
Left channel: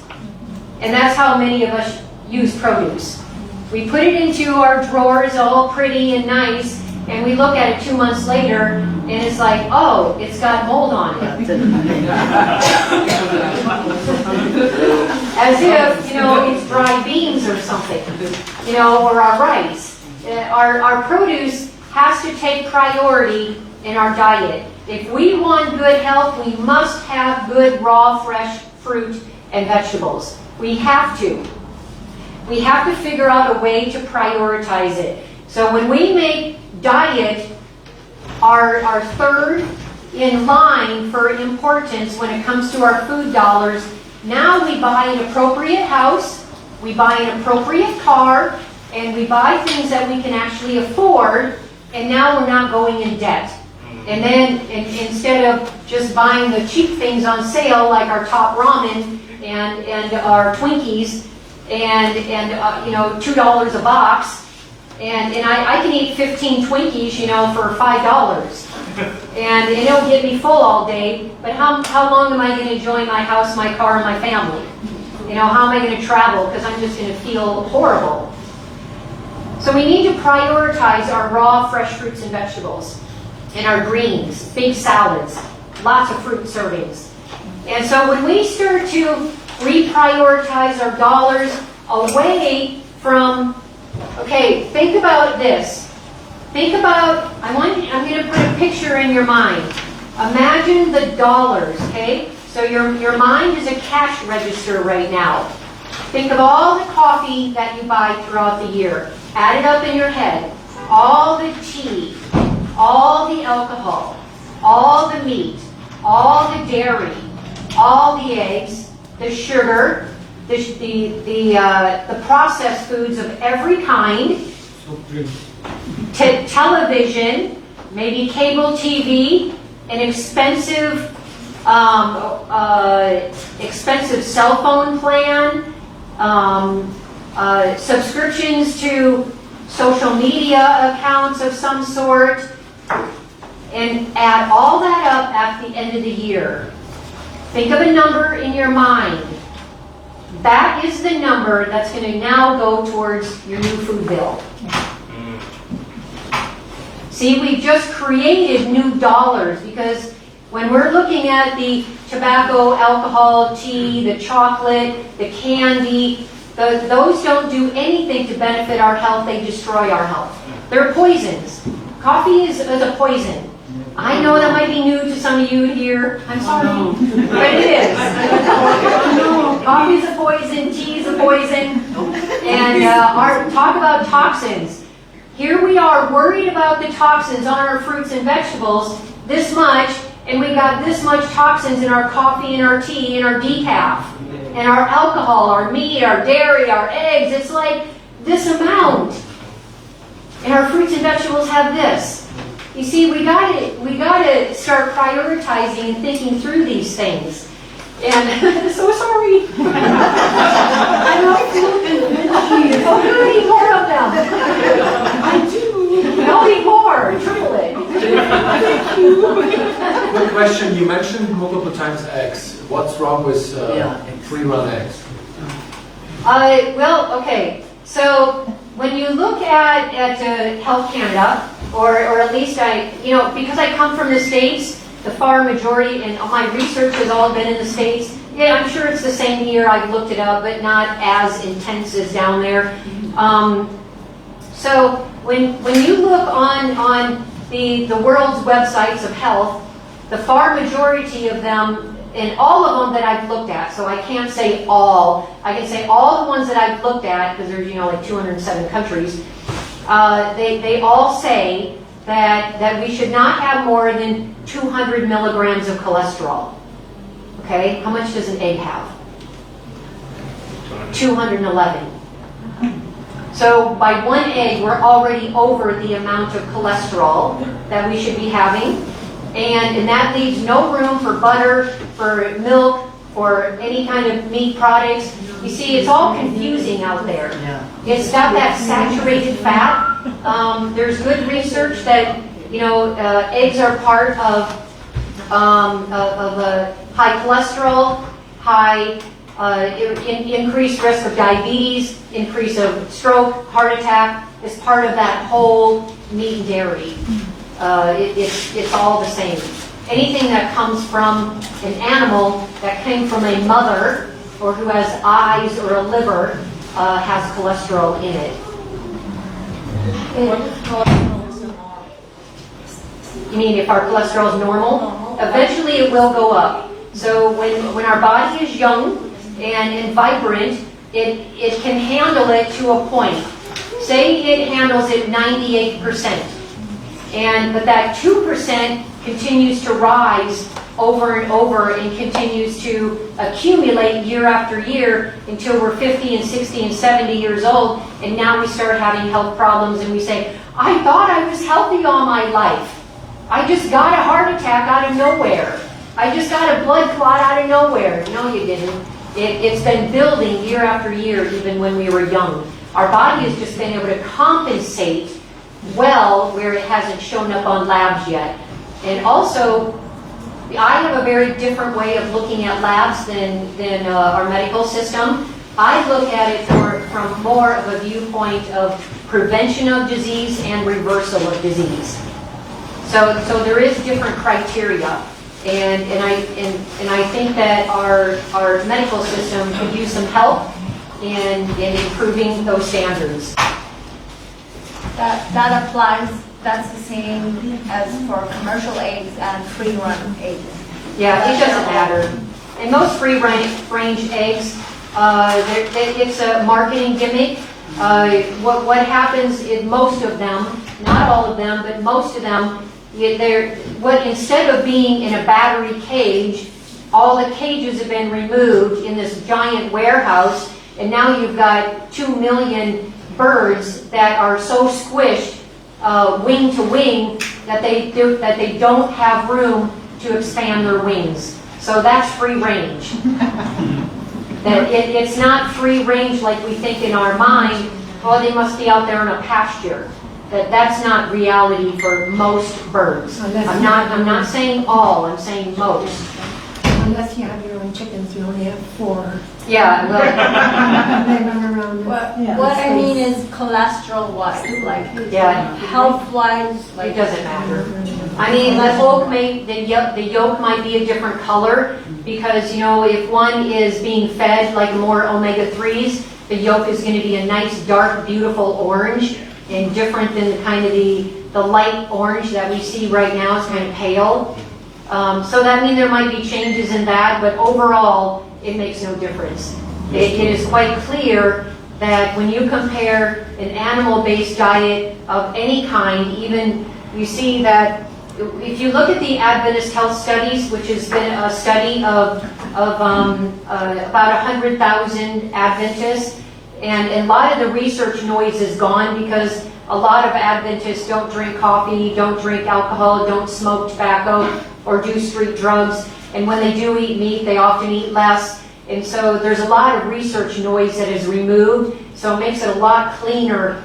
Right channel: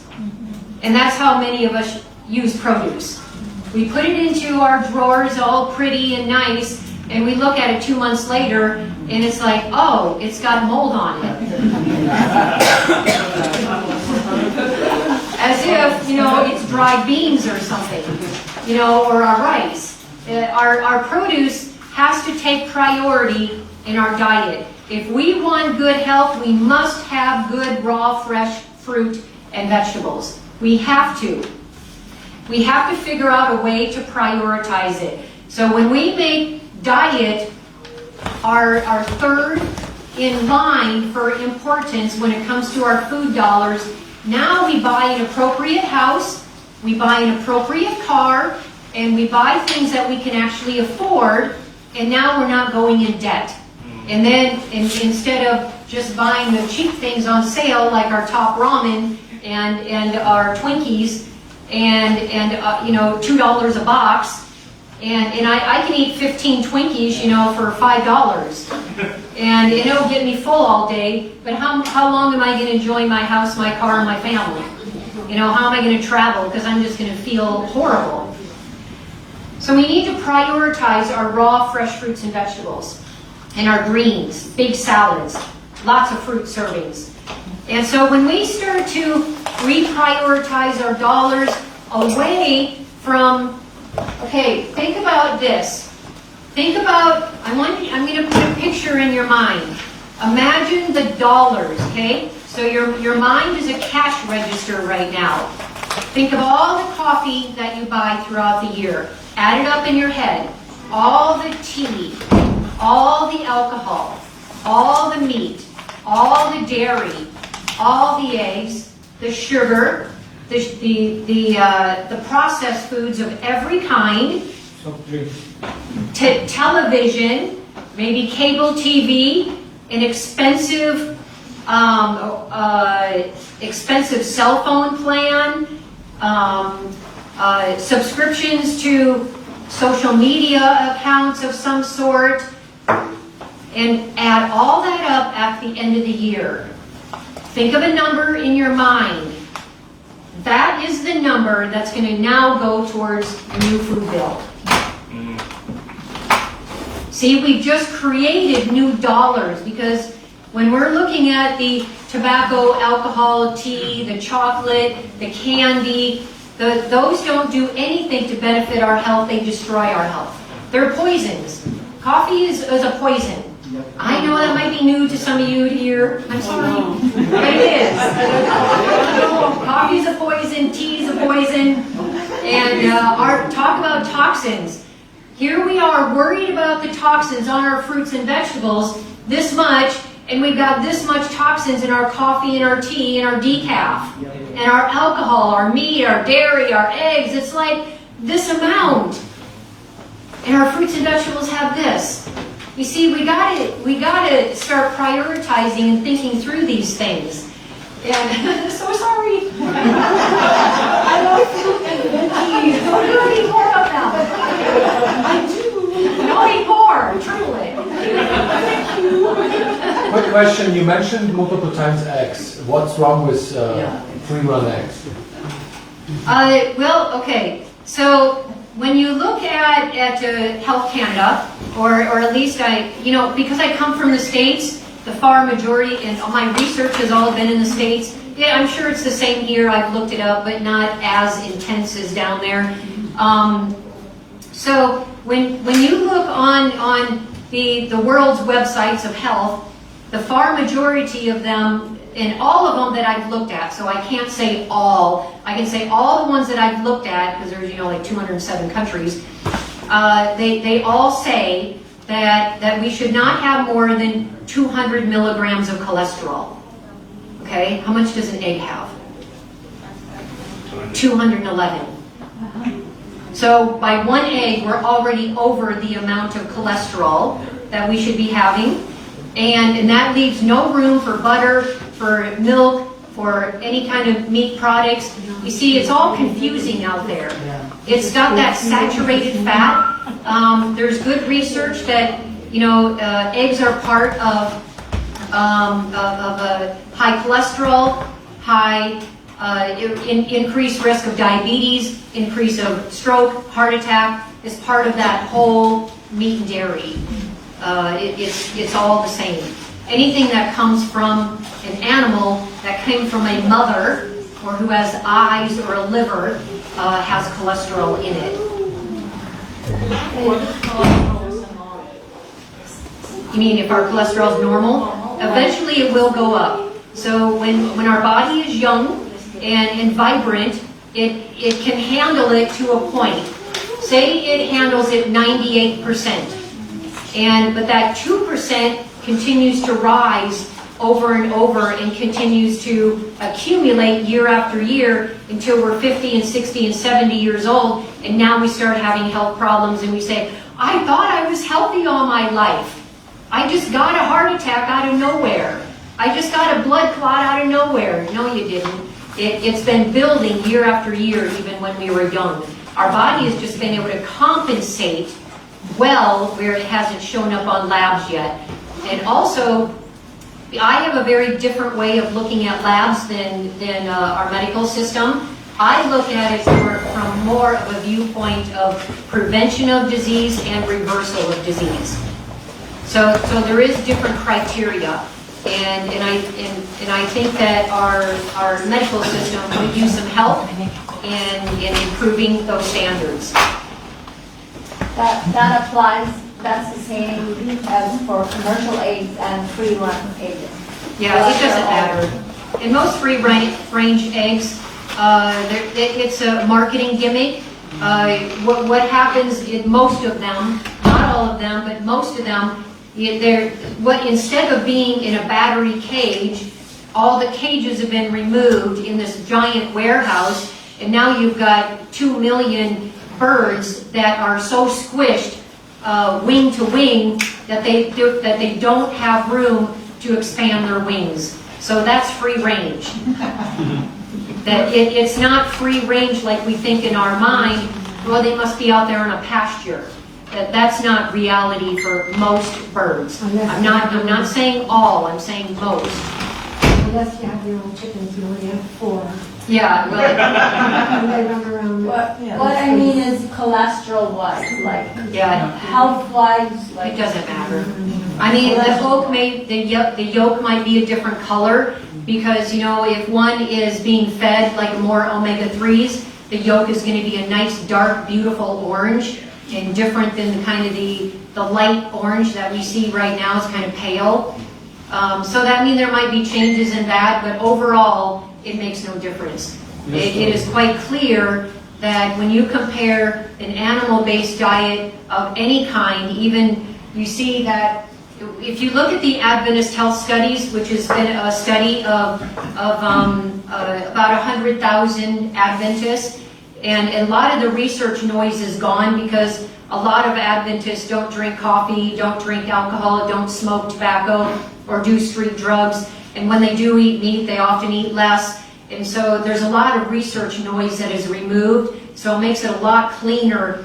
And that's how many of us use produce. We put it into our drawers all pretty and nice, and we look at it 2 months later, and it's like, oh, it's got mold on it. As if, it's dried beans or something, or our rice. Our produce has to take priority in our diet. If we want good health, we must have good raw, fresh fruit and vegetables. We have to. We have to figure out a way to prioritize it. So when we make diet our third in line for importance when it comes to our food dollars, now we buy an appropriate house, we buy an appropriate car, and we buy things that we can actually afford, and now we're not going in debt. And then instead of just buying the cheap things on sale like our top ramen and our Twinkies and $2 a box, and I can eat 15 Twinkies, for $5, and it'll get me full all day. But how long am I going to enjoy my house, my car, and my family? How am I going to travel? Because I'm just going to feel horrible. So we need to prioritize our raw, fresh fruits and vegetables, and our greens, big salads, lots of fruit servings. And so when we start to reprioritize our dollars away from, okay, think about this. Think about, I'm going to put a picture in your mind. Imagine the dollars, okay? So your mind is a cash register right now. Think of all the coffee that you buy throughout the year. Add it up in your head. All the tea, all the alcohol, all the meat, all the dairy, all the eggs, the sugar, the processed foods of every kind, television, maybe cable TV, an expensive cell phone plan, subscriptions to social media accounts of some sort, and add all that up at the end of the year. Think of a number in your mind. That is the number that's going to now go towards your new food bill. See, we've just created new dollars because when we're looking at the tobacco, alcohol, tea, the chocolate, the candy, those don't do anything to benefit our health. They destroy our health. They're poisons. Coffee is a poison. I know that might be new to some of you here. I'm sorry, but it is. Coffee's a poison, tea's a poison, and talk about toxins. Here we are worried about the toxins on our fruits and vegetables this much, and we've got this much toxins in our coffee and our tea and our decaf, and our alcohol, our meat, our dairy, our eggs. It's like this amount, and our fruits and vegetables have this. You see, we gotta start prioritizing and thinking through these things. And I'm so sorry. I know. Don't eat more of them. I do. Don't eat more. Triple it. Thank you. Quick question. You mentioned multiple times eggs. What's wrong with free-run eggs? Well, okay. So when you look at Health Canada, or at least because I come from the States, the far majority, and my research has all been in the States. Yeah, I'm sure it's the same here. I've looked it up, but not as intense as down there. So when you look on the world's websites of health, the far majority of them, and all of them that I've looked at, so I can't say all, I can say all the ones that I've looked at, because there's, like 207 countries, they all say that we should not have more than 200 milligrams of cholesterol. Okay, how much does an egg have? 211. So by one egg, we're already over the amount of cholesterol that we should be having. And that leaves no room for butter, for milk, for any kind of meat products. You see, it's all confusing out there. It's got that saturated fat. There's good research that, eggs are part of high cholesterol, high increased risk of diabetes, increase of stroke, heart attack, is part of that whole meat and dairy. It's all the same. Anything that comes from an animal that came from a mother or who has eyes or a liver has cholesterol in it. You mean if our cholesterol is normal? Eventually it will go up. So when our body is young and vibrant, it can handle it to a point. Say it handles it 98%. But that 2% continues to rise over and over and continues to accumulate year after year until we're 50 and 60 and 70 years old, and now we start having health problems and we say, I thought I was healthy all my life. I just got a heart attack out of nowhere. I just got a blood clot out of nowhere. No, you didn't. It's been building year after year, even when we were young. Our body has just been able to compensate well where it hasn't shown up on labs yet. And also, I have a very different way of looking at labs than our medical system. I look at it from more of a viewpoint of prevention of disease and reversal of disease. So there is different criteria, and I think that our medical system could use some help in improving those standards. That applies, that's the same as for commercial eggs and free-run eggs. Yeah, it doesn't matter. In most free-range eggs, it's a marketing gimmick. What happens in most of them, not all of them, but most of them, instead of being in a battery cage, all the cages have been removed in this giant warehouse, and now you've got 2 million birds that are so squished wing to wing that they don't have room to expand their wings. So that's free range. That it's not free range like we think in our mind. Oh, they must be out there in a pasture. That's not reality for most birds. I'm not saying all. I'm saying most. Unless you have your own chickens, you only have 4. Yeah. And they run around. What I mean is cholesterol-wise, like health-wise. It doesn't matter. I mean, the yolk might be a different color because, if one is being fed like more omega-3s, the yolk is going to be a nice, dark, beautiful orange and different than kind of the light orange that we see right now. It's kind of pale. So that means there might be changes in that, but overall, it makes no difference. It is quite clear that when you compare an animal-based diet of any kind, even you see that if you look at the Adventist Health Studies, which has been a study of about 100,000 Adventists, and a lot of the research noise is gone because a lot of Adventists don't drink coffee, don't drink alcohol, don't smoke tobacco, or do street drugs. And when they do eat meat, they often eat less. And so there's a lot of research noise that is removed. So it makes it a lot cleaner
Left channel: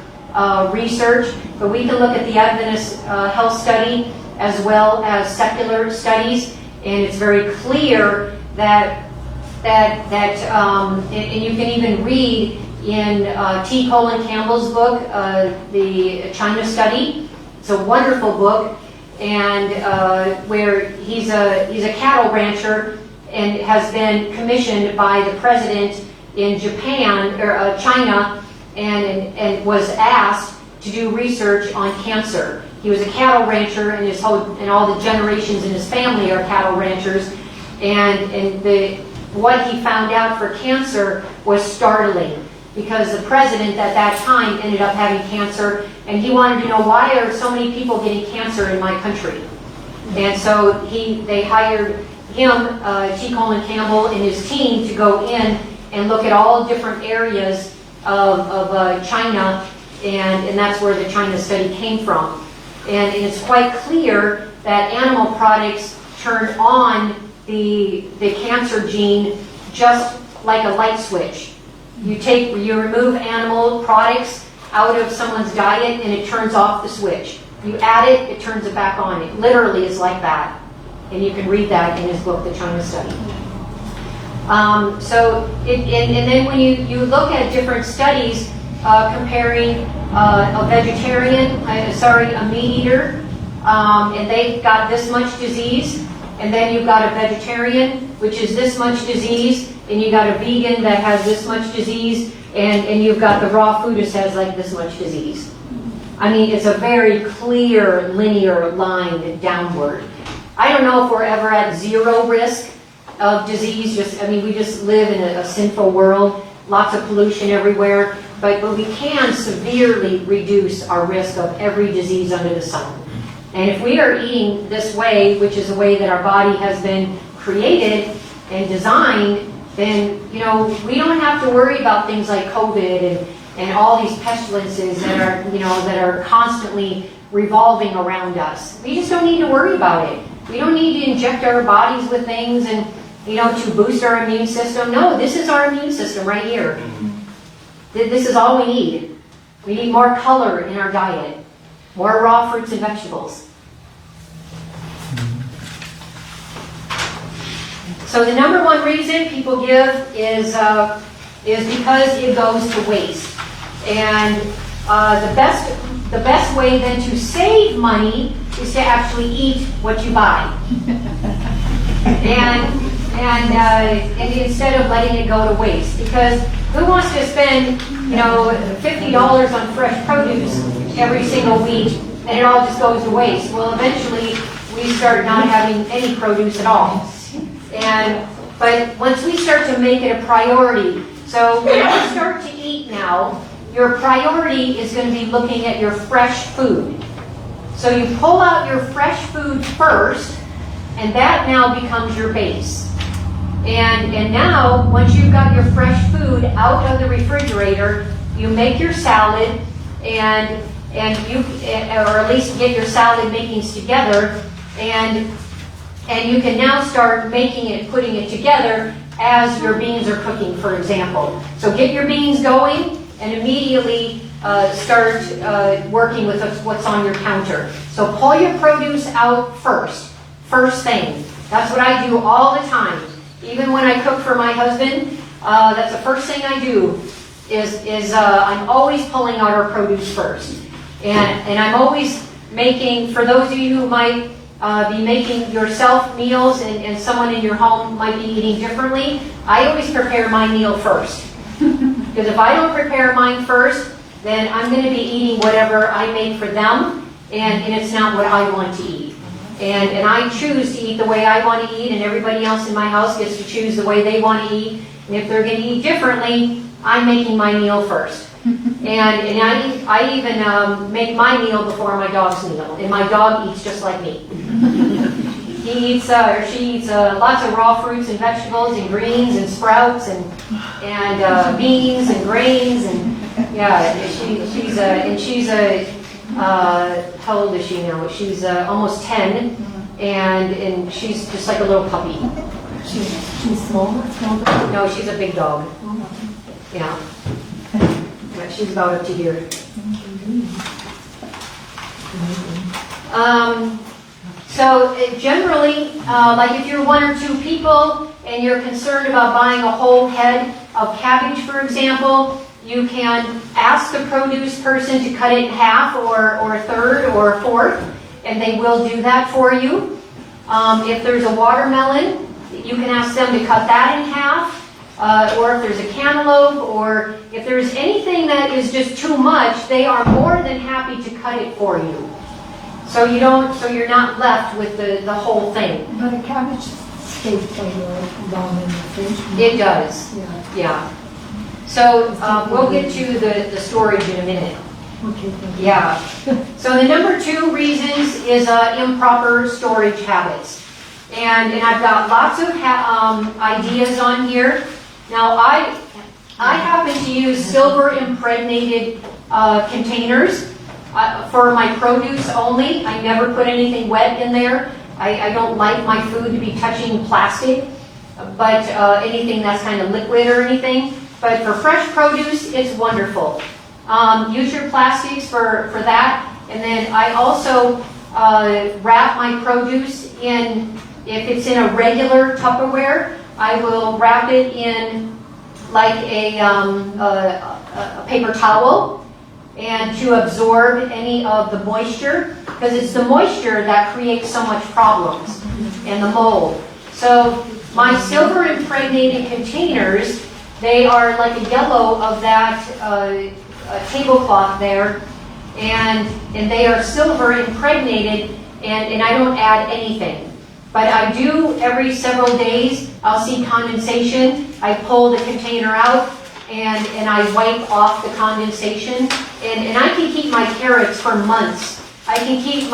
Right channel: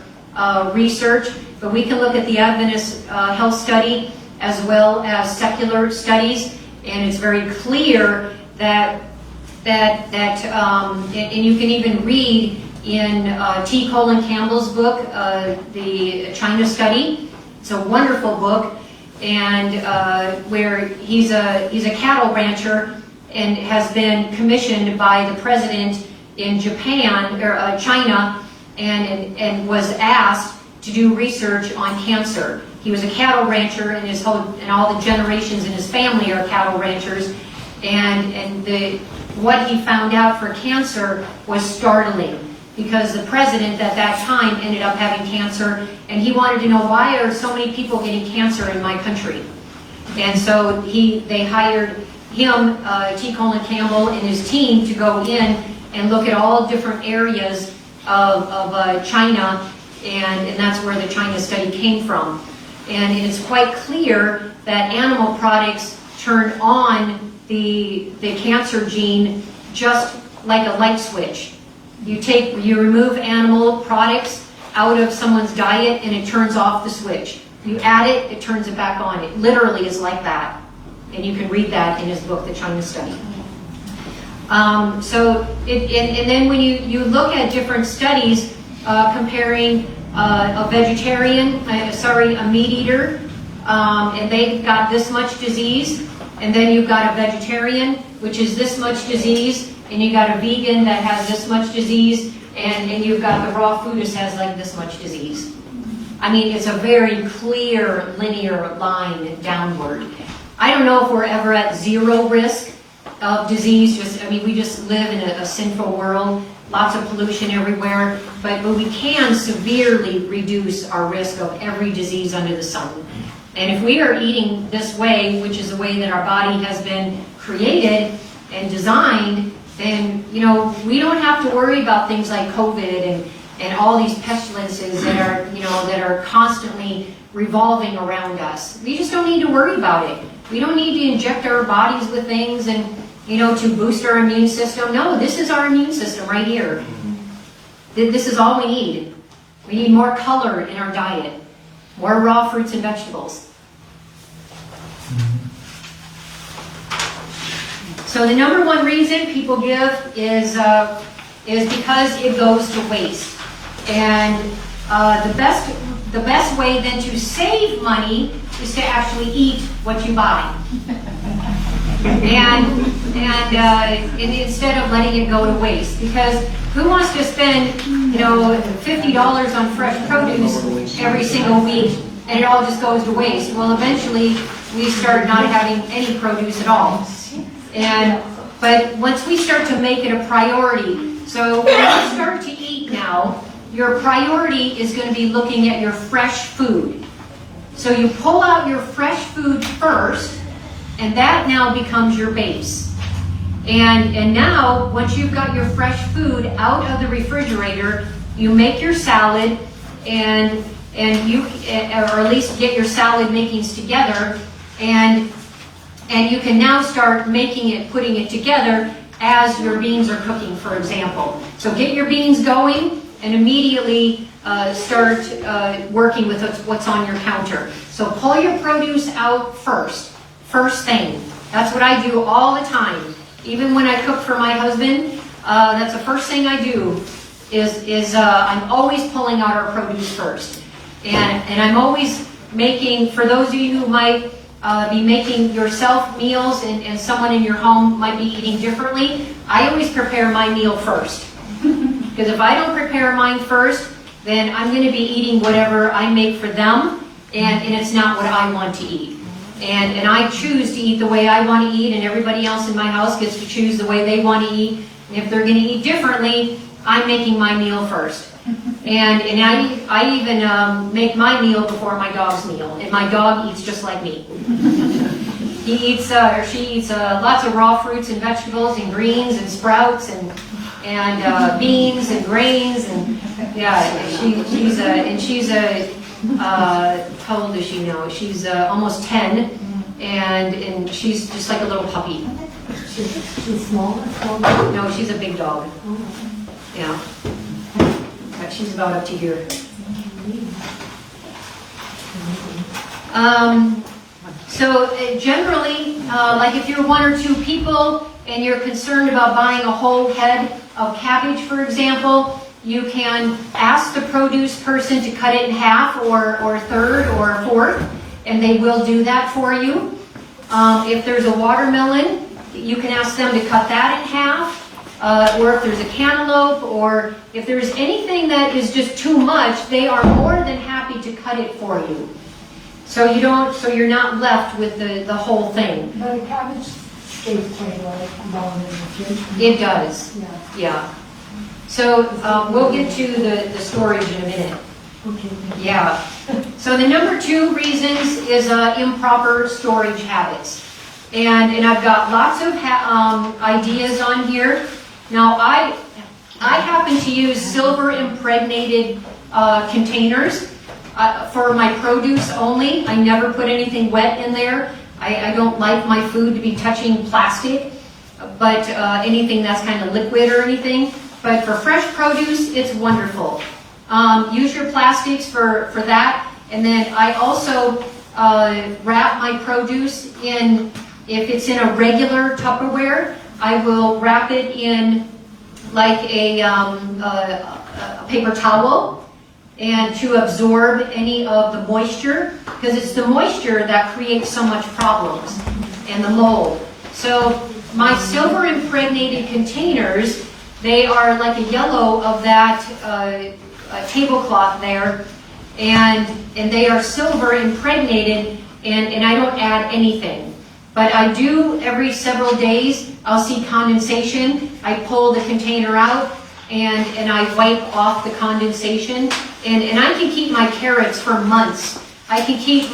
research. But we can look at the Adventist Health Study as well as secular studies, and it's very clear that and you can even read in T. Colin Campbell's book, the China Study. It's a wonderful book, and where he's a cattle rancher and has been commissioned by the president in Japan or China, and was asked to do research on cancer. he was a cattle rancher, and and all the generations in his family are cattle ranchers. And what he found out for cancer was startling, because the president at that time ended up having cancer, and he wanted to know, why are so many people getting cancer in my country? And so they hired him, T. Colin Campbell, and his team to go in and look at all different areas of China, and that's where the China study came from. And it's quite clear that animal products turn on the cancer gene just like a light switch. You remove animal products out of someone's diet and it turns off the switch. You add it, it turns it back on. It literally is like that. And you can read that in his book, The China Study. And then when you look at different studies comparing a meat eater, and they've got this much disease, and then you've got a vegetarian, which is this much disease, and you got a vegan that has this much disease, and you've got the raw foodist has like this much disease. I mean, it's a very clear linear line downward. I don't know if we're ever at zero risk of disease. We just live in a sinful world, lots of pollution everywhere, but we can severely reduce our risk of every disease under the sun. And if we are eating this way, which is the way that our body has been created and designed, then we don't have to worry about things like COVID and all these pestilences that are constantly revolving around us. We just don't need to worry about it. We don't need to inject our bodies with things and to boost our immune system. No, this is our immune system right here. This is all we need. We need more color in our diet, more raw fruits and vegetables. So the number one reason people give is because it goes to waste. And the best way then to save money is to actually eat what you buy. And instead of letting it go to waste. Because who wants to spend $50 on fresh produce every single week and it all just goes to waste? Well, eventually we start not having any produce at all. But once we start to make it a priority, so when you start to eat now, your priority is going to be looking at your fresh food. So you pull out your fresh food first, and that now becomes your base. And now, once you've got your fresh food out of the refrigerator, you make your salad, or at least get your salad makings together, and you can now start putting it together as your beans are cooking, for example. So get your beans going and immediately start working with what's on your counter. So pull your produce out first thing. That's what I do all the time. Even when I cook for my husband, that's the first thing I do is I'm always pulling out our produce first. And I'm always making, for those of you who might be making yourself meals and someone in your home might be eating differently, I always prepare my meal first. Because if I don't prepare mine first, then I'm going to be eating whatever I make for them, and it's not what I want to eat. And I choose to eat the way I want to eat, and everybody else in my house gets to choose the way they want to eat. And if they're going to eat differently, I'm making my meal first. And I even make my meal before my dog's meal, and my dog eats just like me. He eats, or she eats lots of raw fruits and vegetables and greens and sprouts and beans and grains and she's how old is she now? She's almost 10, and she's just like a little puppy. She's small? No, she's a big dog. But she's about up to here. So generally, like if you're one or two people and you're concerned about buying a whole head of cabbage, for example, you can ask the produce person to cut it in half or a third or a fourth, and they will do that for you. If there's a watermelon, you can ask them to cut that in half. Or if there's a cantaloupe, or if there's anything that is just too much, they are more than happy to cut it for you. So you're not left with the whole thing. But a cabbage stays quite long in the fridge. It does, Yeah. yeah. So we'll get to the storage in a minute. Okay. Yeah. So the number 2 reasons is improper storage habits. And I've got lots of ideas on here. Now I happen to use silver impregnated containers for my produce only. I never put anything wet in there. I don't like my food to be touching plastic, but anything that's kind of liquid or anything. But for fresh produce, it's wonderful. Use your plastics for that. And then I also wrap my produce in, if it's in a regular Tupperware, I will wrap it in like a paper towel, and to absorb any of the moisture, because it's the moisture that creates so much problems, and the mold. So my silver impregnated containers, they are like a yellow of that tablecloth there, and they are silver impregnated, and I don't add anything. But I do every several days, I'll see condensation, I pull the container out, and I wipe off the condensation, and I can keep my carrots for months. I can keep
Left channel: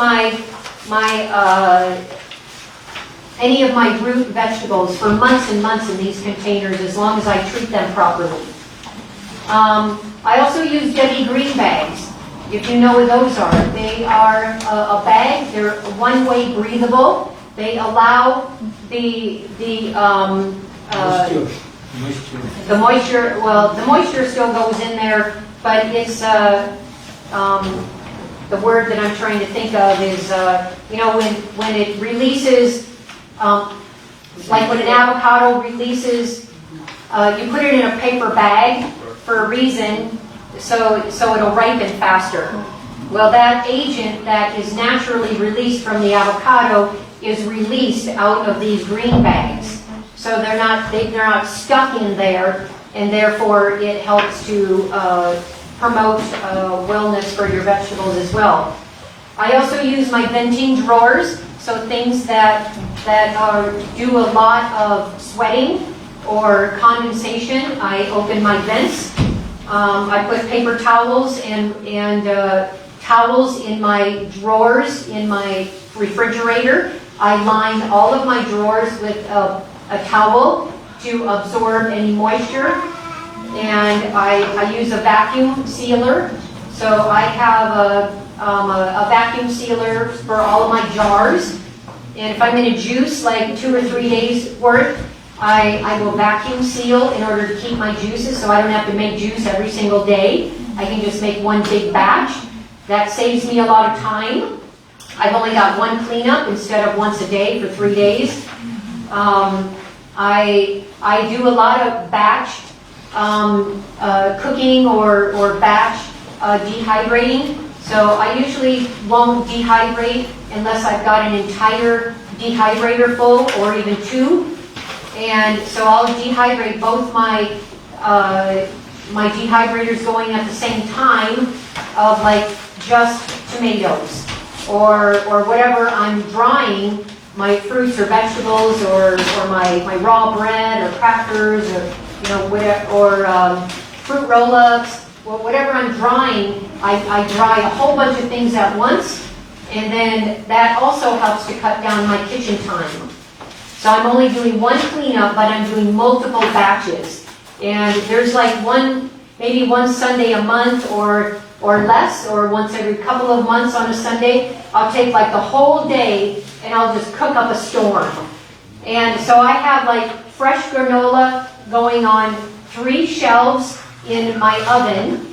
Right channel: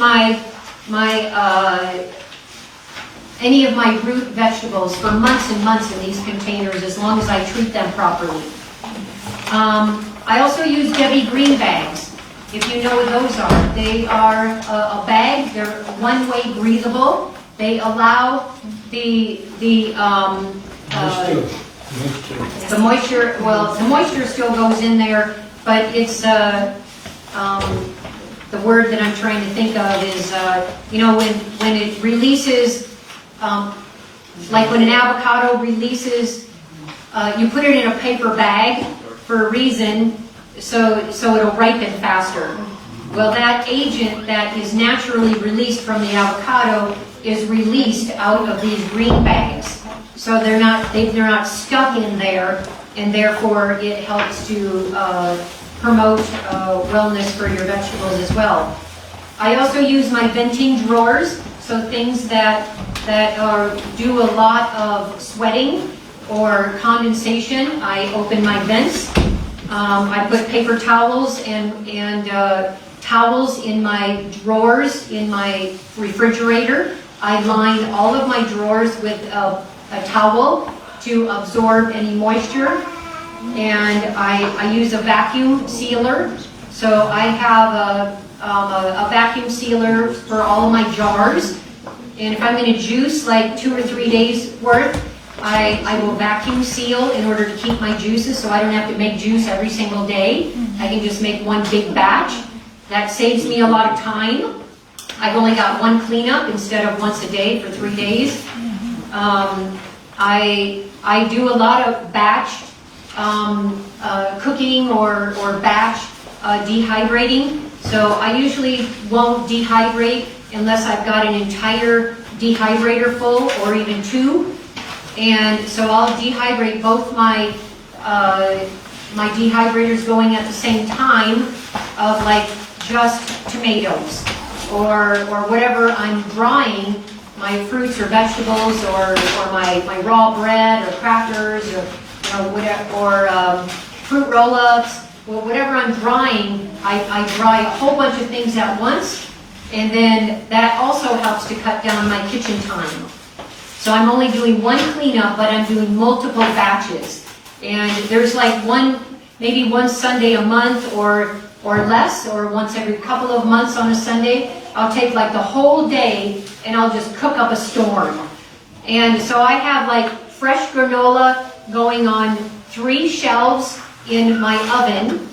any of my root vegetables for months and months in these containers as long as I treat them properly. I also use Debbie Green bags, if you know what those are. They are a bag, they're one-way breathable. They allow the moisture, well, the moisture still goes in there, but it's, the word that I'm trying to think of is, when it releases, like when an avocado releases, you put it in a paper bag for a reason, so it'll ripen faster. Well, that agent that is naturally released from the avocado is released out of these green bags. So they're not stuck in there, and therefore it helps to promote wellness for your vegetables as well. I also use my venting drawers, so things that do a lot of sweating or condensation, I open my vents. I put paper towels and towels in my drawers in my refrigerator. I line all of my drawers with a towel to absorb any moisture, and I use a vacuum sealer. So I have a vacuum sealer for all of my jars, and if I'm going to juice like 2 or 3 days worth, I will vacuum seal in order to keep my juices, so I don't have to make juice every single day. I can just make one big batch. That saves me a lot of time. I've only got one cleanup instead of once a day for 3 days. I do a lot of batch cooking or batch dehydrating. So I usually won't dehydrate unless I've got an entire dehydrator full or even 2. And so I'll dehydrate both my dehydrators going at the same time of like just tomatoes or whatever I'm drying, my fruits or vegetables or my raw bread or crackers or fruit roll-ups, or whatever I'm drying, I dry a whole bunch of things at once, and then that also helps to cut down my kitchen time. So I'm only doing one cleanup, but I'm doing multiple batches. And there's like maybe one Sunday a month or less, or once every couple of months on a Sunday, I'll take like the whole day and I'll just cook up a storm. And so I have like fresh granola going on 3 shelves in my oven.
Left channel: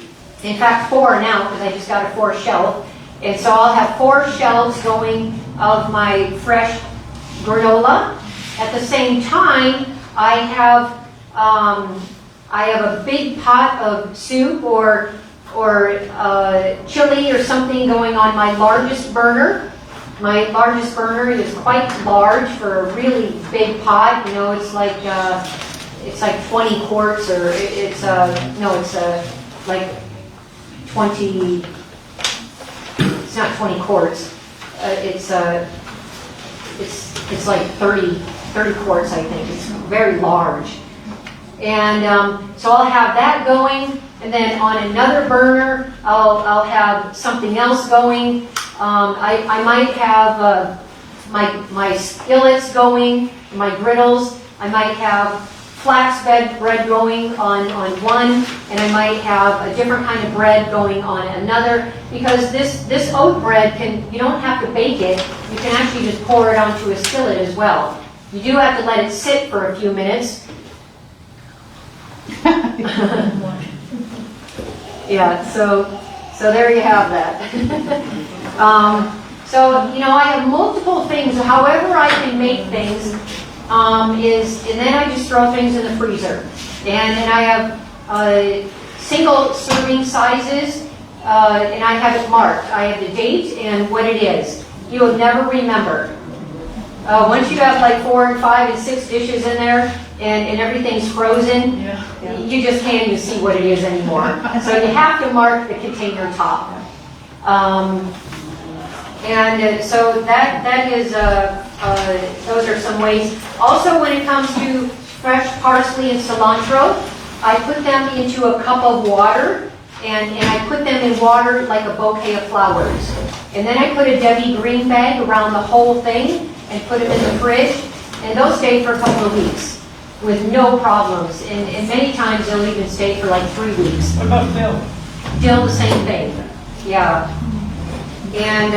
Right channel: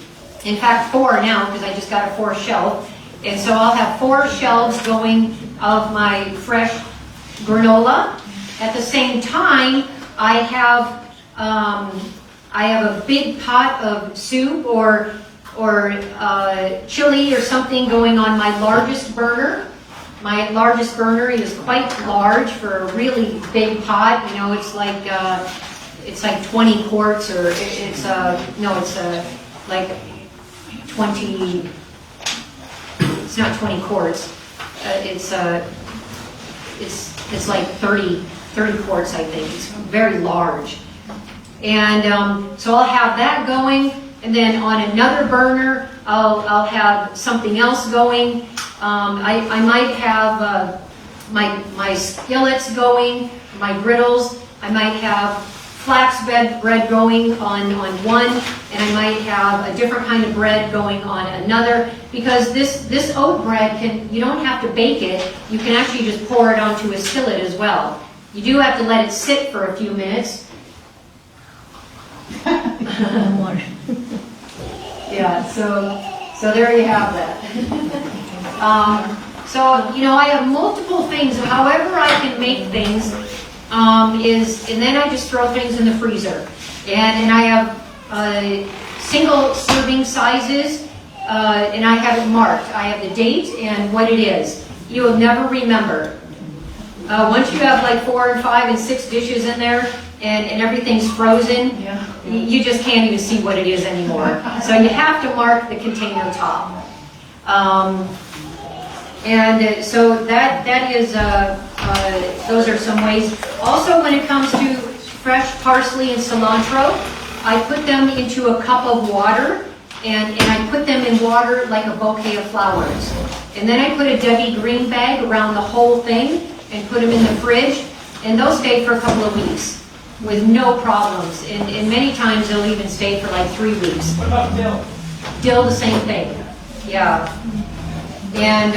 In fact, 4 now, because I just got a 4th shelf. And so I'll have 4 shelves going of my fresh granola. At the same time, I have a big pot of soup or chili or something going on my largest burner. My largest burner is quite large for a really big pot. You know, it's like 20 quarts, or like 20. It's not 20 quarts. it's like 30 quarts, I think. It's very large. And so I'll have that going, and then on another burner, I'll have something else going. I might have my skillets going, my griddles. I might have flax bread going on one, and I might have a different kind of bread going on another, because this oat bread, you don't have to bake it. You can actually just pour it onto a skillet as well. You do have to let it sit for a few minutes. Yeah, so there you have that. So, you know, I have multiple things. However I can make things and then I just throw things in the freezer. And I have single serving sizes, and I have it marked. I have the date and what it is. You'll never remember. Once you have like 4 and 5 and 6 dishes in there, and everything's frozen, you just can't even see what it is anymore. So you have to mark the container top. So that is, those are some ways. Also, when it comes to fresh parsley and cilantro, I put them into a cup of water, and I put them in water like a bouquet of flowers. And then I put a Debbie Green bag around the whole thing and put them in the fridge, and they'll stay for a couple of weeks with no problems. And many times they'll even stay for like 3 weeks. What about dill? Dill, the same thing. Yeah. And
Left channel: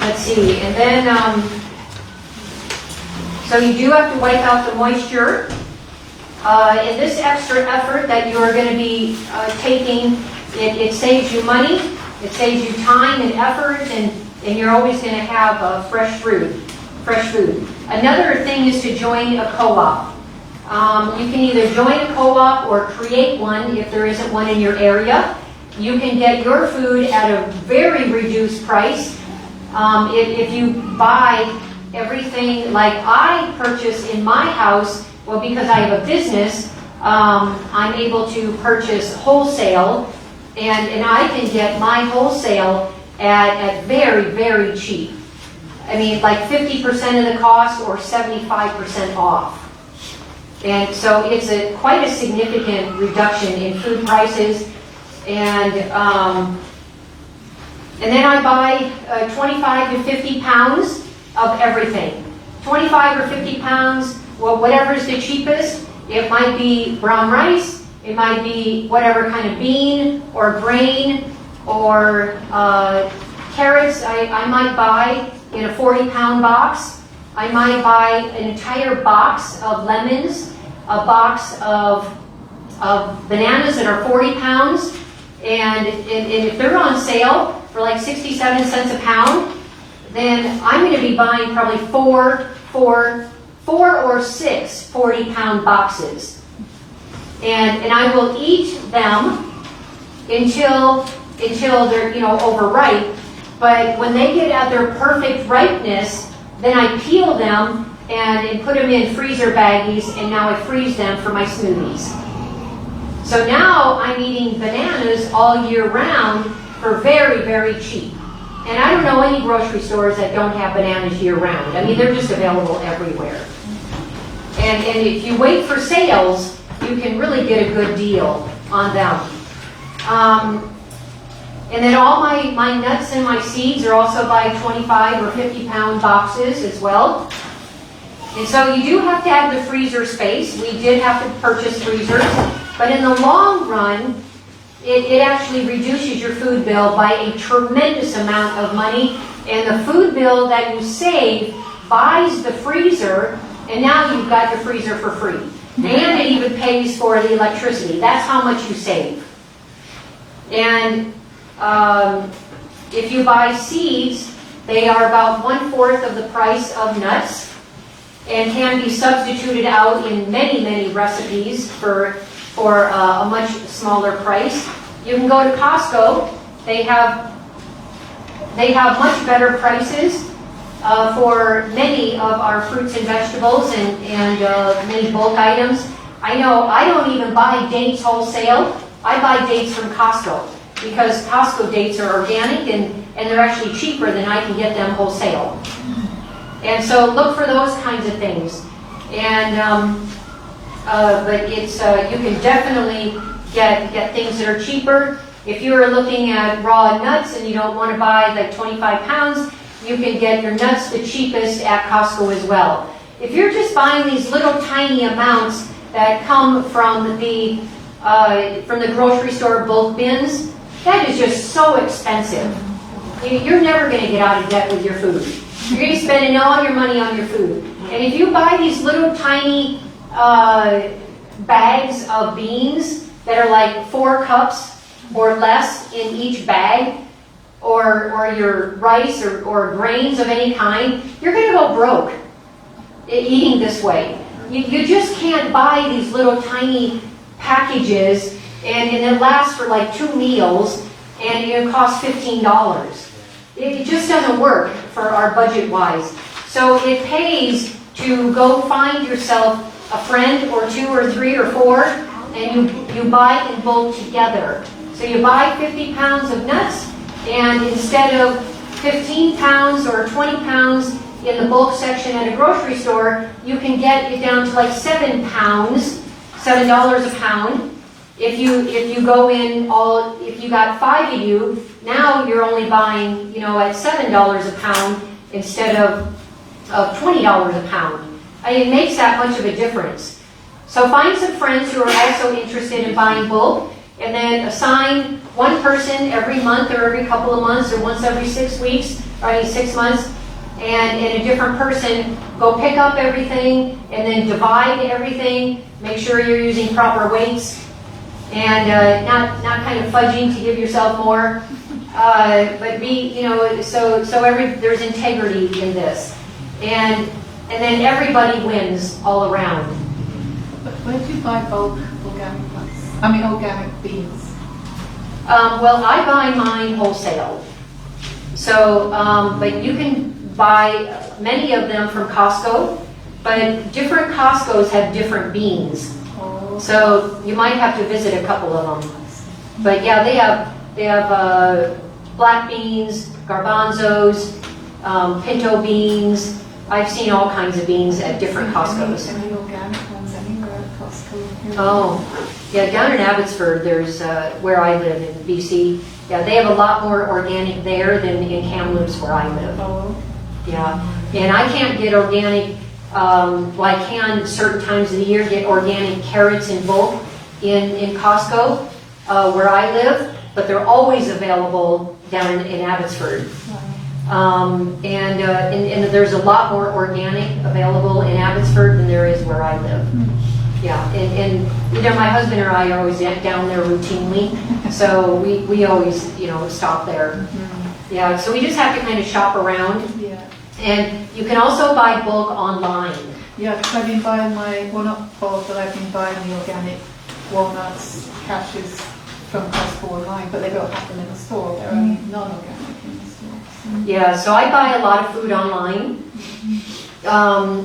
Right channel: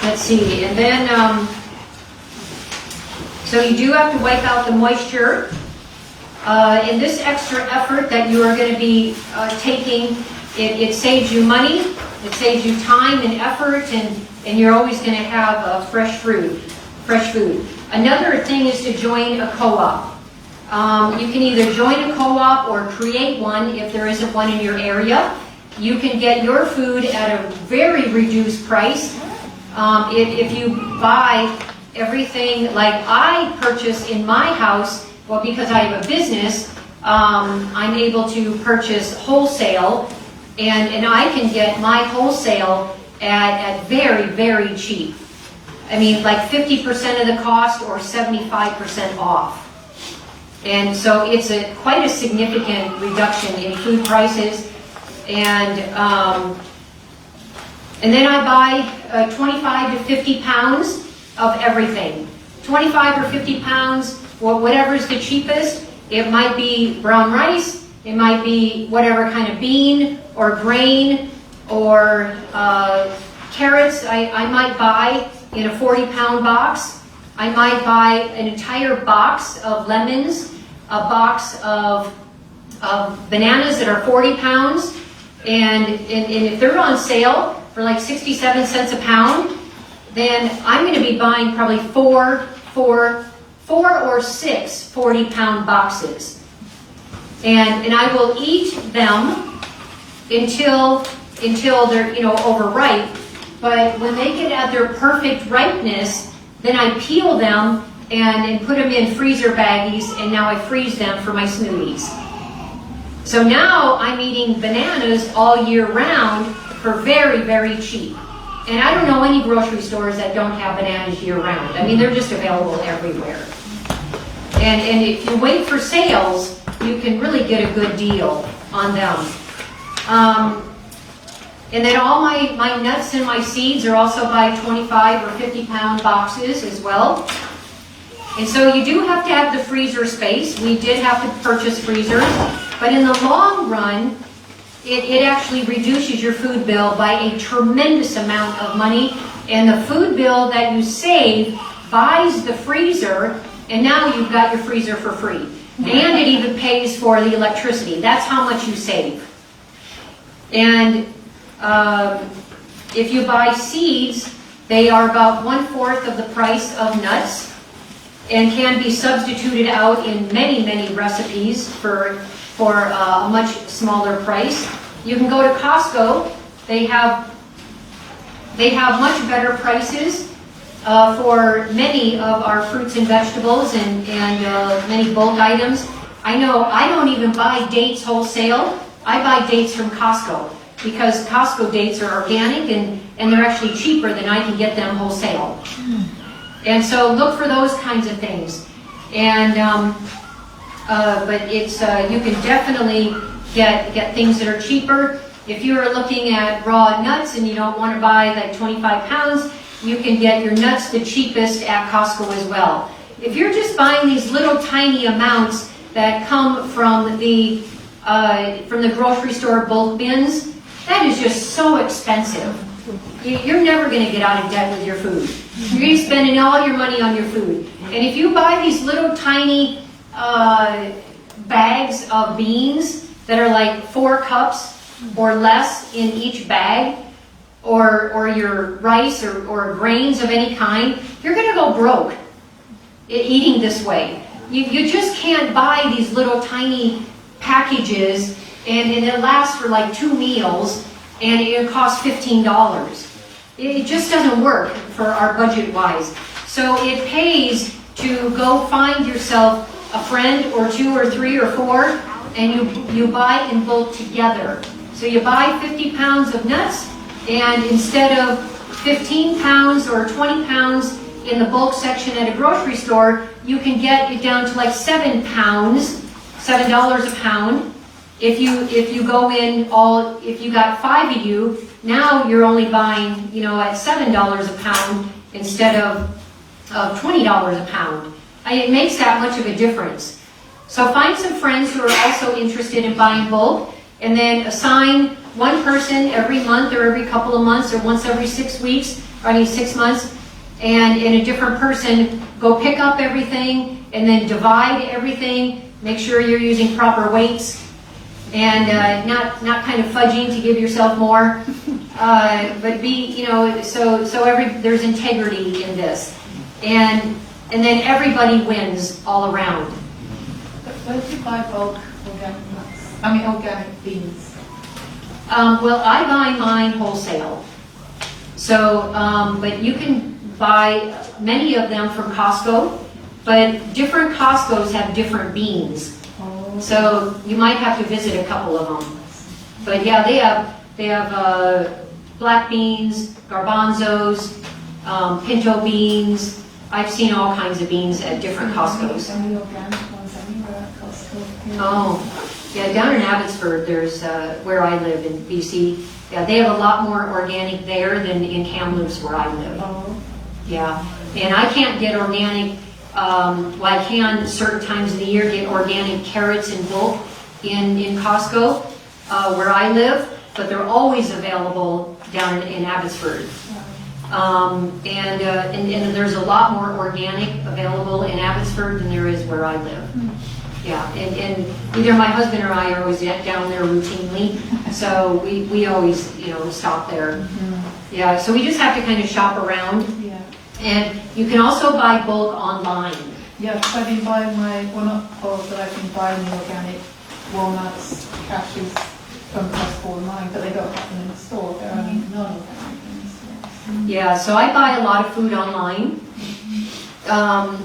let's see. And then, so you do have to wipe out the moisture. And this extra effort that you are going to be taking, it saves you money, it saves you time and effort, and you're always going to have fresh food. Another thing is to join a co-op. You can either join a co-op or create one if there isn't one in your area. You can get your food at a very reduced price. If you buy everything like I purchase in my house, well, because I have a business, I'm able to purchase wholesale, and I can get my wholesale at very, very cheap. I mean, like 50% of the cost or 75% off. And so it's quite a significant reduction in food prices. And then I buy 25 to 50 pounds of everything. 25 or 50 pounds, well, whatever is the cheapest. It might be brown rice, it might be whatever kind of bean or grain or carrots. I might buy in a 40-pound box. I might buy an entire box of lemons, a box of bananas that are 40 pounds. And if they're on sale for like 67 cents a pound, then I'm going to be buying probably four or 6 40-pound boxes. And I will eat them until they're, you know, overripe. But when they get at their perfect ripeness, then I peel them and put them in freezer baggies, and now I freeze them for my smoothies. So now I'm eating bananas all year round for very, very cheap. And I don't know any grocery stores that don't have bananas year round. I mean, they're just available everywhere. And if you wait for sales, you can really get a good deal on them. And then all my nuts and my seeds are also by 25 or 50-pound boxes as well. And so you do have to have the freezer space. We did have to purchase freezers. But in the long run, it actually reduces your food bill by a tremendous amount of money. And the food bill that you save buys the freezer, and now you've got your freezer for free. And it even pays for the electricity. That's how much you save. And if you buy seeds, they are about 1/4 of the price of nuts and can be substituted out in many, many recipes for a much smaller price. You can go to Costco. They have much better prices for many of our fruits and vegetables and many bulk items. I know I don't even buy dates wholesale. I buy dates from Costco, because Costco dates are organic, and and they're actually cheaper than I can get them wholesale. And so look for those kinds of things. And but it's you can definitely get things that are cheaper. If you're looking at raw nuts and you don't want to buy like 25 pounds, you can get your nuts the cheapest at Costco as well. If you're just buying these little tiny amounts that come from the grocery store bulk bins, that is just so expensive. You're never going to get out of debt with your food. You're going to be spending all your money on your food. And if you buy these little tiny bags of beans that are like 4 cups or less in each bag, or your rice or grains of any kind, you're going to go broke eating this way. You just can't buy these little tiny packages and it lasts for like 2 meals and it costs $15. It just doesn't work for our budget-wise. So it pays to go find yourself a friend or 2 or 3 or 4 and you buy in bulk together. So you buy 50 pounds of nuts, and instead of 15 pounds or 20 pounds in the bulk section at a grocery store, you can get it down to like 7 pounds, $7 a pound. If you go in if you got 5 of you, now you're only buying, at $7 a pound instead of $20 a pound. And it makes that much of a difference. So find some friends who are also interested in buying bulk, and then assign one person every month or every couple of months or once every 6 weeks, or 6 months, and a different person go pick up everything and then divide everything, make sure you're using proper weights, and not kind of fudging to give yourself more, but be, so there's integrity in this. And then everybody wins all around. But where do you buy bulk organic nuts? Organic beans. Well, I buy mine wholesale. So, but you can buy many of them from Costco, but different Costcos have different beans. So you might have to visit a couple of them. But yeah, they have black beans, garbanzos, pinto beans. I've seen all kinds of beans at different Costcos. Any organic ones anywhere at Costco? Oh, yeah, down in Abbotsford, there's where I live in BC. Yeah, they have a lot more organic there than in Kamloops where I live. Oh. Yeah, and I can't get organic. Well, I can certain times of the year get organic carrots in bulk in Costco where I live, but they're always available down in Abbotsford. And there's a lot more organic available in Abbotsford than there is where I live. Yeah, and my husband and I are always down there routinely, so we always stop there. Yeah, so we just have to kind of shop around. Yeah. And you can also buy bulk online. Yeah, because I've been buying but I've been buying the organic walnuts, cashews from Costco online, but they don't have them in the store. They're only non-organic in the store. Yeah, so I buy a lot of food online.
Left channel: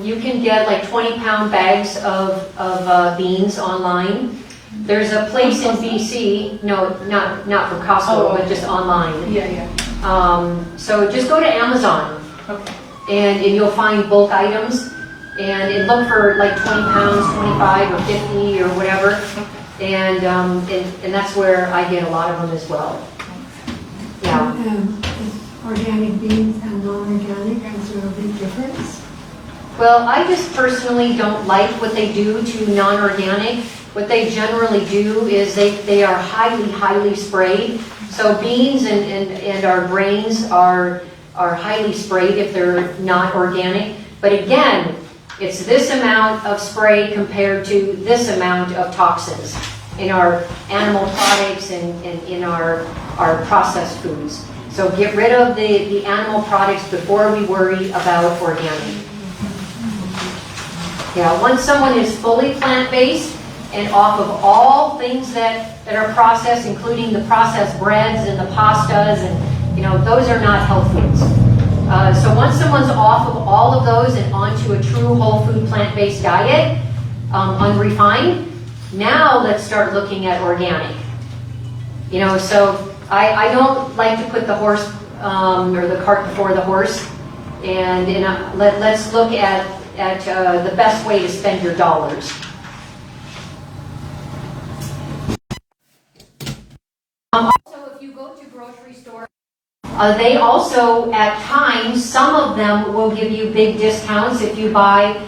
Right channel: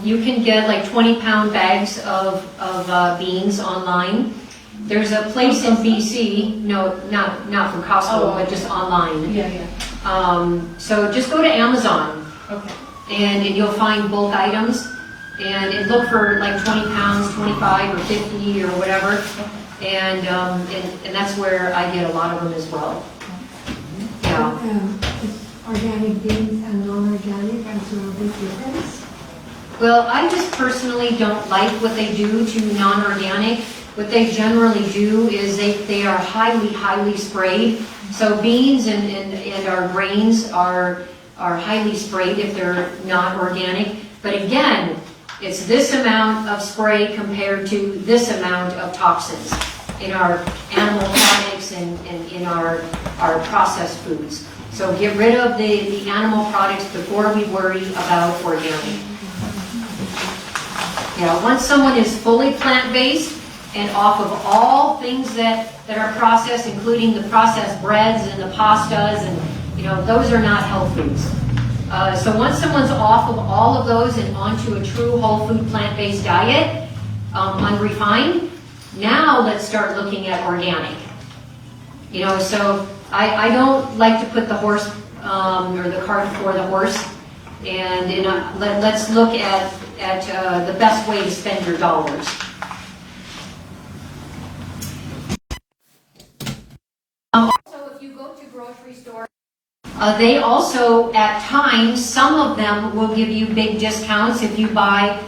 You can get like 20-pound bags of beans online. There's a place in BC, no, not from Costco, but just online. Yeah, yeah. So just go to Amazon. Okay. And you'll find bulk items, and look for like 20 pounds, 25 or 50 or whatever, and that's where I get a lot of them as well. Yeah. Organic beans and non-organic, is there a big difference? Well, I just personally don't like what they do to non-organic. What they generally do is they are highly sprayed. So beans and our grains are highly sprayed if they're not organic. But again, it's this amount of spray compared to this amount of toxins in our animal products and in our processed foods. So get rid of the animal products before we worry about organic. Yeah, once someone is fully plant-based and off of all things that are processed, including the processed breads and the pastas, and those are not health foods. So once someone's off of all of those and onto a true whole food plant-based diet, unrefined, now let's start looking at organic. So I don't like to put the horse or the cart before the horse. And let's look at the best way to spend your dollars. Also, if you go to grocery stores, they also, at times, some of them will give you big discounts if you buy,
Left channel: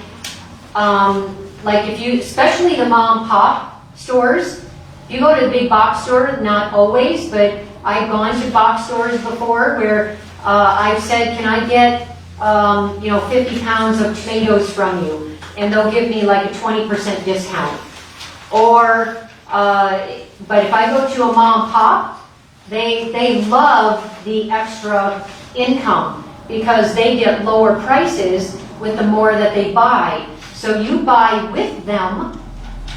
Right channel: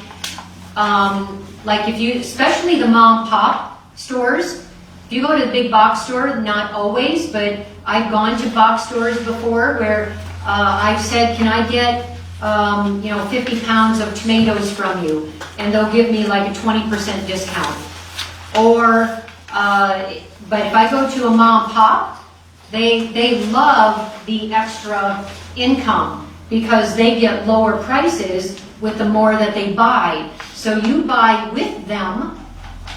especially the mom and pop stores. If you go to the big box store, not always, but I've gone to box stores before where I've said, can I get 50 pounds of tomatoes from you? And they'll give me like a 20% discount. Or, but if I go to a mom and pop, they love the extra income because they get lower prices with the more that they buy. So you buy with them,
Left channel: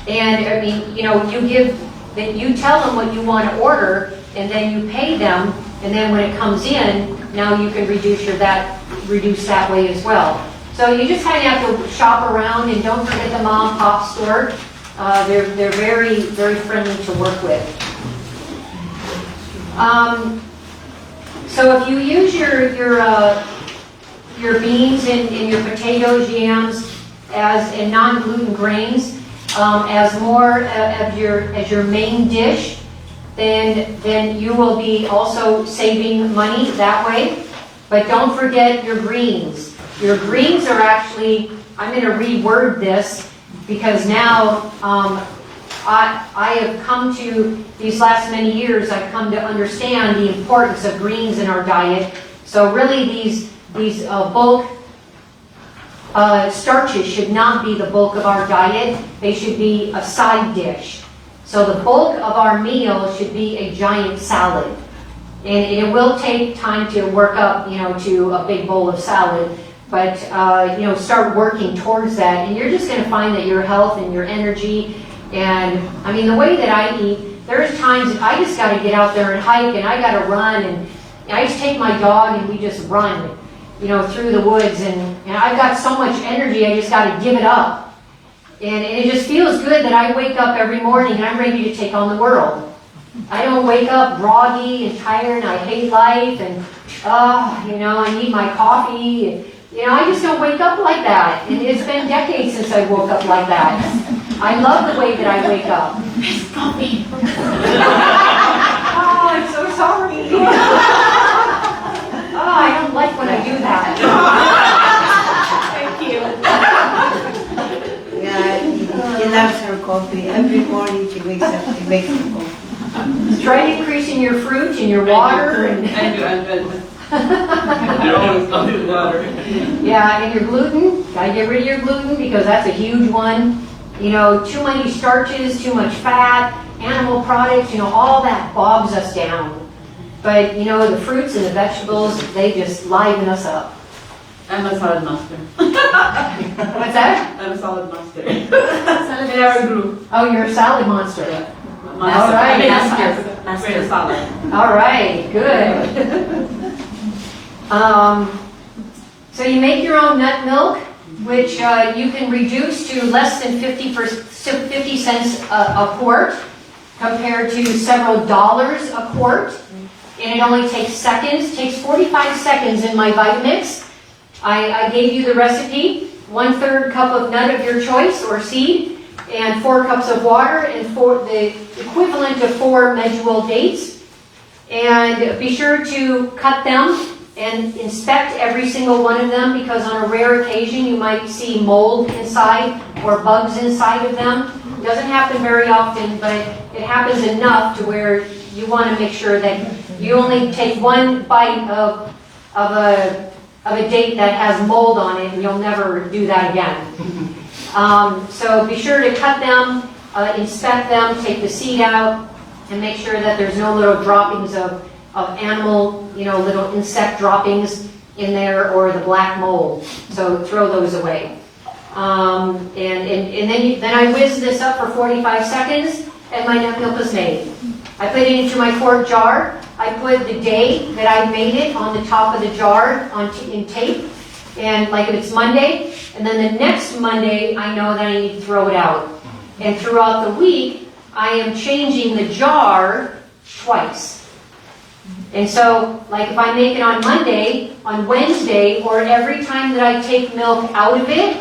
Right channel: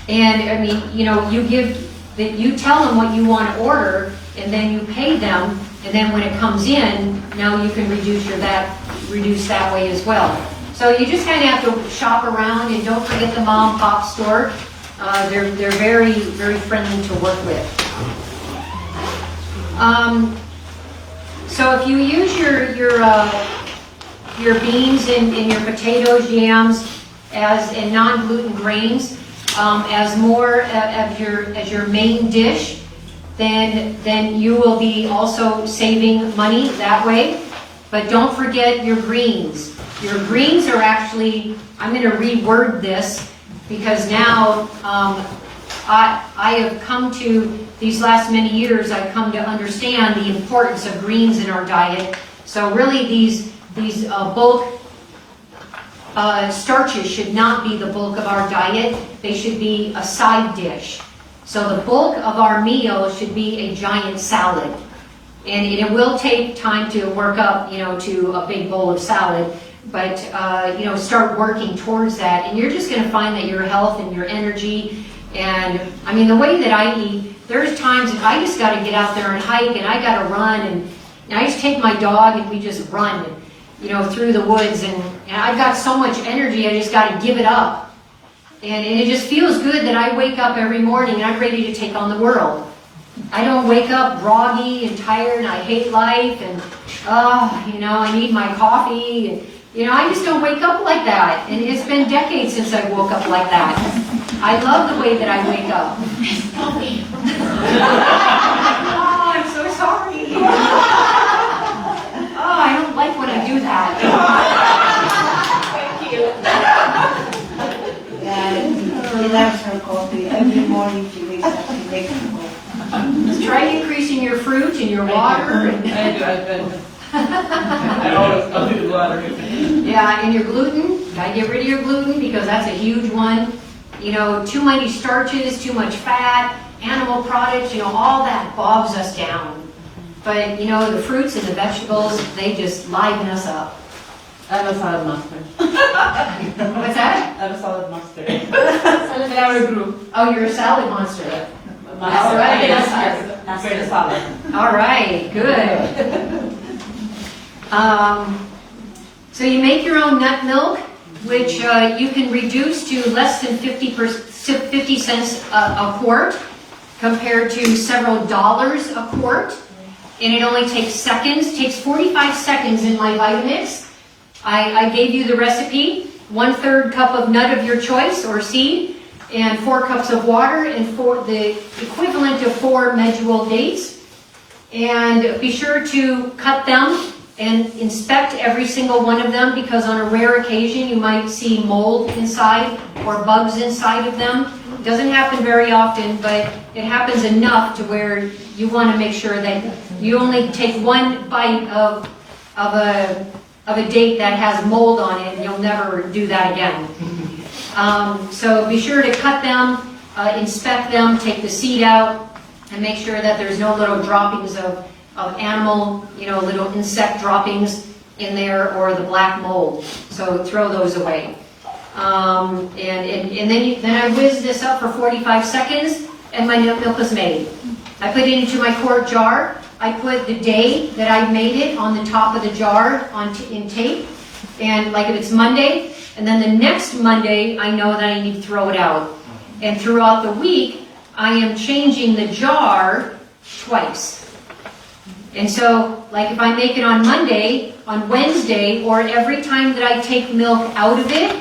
and I mean, you tell them what you want to order, and then you pay them, and then when it comes in, now you can reduce that way as well. So you just kind of have to shop around, and don't forget the mom and pop store. They're very, very friendly to work with. So if you use your beans and your potatoes, yams and non-gluten grains as more as your main dish, then you will be also saving money that way. But don't forget your greens. Your greens are actually, I'm going to reword this because now I have come to, these last many years, I've come to understand the importance of greens in our diet. So really these bulk starches should not be the bulk of our diet. They should be a side dish. So the bulk of our meal should be a giant salad. And it will take time to work up, to a big bowl of salad. But, start working towards that. And you're just going to find that your health and your energy, and I mean, the way that I eat, there's times I just got to get out there and hike, and I got to run, and I just take my dog and we just run, through the woods, and I've got so much energy, I just got to give it up. And it just feels good that I wake up every morning and I'm ready to take on the world. I don't wake up groggy and tired and I hate life and, I need my coffee. And, I just don't wake up like that. And it's been decades since I woke up like that. I love the way that I wake up. Miss Coffee. Oh, I'm so sorry. Oh, I don't like when I do that. Thank you. Yeah, she loves her coffee. Every morning she wakes up, she makes her coffee. Try increasing your fruit and your water. And I'll do the water. Yeah, and your gluten. Gotta get rid of your gluten because that's a huge one. Too many starches, too much fat, animal products, all that bogs us down. But, the fruits and the vegetables, they just liven us up. I'm a salad master. What's that? I'm a salad master. Oh, you're a salad monster. Yeah. All right. Master salad. All right, good. So you make your own nut milk, which you can reduce to less than 50 cents a quart, compared to several dollars a quart. And it only takes seconds. It takes 45 seconds in my Vitamix. I gave you the recipe. 1/3 cup of nut of your choice or seed, and 4 cups of water, and the equivalent of 4 medjool dates. And be sure to cut them and inspect every single one of them, because on a rare occasion you might see mold inside or bugs inside of them. It doesn't happen very often, but it happens enough to where you want to make sure that you only take one bite of a date that has mold on it, and you'll never do that again. So be sure to cut them, inspect them, take the seed out, and make sure that there's no little droppings of animal, little insect droppings in there, or the black mold. So throw those away. And then I whiz this up for 45 seconds, and my nut milk is made. I put it into my quart jar. I put the day that I made it on the top of the jar in tape, and like if it's Monday, and then the next Monday I know that I need to throw it out. And throughout the week, I am changing the jar twice. And so, like if I make it on Monday, on Wednesday, or every time that I take milk out of it,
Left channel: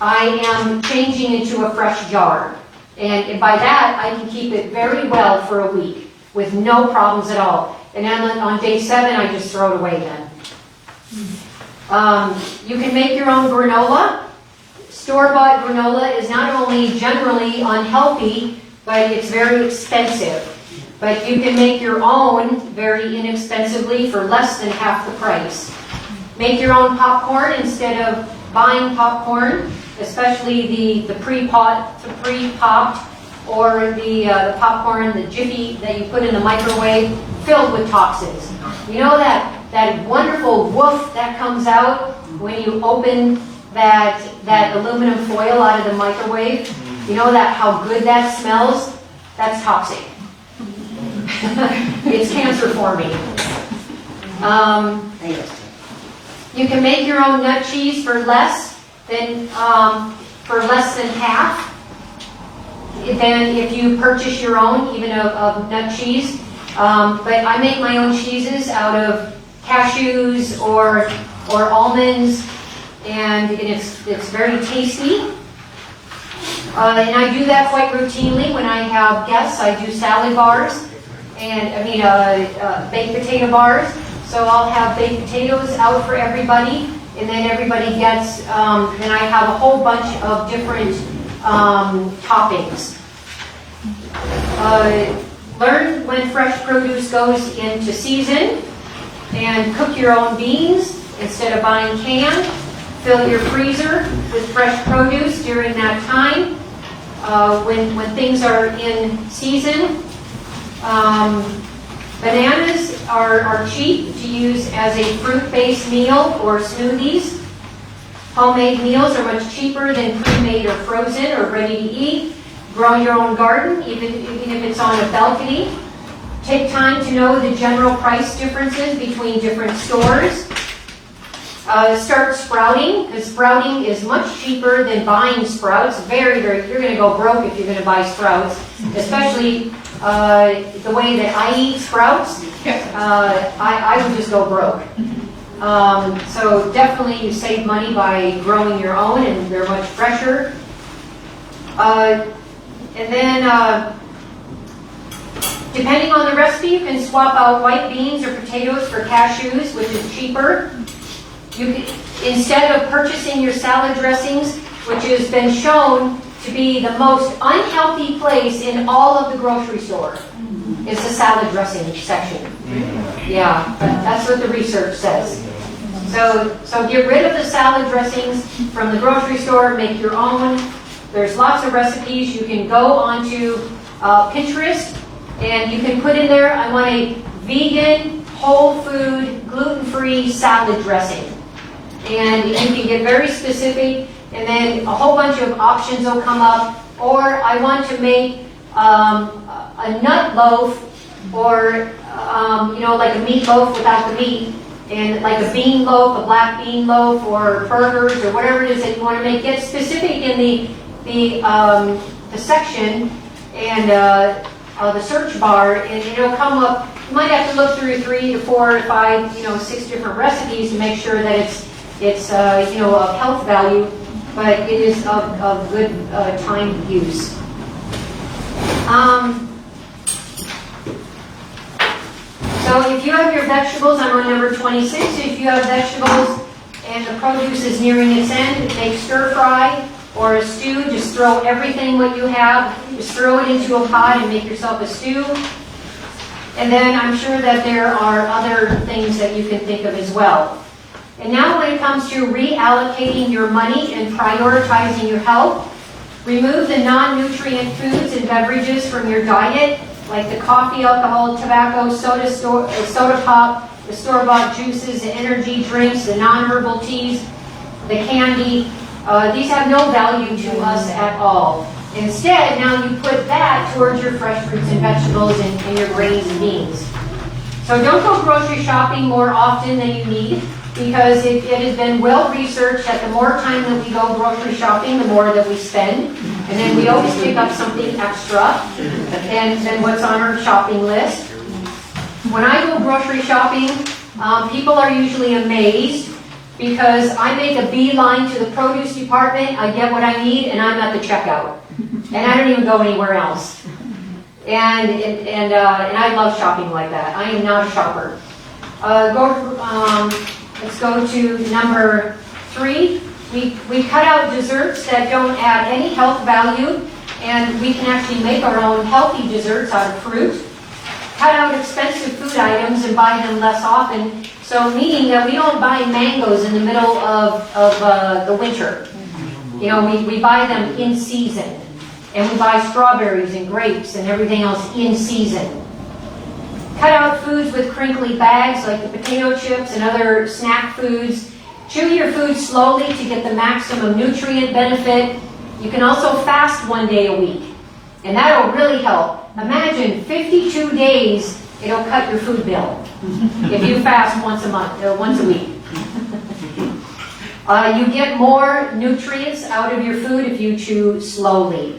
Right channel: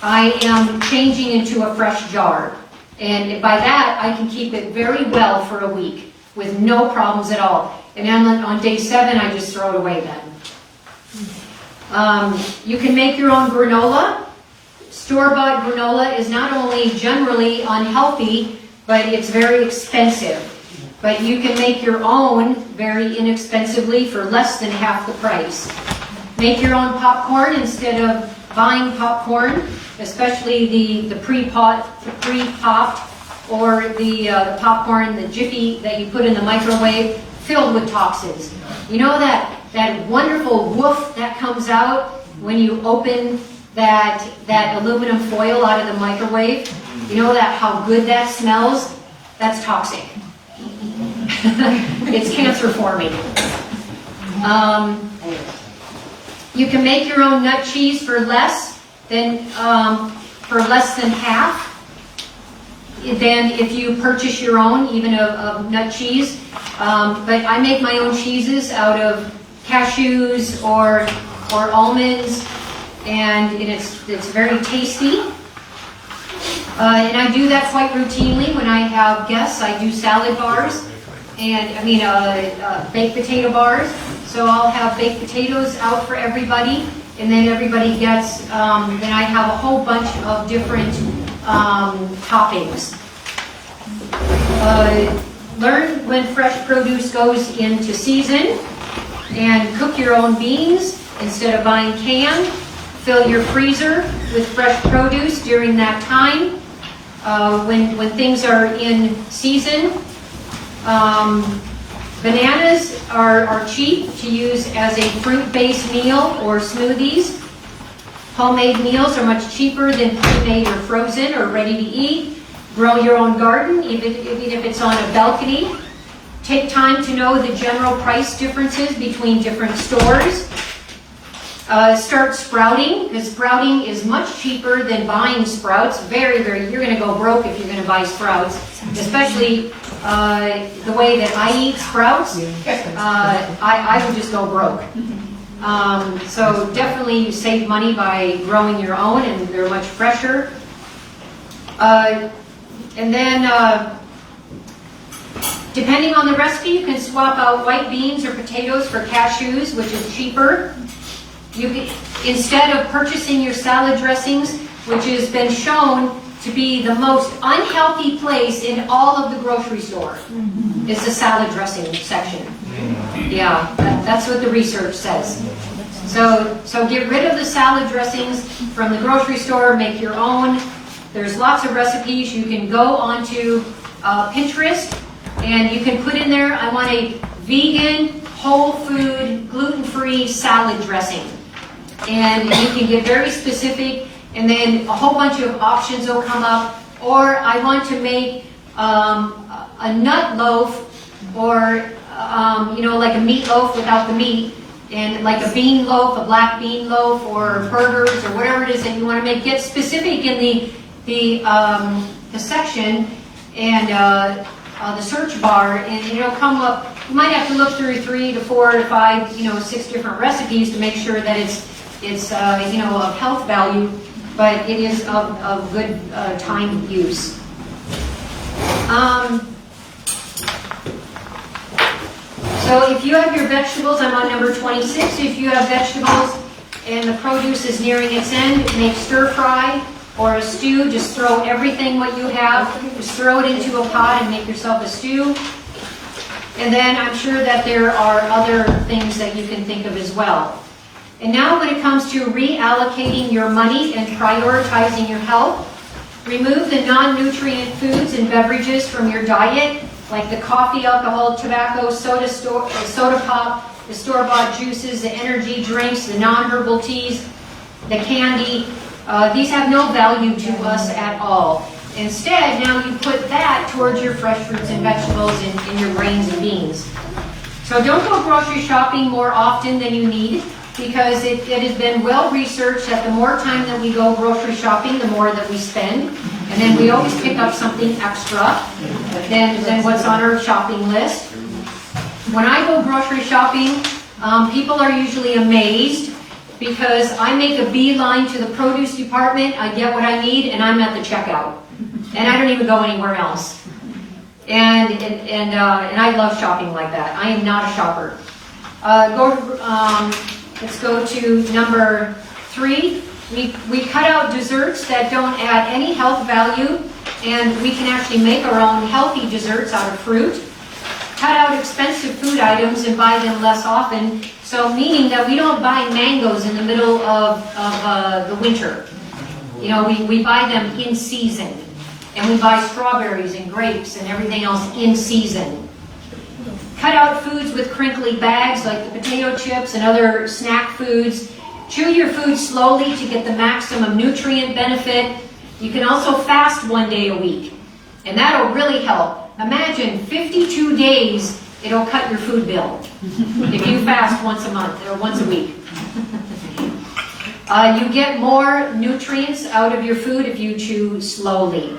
I am changing into a fresh jar. And by that, I can keep it very well for a week with no problems at all. And then on day 7, I just throw it away then. You can make your own granola. Store-bought granola is not only generally unhealthy, but it's very expensive. But you can make your own very inexpensively for less than half the price. Make your own popcorn instead of buying popcorn, especially the pre-popped, or the popcorn, the Jiffy that you put in the microwave, filled with toxins. You know that wonderful woof that comes out when you open that aluminum foil out of the microwave? You know how good that smells? That's toxic. It's cancer forming. You can make your own nut cheese for less than half than if you purchase your own, even of nut cheese. But I make my own cheeses out of cashews or almonds, and it's very tasty. And I do that quite routinely when I have guests. I do salad bars, and baked potato bars. So I'll have baked potatoes out for everybody, and then everybody gets, and I have a whole bunch of different toppings. Learn when fresh produce goes into season, and cook your own beans instead of buying canned. Fill your freezer with fresh produce during that time. When things are in season, bananas are cheap to use as a fruit-based meal or smoothies. Homemade meals are much cheaper than pre-made or frozen or ready to eat. Grow your own garden, even if it's on a balcony. Take time to know the general price differences between different stores. Start sprouting, because sprouting is much cheaper than buying sprouts. Very, you're going to go broke if you're going to buy sprouts, especially the way that I eat sprouts. I would just go broke. So definitely you save money by growing your own, and they're much fresher. And then, depending on the recipe, you can swap out white beans or potatoes for cashews, which is cheaper. You can, instead of purchasing your salad dressings, which has been shown to be the most unhealthy place in all of the grocery store, is the salad dressing section. Yeah, that's what the research says. So get rid of the salad dressings from the grocery store, make your own. There's lots of recipes. You can go onto Pinterest, and you can put in there, I want a vegan, whole food, gluten-free salad dressing. And you can get very specific, and then a whole bunch of options will come up. Or I want to make a nut loaf, or like a meatloaf without the meat, and like a bean loaf, a black bean loaf, or burgers, or whatever it is that you want to make. Get specific in the section and the search bar, and it'll come up. You might have to look through 3 to 4 to 5, 6 different recipes to make sure that it's of health value, but it is of good time use. So if you have your vegetables, I'm on number 26. If you have vegetables and the produce is nearing its end, make stir fry or a stew. Just throw everything what you have, just throw it into a pot and make yourself a stew. And then I'm sure that there are other things that you can think of as well. And now when it comes to reallocating your money and prioritizing your health, remove the non-nutrient foods and beverages from your diet, like the coffee, alcohol, tobacco, soda pop, the store-bought juices, the energy drinks, the non-herbal teas, the candy. These have no value to us at all. Instead, now you put that towards your fresh fruits and vegetables and your grains and beans. So don't go grocery shopping more often than you need, because it has been well researched that the more time that we go grocery shopping, the more that we spend. And then we always pick up something extra than what's on our shopping list. When I go grocery shopping, people are usually amazed because I make a beeline to the produce department, I get what I need, and I'm at the checkout. And I don't even go anywhere else. And I love shopping like that. I am not a shopper. Let's go to number 3. We cut out desserts that don't add any health value, and we can actually make our own healthy desserts out of fruit. Cut out expensive food items and buy them less often, so meaning that we don't buy mangoes in the middle of the winter. You know, we buy them in season, and we buy strawberries and grapes and everything else in season. Cut out foods with crinkly bags like the potato chips and other snack foods. Chew your food slowly to get the maximum nutrient benefit. You can also fast 1 day a week, and that'll really help. Imagine 52 days, it'll cut your food bill if you fast once a month or once a week. You get more nutrients out of your food if you chew slowly.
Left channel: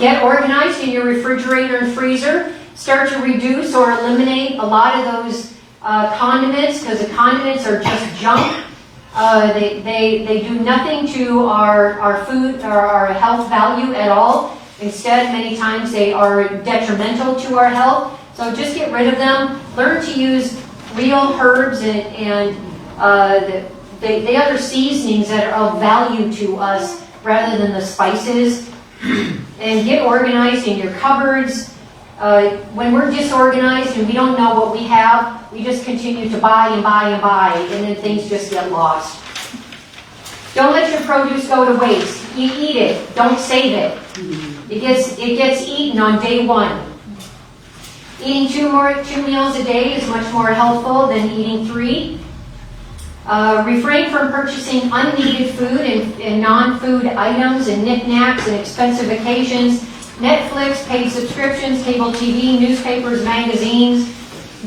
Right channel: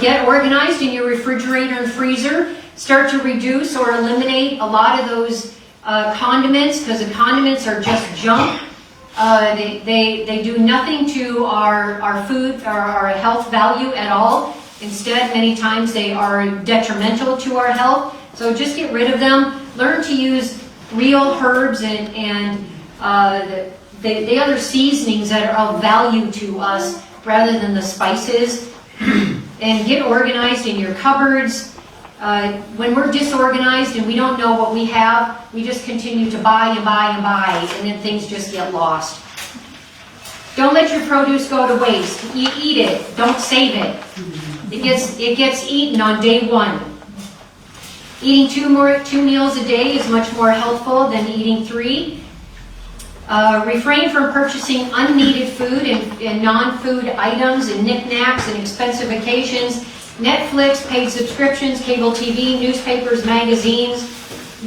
Get organized in your refrigerator and freezer. Start to reduce or eliminate a lot of those condiments, because the condiments are just junk. They do nothing to our food or our health value at all. Instead, many times they are detrimental to our health. So just get rid of them. Learn to use real herbs and the other seasonings that are of value to us rather than the spices. And get organized in your cupboards. When we're disorganized and we don't know what we have, we just continue to buy and buy and buy, and then things just get lost. Don't let your produce go to waste. You eat it. Don't save it. It gets eaten on day 1. Eating two meals a day is much more helpful than eating 3. Refrain from purchasing unneeded food and non-food items and knickknacks and expensive occasions. Netflix, paid subscriptions, cable TV, newspapers, magazines,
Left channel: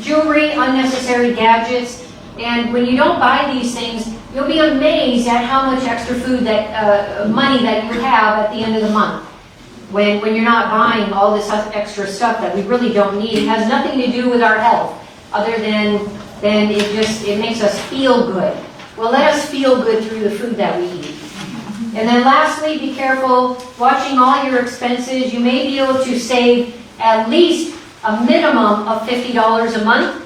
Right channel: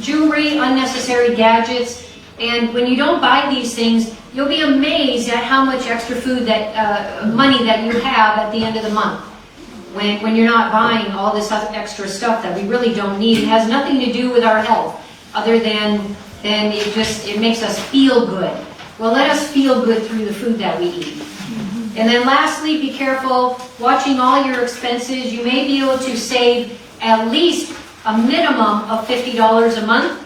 jewelry, unnecessary gadgets. And when you don't buy these things, you'll be amazed at how much extra food money that you have at the end of the month. When you're not buying all this extra stuff that we really don't need. It has nothing to do with our health, other than it makes us feel good. Well, let us feel good through the food that we eat. And then lastly, be careful watching all your expenses. You may be able to save at least a minimum of $50 a month.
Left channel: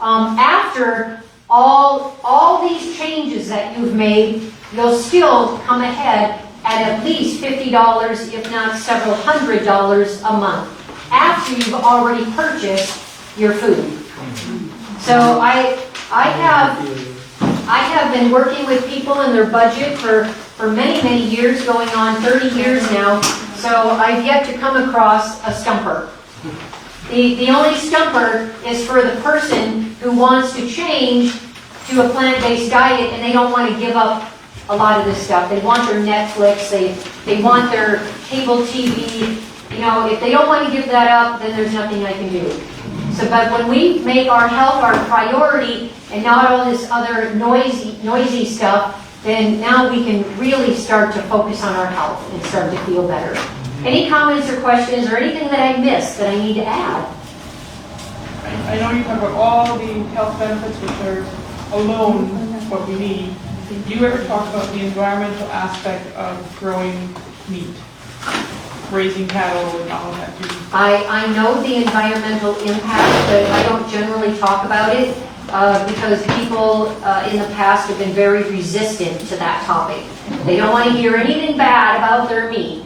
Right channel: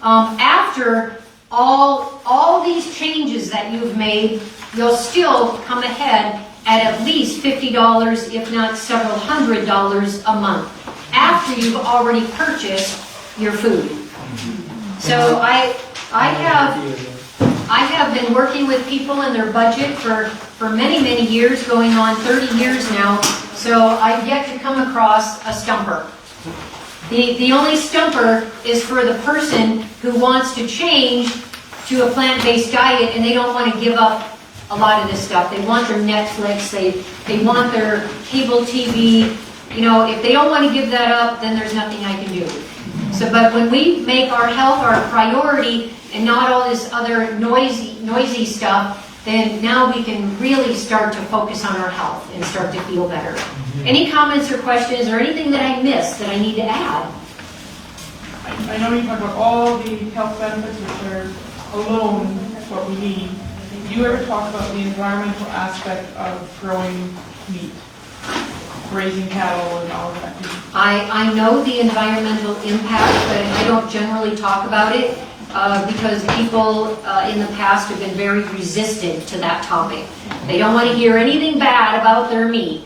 After all these changes that you've made, you'll still come ahead at least $50, if not several $100s a month, after you've already purchased your food. So I have been working with people in their budget for many, many years, going on 30 years now, so I've yet to come across a stumper. The only stumper is for the person who wants to change to a plant-based diet and they don't want to give up a lot of this stuff. They want their Netflix, they want their cable TV. You know, if they don't want to give that up, then there's nothing I can do. So, but when we make our health our priority and not all this other noisy stuff, then now we can really start to focus on our health and start to feel better. Any comments or questions or anything that I missed that I need to add? I know you talk about all the health benefits which are alone what we need. Do you ever talk about the environmental aspect of growing meat, raising cattle and all of that? I know the environmental impact, but I don't generally talk about it because people in the past have been very resistant to that topic. They don't want to hear anything bad about their meat.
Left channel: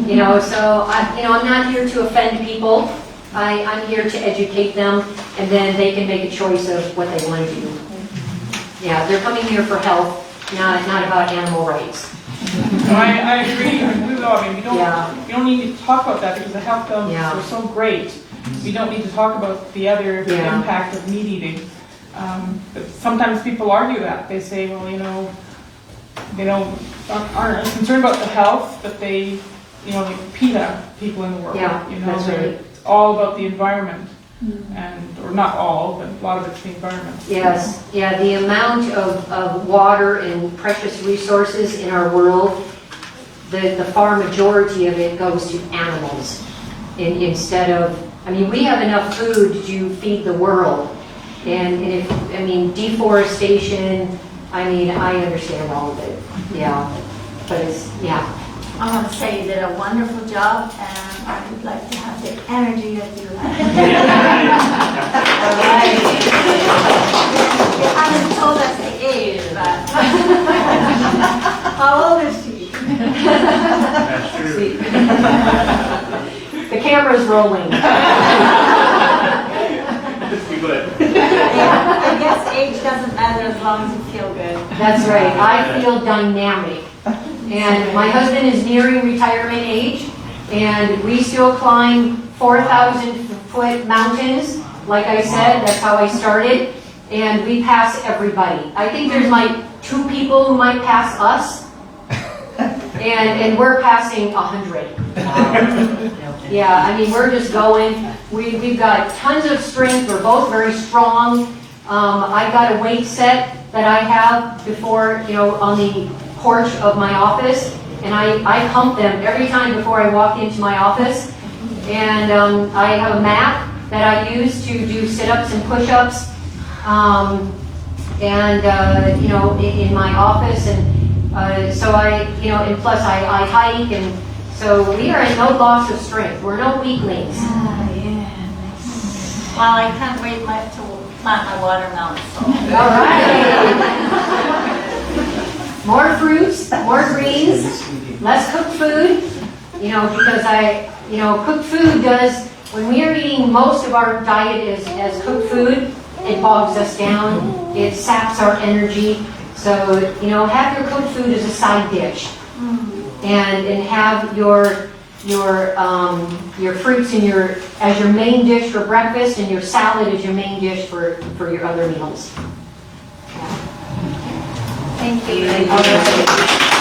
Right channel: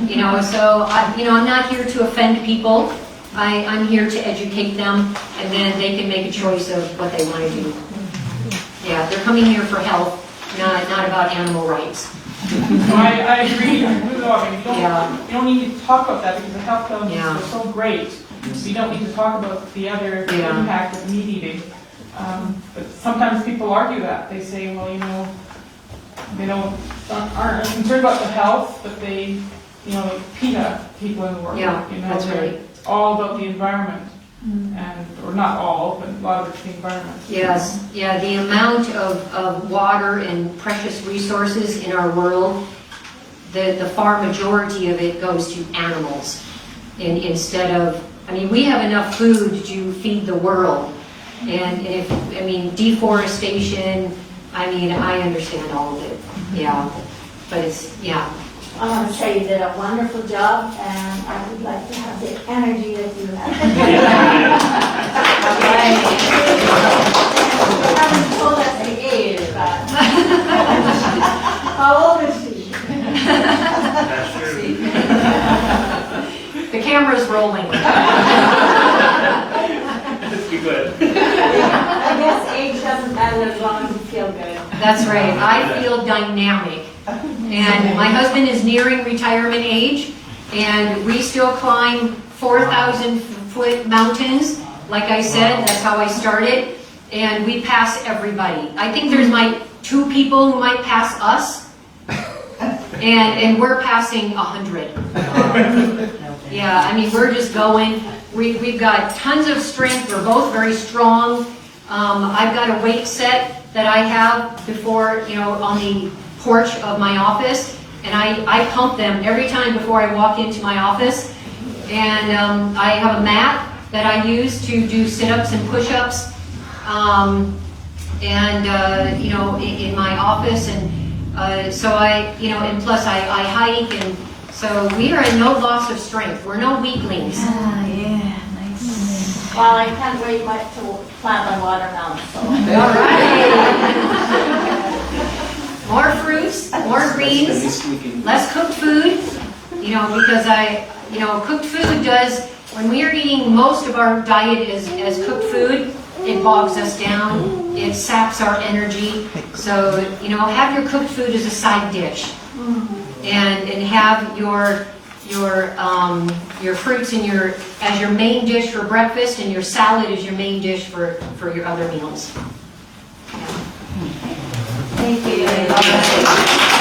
You know, so I'm not here to offend people. I'm here to educate them, and then they can make a choice of what they want to do. Yeah, they're coming here for health, not about animal rights. I agree. I agree. We don't need to talk about that because the health benefits are so great. We don't need to talk about the other impact of meat eating. But sometimes people argue that. They say, well, they aren't concerned about the health, but they, like PETA people in the world. Yeah, that's right. It's all about the environment. Or not all, but a lot of it's the environment. Yes, yeah, the amount of water and precious resources in our world, the far majority of it goes to animals instead of I mean, we have enough food to feed the world. And if, I mean, deforestation, I mean, I understand all of it, yeah. But it's, yeah. I want to say you did a wonderful job, and I would like to have the energy that you have. You haven't told us the age, but how old is she? That's true. The camera's rolling. Just be good. I guess age doesn't matter as long as you feel good. That's right. I feel dynamic. And my husband is nearing retirement age, and we still climb 4,000-foot mountains. Like I said, that's how I started. And we pass everybody. I think there's like 2 people who might pass us, and we're passing 100. Yeah, I mean, we're just going. We've got tons of strength. We're both very strong. I've got a weight set that I have before, you know, on the porch of my office, and I pump them every time before I walk into my office. And I have a mat that I use to do sit-ups and push-ups, you know, in my office. And so you know, and plus I hike, and so we are in no loss of strength. We're no weaklings. Ah, yeah, nice. Well, I can't wait much to plant my watermelon. So. All right. More fruits, more greens, less cooked food, you know, because you know, cooked food does, when we are eating most of our diet as cooked food, it bogs us down, it saps our energy. So, you know, have your cooked food as a side dish, and have your fruits and as your main dish for breakfast, and your salad as your main dish for your other meals. Thank you.